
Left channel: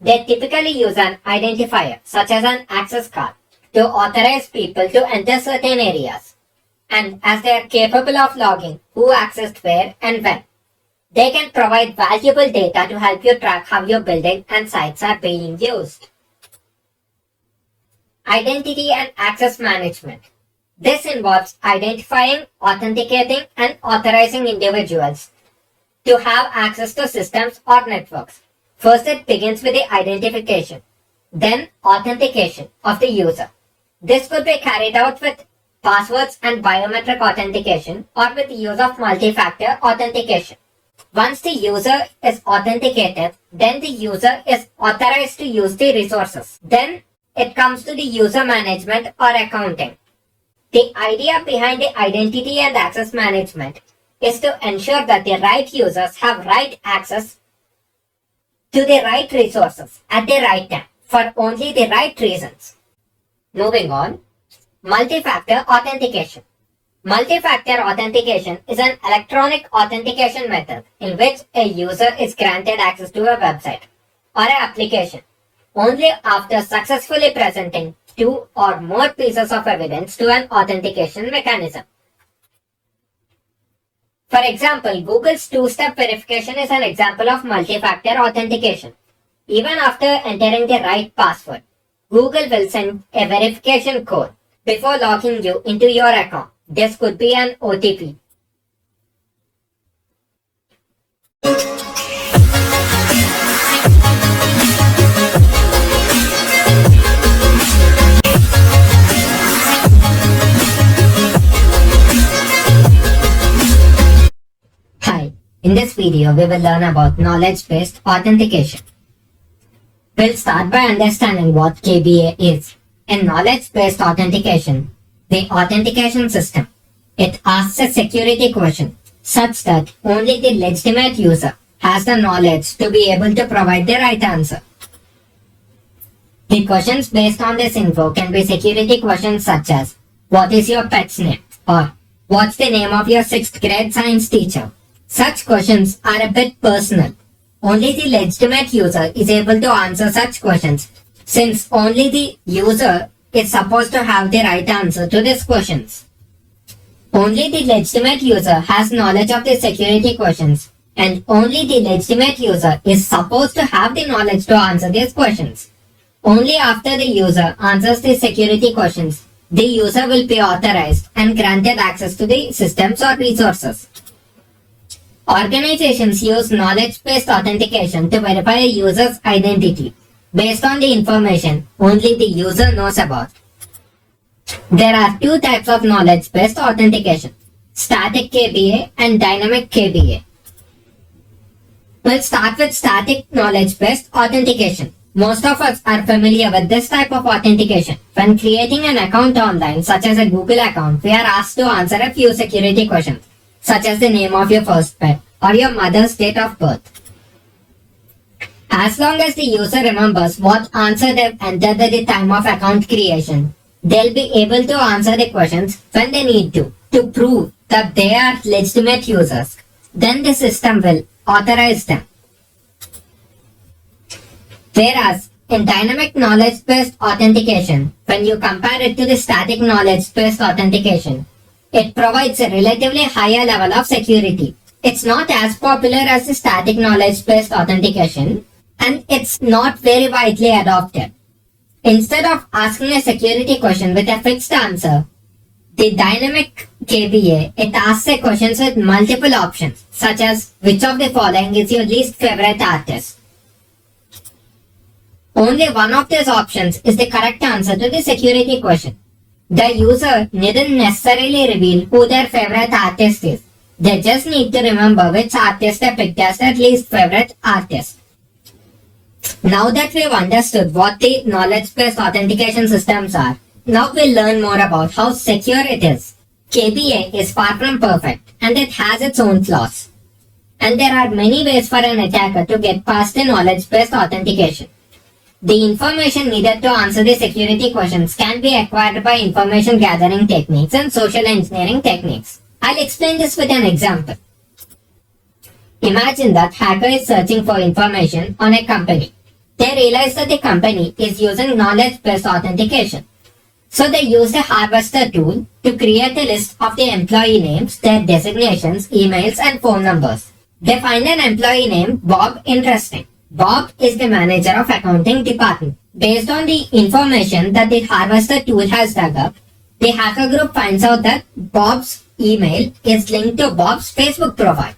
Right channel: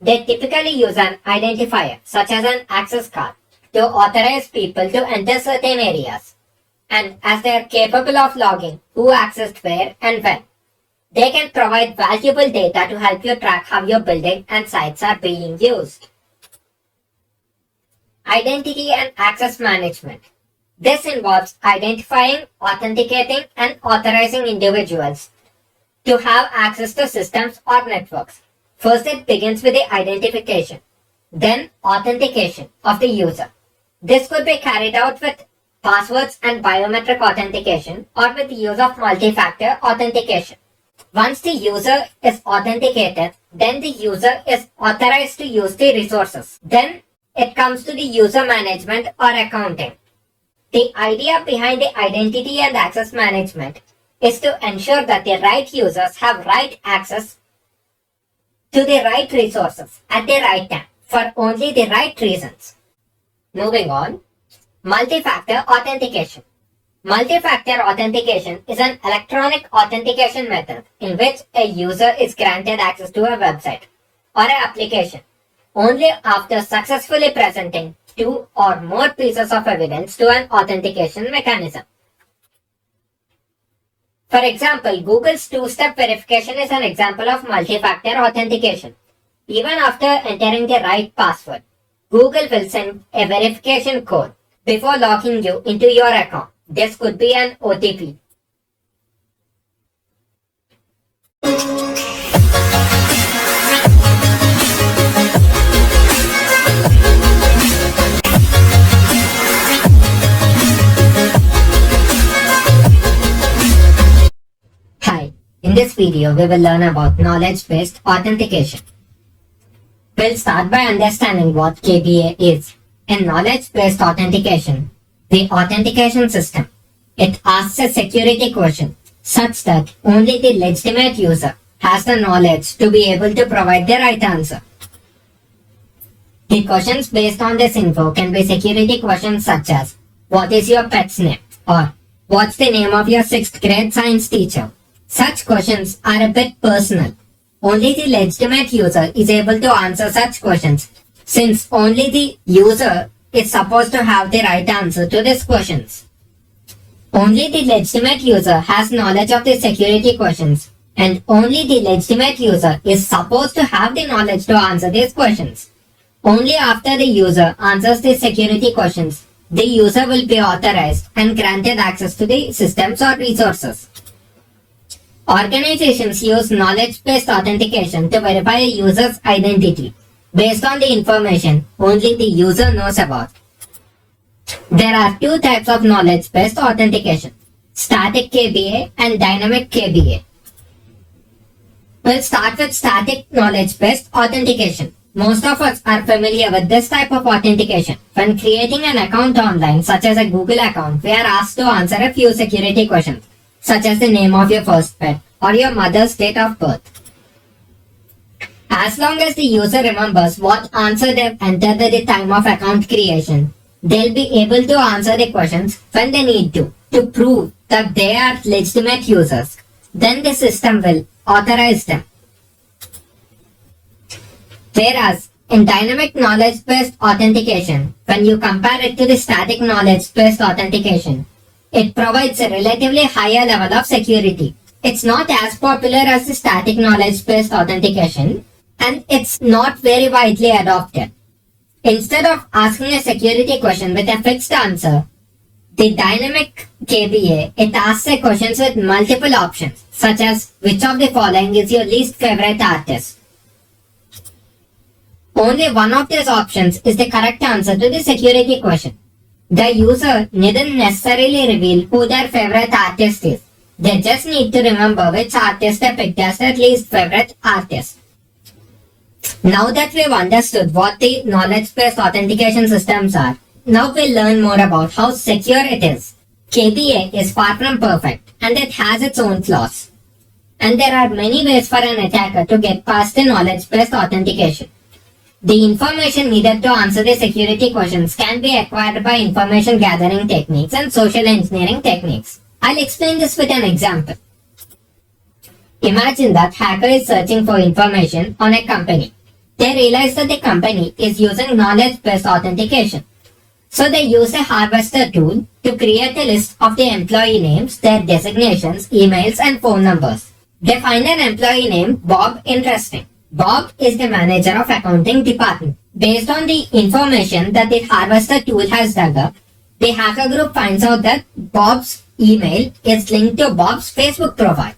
They typically use an identifier, such as an access card, to authorize people to enter certain areas. And as they are capable of logging who accessed where and when, they can provide valuable data to help you track how your building and sites are being used. Identity and access management. This involves identifying, authenticating, and authorizing individuals to have access to systems or networks. First, it begins with the identification, then authentication of the user. This could be carried out with passwords and biometric authentication or with the use of multi-factor authentication. Once the user is authenticated, then the user is authorized to use the resources. Then it comes to the user management or accounting. The idea behind the identity and access management is to ensure that the right users have right access to the right resources at the right time for only the right reasons. Moving on, multi-factor authentication. Multi-factor authentication is an electronic authentication method in which a user is granted access to a website or an application only after successfully presenting two or more pieces of evidence to an authentication mechanism. For example, Google's two-step verification is an example of multi-factor authentication. Even after entering the right password, Google will send a verification code before logging you into your account. This could be an OTP. Hi, in this video we will learn about knowledge-based authentication. We'll start by understanding what KBA is. In knowledge-based authentication, the authentication system, it asks a security question such that only the legitimate user has the knowledge to be able to provide the right answer. The questions based on this info can be security questions such as, what is your pet's name? Or, what's the name of your 6th grade science teacher? Such questions are a bit personal. Only the legitimate user is able to answer such questions, since only the user is supposed to have the right answer to these questions. Only the legitimate user has knowledge of the security questions, and only the legitimate user is supposed to have the knowledge to answer these questions. Only after the user answers the security questions, the user will be authorized and granted access to the systems or resources. Organizations use knowledge-based authentication to verify a user's identity based on the information only the user knows about. There are two types of knowledge-based authentication, static KBA and dynamic KBA. We'll start with static knowledge-based authentication. Most of us are familiar with this type of authentication. When creating an account online, such as a Google account, we are asked to answer a few security questions, such as the name of your first pet or your mother's date of birth. As long as the user remembers what answer they've entered at the time of account creation, they'll be able to answer the questions when they need to prove that they are legitimate users. Then the system will authorize them. Whereas in dynamic knowledge-based authentication, when you compare it to the static knowledge-based authentication, it provides a relatively higher level of security It's not as popular as the static knowledge-based authentication, and it's not very widely adopted. Instead of asking a security question with a fixed answer, the dynamic KBA, it asks a questions with multiple options, such as which of the following is your least favorite artist. Only one of these options is the correct answer to the security question. The user needn't necessarily reveal who their favorite artist is. They just need to remember which artist they picked as their least favorite artist. Now that we've understood what the knowledge-based authentication systems are, now we'll learn more about how secure it is. KBA is far from perfect and it has its own flaws. And there are many ways for an attacker to get past the knowledge-based authentication. The information needed to answer the security questions can be acquired by information gathering techniques and social engineering techniques. I'll explain this with an example. Imagine that hacker is searching for information on a company. They realize that the company is using knowledge-based authentication. So they use a harvester tool to create a list of the employee names, their designations, emails, and phone numbers. They find an employee named Bob interesting. Bob is the manager of accounting department. Based on the information that the harvester tool has dug up, the hacker group finds out that Bob's email is linked to Bob's Facebook profile.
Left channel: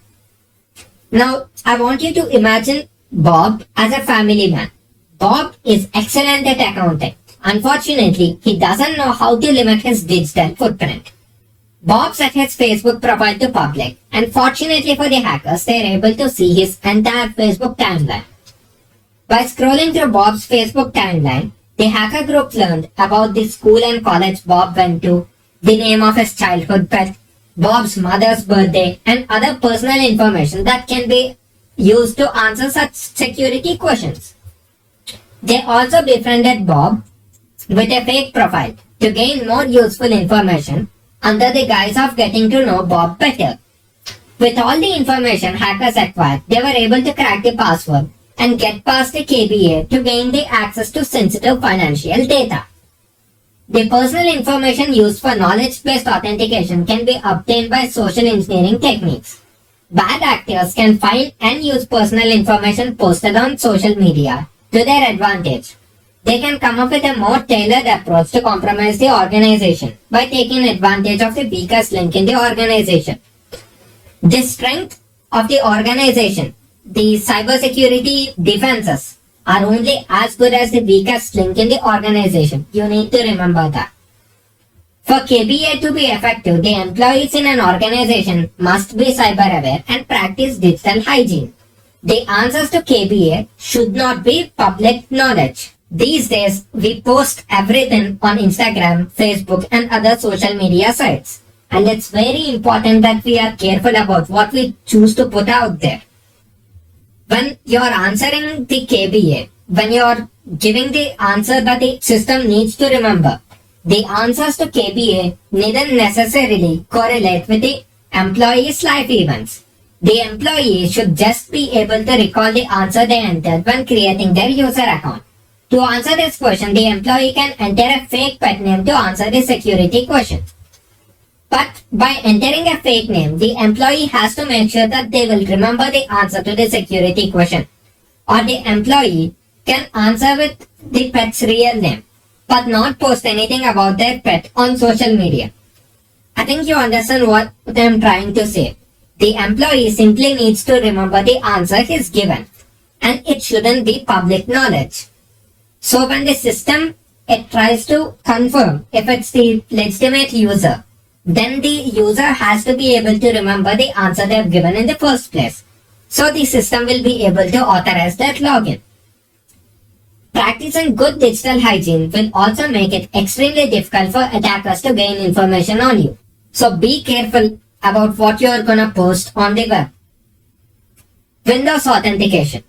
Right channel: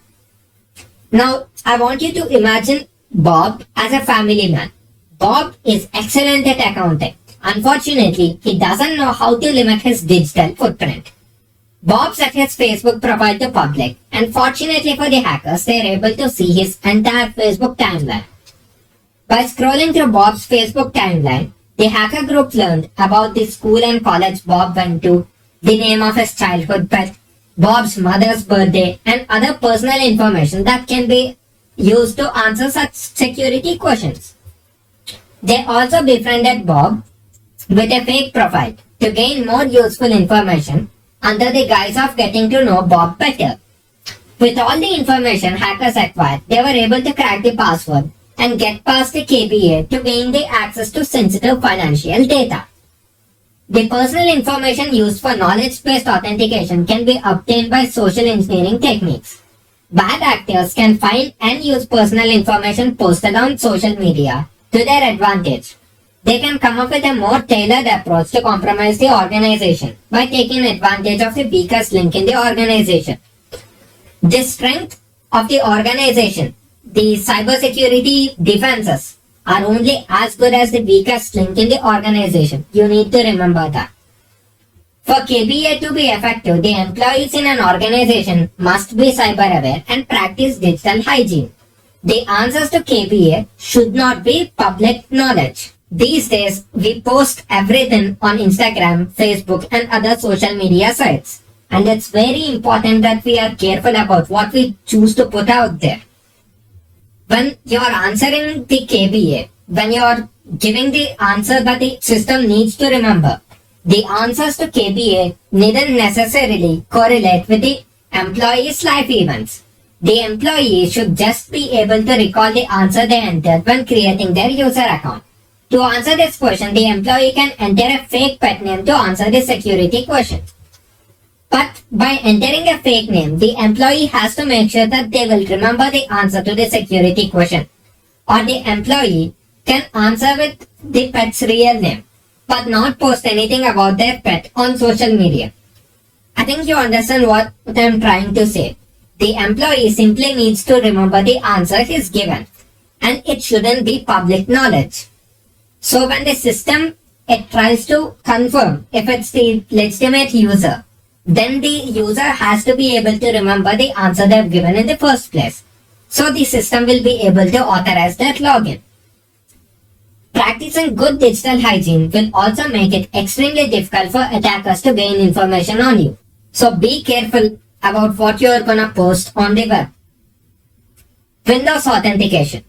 Now, I want you to imagine Bob as a family man. Bob is excellent at accounting. Unfortunately, he doesn't know how to limit his digital footprint. Bob set his Facebook profile to public, and fortunately for the hackers, they are able to see his entire Facebook timeline. By scrolling through Bob's Facebook timeline, the hacker group learned about the school and college Bob went to, the name of his childhood pet, Bob's mother's birthday, and other personal information that can be used to answer such security questions. They also befriended Bob with a fake profile to gain more useful information under the guise of getting to know Bob better. With all the information hackers acquired, they were able to crack the password and get past the KBA to gain the access to sensitive financial data. The personal information used for knowledge-based authentication can be obtained by social engineering techniques. Bad actors can find and use personal information posted on social media to their advantage. They can come up with a more tailored approach to compromise the organization by taking advantage of the weakest link in the organization. The strength of the organization, the cybersecurity defenses, are only as good as the weakest link in the organization. You need to remember that. For KBA to be effective, the employees in an organization must be cyber aware and practice digital hygiene. The answers to KBA should not be public knowledge. These days, we post everything on Instagram, Facebook, and other social media sites. And it's very important that we are careful about what we choose to put out there. When you're answering the KBA, when you're giving the answer that the system needs to remember, the answers to KBA needn't necessarily correlate with the employee's life events. The employee should just be able to recall the answer they entered when creating their user account. To answer this question, the employee can enter a fake pet name to answer the security question. But by entering a fake name, the employee has to make sure that they will remember the answer to the security question. Or the employee can answer with the pet's real name, but not post anything about their pet on social media. I think you understand what I'm trying to say. The employee simply needs to remember the answer he's given, and it shouldn't be public knowledge. So when the system it tries to confirm if it's the legitimate user, then the user has to be able to remember the answer they've given in the first place. So the system will be able to authorize that login. Practicing good digital hygiene will also make it extremely difficult for attackers to gain information on you. So be careful about what you are gonna post on the web. Windows authentication.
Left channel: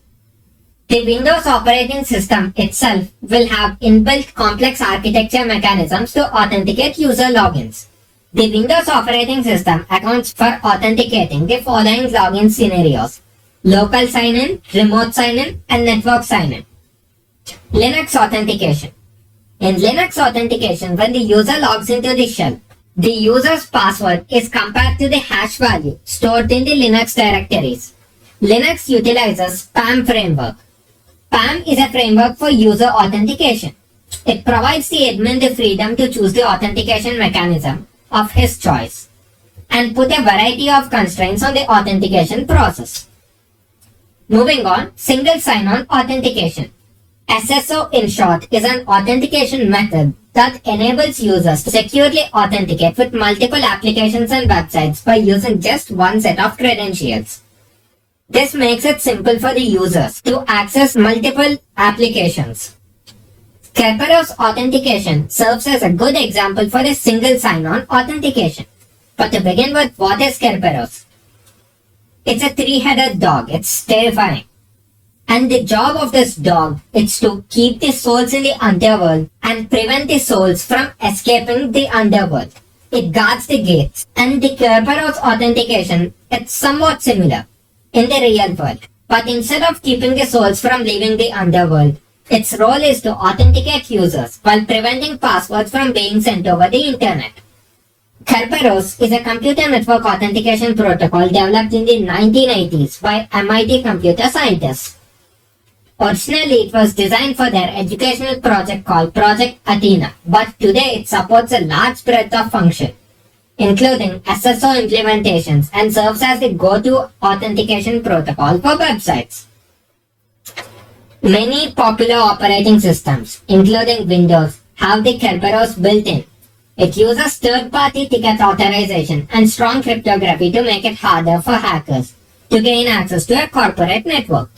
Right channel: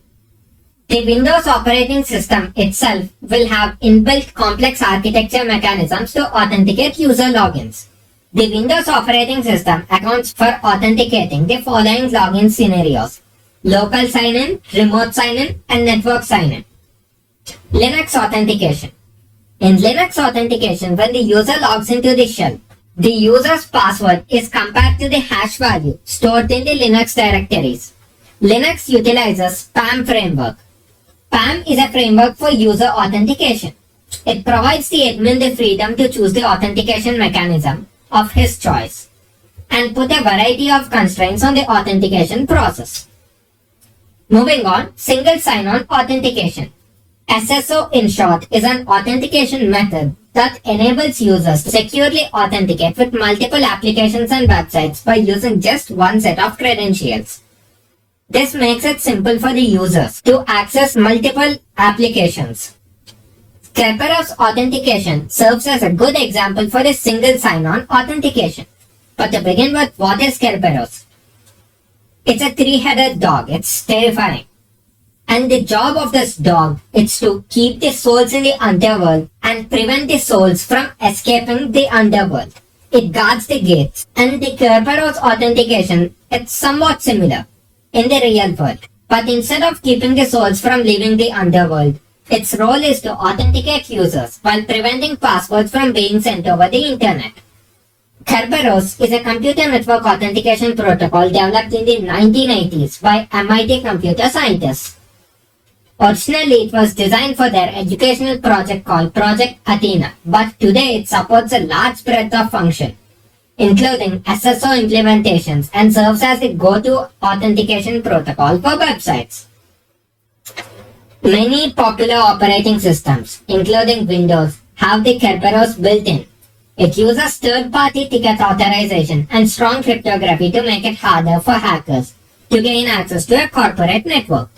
The Windows operating system itself will have inbuilt complex architecture mechanisms to authenticate user logins. The Windows operating system accounts for authenticating the following login scenarios: local sign-in, remote sign-in, and network sign-in. Linux authentication. In Linux authentication, when the user logs into the shell, The user's password is compared to the hash value stored in the Linux directories. Linux utilizes PAM framework. PAM is a framework for user authentication. It provides the admin the freedom to choose the authentication mechanism of his choice and put a variety of constraints on the authentication process. Moving on, single sign-on authentication. SSO in short is an authentication method that enables users to securely authenticate with multiple applications and websites by using just one set of credentials. This makes it simple for the users to access multiple applications. Kerberos authentication serves as a good example for the single sign-on authentication. But to begin with, what is Kerberos? It's a three-headed dog. It's terrifying. And the job of this dog is to keep the souls in the underworld and prevent the souls from escaping the underworld. It guards the gates. And the Kerberos authentication, it's somewhat similar in the real world. But instead of keeping the souls from leaving the underworld, its role is to authenticate users while preventing passwords from being sent over the internet. Kerberos is a computer network authentication protocol developed in the 1980s by MIT computer scientists. Originally, it was designed for their educational project called Project Athena, but today it supports a large breadth of function, including SSO implementations, and serves as the go-to authentication protocol for websites. Many popular operating systems, including Windows, have the Kerberos built in. It uses third-party ticket authorization and strong cryptography to make it harder for hackers to gain access to a corporate network.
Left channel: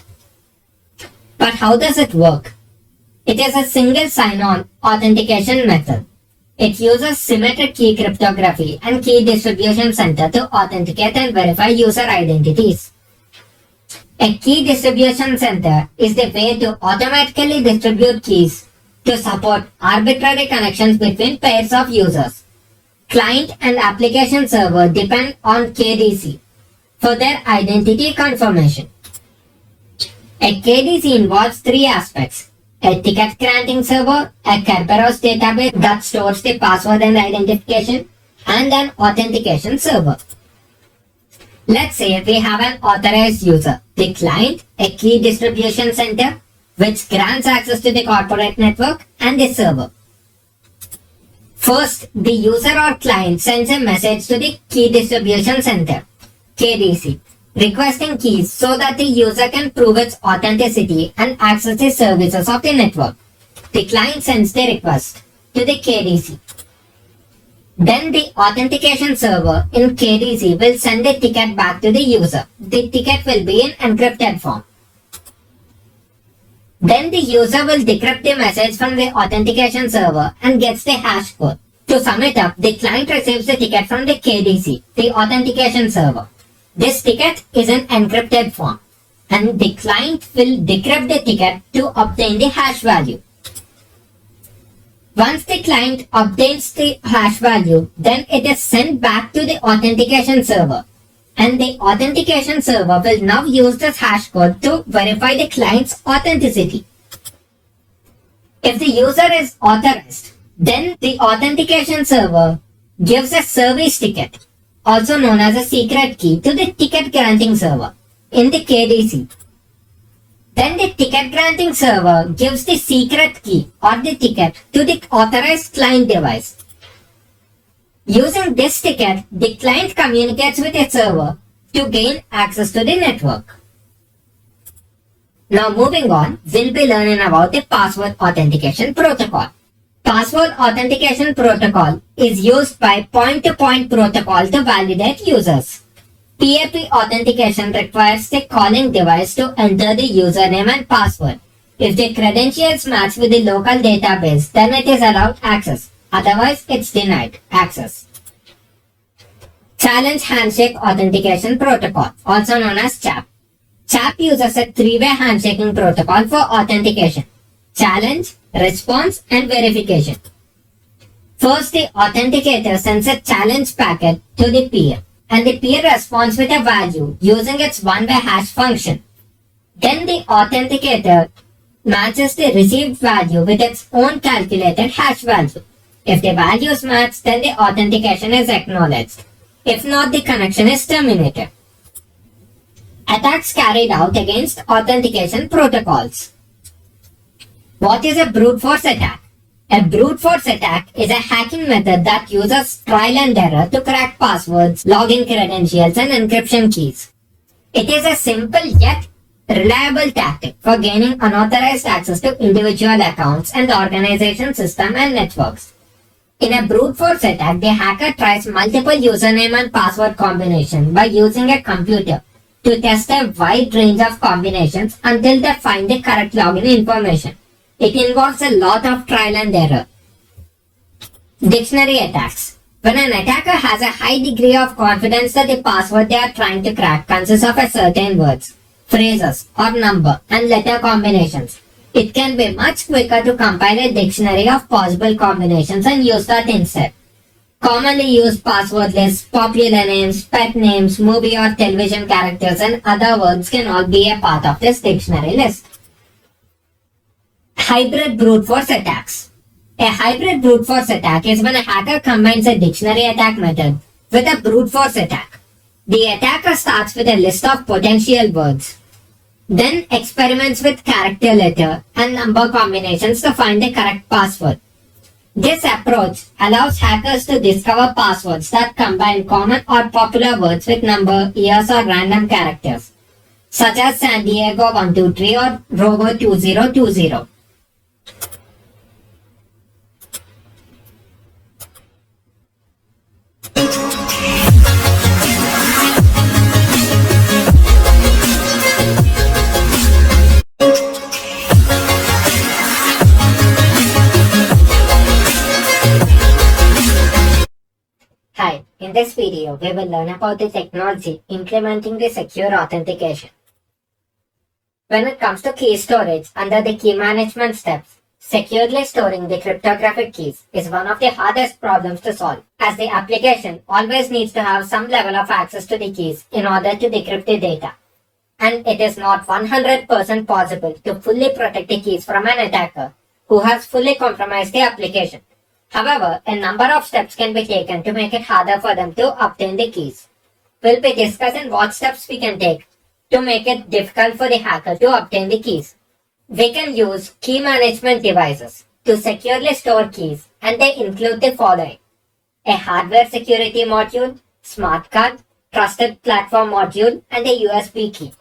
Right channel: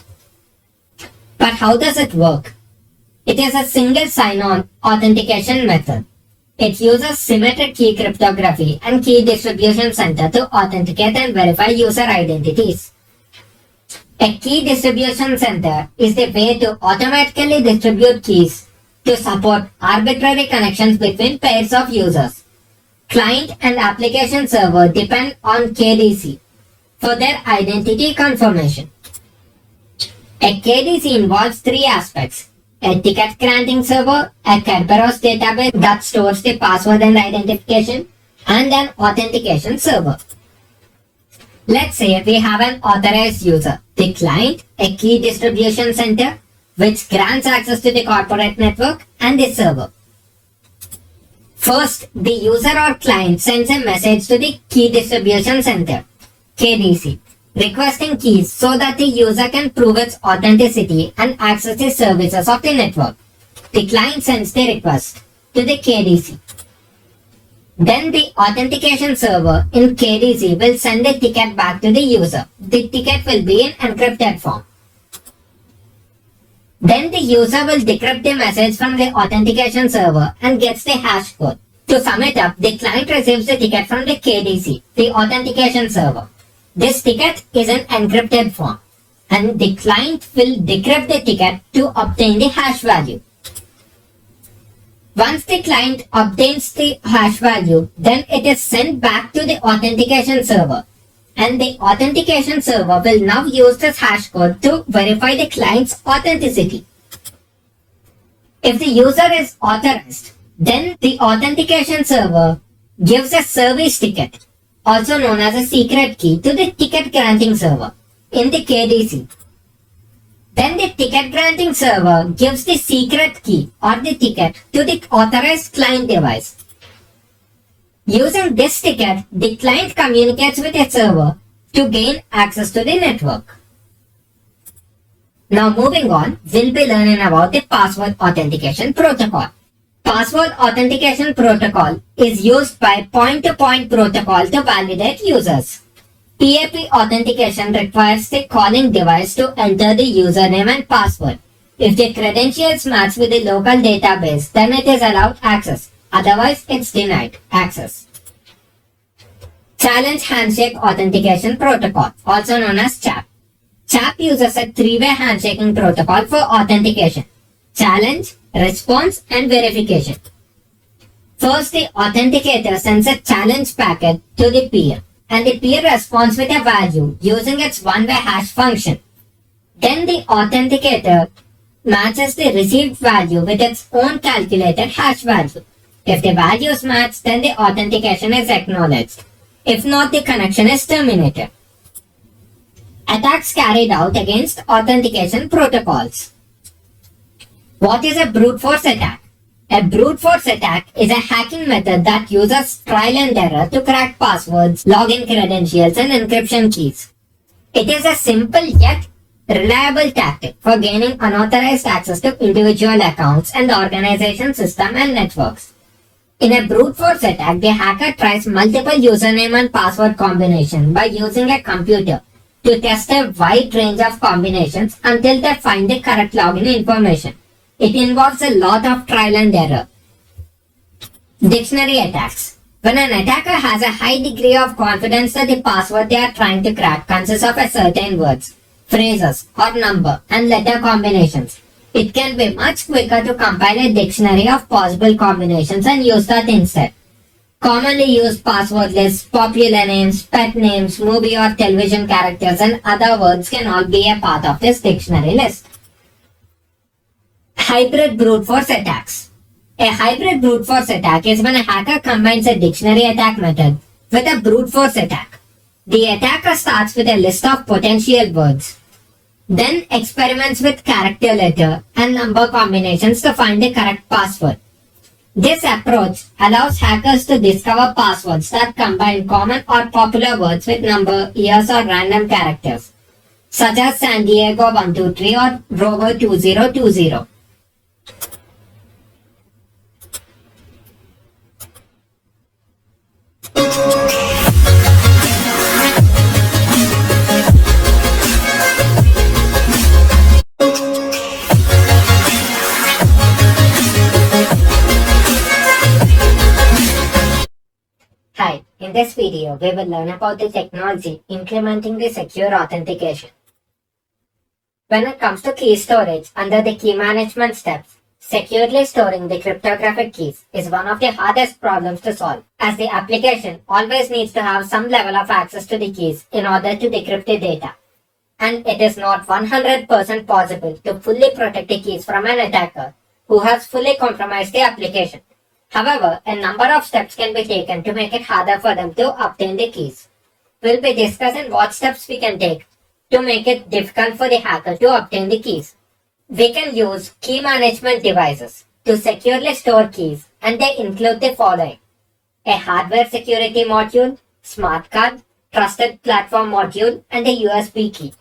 But how does it work? It is a single sign-on authentication method. It uses symmetric key cryptography and key distribution center to authenticate and verify user identities. A key distribution center is the way to automatically distribute keys to support arbitrary connections between pairs of users. Client and application server depend on KDC for their identity confirmation. A KDC involves three aspects: a ticket granting server, a Kerberos database that stores the password and identification, and an authentication server. Let's say we have an authorized user, the client, a key distribution center, which grants access to the corporate network, and the server. First, the user or client sends a message to the key distribution center, KDC, requesting keys so that the user can prove its authenticity and access the services of the network. The client sends the request to the KDC. Then the authentication server in KDC will send the ticket back to the user. The ticket will be in encrypted form. Then the user will decrypt the message from the authentication server and gets the hash code. To sum it up, the client receives the ticket from the KDC, the authentication server. This ticket is in encrypted form, and the client will decrypt the ticket to obtain the hash value. Once the client obtains the hash value, then it is sent back to the authentication server, and the authentication server will now use this hash code to verify the client's authenticity. If the user is authorized, then the authentication server gives a service ticket, also known as a secret key, to the ticket granting server in the KDC. Then the ticket granting server gives the secret key or the ticket to the authorized client device. Using this ticket, the client communicates with a server to gain access to the network. Now moving on, we'll be learning about the password authentication protocol. Password authentication protocol is used by point-to-point protocol to validate users. PAP authentication requires the calling device to enter the username and password. If the credentials match with the local database, then it is allowed access. Otherwise, it's denied access. Challenge Handshake Authentication Protocol, also known as CHAP. CHAP uses a three-way handshaking protocol for authentication: challenge, response, and verification. First, the authenticator sends a challenge packet to the peer, and the peer responds with a value using its one-way hash function. Then the authenticator matches the received value with its own calculated hash value. If the values match, then the authentication is acknowledged. If not, the connection is terminated. Attacks carried out against authentication protocols. What is a brute force attack? A brute force attack is a hacking method that uses trial and error to crack passwords, login credentials, and encryption keys. It is a simple yet reliable tactic for gaining unauthorized access to individual accounts and the organization system and networks. In a brute force attack, the hacker tries multiple username and password combinations by using a computer to test a wide range of combinations until they find the correct login information. It involves a lot of trial and error. Dictionary attacks. When an attacker has a high degree of confidence that the password they are trying to crack consists of a certain words, phrases, or number and letter combinations, it can be much quicker to compile a dictionary of possible combinations and use that instead. Commonly used password lists, popular names, pet names, movie or television characters, and other words can all be a part of this dictionary list. Hybrid brute force attacks. A hybrid brute force attack is when a hacker combines a dictionary attack method with a brute force attack. The attacker starts with a list of potential words, then experiments with character, letter, and number combinations to find the correct password. This approach allows hackers to discover passwords that combine common or popular words with number, years, or random characters, such as San Diego 123 or Robo 2020. Hi, in this video, we will learn about the technology implementing the secure authentication. When it comes to key storage under the key management steps, securely storing the cryptographic keys is one of the hardest problems to solve, as the application always needs to have some level of access to the keys in order to decrypt the data. And it is not 100% possible to fully protect the keys from an attacker who has fully compromised the application. However, a number of steps can be taken to make it harder for them to obtain the keys. We'll be discussing what steps we can take to make it difficult for the hacker to obtain the keys. We can use key management devices to securely store keys, and they include the following: a hardware security module, smart card, trusted platform module, and a USB key.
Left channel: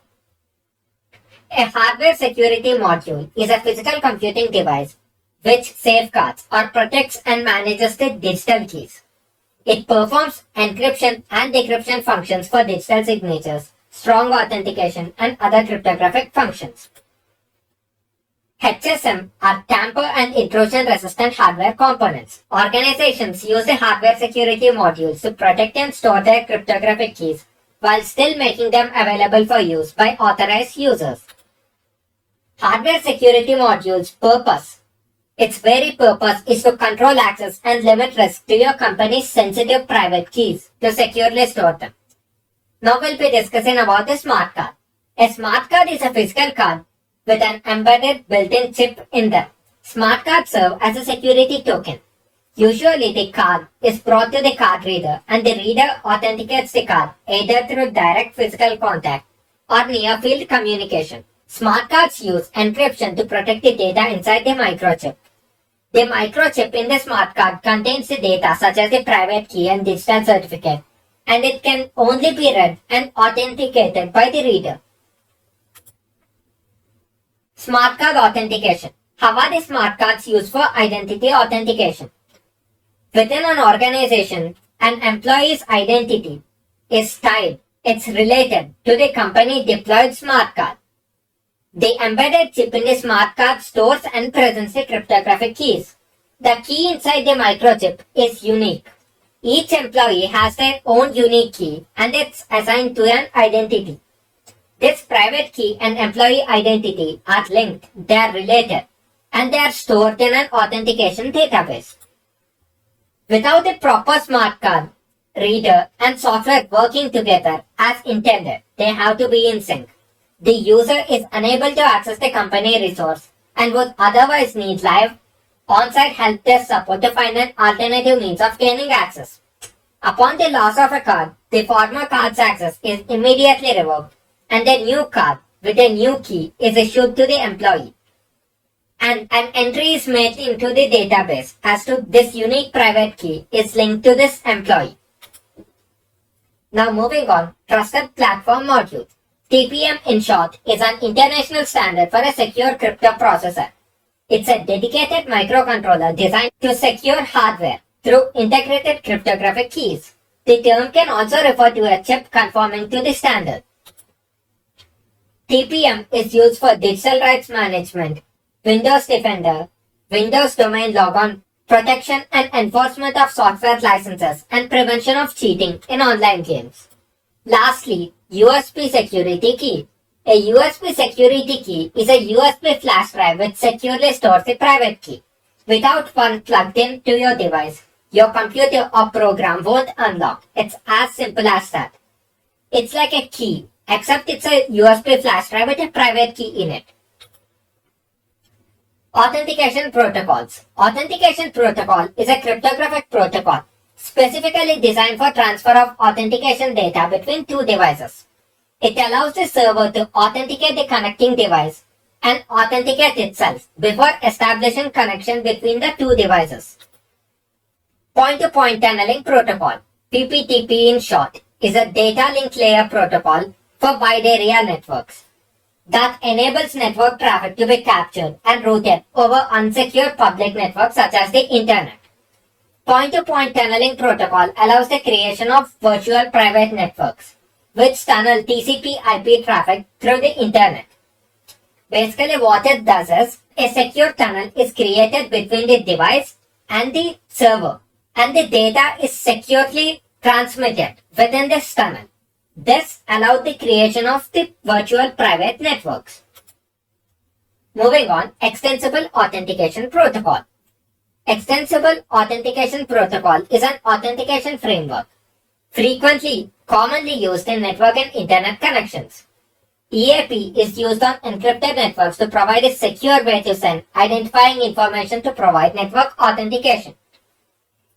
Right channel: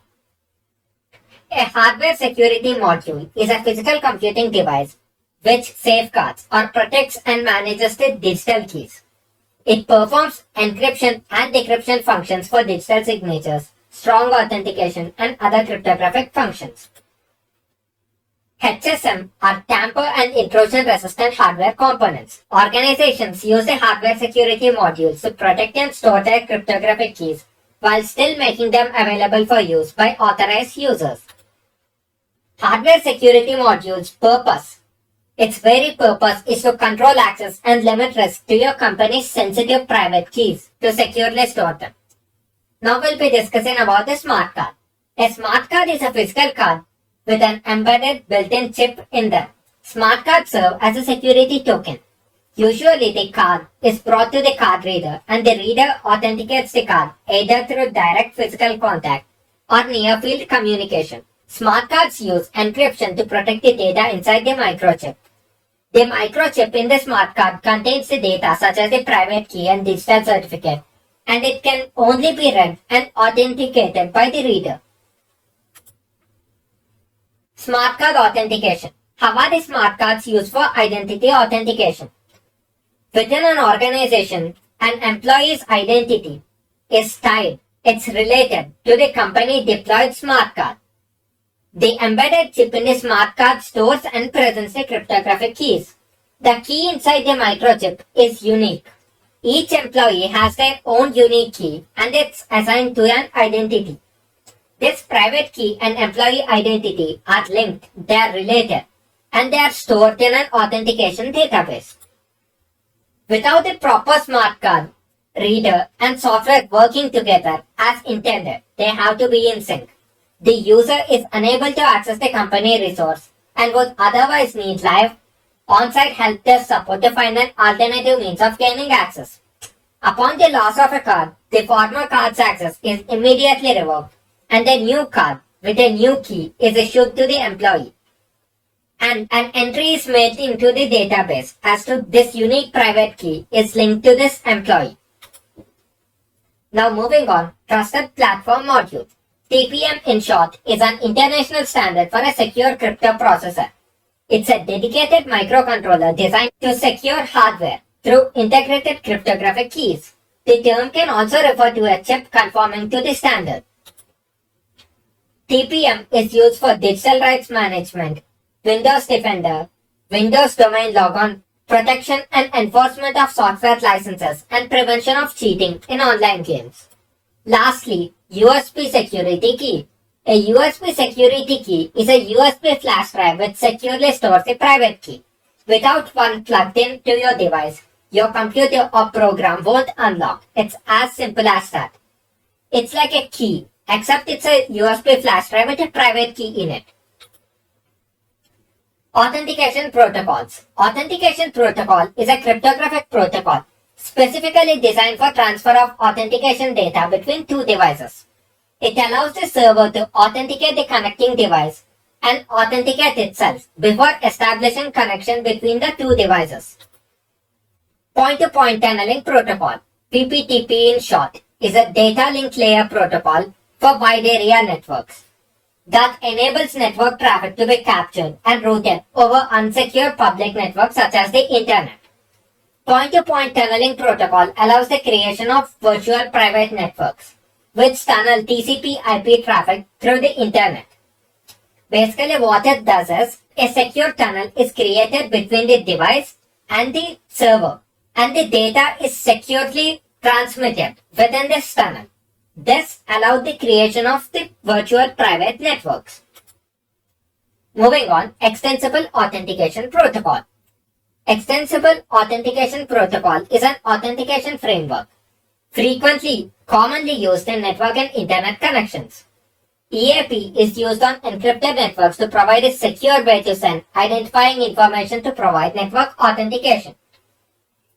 A hardware security module is a physical computing device which safeguards or protects and manages the digital keys. It performs encryption and decryption functions for digital signatures, strong authentication, and other cryptographic functions. HSM are tamper and intrusion resistant hardware components. Organizations use the hardware security modules to protect and store their cryptographic keys while still making them available for use by authorized users. Hardware security modules' purpose. Its very purpose is to control access and limit risk to your company's sensitive private keys to securely store them. Now we'll be discussing about the smart card. A smart card is a physical card with an embedded built-in chip in them. Smart cards serve as a security token. Usually the card is brought to the card reader and the reader authenticates the card either through direct physical contact or near-field communication. Smart cards use encryption to protect the data inside the microchip. The microchip in the smart card contains the data such as the private key and digital certificate, and it can only be read and authenticated by the reader. Smart card authentication. How are the smart cards used for identity authentication? Within an organization, an employee's identity is tied, it's related to the company deployed smart card. The embedded chip in the smart card stores and presents the cryptographic keys. The key inside the microchip is unique. Each employee has their own unique key and it's assigned to an identity. This private key and employee identity are linked, they are related, and they are stored in an authentication database. Without a proper smart card, reader, and software working together as intended, they have to be in sync. The user is unable to access the company resource and would otherwise need live on-site help desk support to find an alternative means of gaining access. Upon the loss of a card, the former card's access is immediately revoked and a new card with a new key is issued to the employee. And an entry is made into the database as to this unique private key is linked to this employee. Now moving on, Trusted Platform Module. TPM in short is an international standard for a secure crypto processor. It's a dedicated microcontroller designed to secure hardware through integrated cryptographic keys. The term can also refer to a chip conforming to the standard. TPM is used for digital rights management, Windows Defender, Windows Domain Logon, protection and enforcement of software licenses, and prevention of cheating in online games. Lastly, USB security key. A USB security key is a USB flash drive which securely stores the private key. Without one plugged in to your device, your computer or program won't unlock. It's as simple as that. It's like a key, except it's a USB flash drive with a private key in it. Authentication protocols. Authentication protocol is a cryptographic protocol specifically designed for transfer of authentication data between two devices. It allows the server to authenticate the connecting device and authenticate itself before establishing connection between the two devices. Point-to-point tunneling protocol, PPTP in short, is a data link layer protocol for wide area networks that enables network traffic to be captured and routed over unsecure public networks such as the internet. Point-to-point tunneling protocol allows the creation of virtual private networks, which tunnel TCP/IP traffic through the internet. Basically what it does is, a secure tunnel is created between the device and the server, and the data is securely transmitted within this tunnel. This allowed the creation of the virtual private networks. Moving on, Extensible Authentication Protocol. Extensible Authentication Protocol is an authentication framework commonly used in network and internet connections. EAP is used on encrypted networks to provide a secure way to send identifying information to provide network authentication.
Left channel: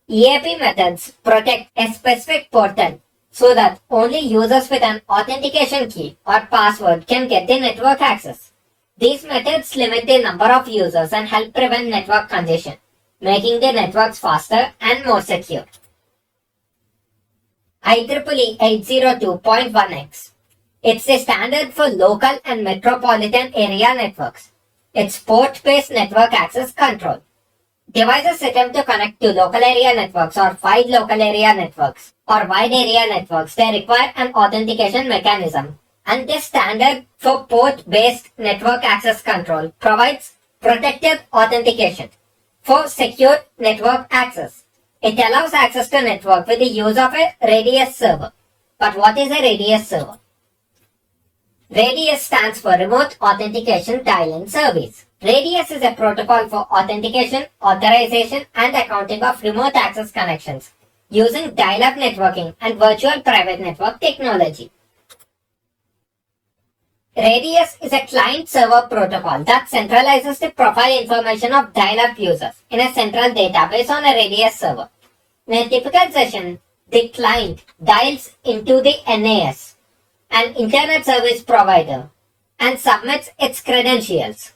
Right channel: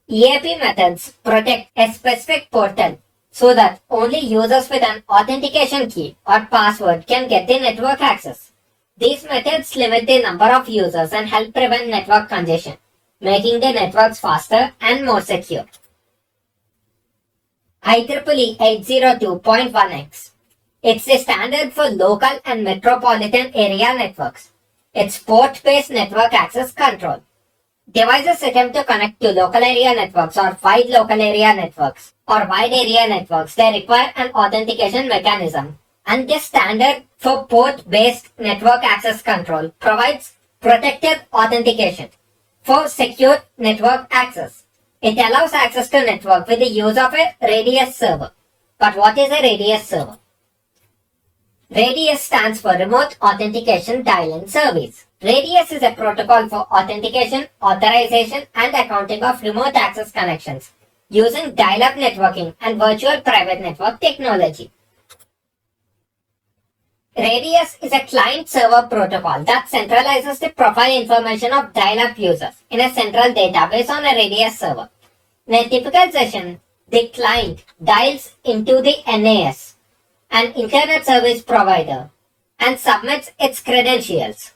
EAP methods protect a specific portal so that only users with an authentication key or password can get the network access. These methods limit the number of users and help prevent network congestion, making the networks faster and more secure. IEEE 802.1x. It's the standard for local and metropolitan area networks. It's port-based network access control. Devices attempt to connect to local area networks or wide local area networks or wide area networks. They require an authentication mechanism. And this standard for port-based network access control provides protected authentication for secure network access. It allows access to network with the use of a Radius server. But what is a Radius server? Radius stands for Remote Authentication Dial-in Service. Radius is a protocol for authentication, authorization, and accounting of remote access connections using dial-up networking and virtual private network technology. Radius is a client-server protocol that centralizes the profile information of dial-up users in a central database on a Radius server. In a typical session, the client dials into the NAS, an internet service provider, and submits its credentials.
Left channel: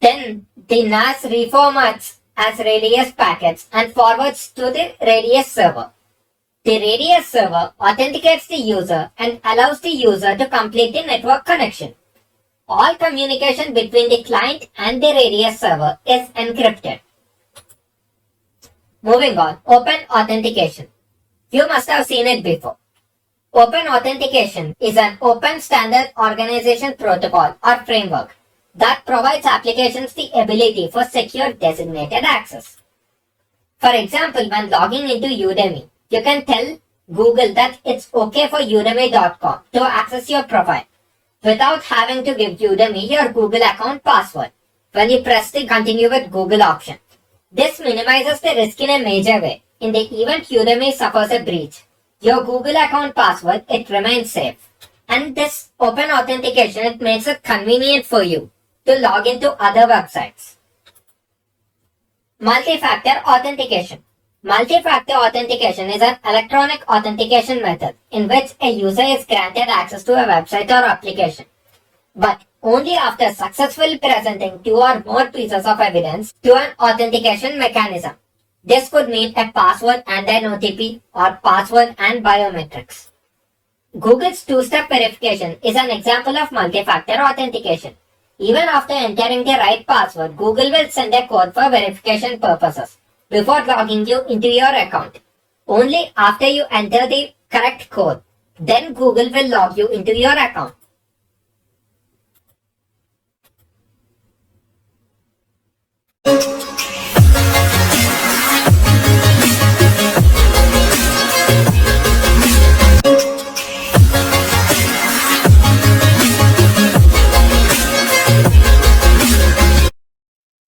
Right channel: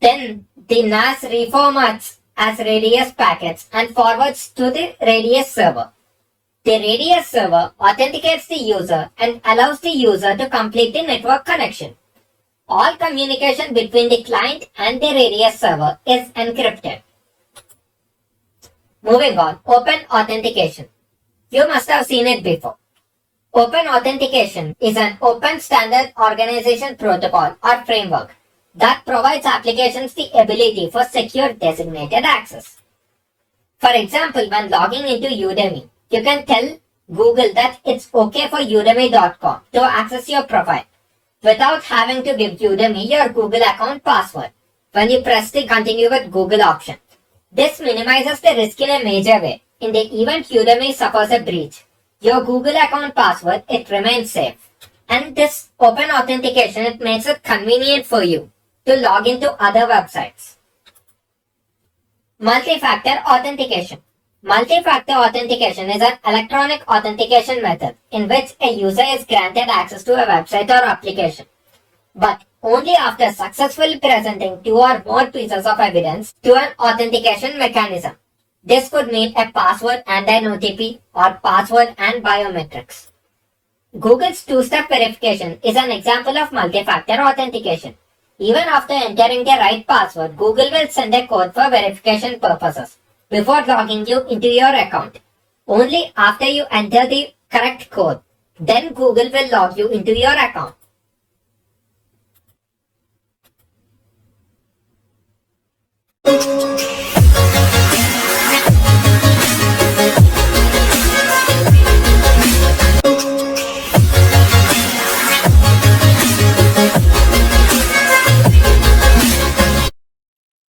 Then the NAS reformats as Radius packets and forwards to the Radius server. The Radius server authenticates the user and allows the user to complete the network connection. All communication between the client and the Radius server is encrypted. Moving on, Open Authentication. You must have seen it before. Open Authentication is an open standard organization protocol or framework that provides applications the ability for secure designated access. For example, when logging into Udemy, you can tell Google that it's okay for Udemy.com to access your profile without having to give Udemy your Google account password when you press the Continue with Google option. This minimizes the risk in a major way. In the event Udemy suffers a breach, your Google account password, it remains safe. And this open authentication, it makes it convenient for you to log into other websites. Multi-factor authentication. Multi-factor authentication is an electronic authentication method in which a user is granted access to a website or application, but only after successfully presenting two or more pieces of evidence to an authentication mechanism. This could mean a password and an OTP or password and biometrics. Google's two-step verification is an example of multi-factor authentication. Even after entering the right password, Google will send a code for verification purposes before logging you into your account. Only after you enter the correct code, then Google will log you into your account.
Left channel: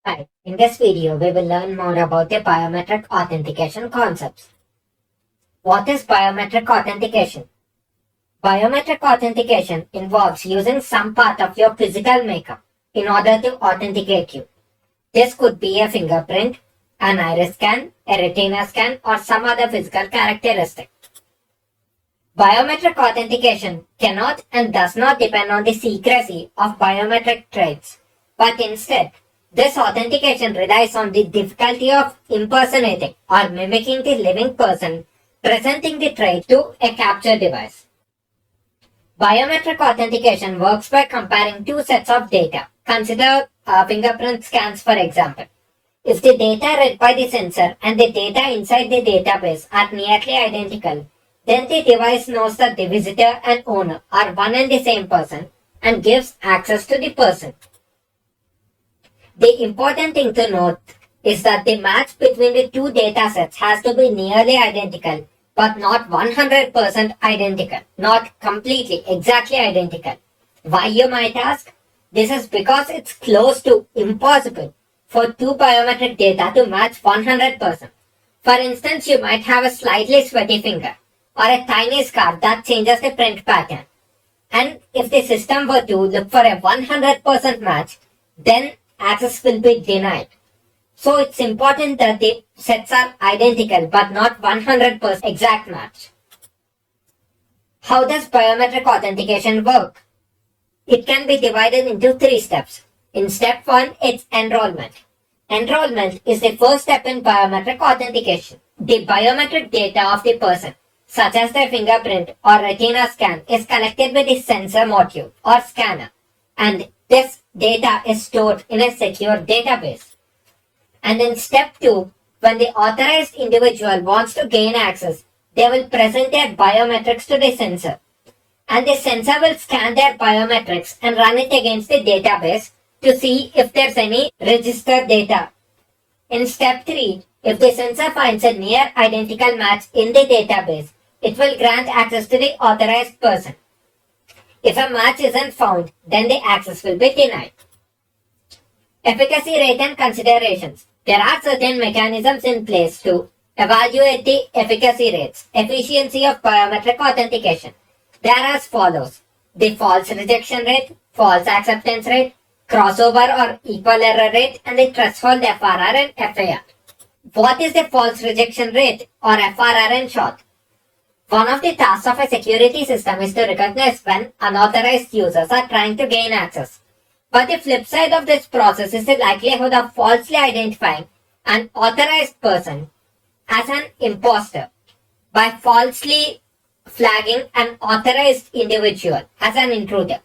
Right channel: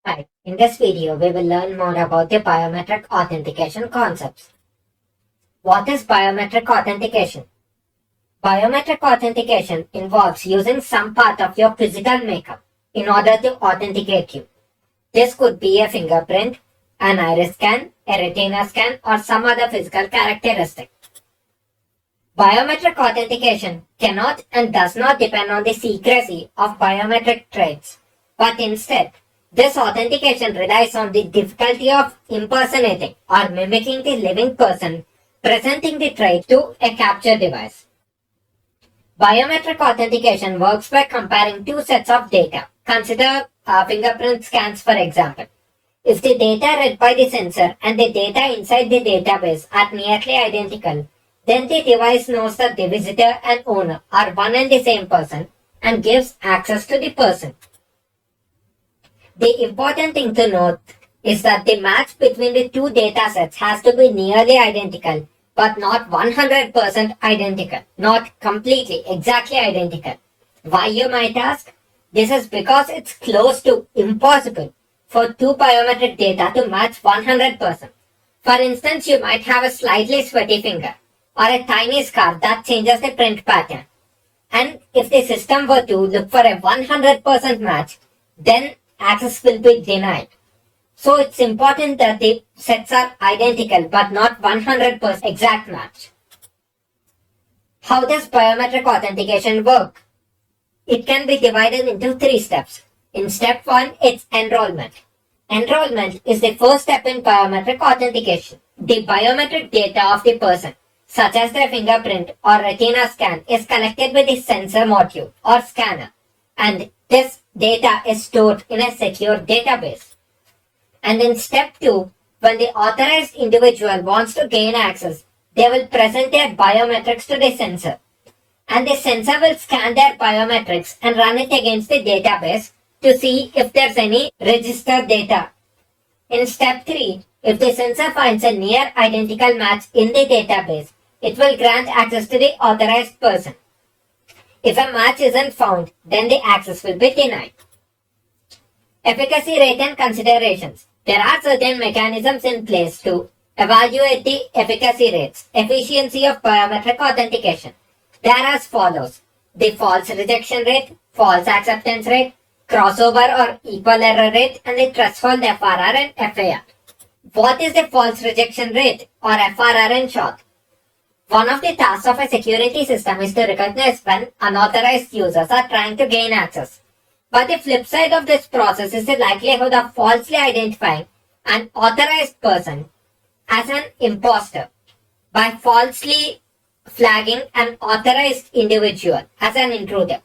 Hi, in this video, we will learn more about the biometric authentication concepts. What is biometric authentication? Biometric authentication involves using some part of your physical makeup in order to authenticate you. This could be a fingerprint, an iris scan, a retina scan, or some other physical characteristic. Biometric authentication cannot and does not depend on the secrecy of biometric traits, but instead, this authentication relies on the difficulty of impersonating or mimicking the living person presenting the trait to a capture device. Biometric authentication works by comparing two sets of data. Consider fingerprint scans, for example. If the data read by the sensor and the data inside the database are nearly identical, then the device knows that the visitor and owner are one and the same person and gives access to the person. The important thing to note is that the match between the two data sets has to be nearly identical, but not 100% identical, not completely, exactly identical. Why, you might ask? This is because it's close to impossible for two biometric data to match 100%. For instance, you might have a slightly sweaty finger or a tiny scar that changes the print pattern. And if the system were to look for a 100% match, then access will be denied. So it's important that the sets are identical but not 100% exact match. How does biometric authentication work? It can be divided into 3 steps. In step 1, it's enrollment. Enrollment is the first step in biometric authentication. The biometric data of the person, such as their fingerprint or retina scan, is collected with the sensor module or scanner, and this data is stored in a secure database. And in step 2, when the authorized individual wants to gain access, they will present their biometrics to the sensor. And the sensor will scan their biometrics and run it against the database to see if there's any registered data. In step 3, if the sensor finds a near identical match in the database, it will grant access to the authorized person. If a match isn't found, then the access will be denied. Efficacy rate and considerations. There are certain mechanisms in place to evaluate the efficacy rates, efficiency of biometric authentication. They are as follows: the false rejection rate, false acceptance rate, crossover or equal error rate, and the threshold FRR and FAR. What is the false rejection rate, or FRR in short? One of the tasks of a security system is to recognize when unauthorized users are trying to gain access. But the flip side of this process is the likelihood of falsely identifying an authorized person as an imposter by falsely flagging an authorized individual as an intruder.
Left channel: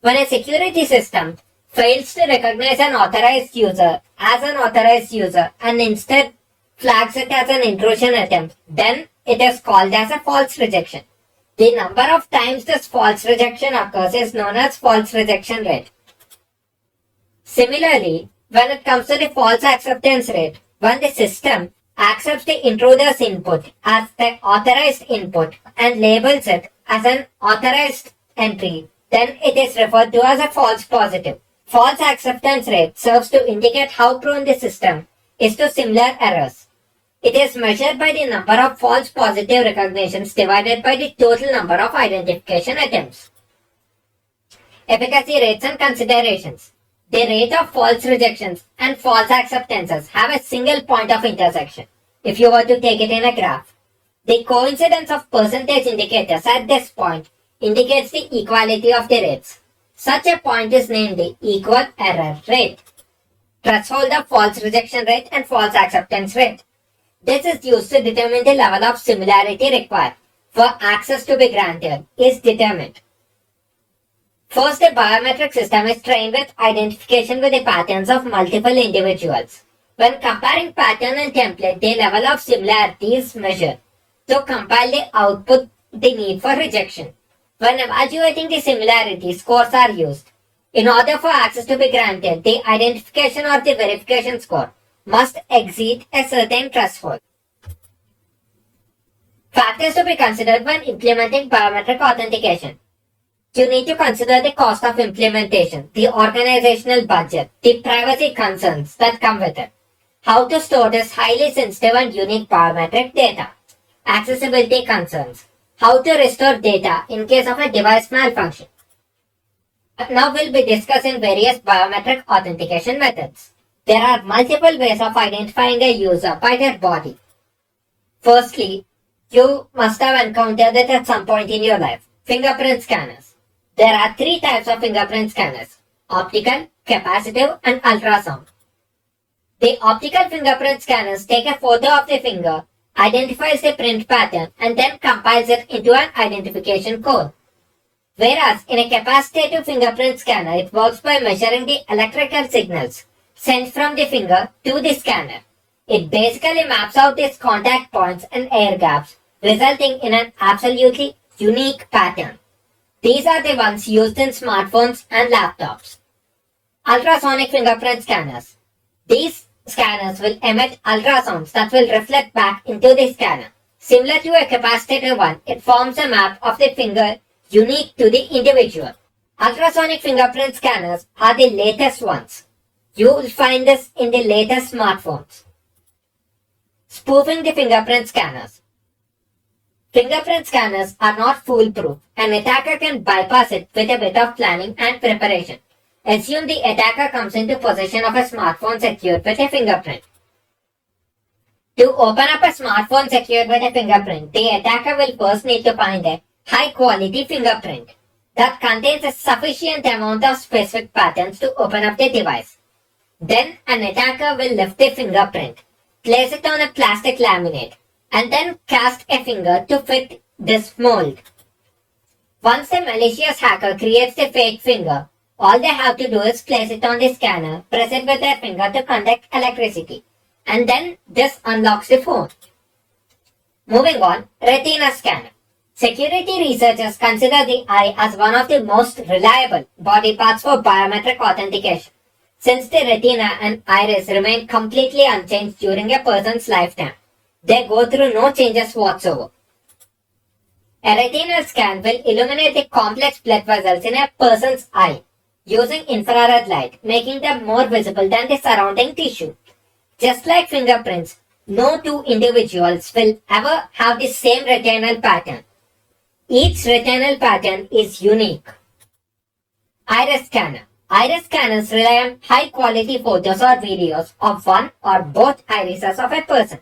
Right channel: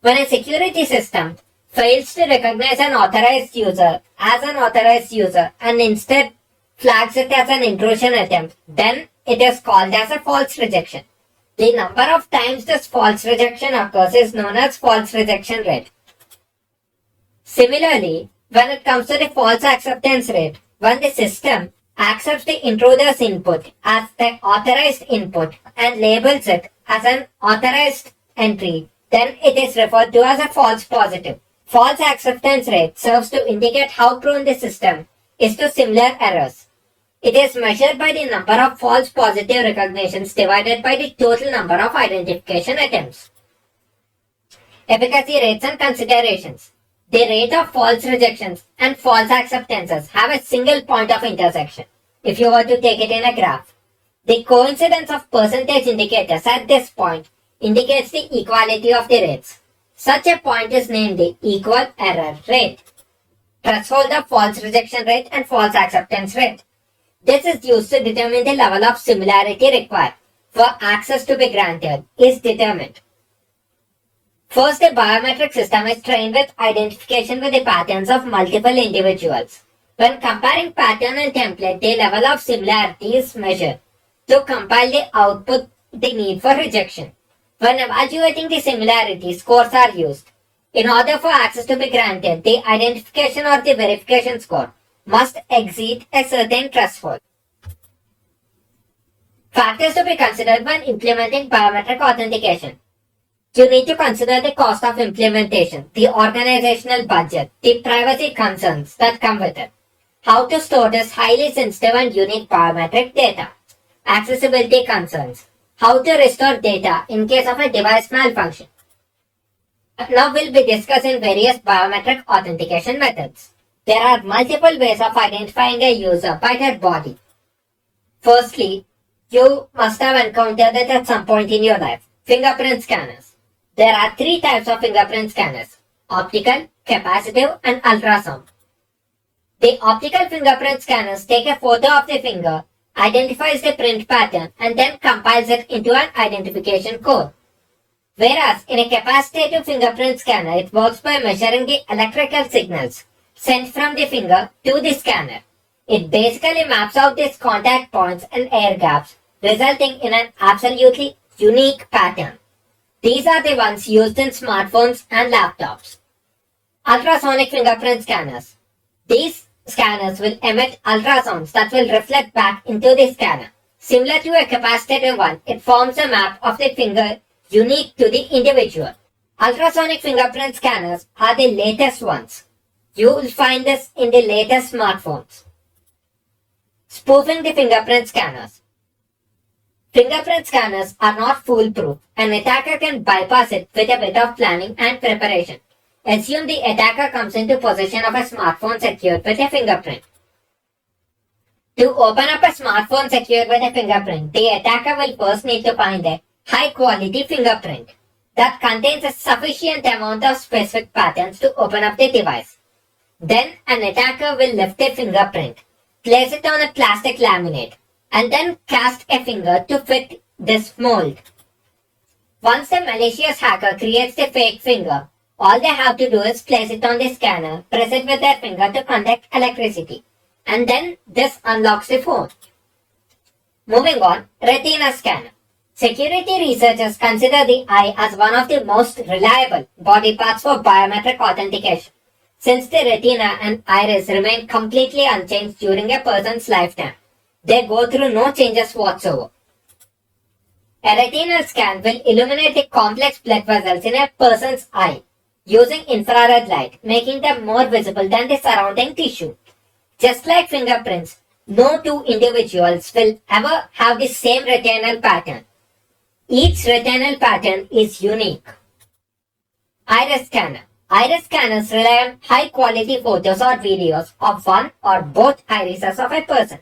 When a security system fails to recognize an authorized user as an authorized user and instead flags it as an intrusion attempt, then it is called as a false rejection. The number of times this false rejection occurs is known as false rejection rate. Similarly, when it comes to the false acceptance rate, when the system accepts the intruder's input as the authorized input and labels it as an authorized entry, then it is referred to as a false positive. False acceptance rate serves to indicate how prone the system is to similar errors. It is measured by the number of false positive recognitions divided by the total number of identification attempts. Efficacy rates and considerations. The rate of false rejections and false acceptances have a single point of intersection. If you were to take it in a graph, the coincidence of percentage indicators at this point indicates the equality of the rates. Such a point is named the equal error rate. Threshold of false rejection rate and false acceptance rate. This is used to determine the level of similarity required for access to be granted is determined. First, a biometric system is trained with identification with the patterns of multiple individuals. When comparing pattern and template, the level of similarity is measured. To compile the output, the need for rejection. When evaluating the similarity, scores are used. In order for access to be granted, the identification or the verification score must exceed a certain threshold. Factors to be considered when implementing biometric authentication. You need to consider the cost of implementation, the organizational budget, the privacy concerns that come with it, how to store this highly sensitive and unique biometric data, accessibility concerns, how to restore data in case of a device malfunction. Now we'll be discussing various biometric authentication methods. There are multiple ways of identifying a user by their body. Firstly, you must have encountered it at some point in your life. Fingerprint scanners. There are three types of fingerprint scanners: optical, capacitive, and ultrasound. The optical fingerprint scanners take a photo of the finger, identifies the print pattern, and then compiles it into an identification code. Whereas in a capacitive fingerprint scanner, it works by measuring the electrical signals sent from the finger to the scanner. It basically maps out its contact points and air gaps, resulting in an absolutely unique pattern. These are the ones used in smartphones and laptops. Ultrasonic fingerprint scanners. These scanners will emit ultrasounds that will reflect back into the scanner. Similar to a capacitive one, it forms a map of the finger unique to the individual. Ultrasonic fingerprint scanners are the latest ones. You will find this in the latest smartphones. Spoofing the fingerprint scanners. Fingerprint scanners are not foolproof. An attacker can bypass it with a bit of planning and preparation. Assume the attacker comes into possession of a smartphone secured with a fingerprint. To open up a smartphone secured with a fingerprint, the attacker will first need to find a high-quality fingerprint that contains a sufficient amount of specific patterns to open up the device. Then an attacker will lift the fingerprint, place it on a plastic laminate, and then cast a finger to fit this mold. Once the malicious hacker creates the fake finger, all they have to do is place it on the scanner, press it with their finger to conduct electricity, and then this unlocks the phone. Moving on, retina scanner. Security researchers consider the eye as one of the most reliable body parts for biometric authentication, since the retina and iris remain completely unchanged during a person's lifetime. They go through no changes whatsoever. A retinal scan will illuminate the complex blood vessels in a person's eye using infrared light, making them more visible than the surrounding tissue. Just like fingerprints, no two individuals will ever have the same retinal pattern. Each retinal pattern is unique. Iris scanner. Iris scanners rely on high-quality photos or videos of one or both irises of a person.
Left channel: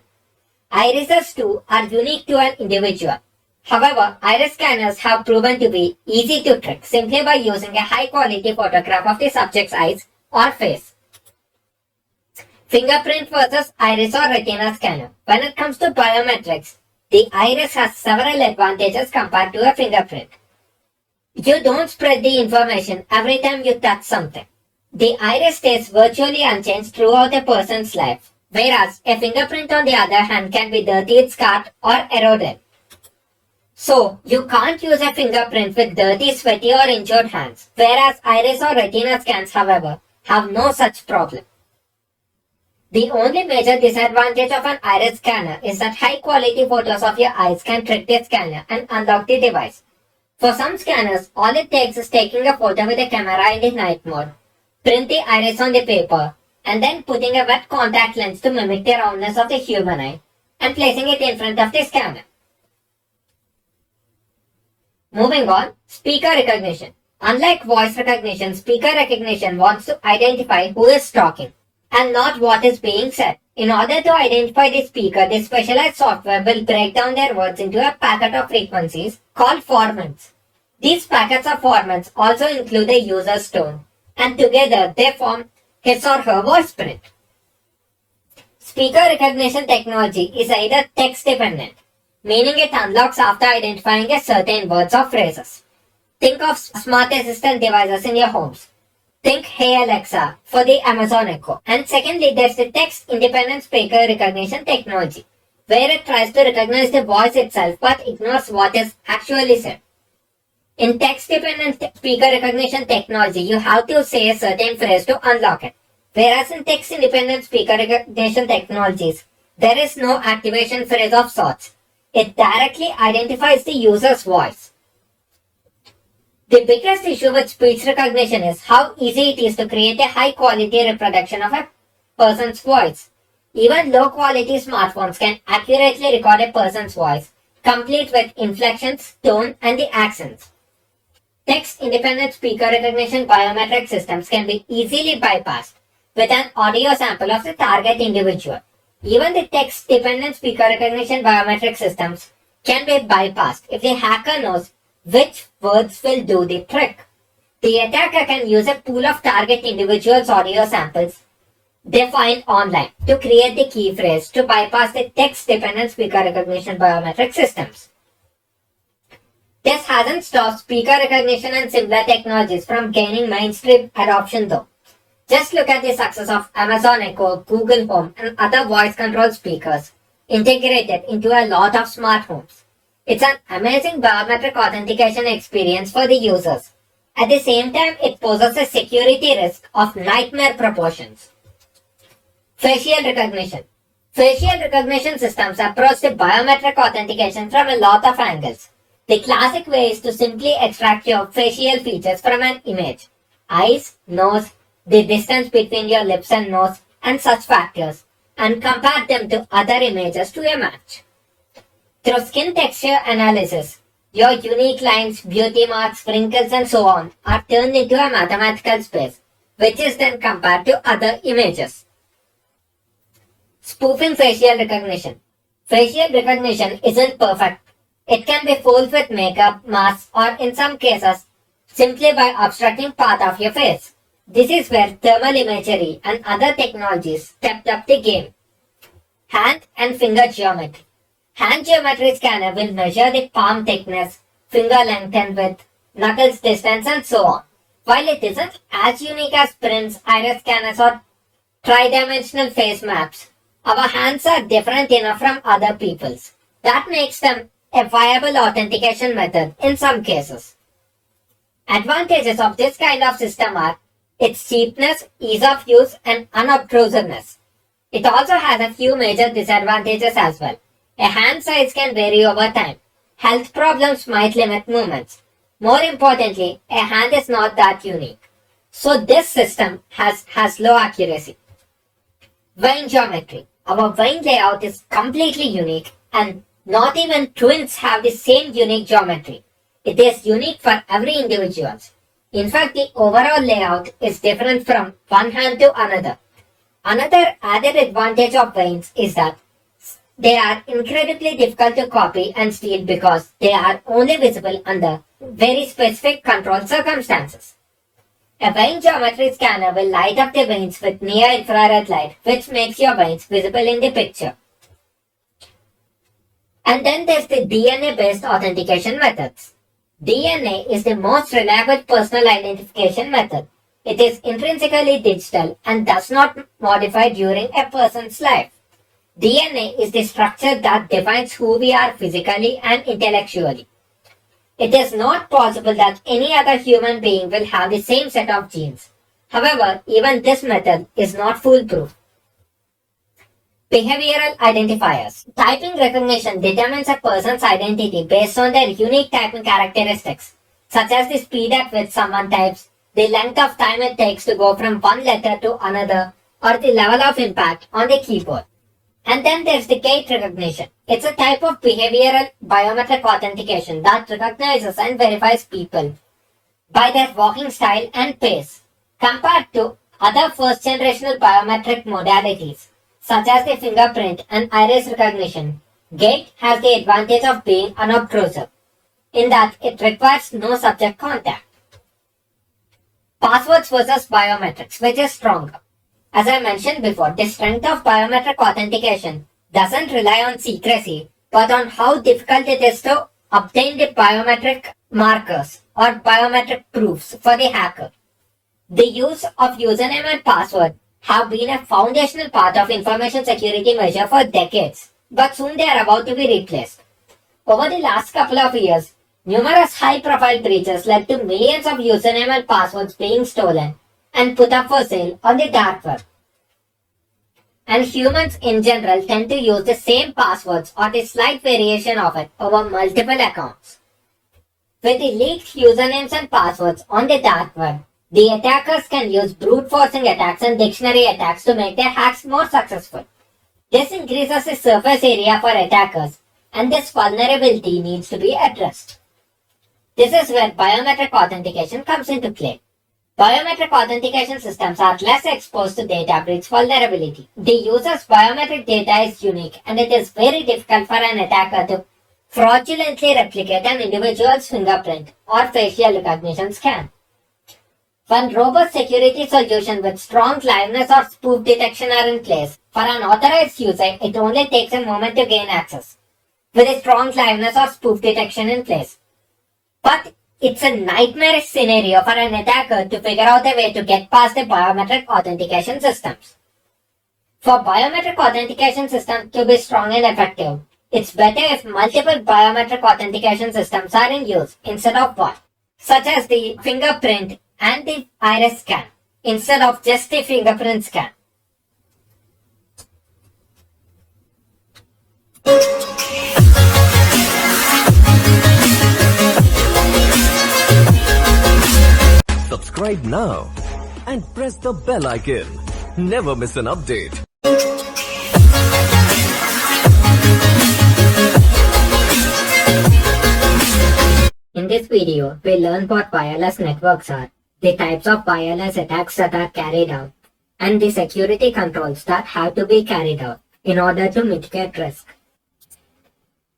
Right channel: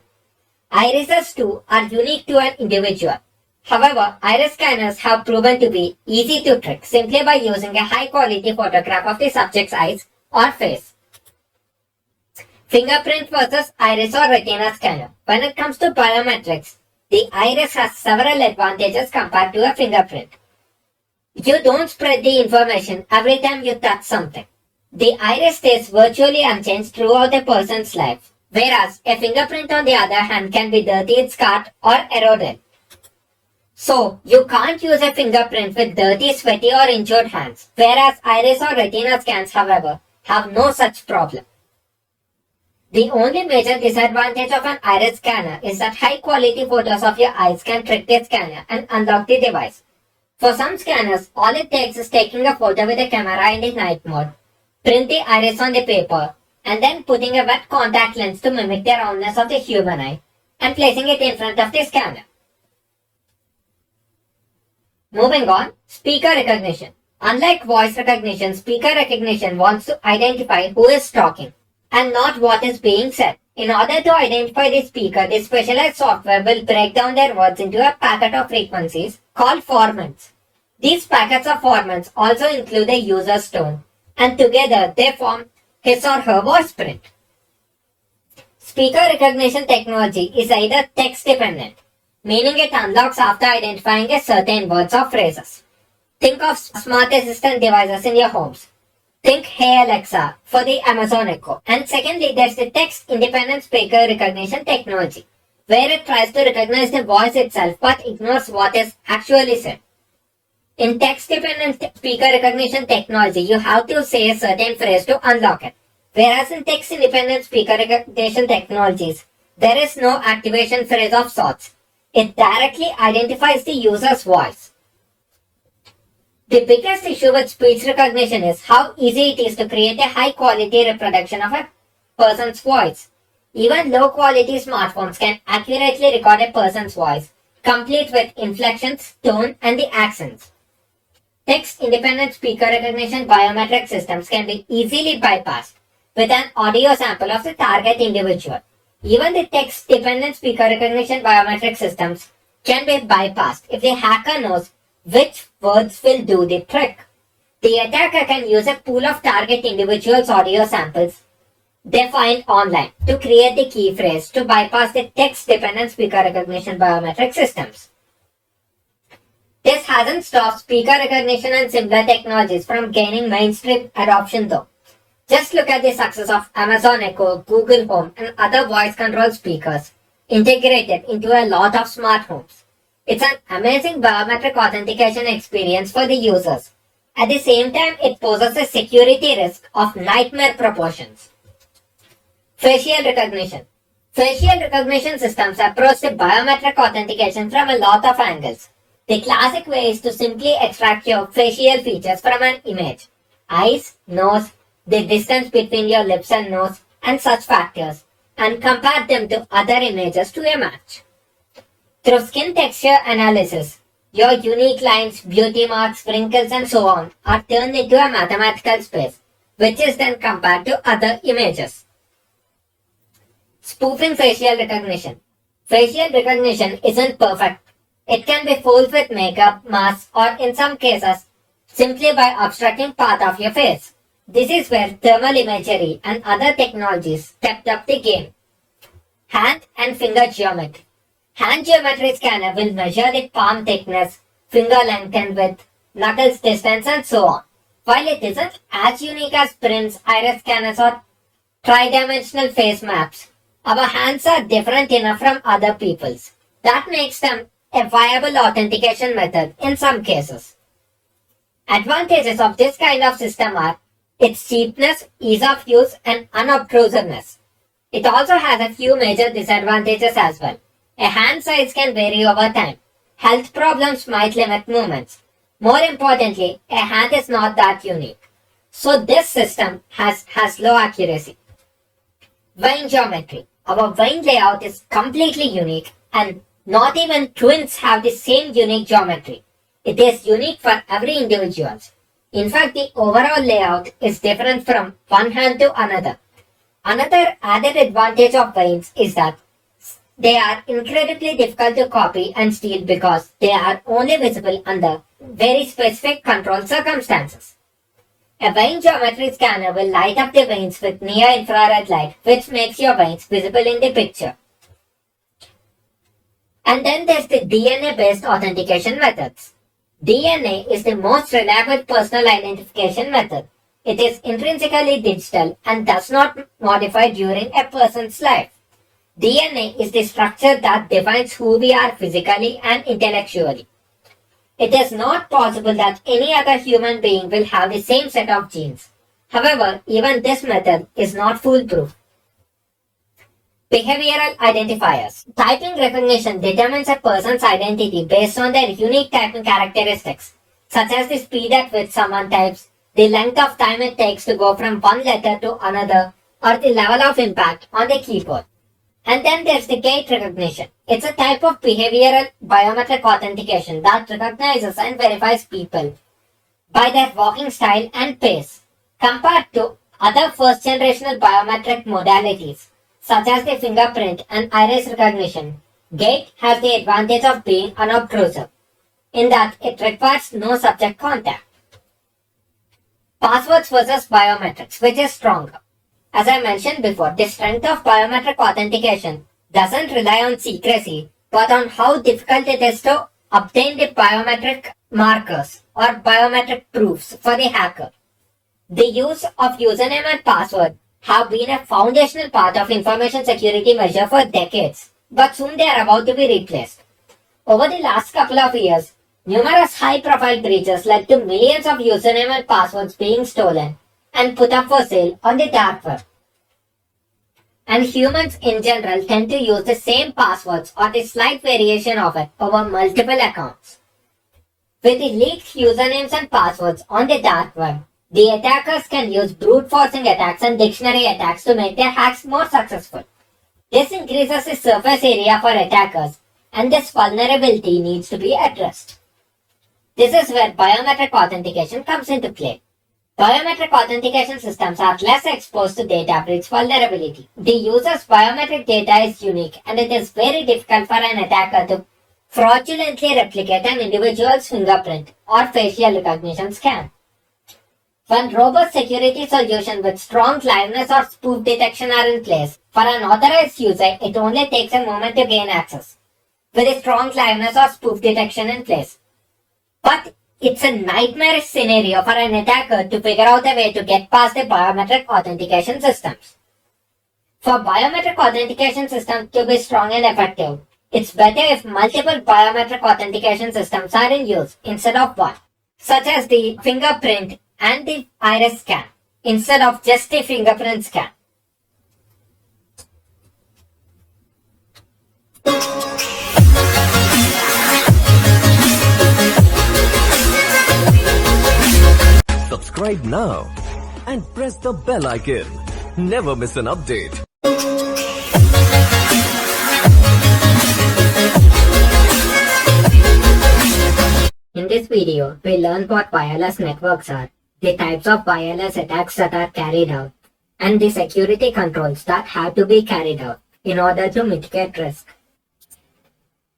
Irises too are unique to an individual. However, iris scanners have proven to be easy to trick simply by using a high-quality photograph of the subject's eyes or face. Fingerprint versus iris or retina scanner. When it comes to biometrics, the iris has several advantages compared to a fingerprint. You don't spread the information every time you touch something. The iris stays virtually unchanged throughout a person's life, whereas a fingerprint on the other hand can be dirtied, scarred or eroded. So, you can't use a fingerprint with dirty, sweaty or injured hands, whereas iris or retina scans, however, have no such problem. The only major disadvantage of an iris scanner is that high-quality photos of your eyes can trick the scanner and unlock the device. For some scanners, all it takes is taking a photo with a camera in the night mode, print the iris on the paper, and then putting a wet contact lens to mimic the roundness of the human eye, and placing it in front of the scanner. Moving on, speaker recognition. Unlike voice recognition, speaker recognition wants to identify who is talking and not what is being said. In order to identify the speaker, the specialized software will break down their words into a packet of frequencies called formants. These packets of formants also include the user's tone, and together they form his or her voice print. Speaker recognition technology is either text dependent, meaning it unlocks after identifying a certain words or phrases. Think of smart assistant devices in your homes. Think Hey Alexa for the Amazon Echo. And secondly, there's the text independent speaker recognition technology, where it tries to recognize the voice itself but ignores what is actually said. In text dependent speaker recognition technology, you have to say a certain phrase to unlock it. Whereas in text independent speaker recognition technologies, there is no activation phrase of sorts. It directly identifies the user's voice. The biggest issue with speech recognition is how easy it is to create a high quality reproduction of a person's voice. Even low quality smartphones can accurately record a person's voice, complete with inflections, tone, and the accents. Text independent speaker recognition biometric systems can be easily bypassed with an audio sample of the target individual. Even the text dependent speaker recognition biometric systems can be bypassed if the hacker knows which words will do the trick. The attacker can use a pool of target individuals' audio samples they find online to create the key phrase to bypass the text-dependent speaker recognition biometric systems. This hasn't stopped speaker recognition and similar technologies from gaining mainstream adoption though. Just look at the success of Amazon Echo, Google Home, and other voice-controlled speakers integrated into a lot of smart homes. It's an amazing biometric authentication experience for the users. At the same time, it poses a security risk of nightmare proportions. Facial recognition. Facial recognition systems approach the biometric authentication from a lot of angles. The classic way is to simply extract your facial features from an image. Eyes, nose, the distance between your lips and nose, and such factors, and compare them to other images to a match. Through skin texture analysis, your unique lines, beauty marks, wrinkles, and so on are turned into a mathematical space, which is then compared to other images. Spoofing facial recognition. Facial recognition isn't perfect. It can be fooled with makeup, masks, or in some cases, simply by obstructing part of your face. This is where thermal imagery and other technologies stepped up the game. Hand and finger geometry. Hand geometry scanner will measure the palm thickness, finger length and width, knuckles distance, and so on. While it isn't as unique as prints, iris scanners, or tri-dimensional face maps, our hands are different enough from other people's. That makes them a viable authentication method in some cases. Advantages of this kind of system are its cheapness, ease of use, and unobtrusiveness. It also has a few major disadvantages as well. A hand size can vary over time. Health problems might limit movements. More importantly, a hand is not that unique. So this system has low accuracy. Vein geometry. Our vein layout is completely unique and not even twins have the same unique geometry. It is unique for every individual. In fact, the overall layout is different from one hand to another. Another added advantage of veins is that they are incredibly difficult to copy and steal because they are only visible under very specific controlled circumstances. A vein geometry scanner will light up the veins with near-infrared light, which makes your veins visible in the picture. And then there's the DNA-based authentication methods. DNA is the most reliable personal identification method. It is intrinsically digital and does not modify during a person's life. DNA is the structure that defines who we are physically and intellectually. It is not possible that any other human being will have the same set of genes. However, even this method is not foolproof. Behavioral identifiers. Typing recognition determines a person's identity based on their unique typing characteristics, such as the speed at which someone types, the length of time it takes to go from one letter to another, or the level of impact on the keyboard. And then there's the gait recognition. It's a type of behavioral biometric authentication that recognizes and verifies people by their walking style and pace. Compared to other first generational biometric modalities, such as the fingerprint and iris recognition, gait has the advantage of being unobtrusive, in that it requires no subject contact. Passwords versus biometrics, which is stronger? As I mentioned before, the strength of biometric authentication doesn't rely on secrecy, but on how difficult it is to obtain the biometric markers or biometric proofs for the hacker. The use of username and password have been a foundational part of information security measure for decades, but soon they are about to be replaced. Over the last couple of years, numerous high-profile breaches led to millions of username and passwords being stolen and put up for sale on the dark web. And humans in general tend to use the same passwords or the slight variation of it over multiple accounts. With the leaked usernames and passwords on the dark web, the attackers can use brute forcing attacks and dictionary attacks to make their hacks more successful. This increases the surface area for attackers, and this vulnerability needs to be addressed. This is where biometric authentication comes into play. Biometric authentication systems are less exposed to data breach vulnerability. The user's biometric data is unique, and it is very difficult for an attacker to fraudulently replicate an individual's fingerprint or facial recognition scan. When robust security solutions with strong liveness or spoof detection are in place, for an authorized user, it only takes a moment to gain access, with a strong liveness or spoof detection in place. But it's a nightmarish scenario for an attacker to figure out a way to get past the biometric authentication systems. For biometric authentication systems to be strong and effective, it's better if multiple biometric authentication systems are in use instead of one, such as the fingerprint and the iris scan, instead of just the fingerprint scan. Subscribe now and press the bell icon. Never miss an update. In this video, we learn what wireless networks are, the types of wireless attacks that are carried out, and the security controls that have to be carried out in order to mitigate risk.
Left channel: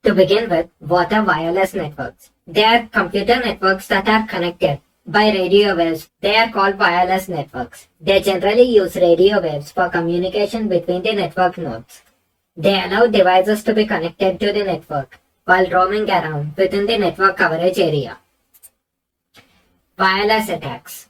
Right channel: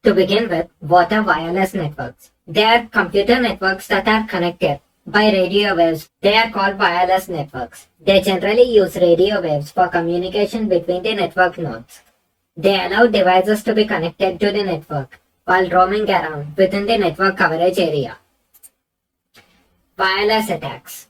To begin with, what are wireless networks? They are computer networks that are connected by radio waves. They are called wireless networks. They generally use radio waves for communication between the network nodes. They allow devices to be connected to the network while roaming around within the network coverage area. Wireless attacks.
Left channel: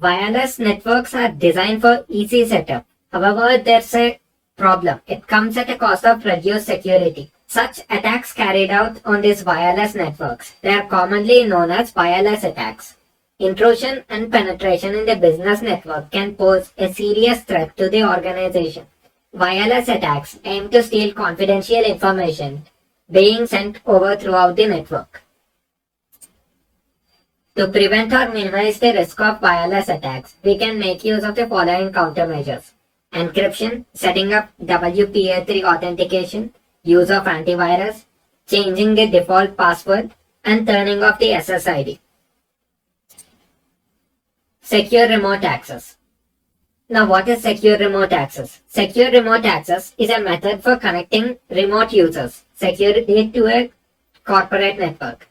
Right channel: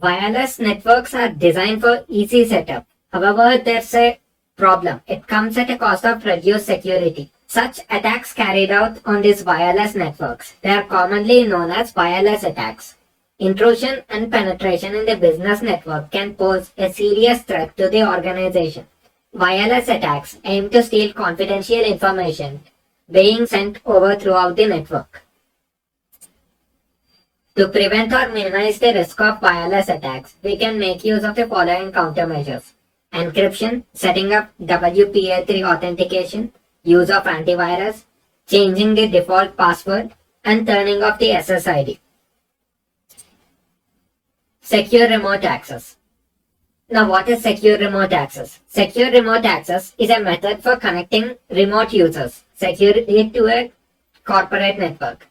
Wireless networks are designed for easy setup. However, there's a problem. It comes at a cost of reduced security. Such attacks carried out on these wireless networks, they are commonly known as wireless attacks. Intrusion and penetration in the business network can pose a serious threat to the organization. Wireless attacks aim to steal confidential information being sent over throughout the network. To prevent or minimize the risk of wireless attacks, we can make use of the following countermeasures: encryption, setting up WPA3 authentication, use of antivirus, changing the default password, and turning off the SSID. Secure remote access. Now, what is secure remote access? Secure remote access is a method for connecting remote users securely to a corporate network.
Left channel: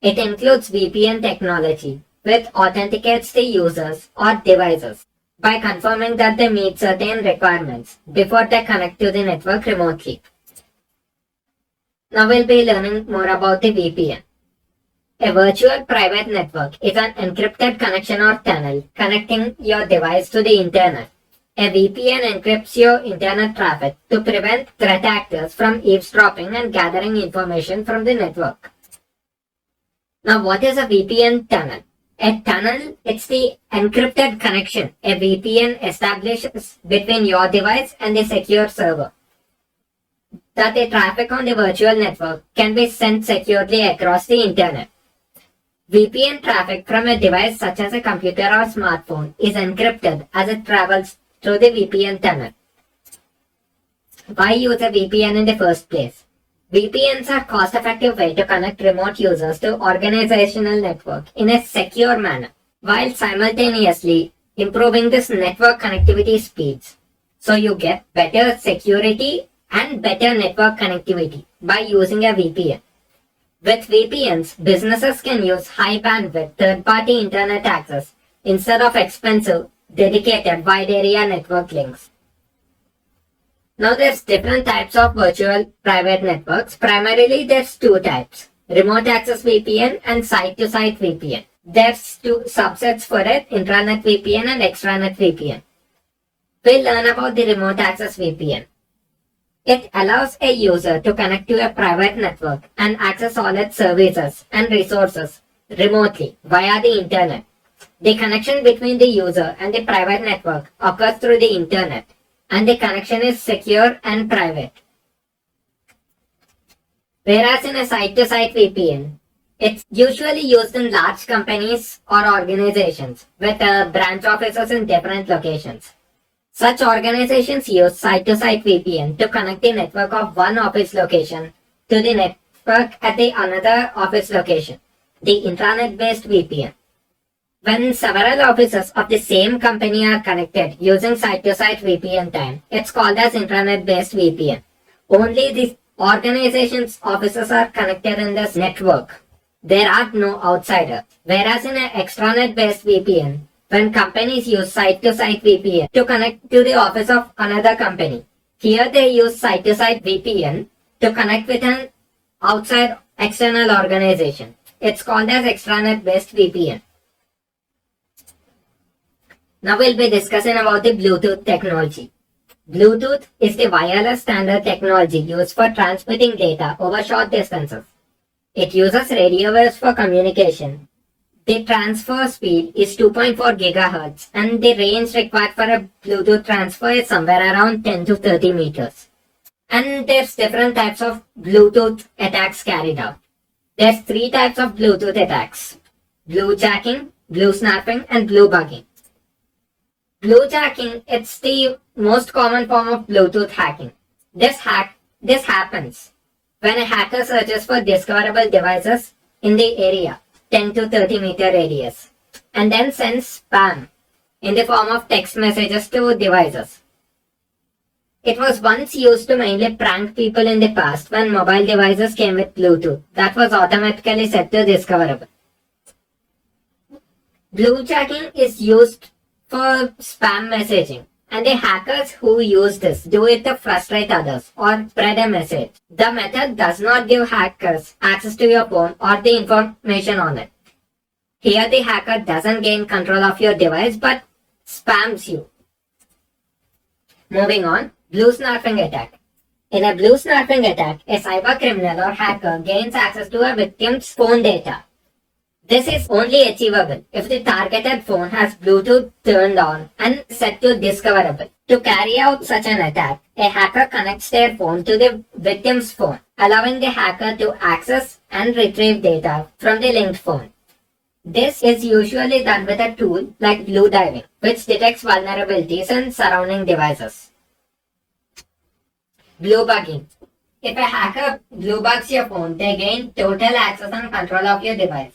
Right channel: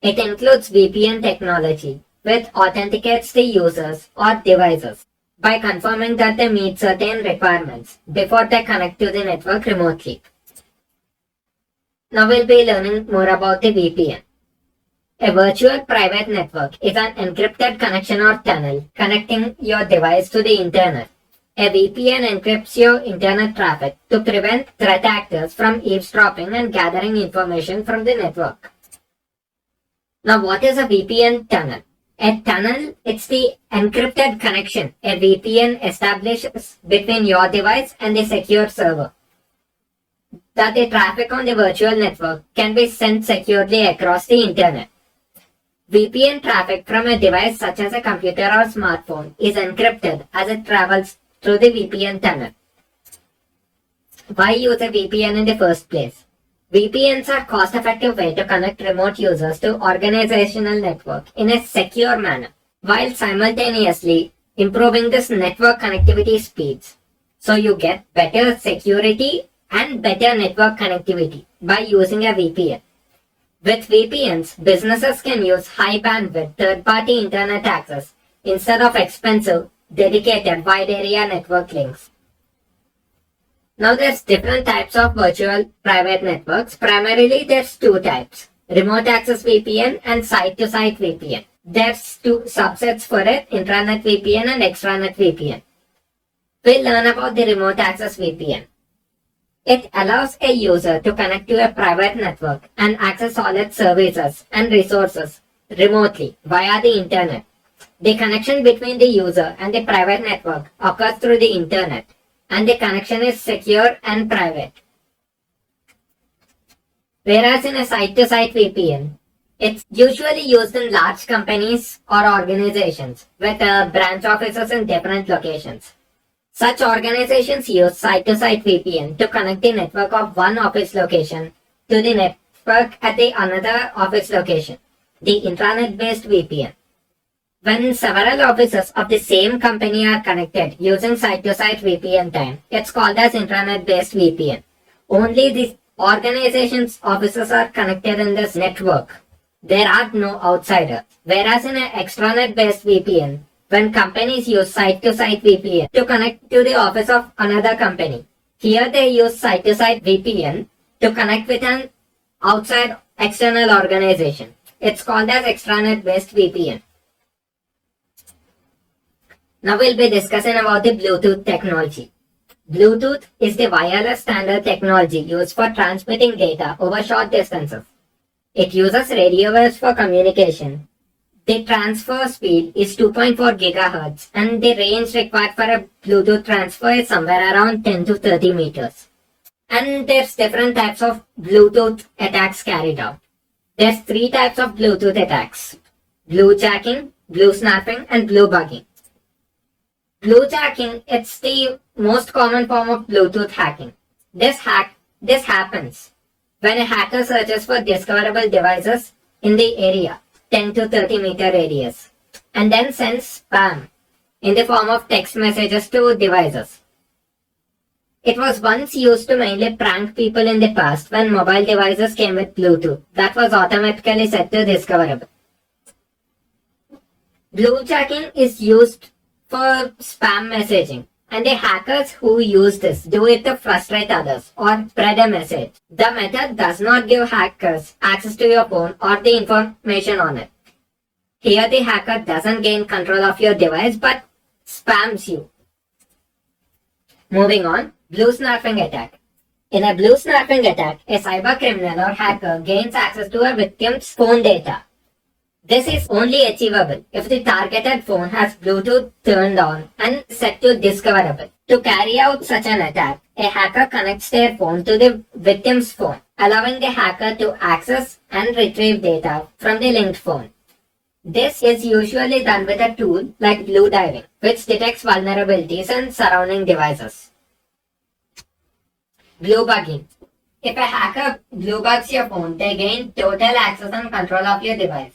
It includes VPN technology, which authenticates the users or devices by confirming that they meet certain requirements before they connect to the network remotely. Now we'll be learning more about the VPN. A virtual private network is an encrypted connection or tunnel connecting your device to the internet. A VPN encrypts your internet traffic to prevent threat actors from eavesdropping and gathering information from the network. Now, what is a VPN tunnel? A tunnel, it's the encrypted connection a VPN establishes between your device and the secure server, that the traffic on the virtual network can be sent securely across the internet. VPN traffic from a device such as a computer or smartphone is encrypted as it travels through the VPN tunnel. Why use a VPN in the first place? VPNs are cost-effective way to connect remote users to organizational network in a secure manner, while simultaneously improving this network connectivity speeds. So you get better security and better network connectivity by using a VPN. With VPNs, businesses can use high bandwidth third-party internet access instead of expensive, dedicated wide area network links. Now there's different types of virtual private networks. Primarily there's two types, remote access VPN and site-to-site VPN. There's two subsets for it, intranet VPN and extranet VPN. We'll learn about the remote access VPN. It allows a user to connect to a private network and access all its services and resources remotely via the internet. The connection between the user and the private network occurs through the internet, and the connection is secure and private. Whereas in a site-to-site VPN, it's usually used in large companies or organizations with branch offices in different locations. Such organizations use site-to-site VPN to connect the network of one office location to the network at the another office location, the intranet-based VPN. When several offices of the same company are connected using site-to-site VPN time, it's called as intranet-based VPN. Only the organization's offices are connected in this network. There are no outsiders. Whereas in an extranet-based VPN, when companies use site-to-site VPN to connect to the office of another company, here they use site-to-site VPN to connect with an outside external organization. It's called as extranet-based VPN. Now we'll be discussing about the Bluetooth technology. Bluetooth is the wireless standard technology used for transmitting data over short distances. It uses radio waves for communication. The transfer speed is 2.4 GHz and the range required for a Bluetooth transfer is somewhere around 10 to 30 meters. And there's different types of Bluetooth attacks carried out. There's three types of Bluetooth attacks: bluejacking, bluesnarfing, and bluebugging. Bluejacking, it's the most common form of Bluetooth hacking. This happens when a hacker searches for discoverable devices in the area, 10 to 30 meter radius, and then sends spam in the form of text messages to devices. It was once used to mainly prank people in the past when mobile devices came with Bluetooth that was automatically set to discoverable. Bluejacking is used for spam messaging, and the hackers who use this do it to frustrate others or spread a message. The method does not give hackers access to your phone or the information on it. Here the hacker doesn't gain control of your device but spams you. Moving on, bluesnarfing attack. In a bluesnarfing attack, a cyber criminal or hacker gains access to a victim's phone data. This is only achievable if the targeted phone has Bluetooth turned on and set to discoverable. To carry out such an attack, a hacker connects their phone to the victim's phone, allowing the hacker to access and retrieve data from the linked phone. This is usually done with a tool like blue diving, which detects vulnerabilities in surrounding devices. Bluebugging. If a hacker bluebugs your phone, they gain total access and control of your device.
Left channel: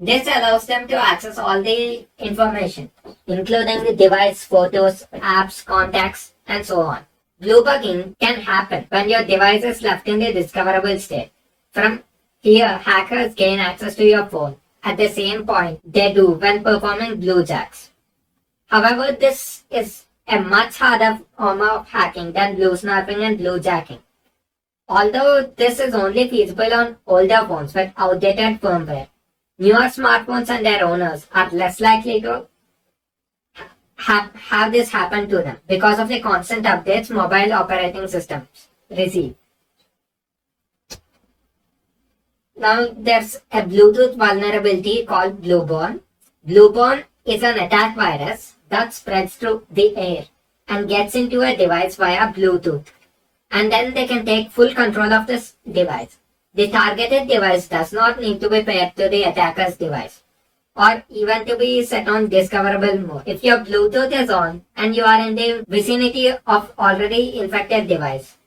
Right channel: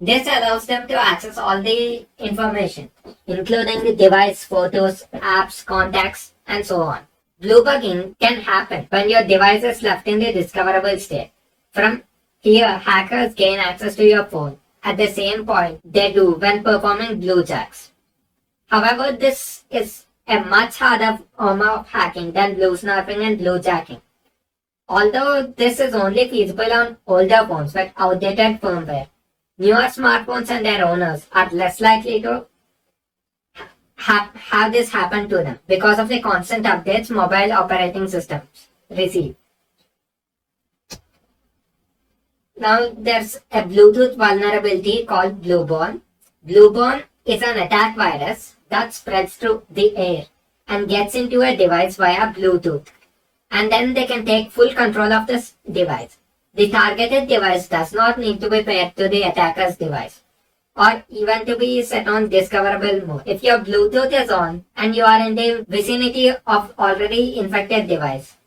This allows them to access all the information, including the device, photos, apps, contacts, and so on. Bluebugging can happen when your device is left in the discoverable state. From here, hackers gain access to your phone at the same point they do when performing bluejacks. However, this is a much harder form of hacking than bluesnarfing and bluejacking. Although this is only feasible on older phones with outdated firmware, newer smartphones and their owners are less likely to have this happen to them because of the constant updates mobile operating systems receive. Now there's a Bluetooth vulnerability called Blueborn. Blueborn is an attack virus that spreads through the air and gets into a device via Bluetooth, and then they can take full control of this device. The targeted device does not need to be paired to the attacker's device or even to be set on discoverable mode. If your Bluetooth is on and you are in the vicinity of already infected device,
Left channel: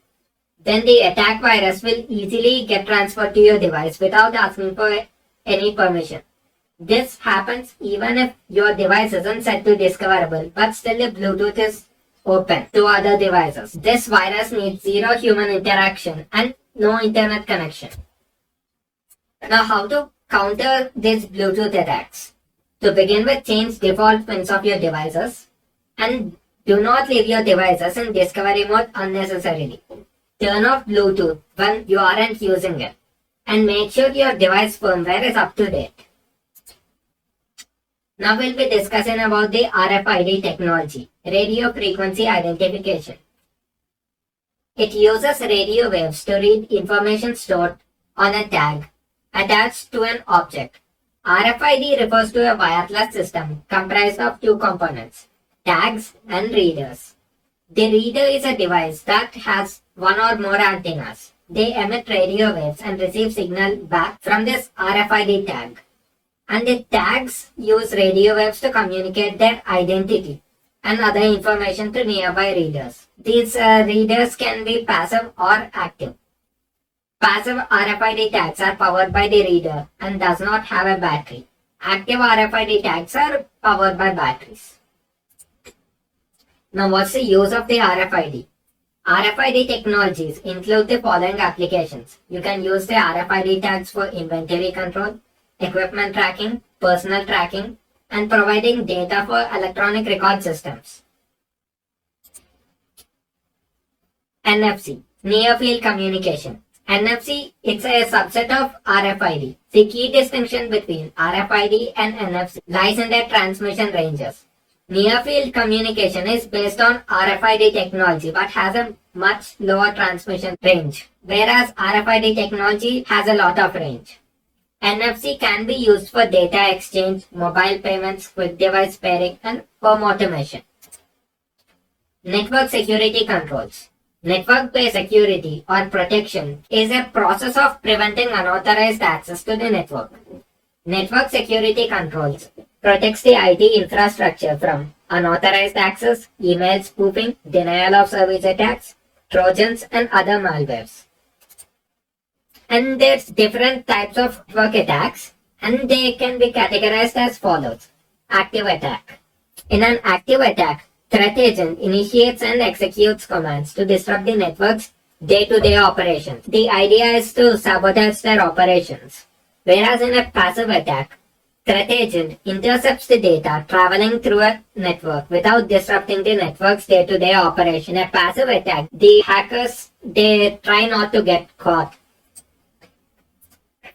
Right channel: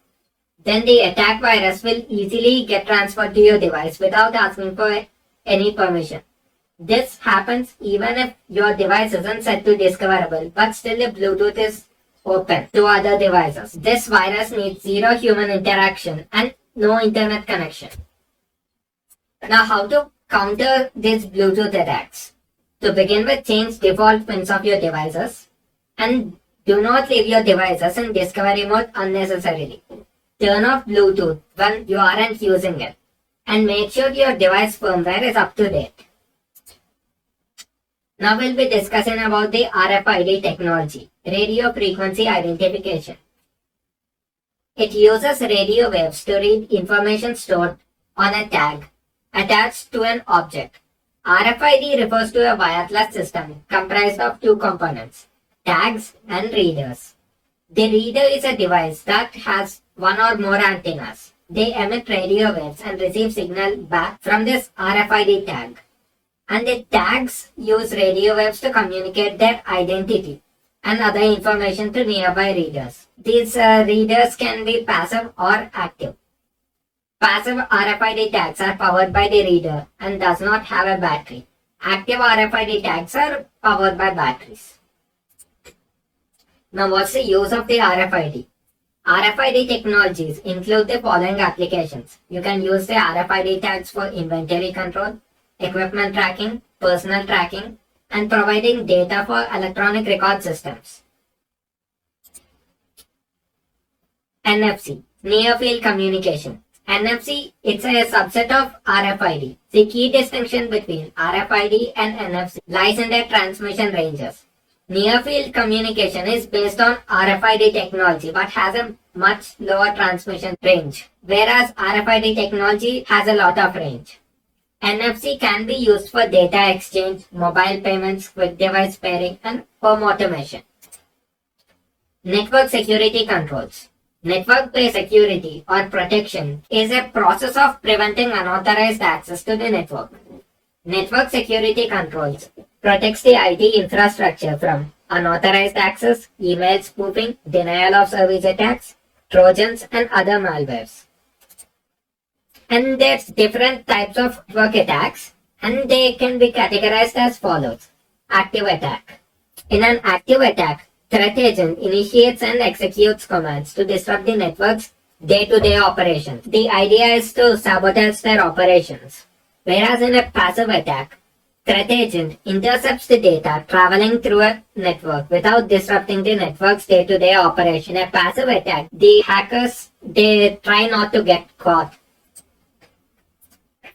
then the attack virus will easily get transferred to your device without asking for any permission. This happens even if your device isn't set to discoverable, but still the Bluetooth is open to other devices. This virus needs zero human interaction and no internet connection. Now, how to counter these Bluetooth attacks? To begin with, change default pins of your devices and do not leave your devices in discovery mode unnecessarily. Turn off Bluetooth when you aren't using it and make sure your device firmware is up to date. Now we'll be discussing about the RFID technology, radio frequency identification. It uses radio waves to read information stored on a tag attached to an object. RFID refers to a wireless system comprised of two components, tags and readers. The reader is a device that has one or more antennas. They emit radio waves and receive signal back from this RFID tag. And the tags use radio waves to communicate their identity and other information to nearby readers. These readers can be passive or active. Passive RFID tags are powered by the reader and does not have a battery. Active RFID tags are powered by batteries. Now, what's the use of the RFID? RFID technologies include the following applications. You can use the RFID tags for inventory control, equipment tracking, personal tracking, and providing data for electronic record systems. NFC, Near Field Communication. NFC is a subset of RFID. The key distinction between RFID and NFC lies in their transmission ranges. Near Field Communication is based on RFID technology but has a much lower transmission range, whereas RFID technology has a lot of range. NFC can be used for data exchange, mobile payments, quick device pairing, and home automation. Network security controls. Network-based security or protection is a process of preventing unauthorized access to the network. Network security controls protects the IT infrastructure from unauthorized access, email spoofing, denial of service attacks, trojans, and other malwares. And there's different types of network attacks, and they can be categorized as follows. Active attack. In an active attack, threat agent initiates and executes commands to disrupt the network's day-to-day operations. The idea is to sabotage their operations. Whereas in a passive attack, threat agent intercepts the data traveling through a network without disrupting the network's day-to-day operation. In a passive attack, the hackers, they try not to get caught.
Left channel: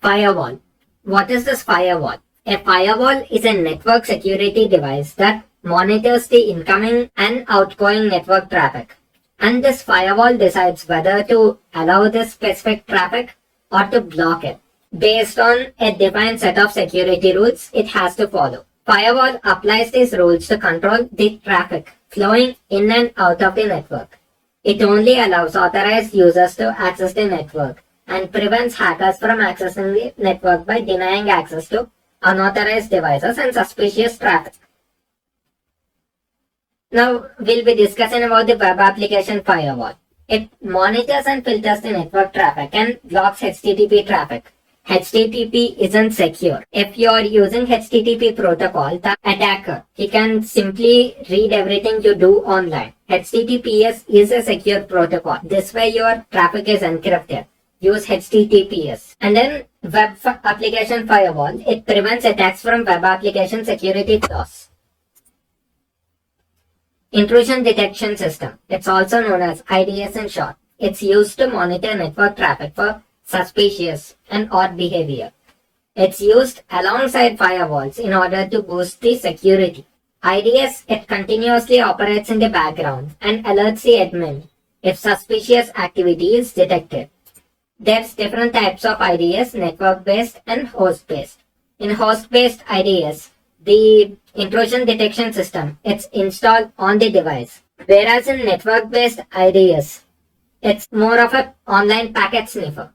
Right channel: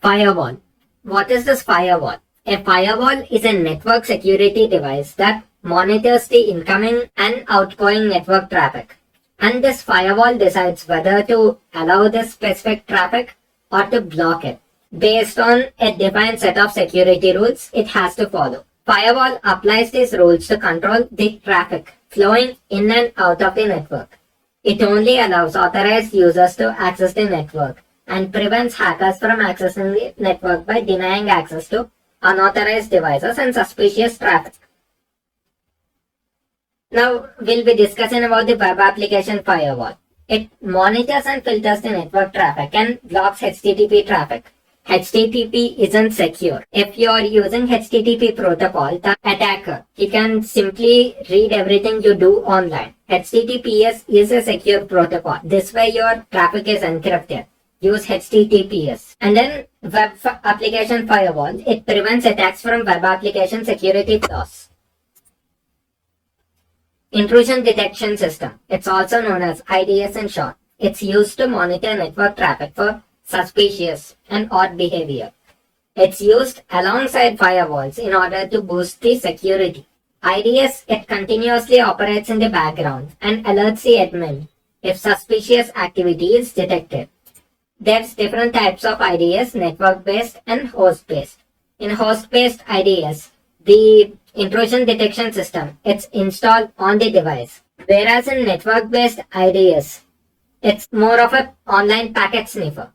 Firewall. What is this firewall? A firewall is a network security device that monitors the incoming and outgoing network traffic. And this firewall decides whether to allow this specific traffic or to block it. Based on a defined set of security rules it has to follow. Firewall applies these rules to control the traffic flowing in and out of the network. It only allows authorized users to access the network and prevents hackers from accessing the network by denying access to unauthorized devices and suspicious traffic. Now we'll be discussing about the web application firewall. It monitors and filters the network traffic and blocks HTTP traffic. HTTP isn't secure. If you're using HTTP protocol, the attacker, he can simply read everything you do online. HTTPS is a secure protocol. This way your traffic is encrypted. Use HTTPS. And then web application firewall, it prevents attacks from web application security flaws. Intrusion detection system. It's also known as IDS in short. It's used to monitor network traffic for suspicious and odd behavior. It's used alongside firewalls in order to boost the security. IDS, it continuously operates in the background and alerts the admin if suspicious activity is detected. There's different types of IDS, network-based and host-based. In host-based IDS, the intrusion detection system, it's installed on the device. Whereas in network-based IDS, it's more of an online packet sniffer.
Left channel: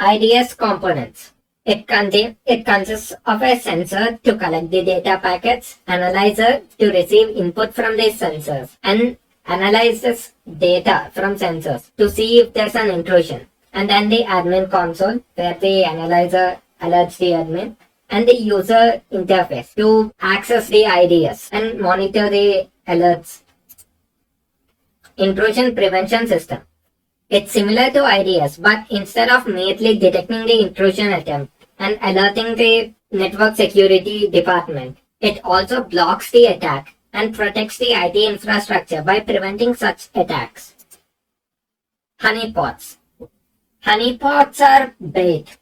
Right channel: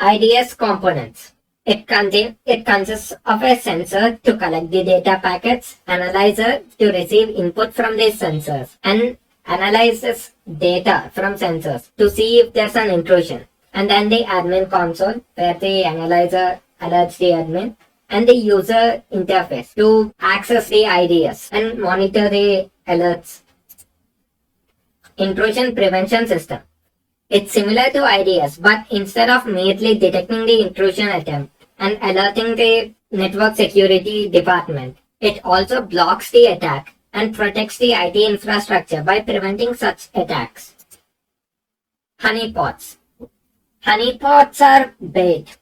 IDS components. It consists of a sensor to collect the data packets, analyzer to receive input from these sensors, and analyzes data from sensors to see if there's an intrusion. And then the admin console where the analyzer alerts the admin, and the user interface to access the IDS and monitor the alerts. Intrusion prevention system. It's similar to IDS, but instead of merely detecting the intrusion attempt and alerting the network security department, it also blocks the attack and protects the IT infrastructure by preventing such attacks. Honeypots. Honeypots are bait.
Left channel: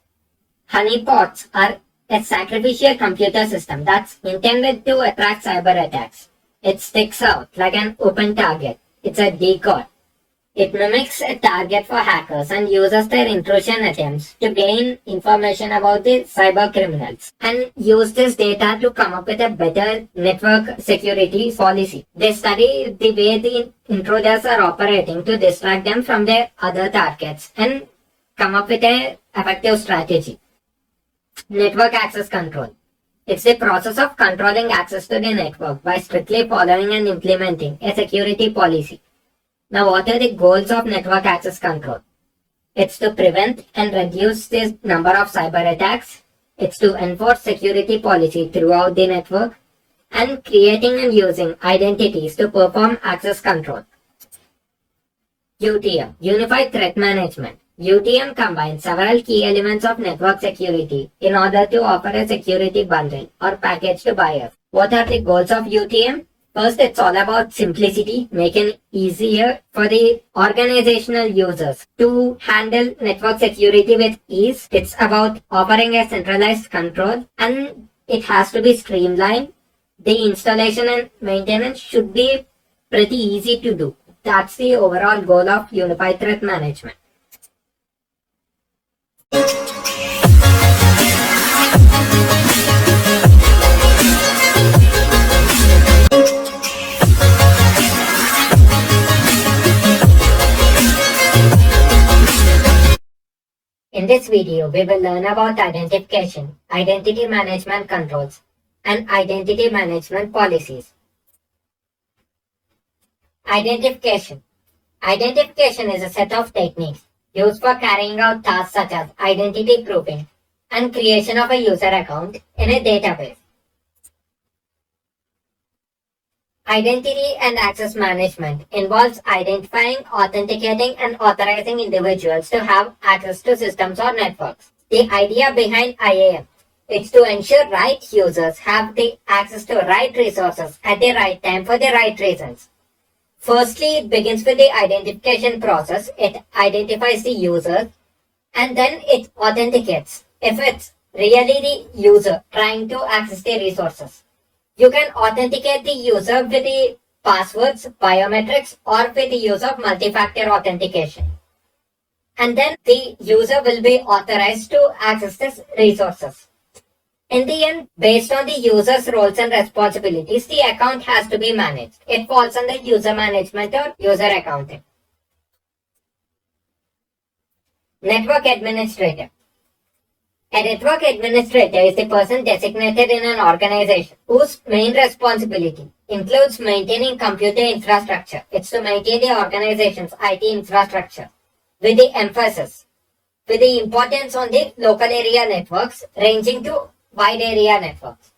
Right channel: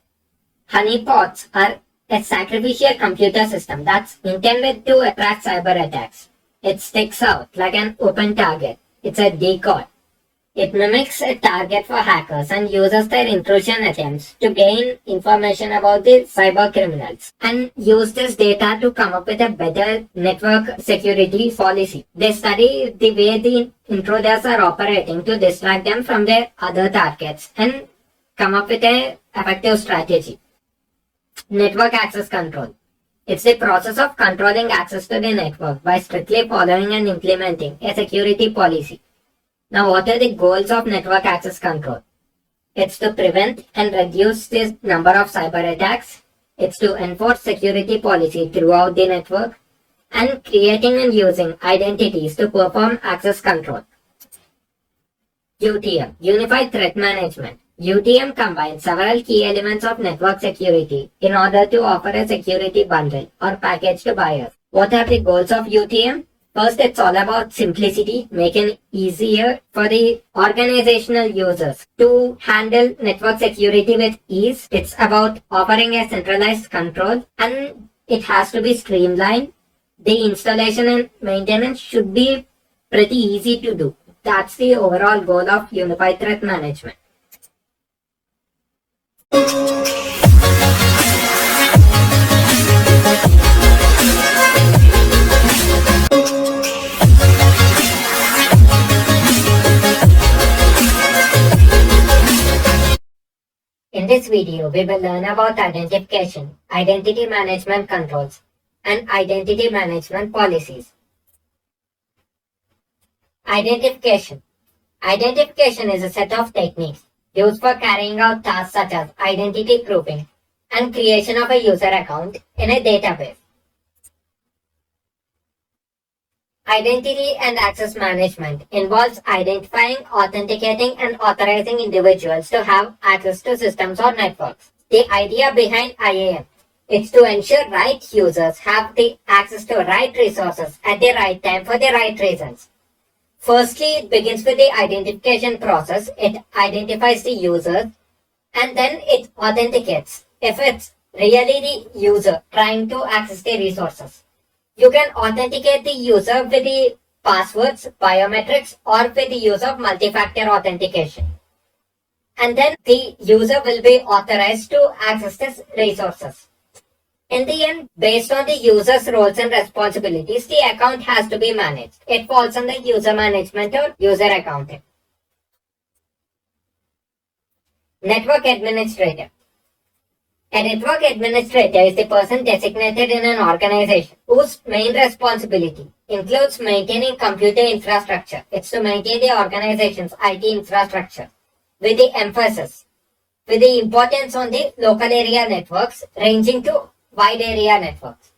Honeypots are a sacrificial computer system that's intended to attract cyber attacks. It sticks out like an open target. It's a decoy. It mimics a target for hackers and uses their intrusion attempts to gain information about the cyber criminals and use this data to come up with a better network security policy. They study the way the intruders are operating to distract them from their other targets and come up with an effective strategy. Network access control. It's the process of controlling access to the network by strictly following and implementing a security policy. Now, what are the goals of network access control? It's to prevent and reduce the number of cyber attacks. It's to enforce security policy throughout the network and creating and using identities to perform access control. UTM, Unified Threat Management. UTM combines several key elements of network security in order to offer a security bundle or package to buyers. What are the goals of UTM? First, it's all about simplicity, making it easier for the organizational users to handle network security with ease. It's about offering a centralized control, and it has to be streamlined. The installation and maintenance should be pretty easy to do. That's the overall goal of Unified Threat Management. In this video, we will learn about identification, identity management controls, and identity management policies. Identification. Identification is a set of techniques used for carrying out tasks such as identity proofing and creation of a user account in a database. Identity and access management involves identifying, authenticating, and authorizing individuals to have access to systems or networks. The idea behind IAM is to ensure right users have the access to right resources at the right time for the right reasons. Firstly, it begins with the identification process. It identifies the user and then it authenticates if it's really the user trying to access the resources. You can authenticate the user with the passwords, biometrics, or with the use of multi-factor authentication. And then the user will be authorized to access these resources. In the end, based on the user's roles and responsibilities, the account has to be managed. It falls under user management or user accounting. Network administrator. A network administrator is the person designated in an organization whose main responsibility includes maintaining computer infrastructure. It's to maintain the organization's IT infrastructure with the emphasis, with the importance on the local area networks ranging to wide area networks.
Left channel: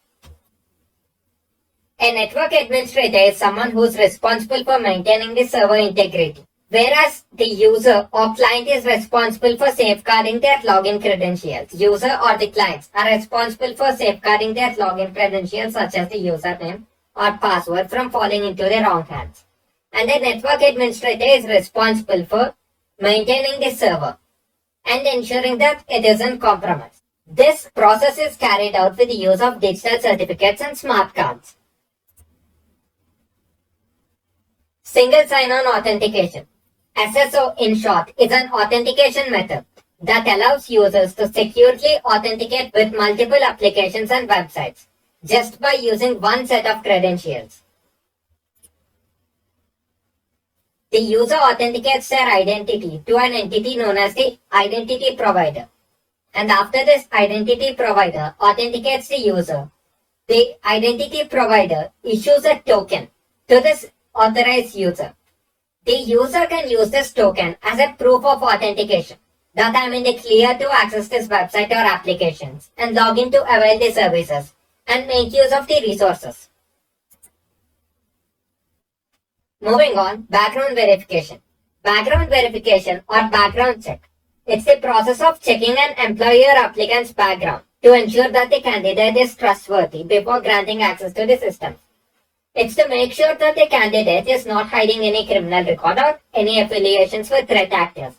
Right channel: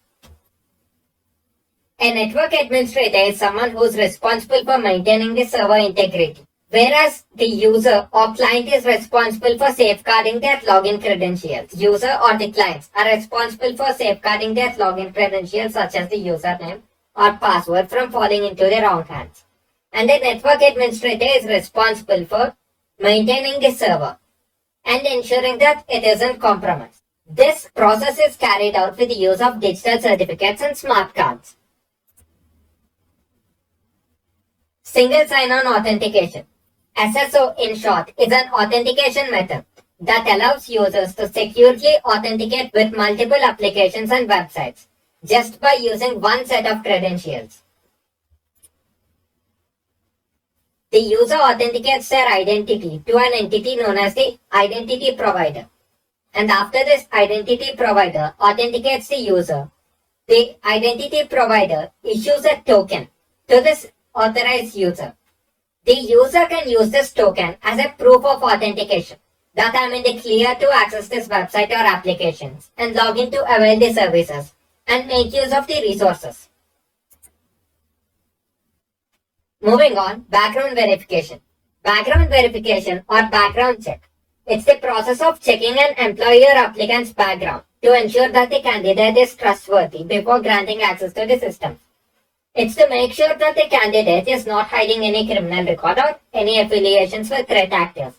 A network administrator is someone who is responsible for maintaining the server integrity, whereas the user or client is responsible for safeguarding their login credentials. User or the clients are responsible for safeguarding their login credentials such as the username or password from falling into the wrong hands. And the network administrator is responsible for maintaining the server and ensuring that it isn't compromised. This process is carried out with the use of digital certificates and smart cards. Single sign-on authentication. SSO in short is an authentication method that allows users to securely authenticate with multiple applications and websites just by using one set of credentials. The user authenticates their identity to an entity known as the identity provider. And after this identity provider authenticates the user, the identity provider issues a token to this authorized user. The user can use this token as a proof of authentication, that I'm in the clear to access this website or applications and log in to avail the services and make use of the resources. Moving on, background verification. Background verification or background check. It's the process of checking an employee or applicant's background to ensure that the candidate is trustworthy before granting access to the system. It's to make sure that the candidate is not hiding any criminal record or any affiliations with threat actors.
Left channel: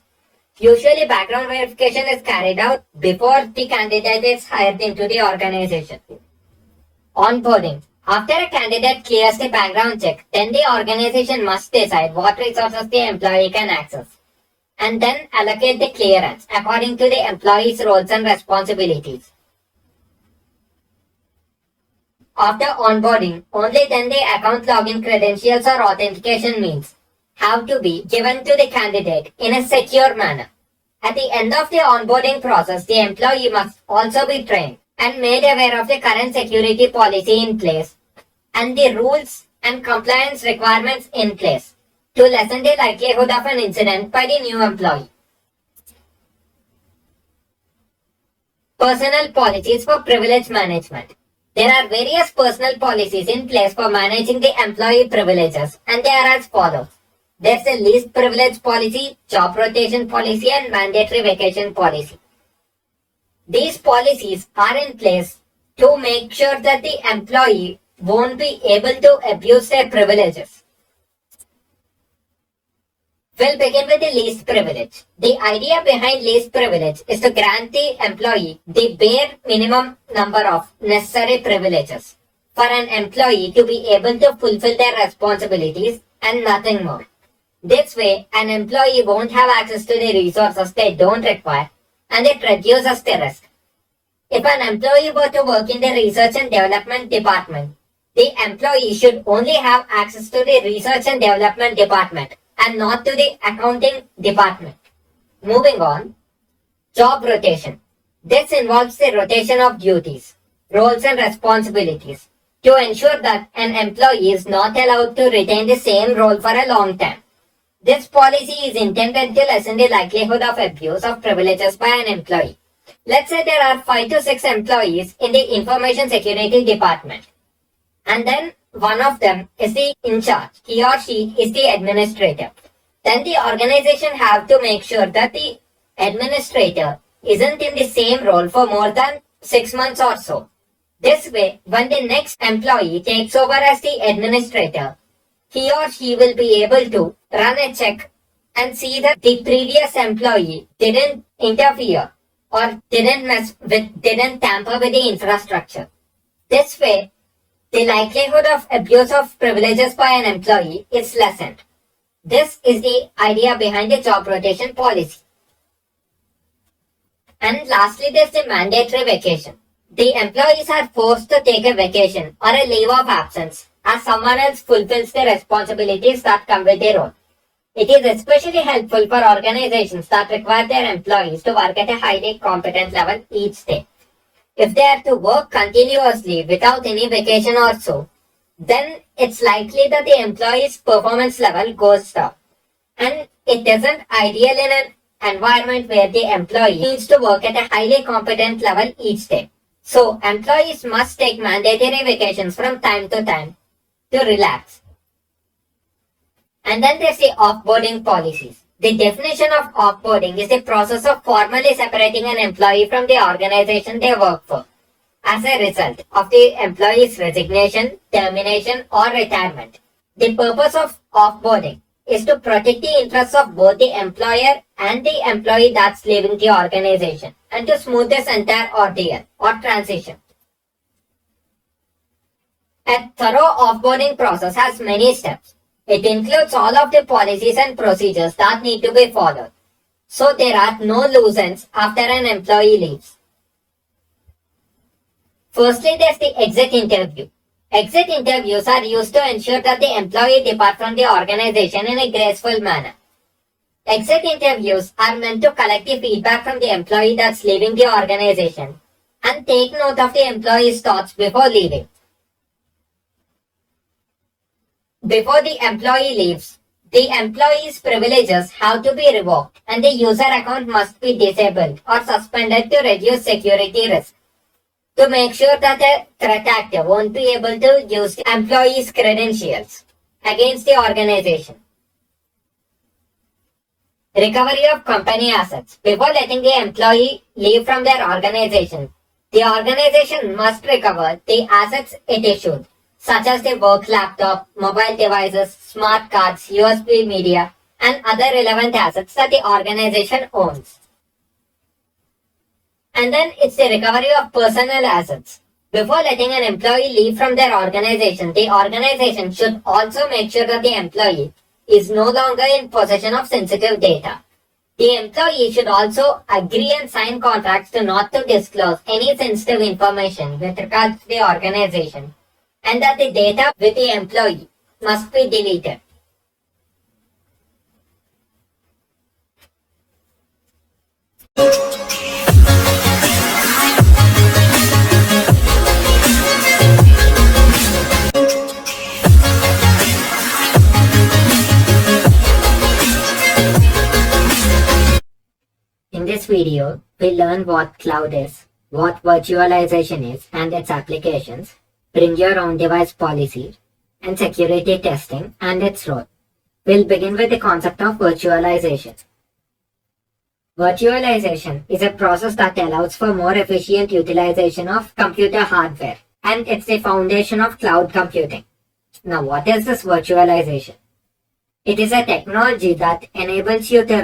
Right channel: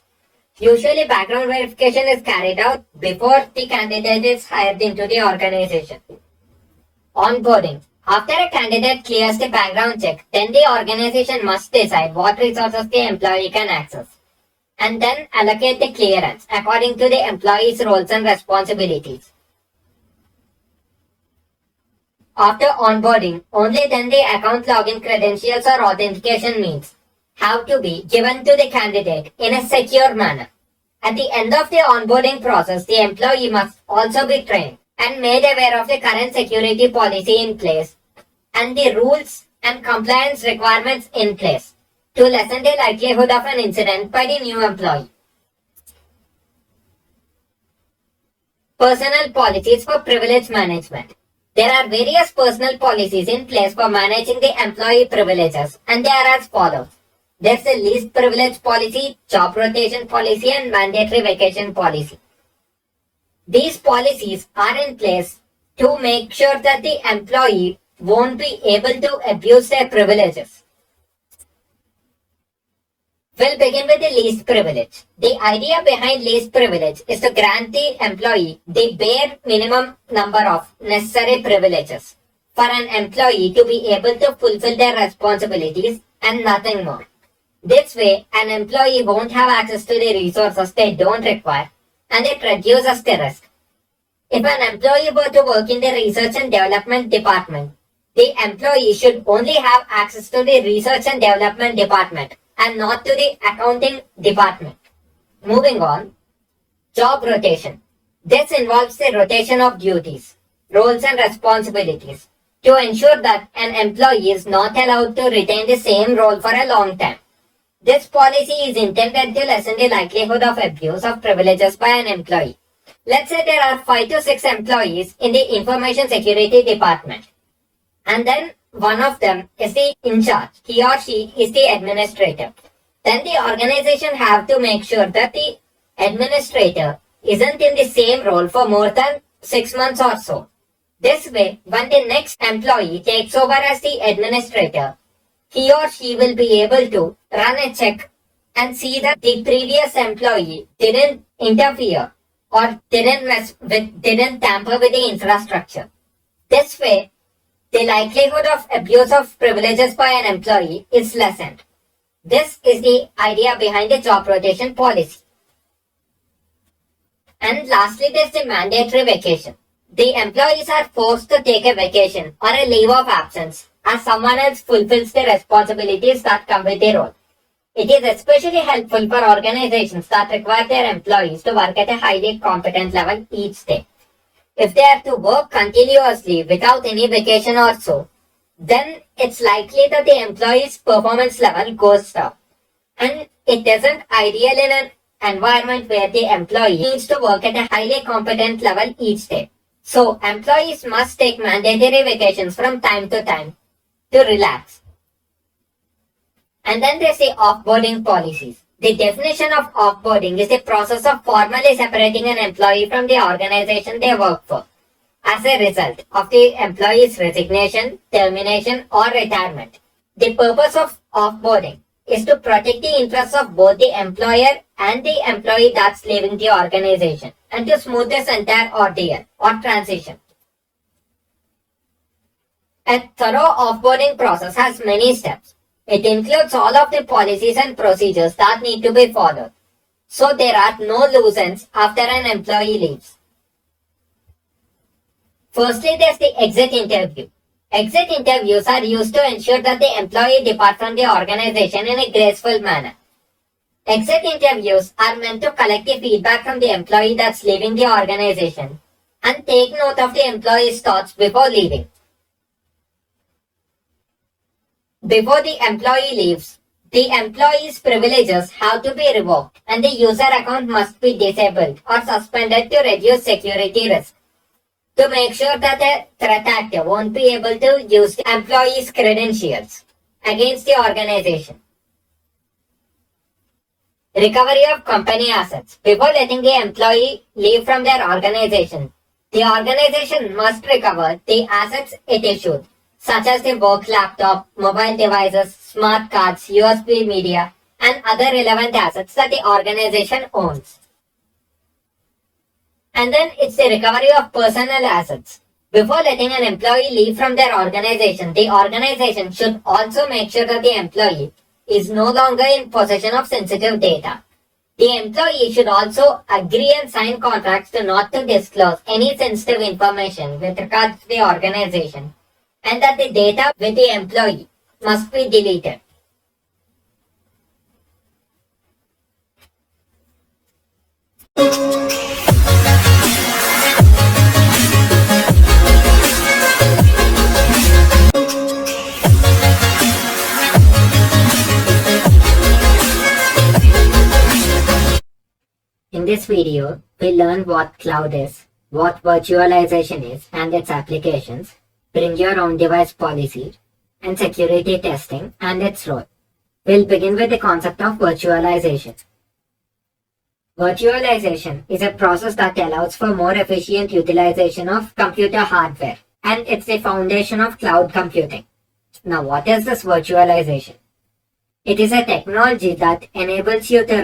Usually, background verification is carried out before the candidate is hired into the organization. Onboarding. After a candidate clears the background check, then the organization must decide what resources the employee can access and then allocate the clearance according to the employee's roles and responsibilities. After onboarding, only then the account login credentials or authentication means have to be given to the candidate in a secure manner. At the end of the onboarding process, the employee must also be trained and made aware of the current security policy in place and the rules and compliance requirements in place to lessen the likelihood of an incident by the new employee. Personal policies for privilege management. There are various personal policies in place for managing the employee privileges, and they are as follows. There's a least privilege policy, job rotation policy, and mandatory vacation policy. These policies are in place to make sure that the employee won't be able to abuse their privileges. We'll begin with the least privilege. The idea behind least privilege is to grant the employee the bare minimum number of necessary privileges for an employee to be able to fulfill their responsibilities and nothing more. This way, an employee won't have access to the resources they don't require and it reduces the risk. If an employee were to work in the research and development department, the employee should only have access to the research and development department and not to the accounting department. Moving on, job rotation. This involves the rotation of duties, roles and responsibilities to ensure that an employee is not allowed to retain the same role for a long time. This policy is intended to lessen the likelihood of abuse of privileges by an employee. Let's say there are 5 to 6 employees in the information security department, and then one of them is the in charge. He or she is the administrator. Then the organization have to make sure that the administrator isn't in the same role for more than 6 months or so. This way, when the next employee takes over as the administrator, he or she will be able to run a check and see that the previous employee didn't interfere or didn't tamper with the infrastructure. This way, the likelihood of abuse of privileges by an employee is lessened. This is the idea behind the job rotation policy. And lastly, there's the mandatory vacation. The employees are forced to take a vacation or a leave of absence as someone else fulfills the responsibilities that come with their role. It is especially helpful for organizations that require their employees to work at a highly competent level each day. If they are to work continuously without any vacation or so, then it's likely that the employee's performance level goes down. And it isn't ideal in an environment where the employee needs to work at a highly competent level each day. So, employees must take mandatory vacations from time to time to relax. And then there's the offboarding policies. The definition of offboarding is the process of formally separating an employee from the organization they work for as a result of the employee's resignation, termination, or retirement. The purpose of offboarding is to protect the interests of both the employer and the employee that's leaving the organization and to smooth this entire ordeal or transition. A thorough offboarding process has many steps. It includes all of the policies and procedures that need to be followed, so there are no loose ends after an employee leaves. Firstly, there's the exit interview. Exit interviews are used to ensure that the employee departs from the organization in a graceful manner. Exit interviews are meant to collect the feedback from the employee that's leaving the organization and take note of the employee's thoughts before leaving. Before the employee leaves, The employee's privileges have to be revoked and the user account must be disabled or suspended to reduce security risk. To make sure that a threat actor won't be able to use the employee's credentials against the organization. Recovery of company assets. Before letting the employee leave from their organization, the organization must recover the assets it issued, such as the work laptop, mobile devices, smart cards, USB media, and other relevant assets that the organization owns. And then it's the recovery of personal assets. Before letting an employee leave from their organization, the organization should also make sure that the employee is no longer in possession of sensitive data. The employee should also agree and sign contracts to not to disclose any sensitive information with regards to the organization, and that the data with the employee must be deleted. In this video, we learn what cloud is, what virtualization is and its applications, bring your own device policy, and security testing and its role. We'll begin with the concept of virtualization. Virtualization is a process that allows for more efficient utilization of computer hardware, and it's the foundation of cloud computing. Now, what is this virtualization? It is a technology that allows you to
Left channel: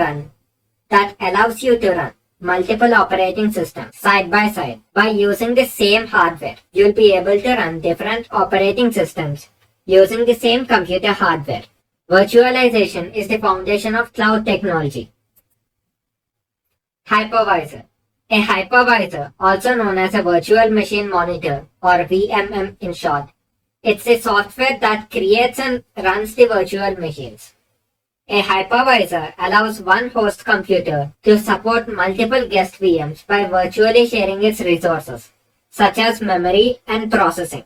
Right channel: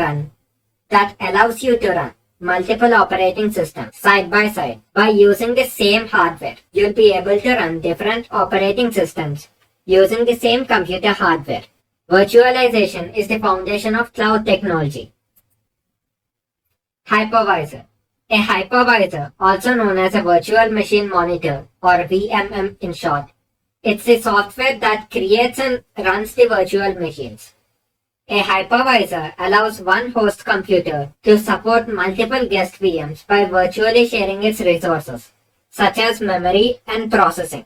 run multiple operating systems side by side. By using the same hardware, you'll be able to run different operating systems using the same computer hardware. Virtualization is the foundation of cloud technology. Hypervisor. A hypervisor, also known as a virtual machine monitor or VMM in short, it's the software that creates and runs the virtual machines. A hypervisor allows one host computer to support multiple guest VMs by virtually sharing its resources, such as memory and processing.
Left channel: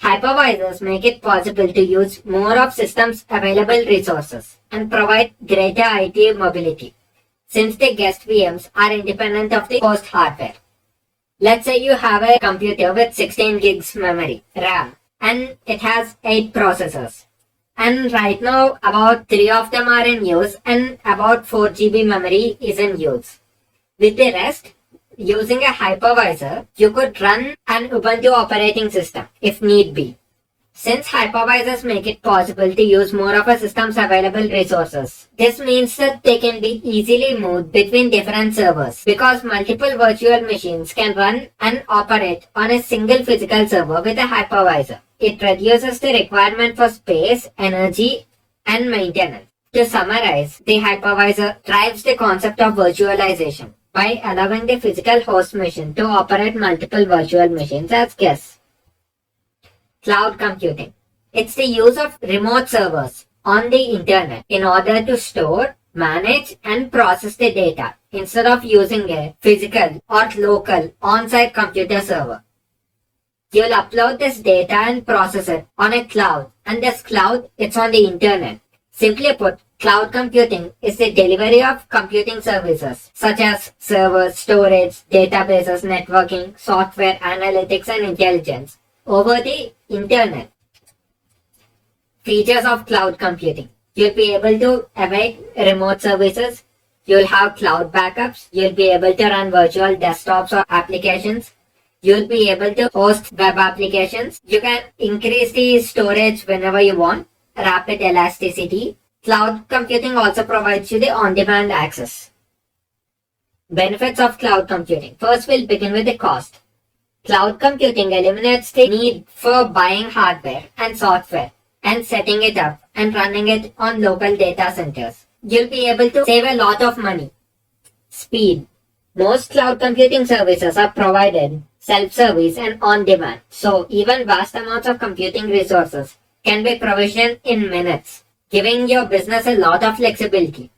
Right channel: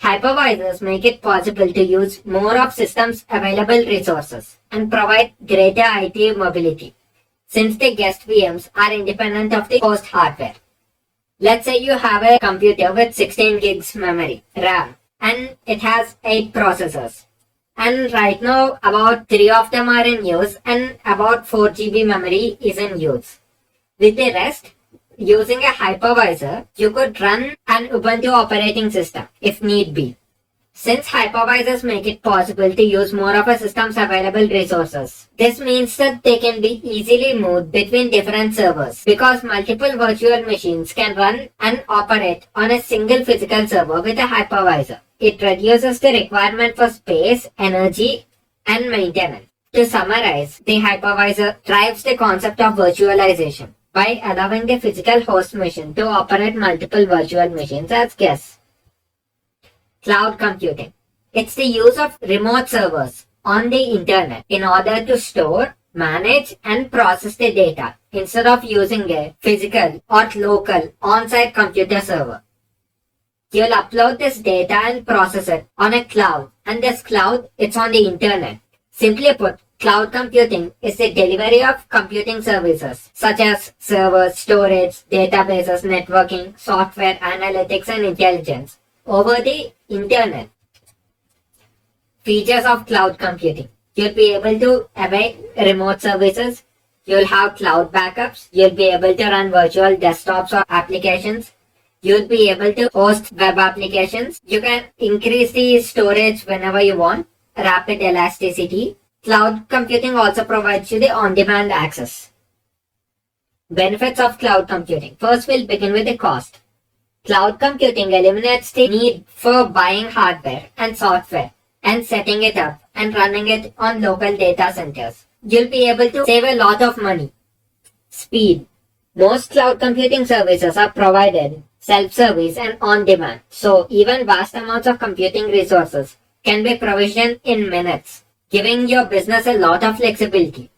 Hypervisors make it possible to use more of systems' available resources and provide greater IT mobility, since the guest VMs are independent of the host hardware. Let's say you have a computer with 16 gigs memory, RAM, and it has 8 processors. And right now, about 3 of them are in use and about 4 GB memory is in use. With the rest, using a hypervisor, you could run an Ubuntu operating system if need be. Since hypervisors make it possible to use more of a system's available resources, this means that they can be easily moved between different servers because multiple virtual machines can run and operate on a single physical server with a hypervisor. It reduces the requirement for space, energy, and maintenance. To summarize, the hypervisor drives the concept of virtualization by allowing the physical host machine to operate multiple virtual machines as guests. Cloud computing. It's the use of remote servers on the internet in order to store, manage, and process the data instead of using a physical or local on-site computer server. You'll upload this data and process it on a cloud, and this cloud, it's on the internet. Simply put, cloud computing is the delivery of computing services such as servers, storage, databases, networking, software, analytics, and intelligence over the internet. Features of cloud computing. You'll be able to avail remote services. You'll have cloud backups. You'll be able to run virtual desktops or applications. You'll be able to host web applications. You can increase the storage whenever you want. Rapid elasticity. Cloud computing also provides you the on-demand access. Benefits of cloud computing. First, we'll begin with the cost. Cloud computing eliminates the need for buying hardware and software and setting it up and running it on local data centers. You'll be able to save a lot of money. Speed. Most cloud computing services are provided self-service and on-demand, so even vast amounts of computing resources can be provisioned in minutes, giving your business a lot of flexibility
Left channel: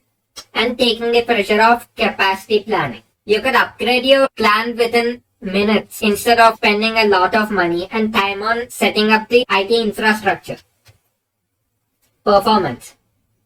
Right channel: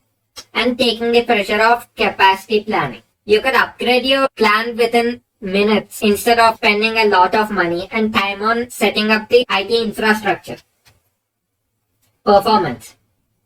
and taking the pressure off capacity planning. You could upgrade your plan within minutes instead of spending a lot of money and time on setting up the IT infrastructure. Performance.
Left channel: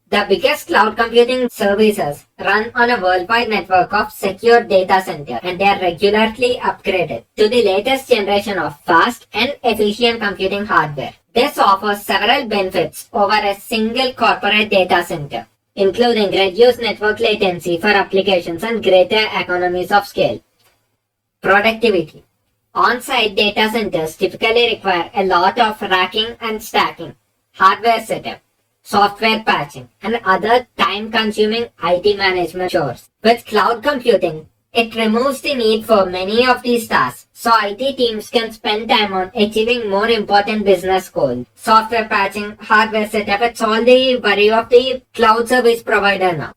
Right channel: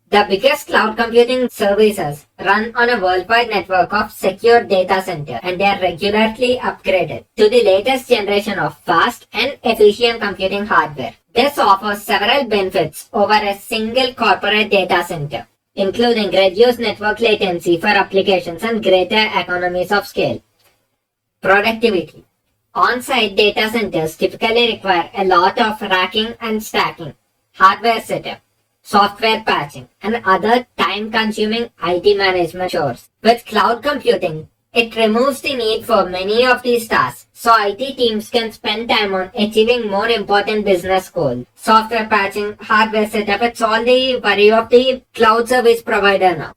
The biggest cloud computing services run on a worldwide network of secure data centers, and they are regularly upgraded to the latest generation of fast and efficient computing hardware. This offers several benefits over a single corporate data center, including reduced network latency for applications and greater economies of scale. Productivity. On-site data centers typically require a lot of racking and stacking, hardware setup, software patching, and other time-consuming IT management chores. With cloud computing, it removes the need for many of these tasks, so IT teams can spend time on achieving more important business goals. Software patching, hardware setup, it's all the worry of the cloud service provider now.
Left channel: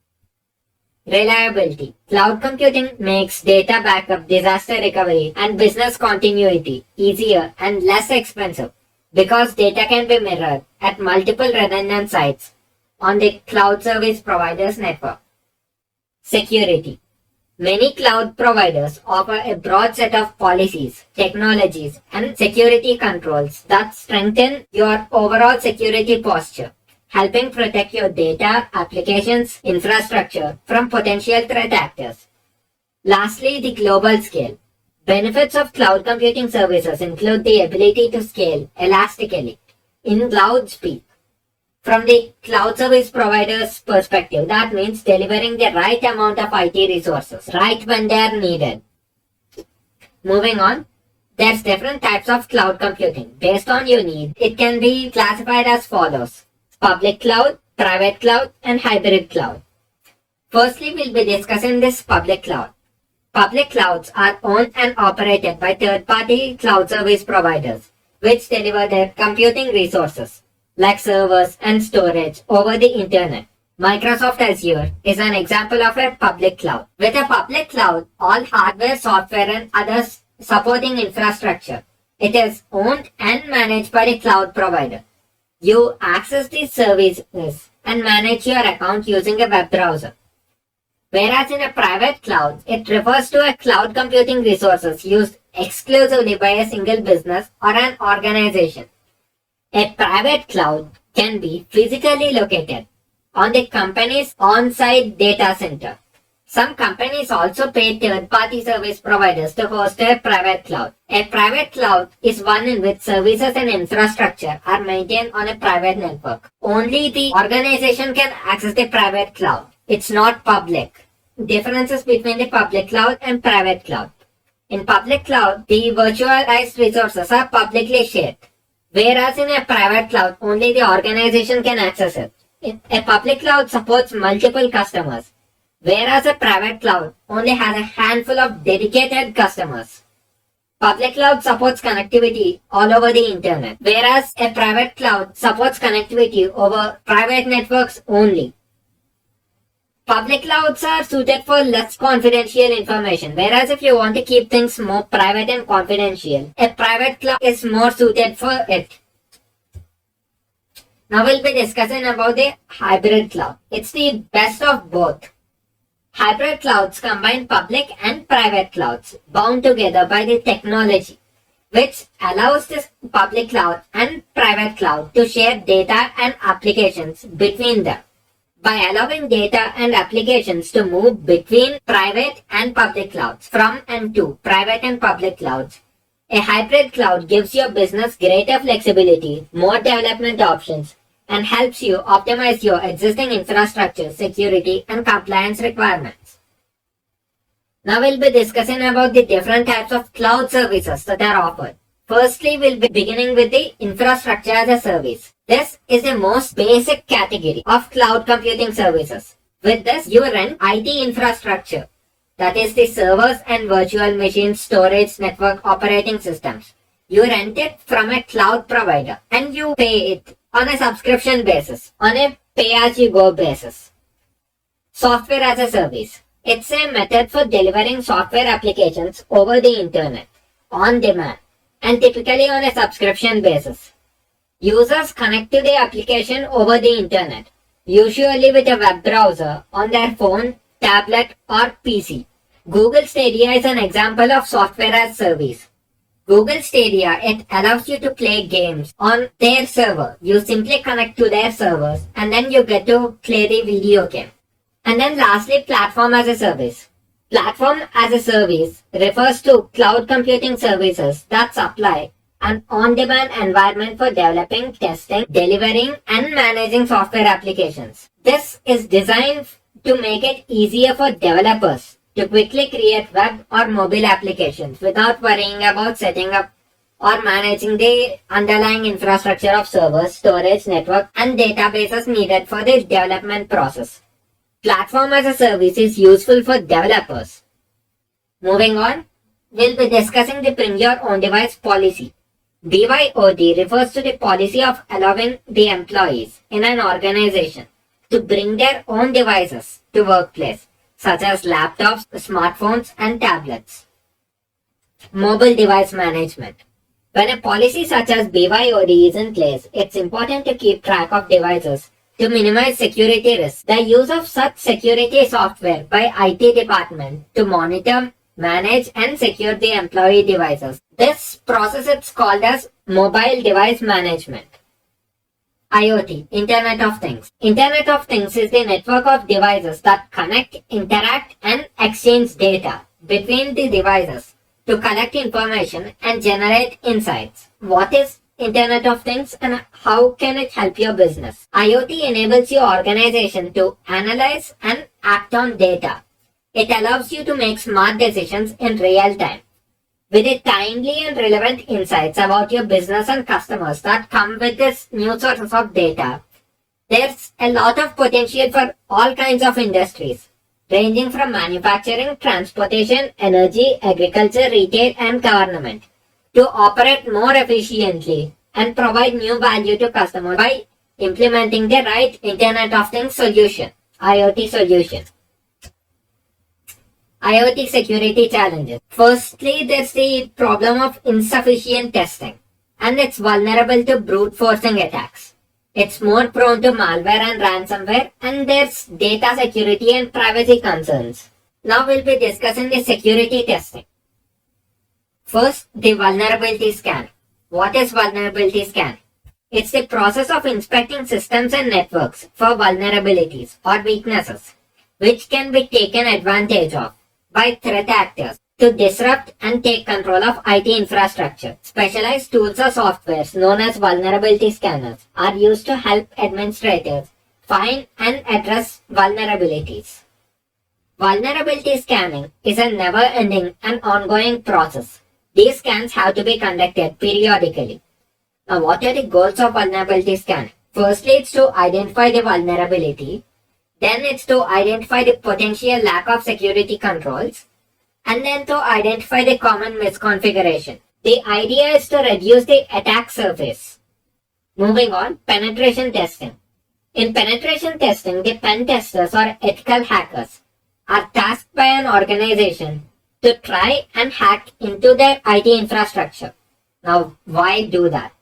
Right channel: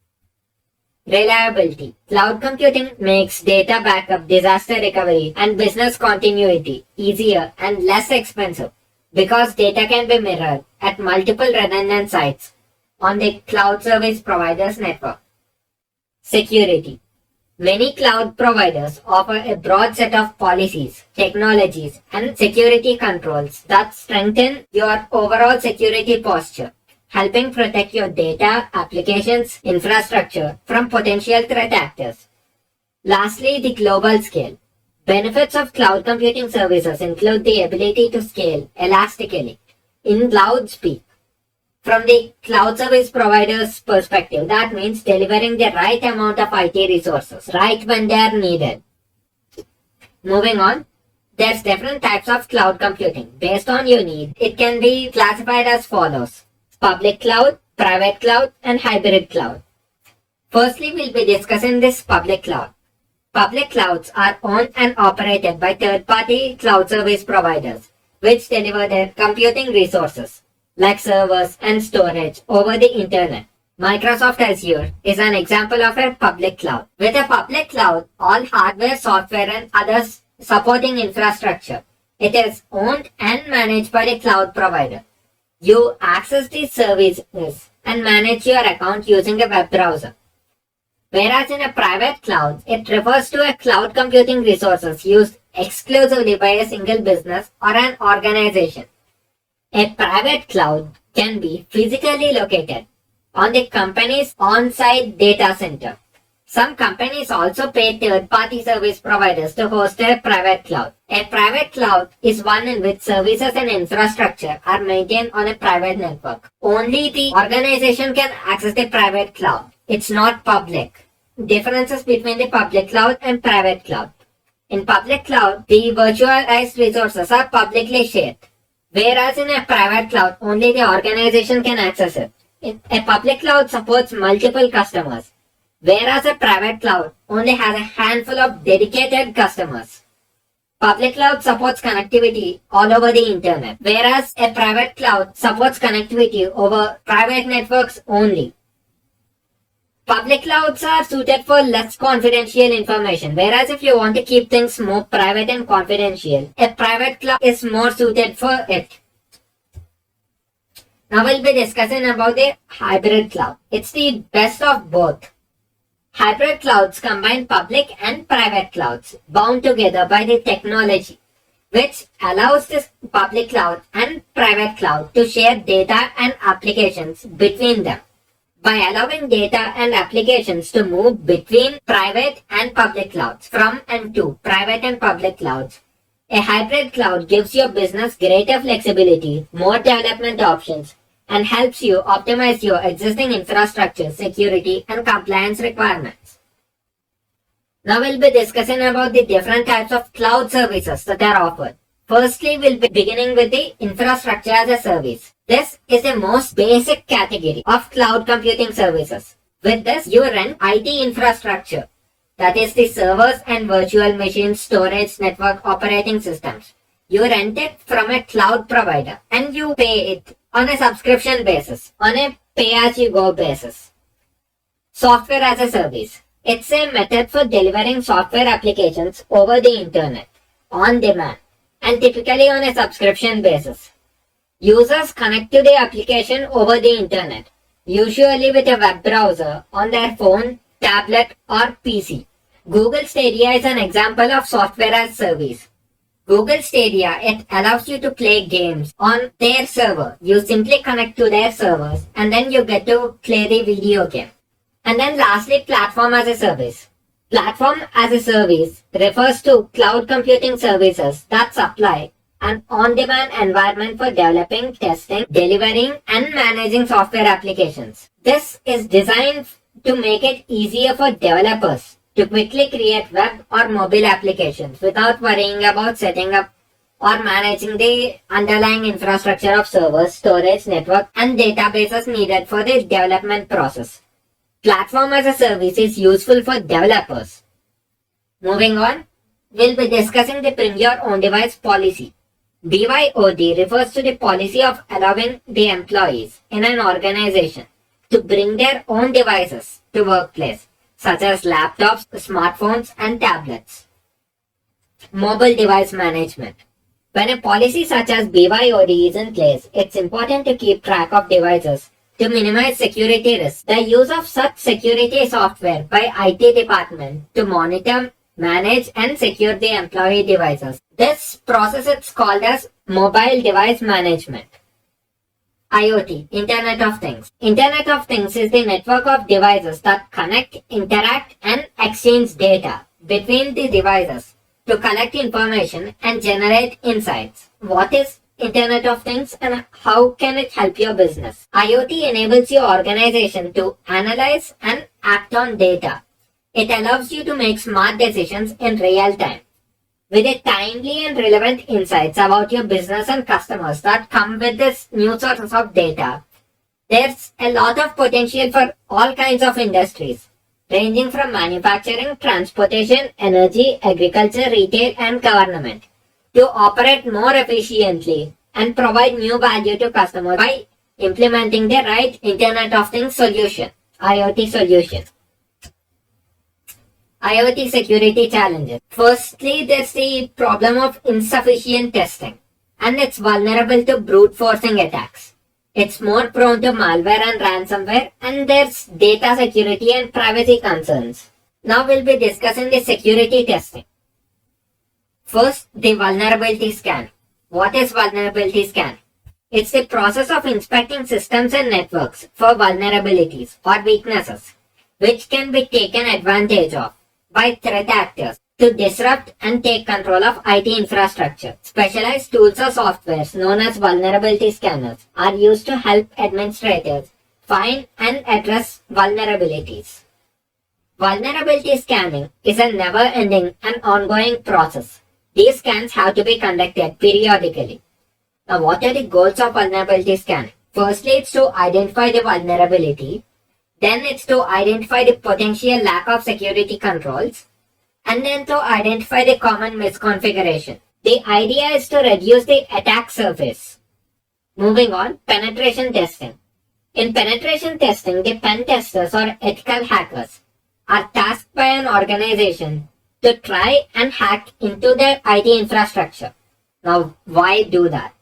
Reliability. Cloud computing makes data backup, disaster recovery, and business continuity easier and less expensive because data can be mirrored at multiple redundant sites on the cloud service provider's network. Security. Many cloud providers offer a broad set of policies, technologies, and security controls that strengthen your overall security posture, helping protect your data, applications, infrastructure from potential threat actors. Lastly, the global scale. Benefits of cloud computing services include the ability to scale elastically in cloud speed. From the cloud service provider's perspective, that means delivering the right amount of IT resources right when they are needed. Moving on, there's different types of cloud computing. Based on your need, it can be classified as follows: public cloud, private cloud, and hybrid cloud. Firstly, we'll be discussing this public cloud. Public clouds are owned and operated by third-party cloud service providers, which deliver their computing resources, like servers and storage, over the internet. Microsoft Azure is an example of a public cloud. With a public cloud, all hardware, software, and other supporting infrastructure, it is owned and managed by the cloud provider. You access these services and manage your account using a web browser. Whereas in a private cloud, it refers to a cloud computing resources used exclusively by a single business or an organization. A private cloud can be physically located on the company's on-site data center. Some companies also pay third-party service providers to host their private cloud. A private cloud is one in which services and infrastructure are maintained on a private network. Only the organization can access the private cloud. It's not public. Differences between the public cloud and private cloud. In public cloud, the virtualized resources are publicly shared, whereas in a private cloud, only the organization can access it. A public cloud supports multiple customers, whereas a private cloud only has a handful of dedicated customers. Public cloud supports connectivity all over the internet, whereas a private cloud supports connectivity over private networks only. Public clouds are suited for less confidential information, whereas if you want to keep things more private and confidential, a private cloud is more suited for it. Now we'll be discussing about the hybrid cloud. It's the best of both. Hybrid clouds combine public and private clouds bound together by the technology, which allows this public cloud and private cloud to share data and applications between them. By allowing data and applications to move between private and public clouds, from and to private and public clouds, a hybrid cloud gives your business greater flexibility, more development options, and helps you optimize your existing infrastructure, security, and compliance requirements. Now we'll be discussing about the different types of cloud services that are offered. Firstly, we'll be beginning with the infrastructure as a service. This is the most basic category of cloud computing services. With this, you rent IT infrastructure, that is the servers and virtual machines, storage, network operating systems. You rent it from a cloud provider and you pay it on a subscription basis, on a pay-as-you-go basis. Software as a service. It's a method for delivering software applications over the internet, on demand, and typically on a subscription basis. Users connect to the application over the internet, usually with a web browser on their phone, tablet, or PC. Google Stadia is an example of software as service. Google Stadia, it allows you to play games on their server. You simply connect to their servers and then you get to play the video game. And then lastly, platform as a service. Platform as a service refers to cloud computing services that supply an on-demand environment for developing, testing, delivering, and managing software applications. This is designed to make it easier for developers to quickly create web or mobile applications without worrying about setting up or managing the underlying infrastructure of servers, storage, network, and databases needed for the development process. Platform as a service is useful for developers. Moving on, we'll be discussing the Bring Your Own Device policy. BYOD refers to the policy of allowing the employees in an organization to bring their own devices to workplace, such as laptops, smartphones, and tablets. Mobile device management. When a policy such as BYOD is in place, it's important to keep track of devices to minimize security risks. The use of such security software by IT department to monitor, manage, and secure the employee devices. This process is called as mobile device management. IoT, Internet of Things. Internet of Things is the network of devices that connect, interact, and exchange data between the devices to collect information and generate insights. What is Internet of Things and how can it help your business? IoT enables your organization to analyze and act on data. It allows you to make smart decisions in real time with a timely and relevant insights about your business and customers that come with this new source of data. There's a lot of potential for all kinds of industries, ranging from manufacturing, transportation, energy, agriculture, retail, and government, to operate more efficiently and provide new value to customers by implementing the right Internet of Things solution, IoT solution. IoT security challenges. Firstly, there's the problem of insufficient testing, and it's vulnerable to brute forcing attacks. It's more prone to malware and ransomware, and there's data security and privacy concerns. Now we'll be discussing the security testing. First, the vulnerability scan. What is vulnerability scan? It's the process of inspecting systems and networks for vulnerabilities or weaknesses, which can be taken advantage of by threat actors to disrupt and take control of IT infrastructure. Specialized tools or softwares known as vulnerability scanners are used to help administrators find and address vulnerabilities. Vulnerability scanning is a never-ending and ongoing process. These scans have to be conducted periodically. Now, what are the goals of vulnerability scanning? Firstly, it's to identify the vulnerability. Then it's to identify the potential lack of security controls, and then to identify the common misconfiguration. The idea is to reduce the attack surface. Moving on, penetration testing. In penetration testing, the pen testers or ethical hackers are tasked by an organization to try and hack into their IT infrastructure. Now, why do that?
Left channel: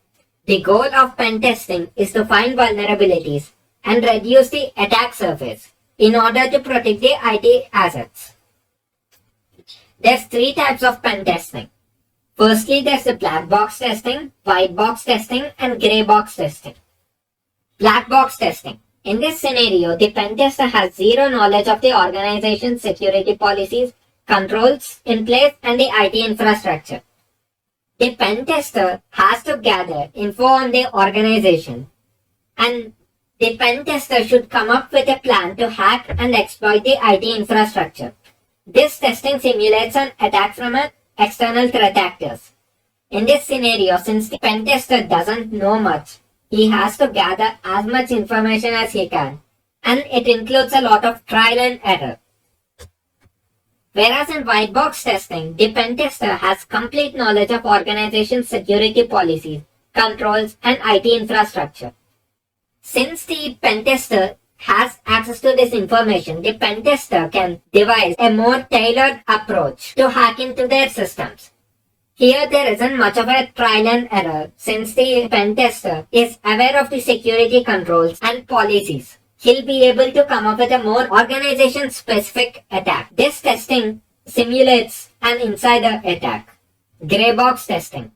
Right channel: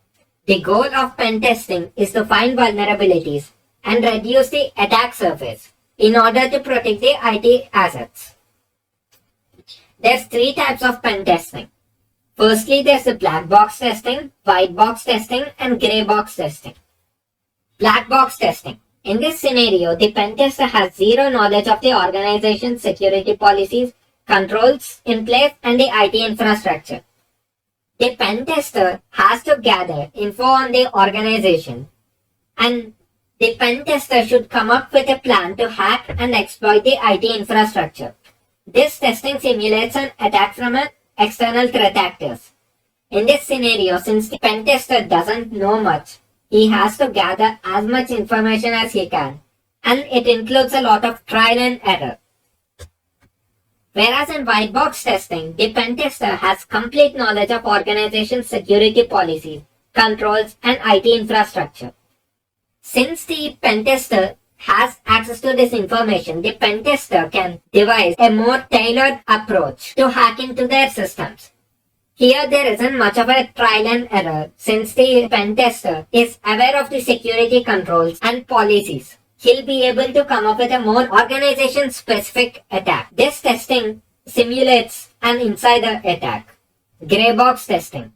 The goal of pen testing is to find vulnerabilities and reduce the attack surface in order to protect the IT assets. There's three types of pen testing. Firstly, there's the black box testing, white box testing, and grey box testing. Black box testing. In this scenario, the pen tester has zero knowledge of the organization's security policies, controls in place, and the IT infrastructure. The pen tester has to gather info on the organization, and the pen tester should come up with a plan to hack and exploit the IT infrastructure. This testing simulates an attack from an external threat actors. In this scenario, since the pen tester doesn't know much, he has to gather as much information as he can, and it includes a lot of trial and error. Whereas in white box testing, the pen tester has complete knowledge of organization's security policies, controls, and IT infrastructure. Since the pen tester has access to this information, the pen tester can devise a more tailored approach to hack into their systems. Here there isn't much of a trial and error since the pen tester is aware of the security controls and policies. He'll be able to come up with a more organization-specific attack. This testing simulates an insider attack. Grey box testing.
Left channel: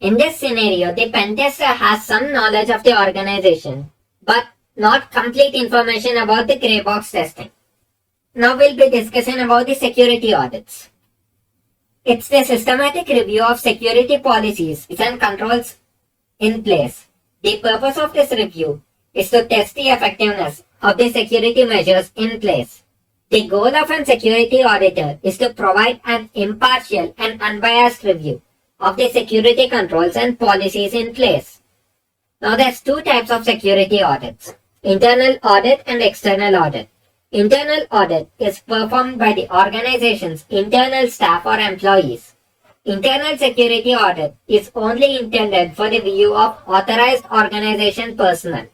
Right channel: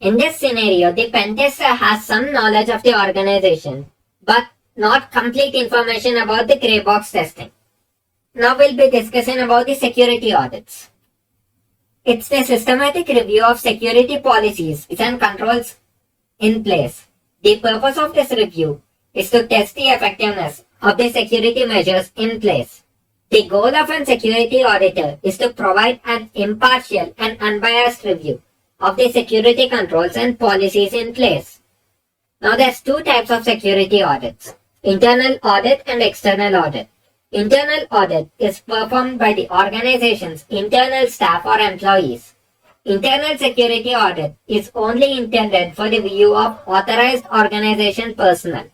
In this scenario, the pen tester has some knowledge of the organization, but not complete information about the grey box testing. Now we'll be discussing about the security audits. It's the systematic review of security policies and controls in place. The purpose of this review is to test the effectiveness of the security measures in place. The goal of a security auditor is to provide an impartial and unbiased review of the security controls and policies in place. Now there's two types of security audits: internal audit and external audit. Internal audit is performed by the organization's internal staff or employees. Internal security audit is only intended for the view of authorized organization personnel,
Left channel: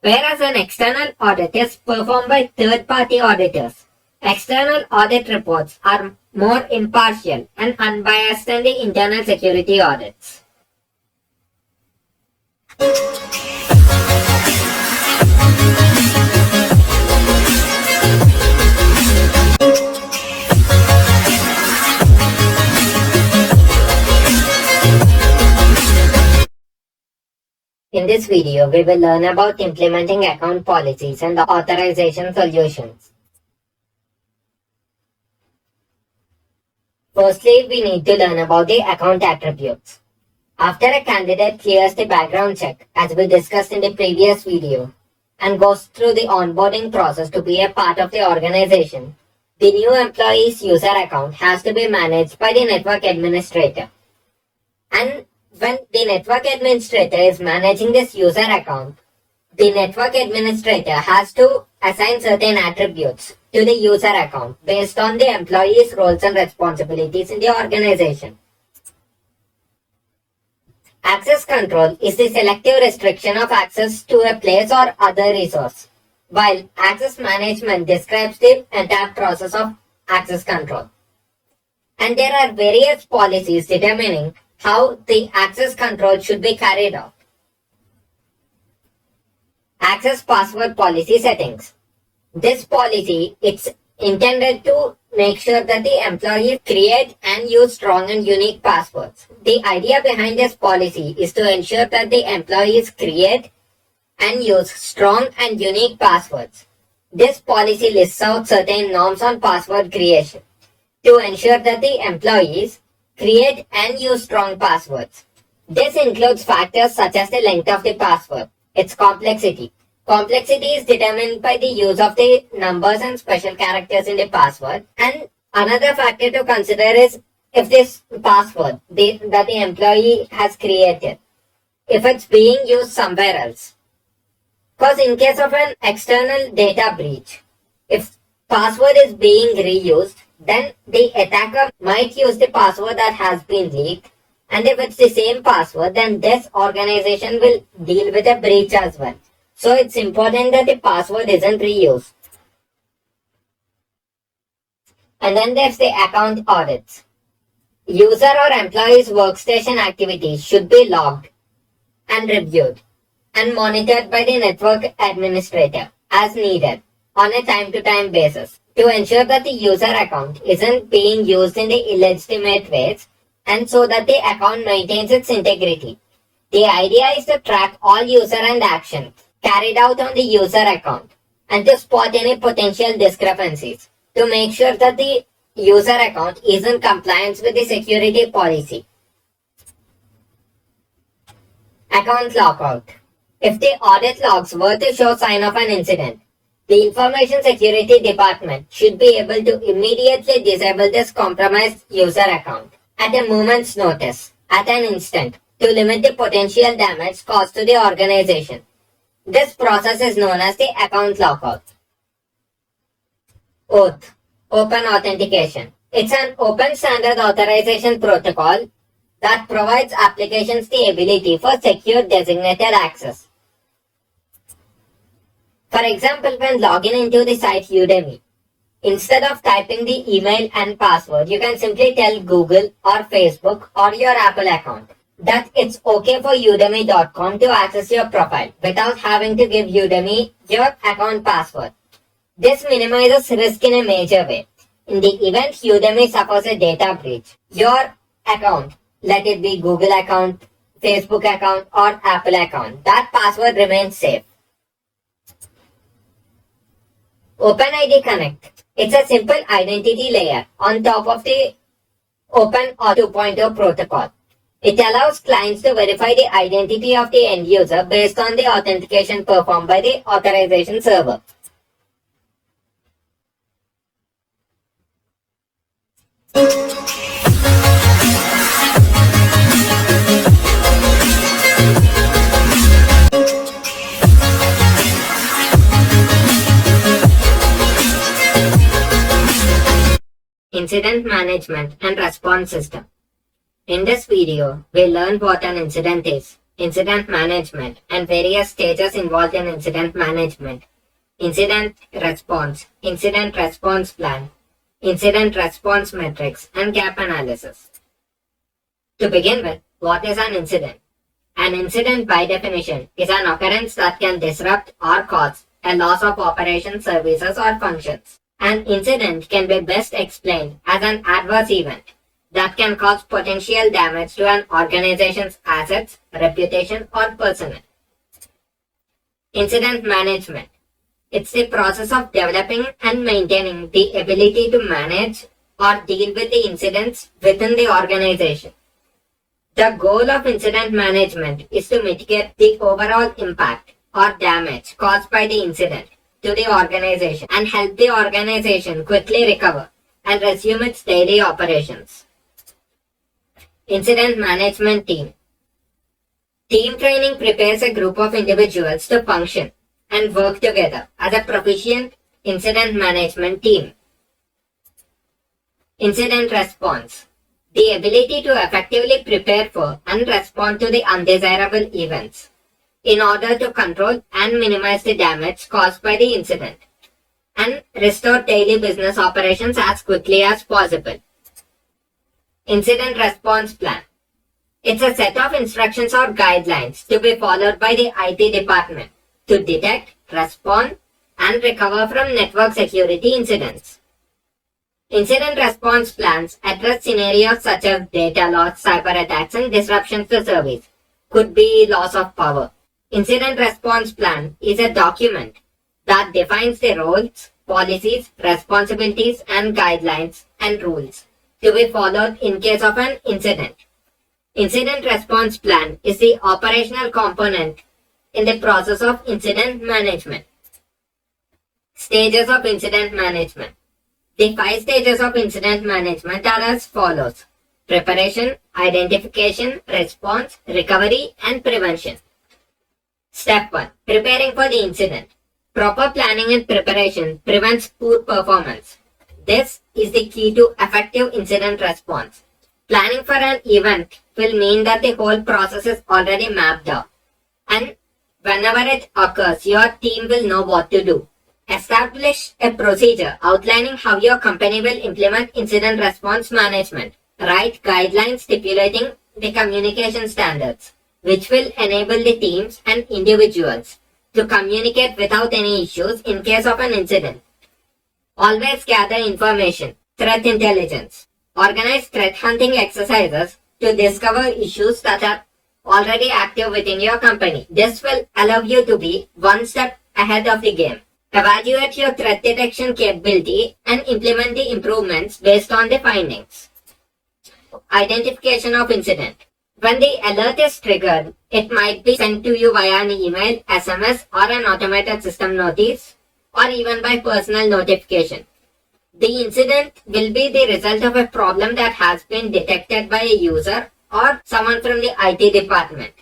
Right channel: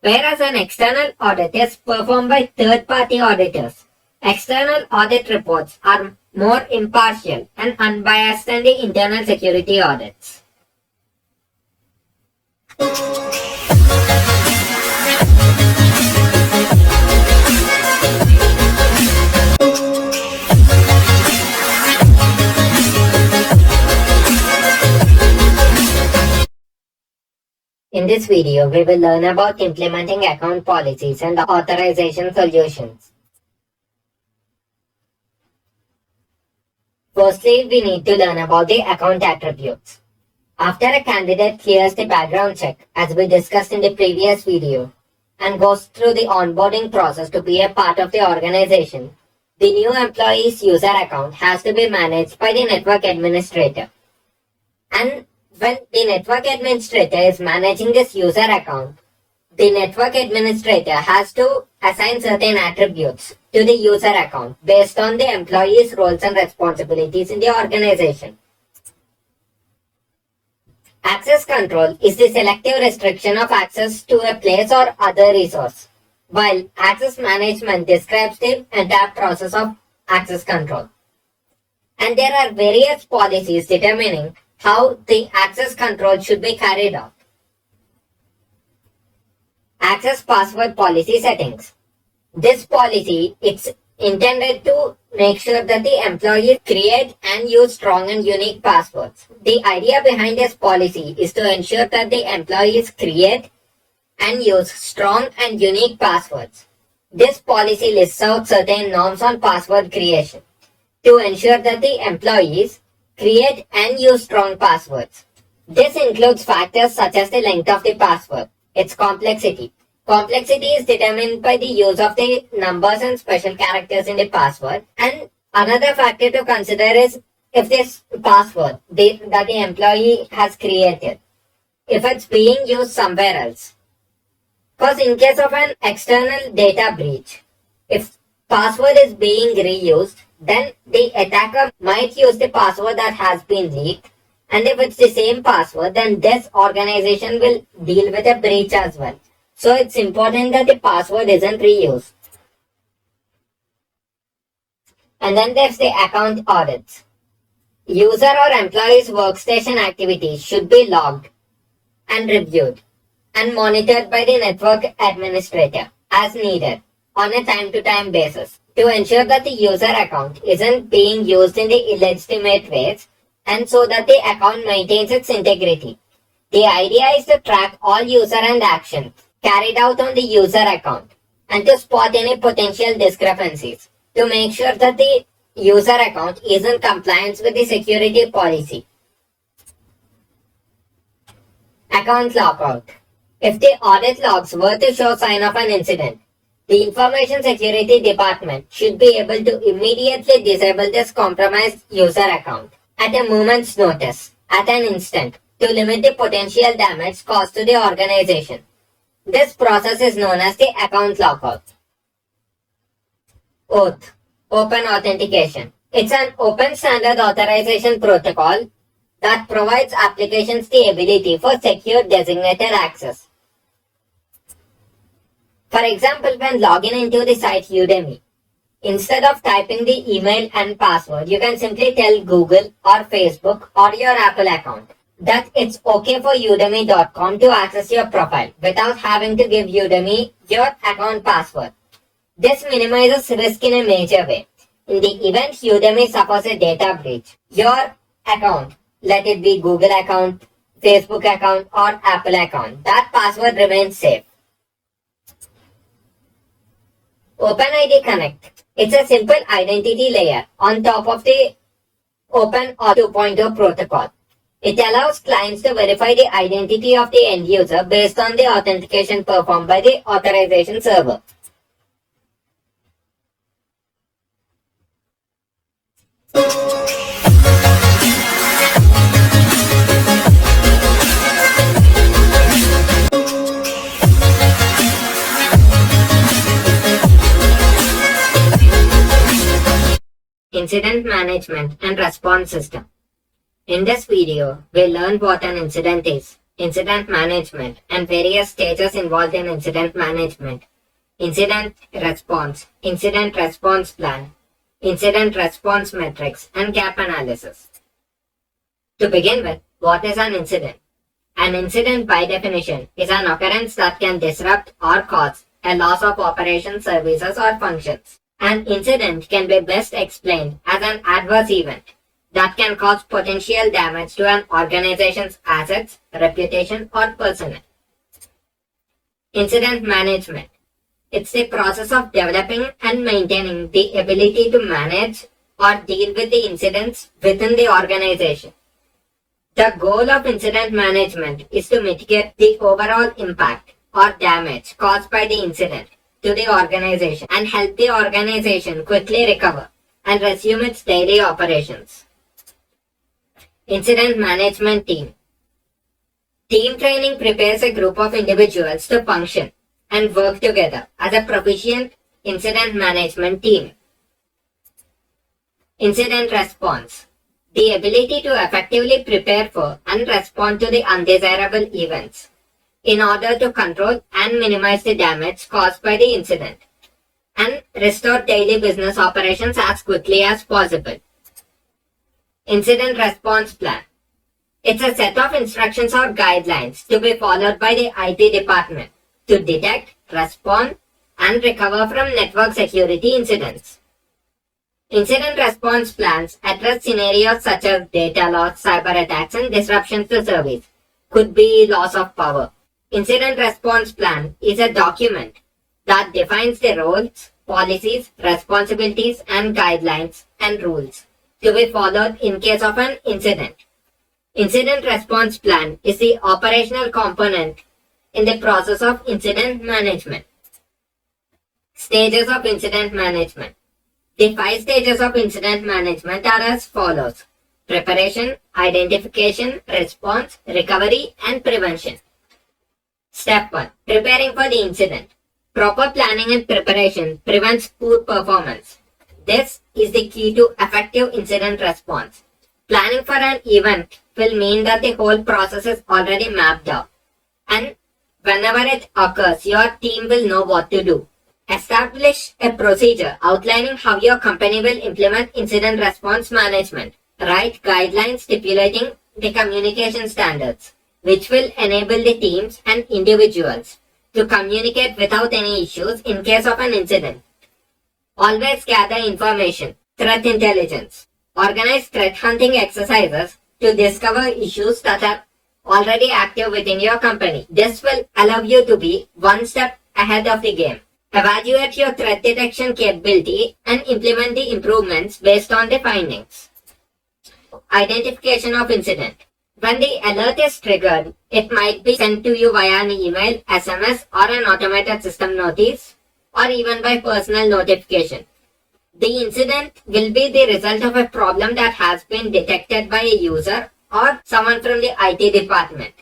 whereas an external audit is performed by third-party auditors. External audit reports are more impartial and unbiased than the internal security audits. In this video, we will learn about implementing account policies and authorization solutions. Firstly, we need to learn about the account attributes. After a candidate clears the background check, as we discussed in the previous video, and goes through the onboarding process to be a part of the organization, the new employee's user account has to be managed by the network administrator. And when the network administrator is managing this user account, the network administrator has to assign certain attributes to the user account based on the employee's roles and responsibilities in the organization. Access control is the selective restriction of access to a place or other resource, while access management describes the entire process of access control. And there are various policies determining how the access control should be carried out. Access password policy settings. This policy is intended to make sure that the employees create and use strong and unique passwords. The idea behind this policy is to ensure that the employees create and use strong and unique passwords. This policy lists out certain norms on password creation to ensure that the employees create and use strong passwords. This includes factors such as the length of the password, its complexity. Complexity is determined by the use of the numbers and special characters in the password. And another factor to consider is if this password that the employee has created, if it's being used somewhere else. Because in case of an external data breach, if password is being reused, then the attacker might use the password that has been leaked. And if it's the same password, then this organization will deal with a breach as well. So it's important that the password isn't reused. And then there's the account audits. User or employee's workstation activities should be logged and reviewed and monitored by the network administrator as needed on a time-to-time basis to ensure that the user account isn't being used in the illegitimate ways and so that the account maintains its integrity. The idea is to track all user and actions carried out on the user account and to spot any potential discrepancies to make sure that the user account is in compliance with the security policy. Account lockout. If the audit logs were to show sign of an incident, the Information Security Department should be able to immediately disable this compromised user account at a moment's notice, at an instant, to limit the potential damage caused to the organization. This process is known as the account lockout. OAuth, Open Authentication. It's an open standard authorization protocol that provides applications the ability for secure designated access. For example, when logging into the site Udemy, instead of typing the email and password, you can simply tell Google or Facebook or your Apple account that it's okay for Udemy.com to access your profile without having to give Udemy your account password. This minimizes risk in a major way. In the event Udemy suffers a data breach, your account, let it be Google account, Facebook account, or Apple account, that password remains safe. OpenID Connect. It's a simple identity layer on top of the OpenAuth 2.0 protocol. It allows clients to verify the identity of the end user based on the authentication performed by the authorization server. Incident Management and Response System. In this video, we'll learn what an incident is, incident management, and various stages involved in incident management, incident response plan, incident response metrics, and gap analysis. To begin with, what is an incident? An incident, by definition, is an occurrence that can disrupt or cause a loss of operation, services, or functions. An incident can be best explained as an adverse event that can cause potential damage to an organization's assets, reputation, or personnel. Incident management. It's the process of developing and maintaining the ability to manage or deal with the incidents within the organization. The goal of incident management is to mitigate the overall impact or damage caused by the incident to the organization and help the organization quickly recover and resume its daily operations. Incident Management Team. Team training prepares a group of individuals to function and work together as a proficient incident management team. Incident Response. The ability to effectively prepare for and respond to the undesirable events in order to control and minimize the damage caused by the incident and restore daily business operations as quickly as possible. Incident Response Plan. It's a set of instructions or guidelines to be followed by the IT department to detect, respond, and recover from network security incidents. Incident response plans address scenarios such as data loss, cyber attacks, and disruptions to service. Could be loss of power. Incident response plan is a document that defines the roles, policies, responsibilities, and guidelines and rules to be followed in case of an incident. Incident response plan is the operational component in the process of incident management. Stages of incident management. The 5 stages of incident management are as follows: preparation, identification, response, recovery, and prevention. Step 1. Preparing for the incident. Proper planning and preparation prevents poor performance. This is the key to effective incident response. Planning for an event will mean that the whole process is already mapped out, and whenever it occurs, your team will know what to do. Establish a procedure outlining how your company will implement incident response management. Write guidelines stipulating the communication standards, which will enable the teams and individuals to communicate without any issues in case of an incident. Always gather information, threat intelligence. Organize threat hunting exercises to discover issues that are already active within your company. This will allow you to be one step ahead of the game. Evaluate your threat detection capability and implement the improvements based on the findings. Identification of incident. When the alert is triggered, it might be sent to you via an email, SMS, or an automated system notice, or even by personal notification. The incident will be the result of a problem that has been detected by a user or someone from the IT department.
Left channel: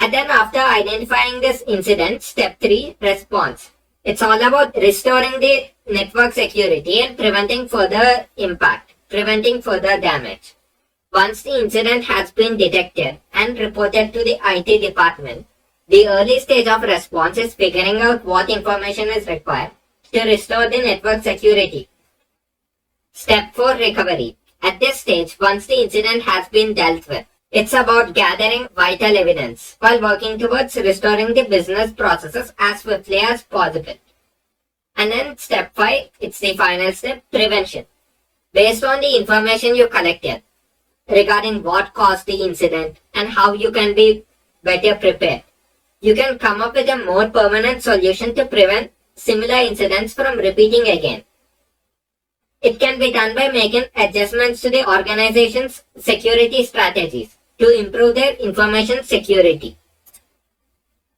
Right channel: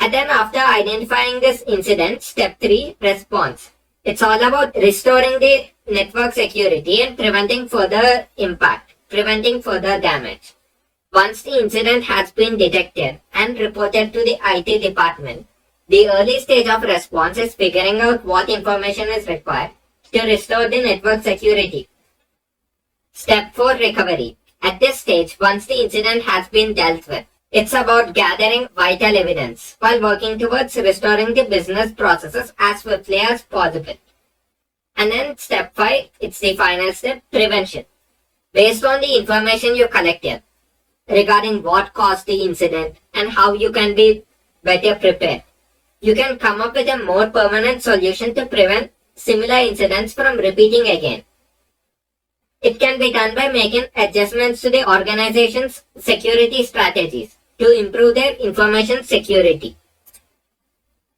And then after identifying this incident, step 3, response. It's all about restoring the network security and preventing further impact, preventing further damage. Once the incident has been detected and reported to the IT department, the early stage of response is figuring out what information is required to restore the network security. Step 4, recovery. At this stage, once the incident has been dealt with, it's about gathering vital evidence while working towards restoring the business processes as swiftly as possible. And then step 5, it's the final step, prevention. Based on the information you collected regarding what caused the incident and how you can be better prepared, you can come up with a more permanent solution to prevent similar incidents from repeating again. It can be done by making adjustments to the organization's security strategies to improve their information security.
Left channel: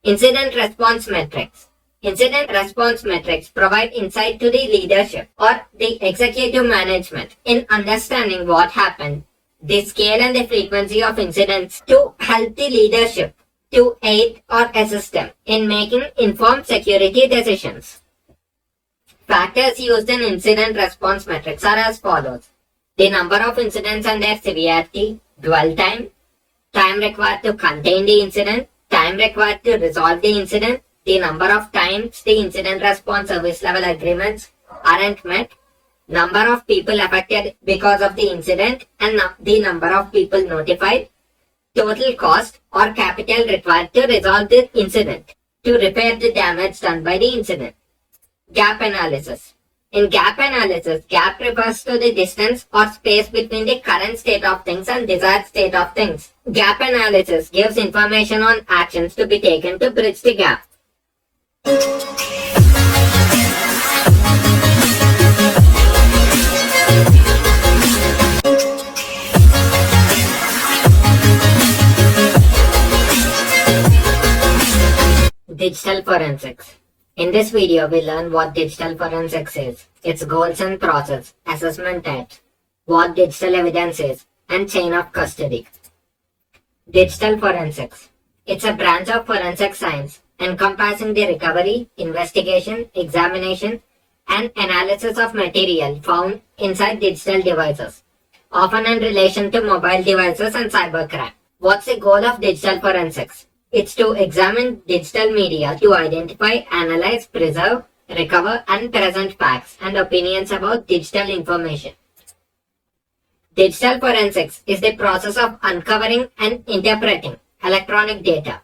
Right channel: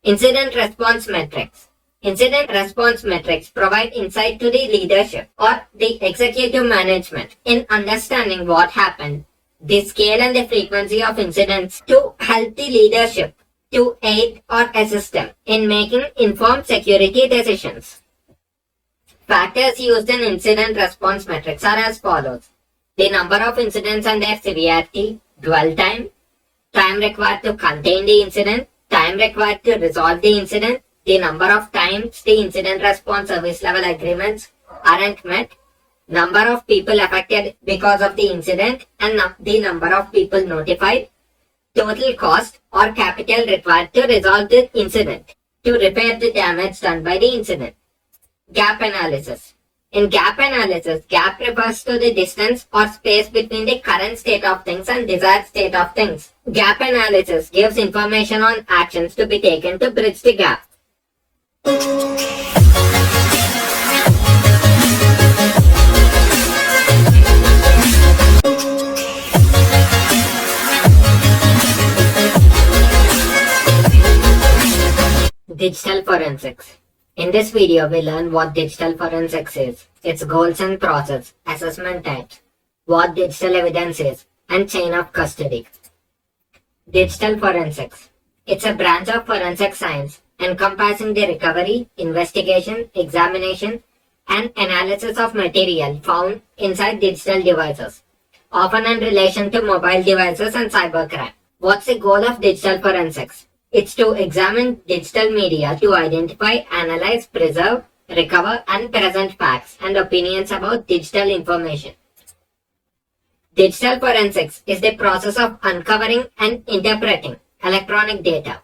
Incident response metrics. Incident response metrics provide insight to the leadership or the executive management in understanding what happened, the scale and the frequency of incidents to help the leadership to aid or assist them in making informed security decisions. Factors used in incident response metrics are as follows: the number of incidents and their severity, dwell time, time required to contain the incident, time required to resolve the incident, the number of times the incident response service level agreements aren't met, number of people affected because of the incident, and the number of people notified, total cost or capital required to resolve the incident, to repair the damage done by the incident. Gap analysis. In gap analysis, gap refers to the distance or space between the current state of things and desired state of things. Gap analysis gives information on actions to be taken to bridge the gap. Digital forensics. In this video, we learn what digital forensics is, its goals and process, assessment types, what digital evidence is, and chain of custody. Digital forensics. It's a branch of forensic science encompassing the recovery, investigation, examination, and analysis of material found inside digital devices, often in relation to mobile devices and cybercrime. What's the goal of digital forensics? It's to examine digital media to identify, analyze, preserve, recover, and present facts and opinions about digital information. Digital forensics is the process of uncovering and interpreting electronic data.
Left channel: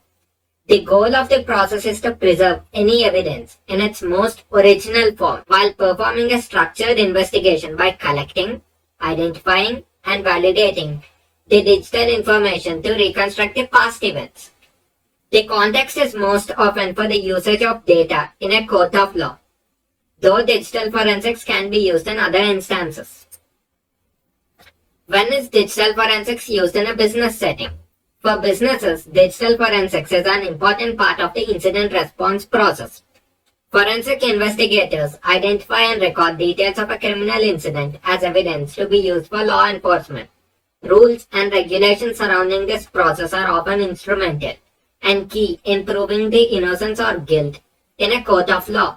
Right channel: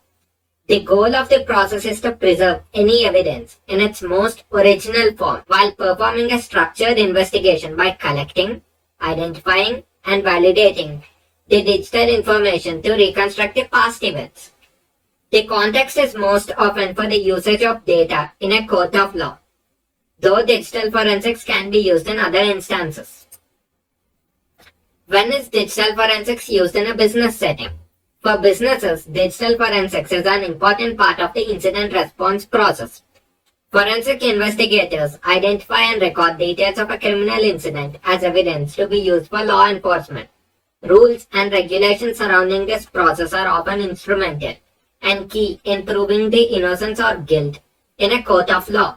The goal of the process is to preserve any evidence in its most original form while performing a structured investigation by collecting, identifying, and validating the digital information to reconstruct the past events. The context is most often for the usage of data in a court of law, though digital forensics can be used in other instances. When is digital forensics used in a business setting? For businesses, digital forensics is an important part of the incident response process. Forensic investigators identify and record details of a criminal incident as evidence to be used for law enforcement. Rules and regulations surrounding this process are often instrumental and key in proving the innocence or guilt in a court of law.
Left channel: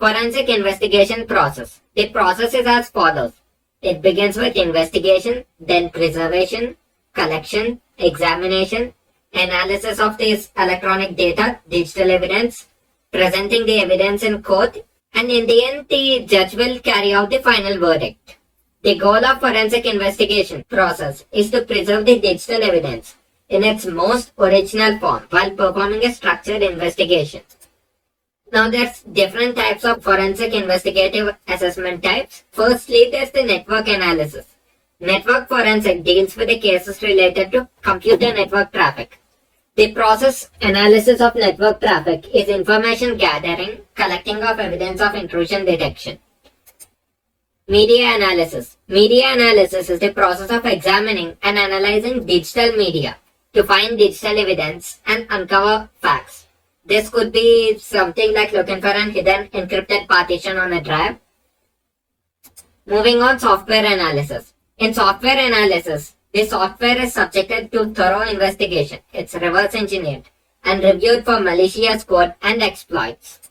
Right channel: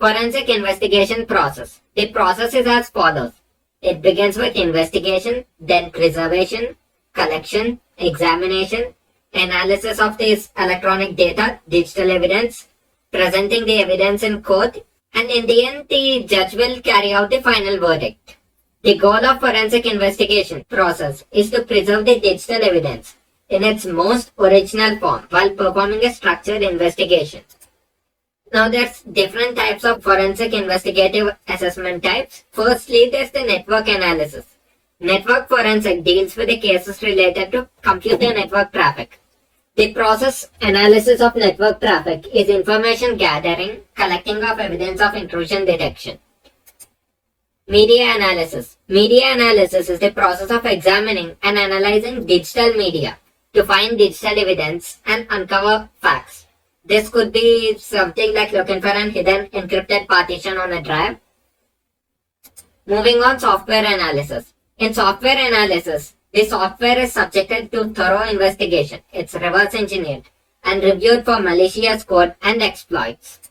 Forensic investigation process. The process is as follows. It begins with investigation, then preservation, collection, examination, analysis of this electronic data, digital evidence, presenting the evidence in court, and in the end, the judge will carry out the final verdict. The goal of forensic investigation process is to preserve the digital evidence in its most original form while performing a structured investigation. Now there's different types of forensic investigative assessment types. Firstly, there's the network analysis. Network forensic deals with the cases related to computer network traffic. The process analysis of network traffic is information gathering, collecting of evidence of intrusion detection. Media analysis. Media analysis is the process of examining and analyzing digital media to find digital evidence and uncover facts. This could be something like looking for an hidden encrypted partition on a drive. Moving on, software analysis. In software analysis, the software is subjected to thorough investigation. It's reverse engineered and reviewed for malicious code and exploits.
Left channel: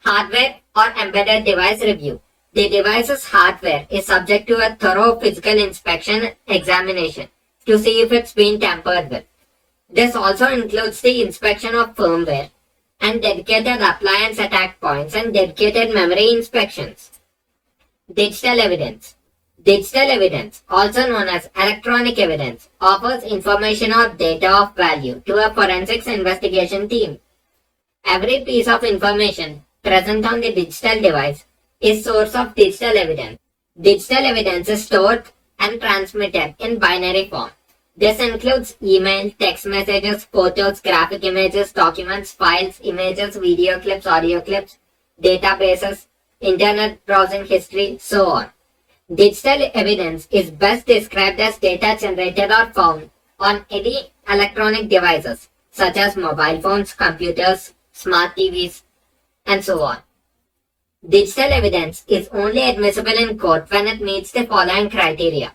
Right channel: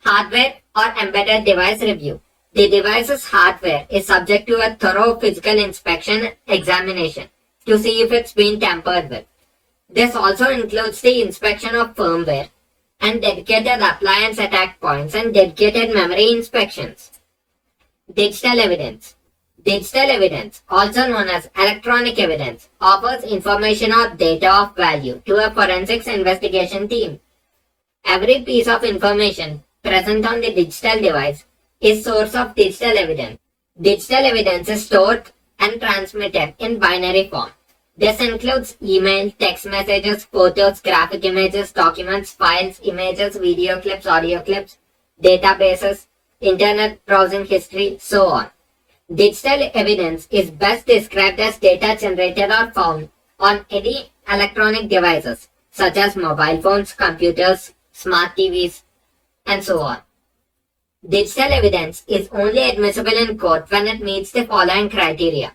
Hardware or embedded device review. The device's hardware is subject to a thorough physical inspection examination to see if it's been tampered with. This also includes the inspection of firmware and dedicated appliance attack points and dedicated memory inspections. Digital evidence. Digital evidence, also known as electronic evidence, offers information or data of value to a forensics investigation team. Every piece of information present on the digital device is source of digital evidence. Digital evidence is stored and transmitted in binary form. This includes email, text messages, photos, graphic images, documents, files, images, video clips, audio clips, databases, internet browsing history, so on. Digital evidence is best described as data generated or found on any electronic devices such as mobile phones, computers, smart TVs, and so on. Digital evidence is only admissible in court when it meets the following criteria.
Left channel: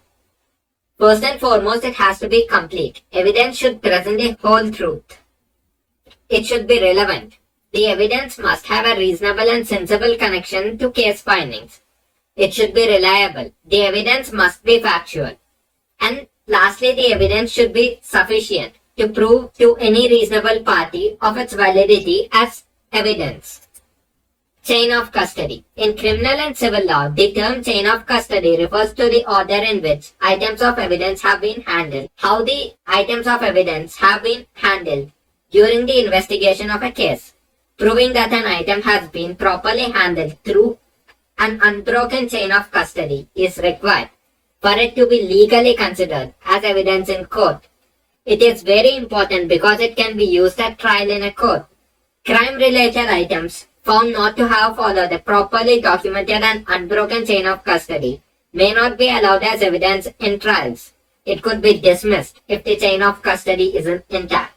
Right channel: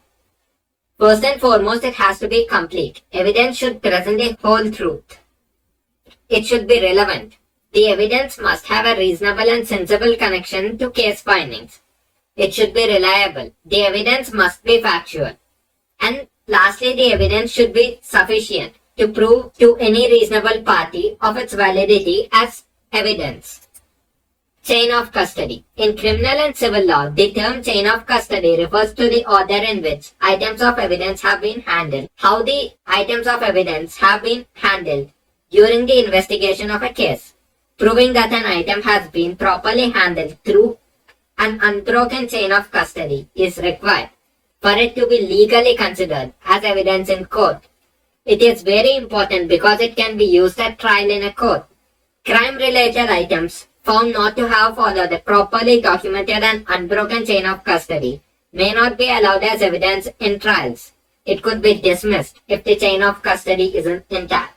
First and foremost, it has to be complete. Evidence should present a whole truth. It should be relevant. The evidence must have a reasonable and sensible connection to case findings. It should be reliable. The evidence must be factual. And lastly, the evidence should be sufficient to prove to any reasonable party of its validity as evidence. Chain of custody. In criminal and civil law, the term chain of custody refers to the order in which items of evidence have been handled. How the items of evidence have been handled during the investigation of a case. Proving that an item has been properly handled through an unbroken chain of custody is required for it to be legally considered as evidence in court. It is very important because it can be used at trial in a court. Crime-related items found not to have followed a properly documented and unbroken chain of custody may not be allowed as evidence in trials. It could be dismissed if the chain of custody isn't intact.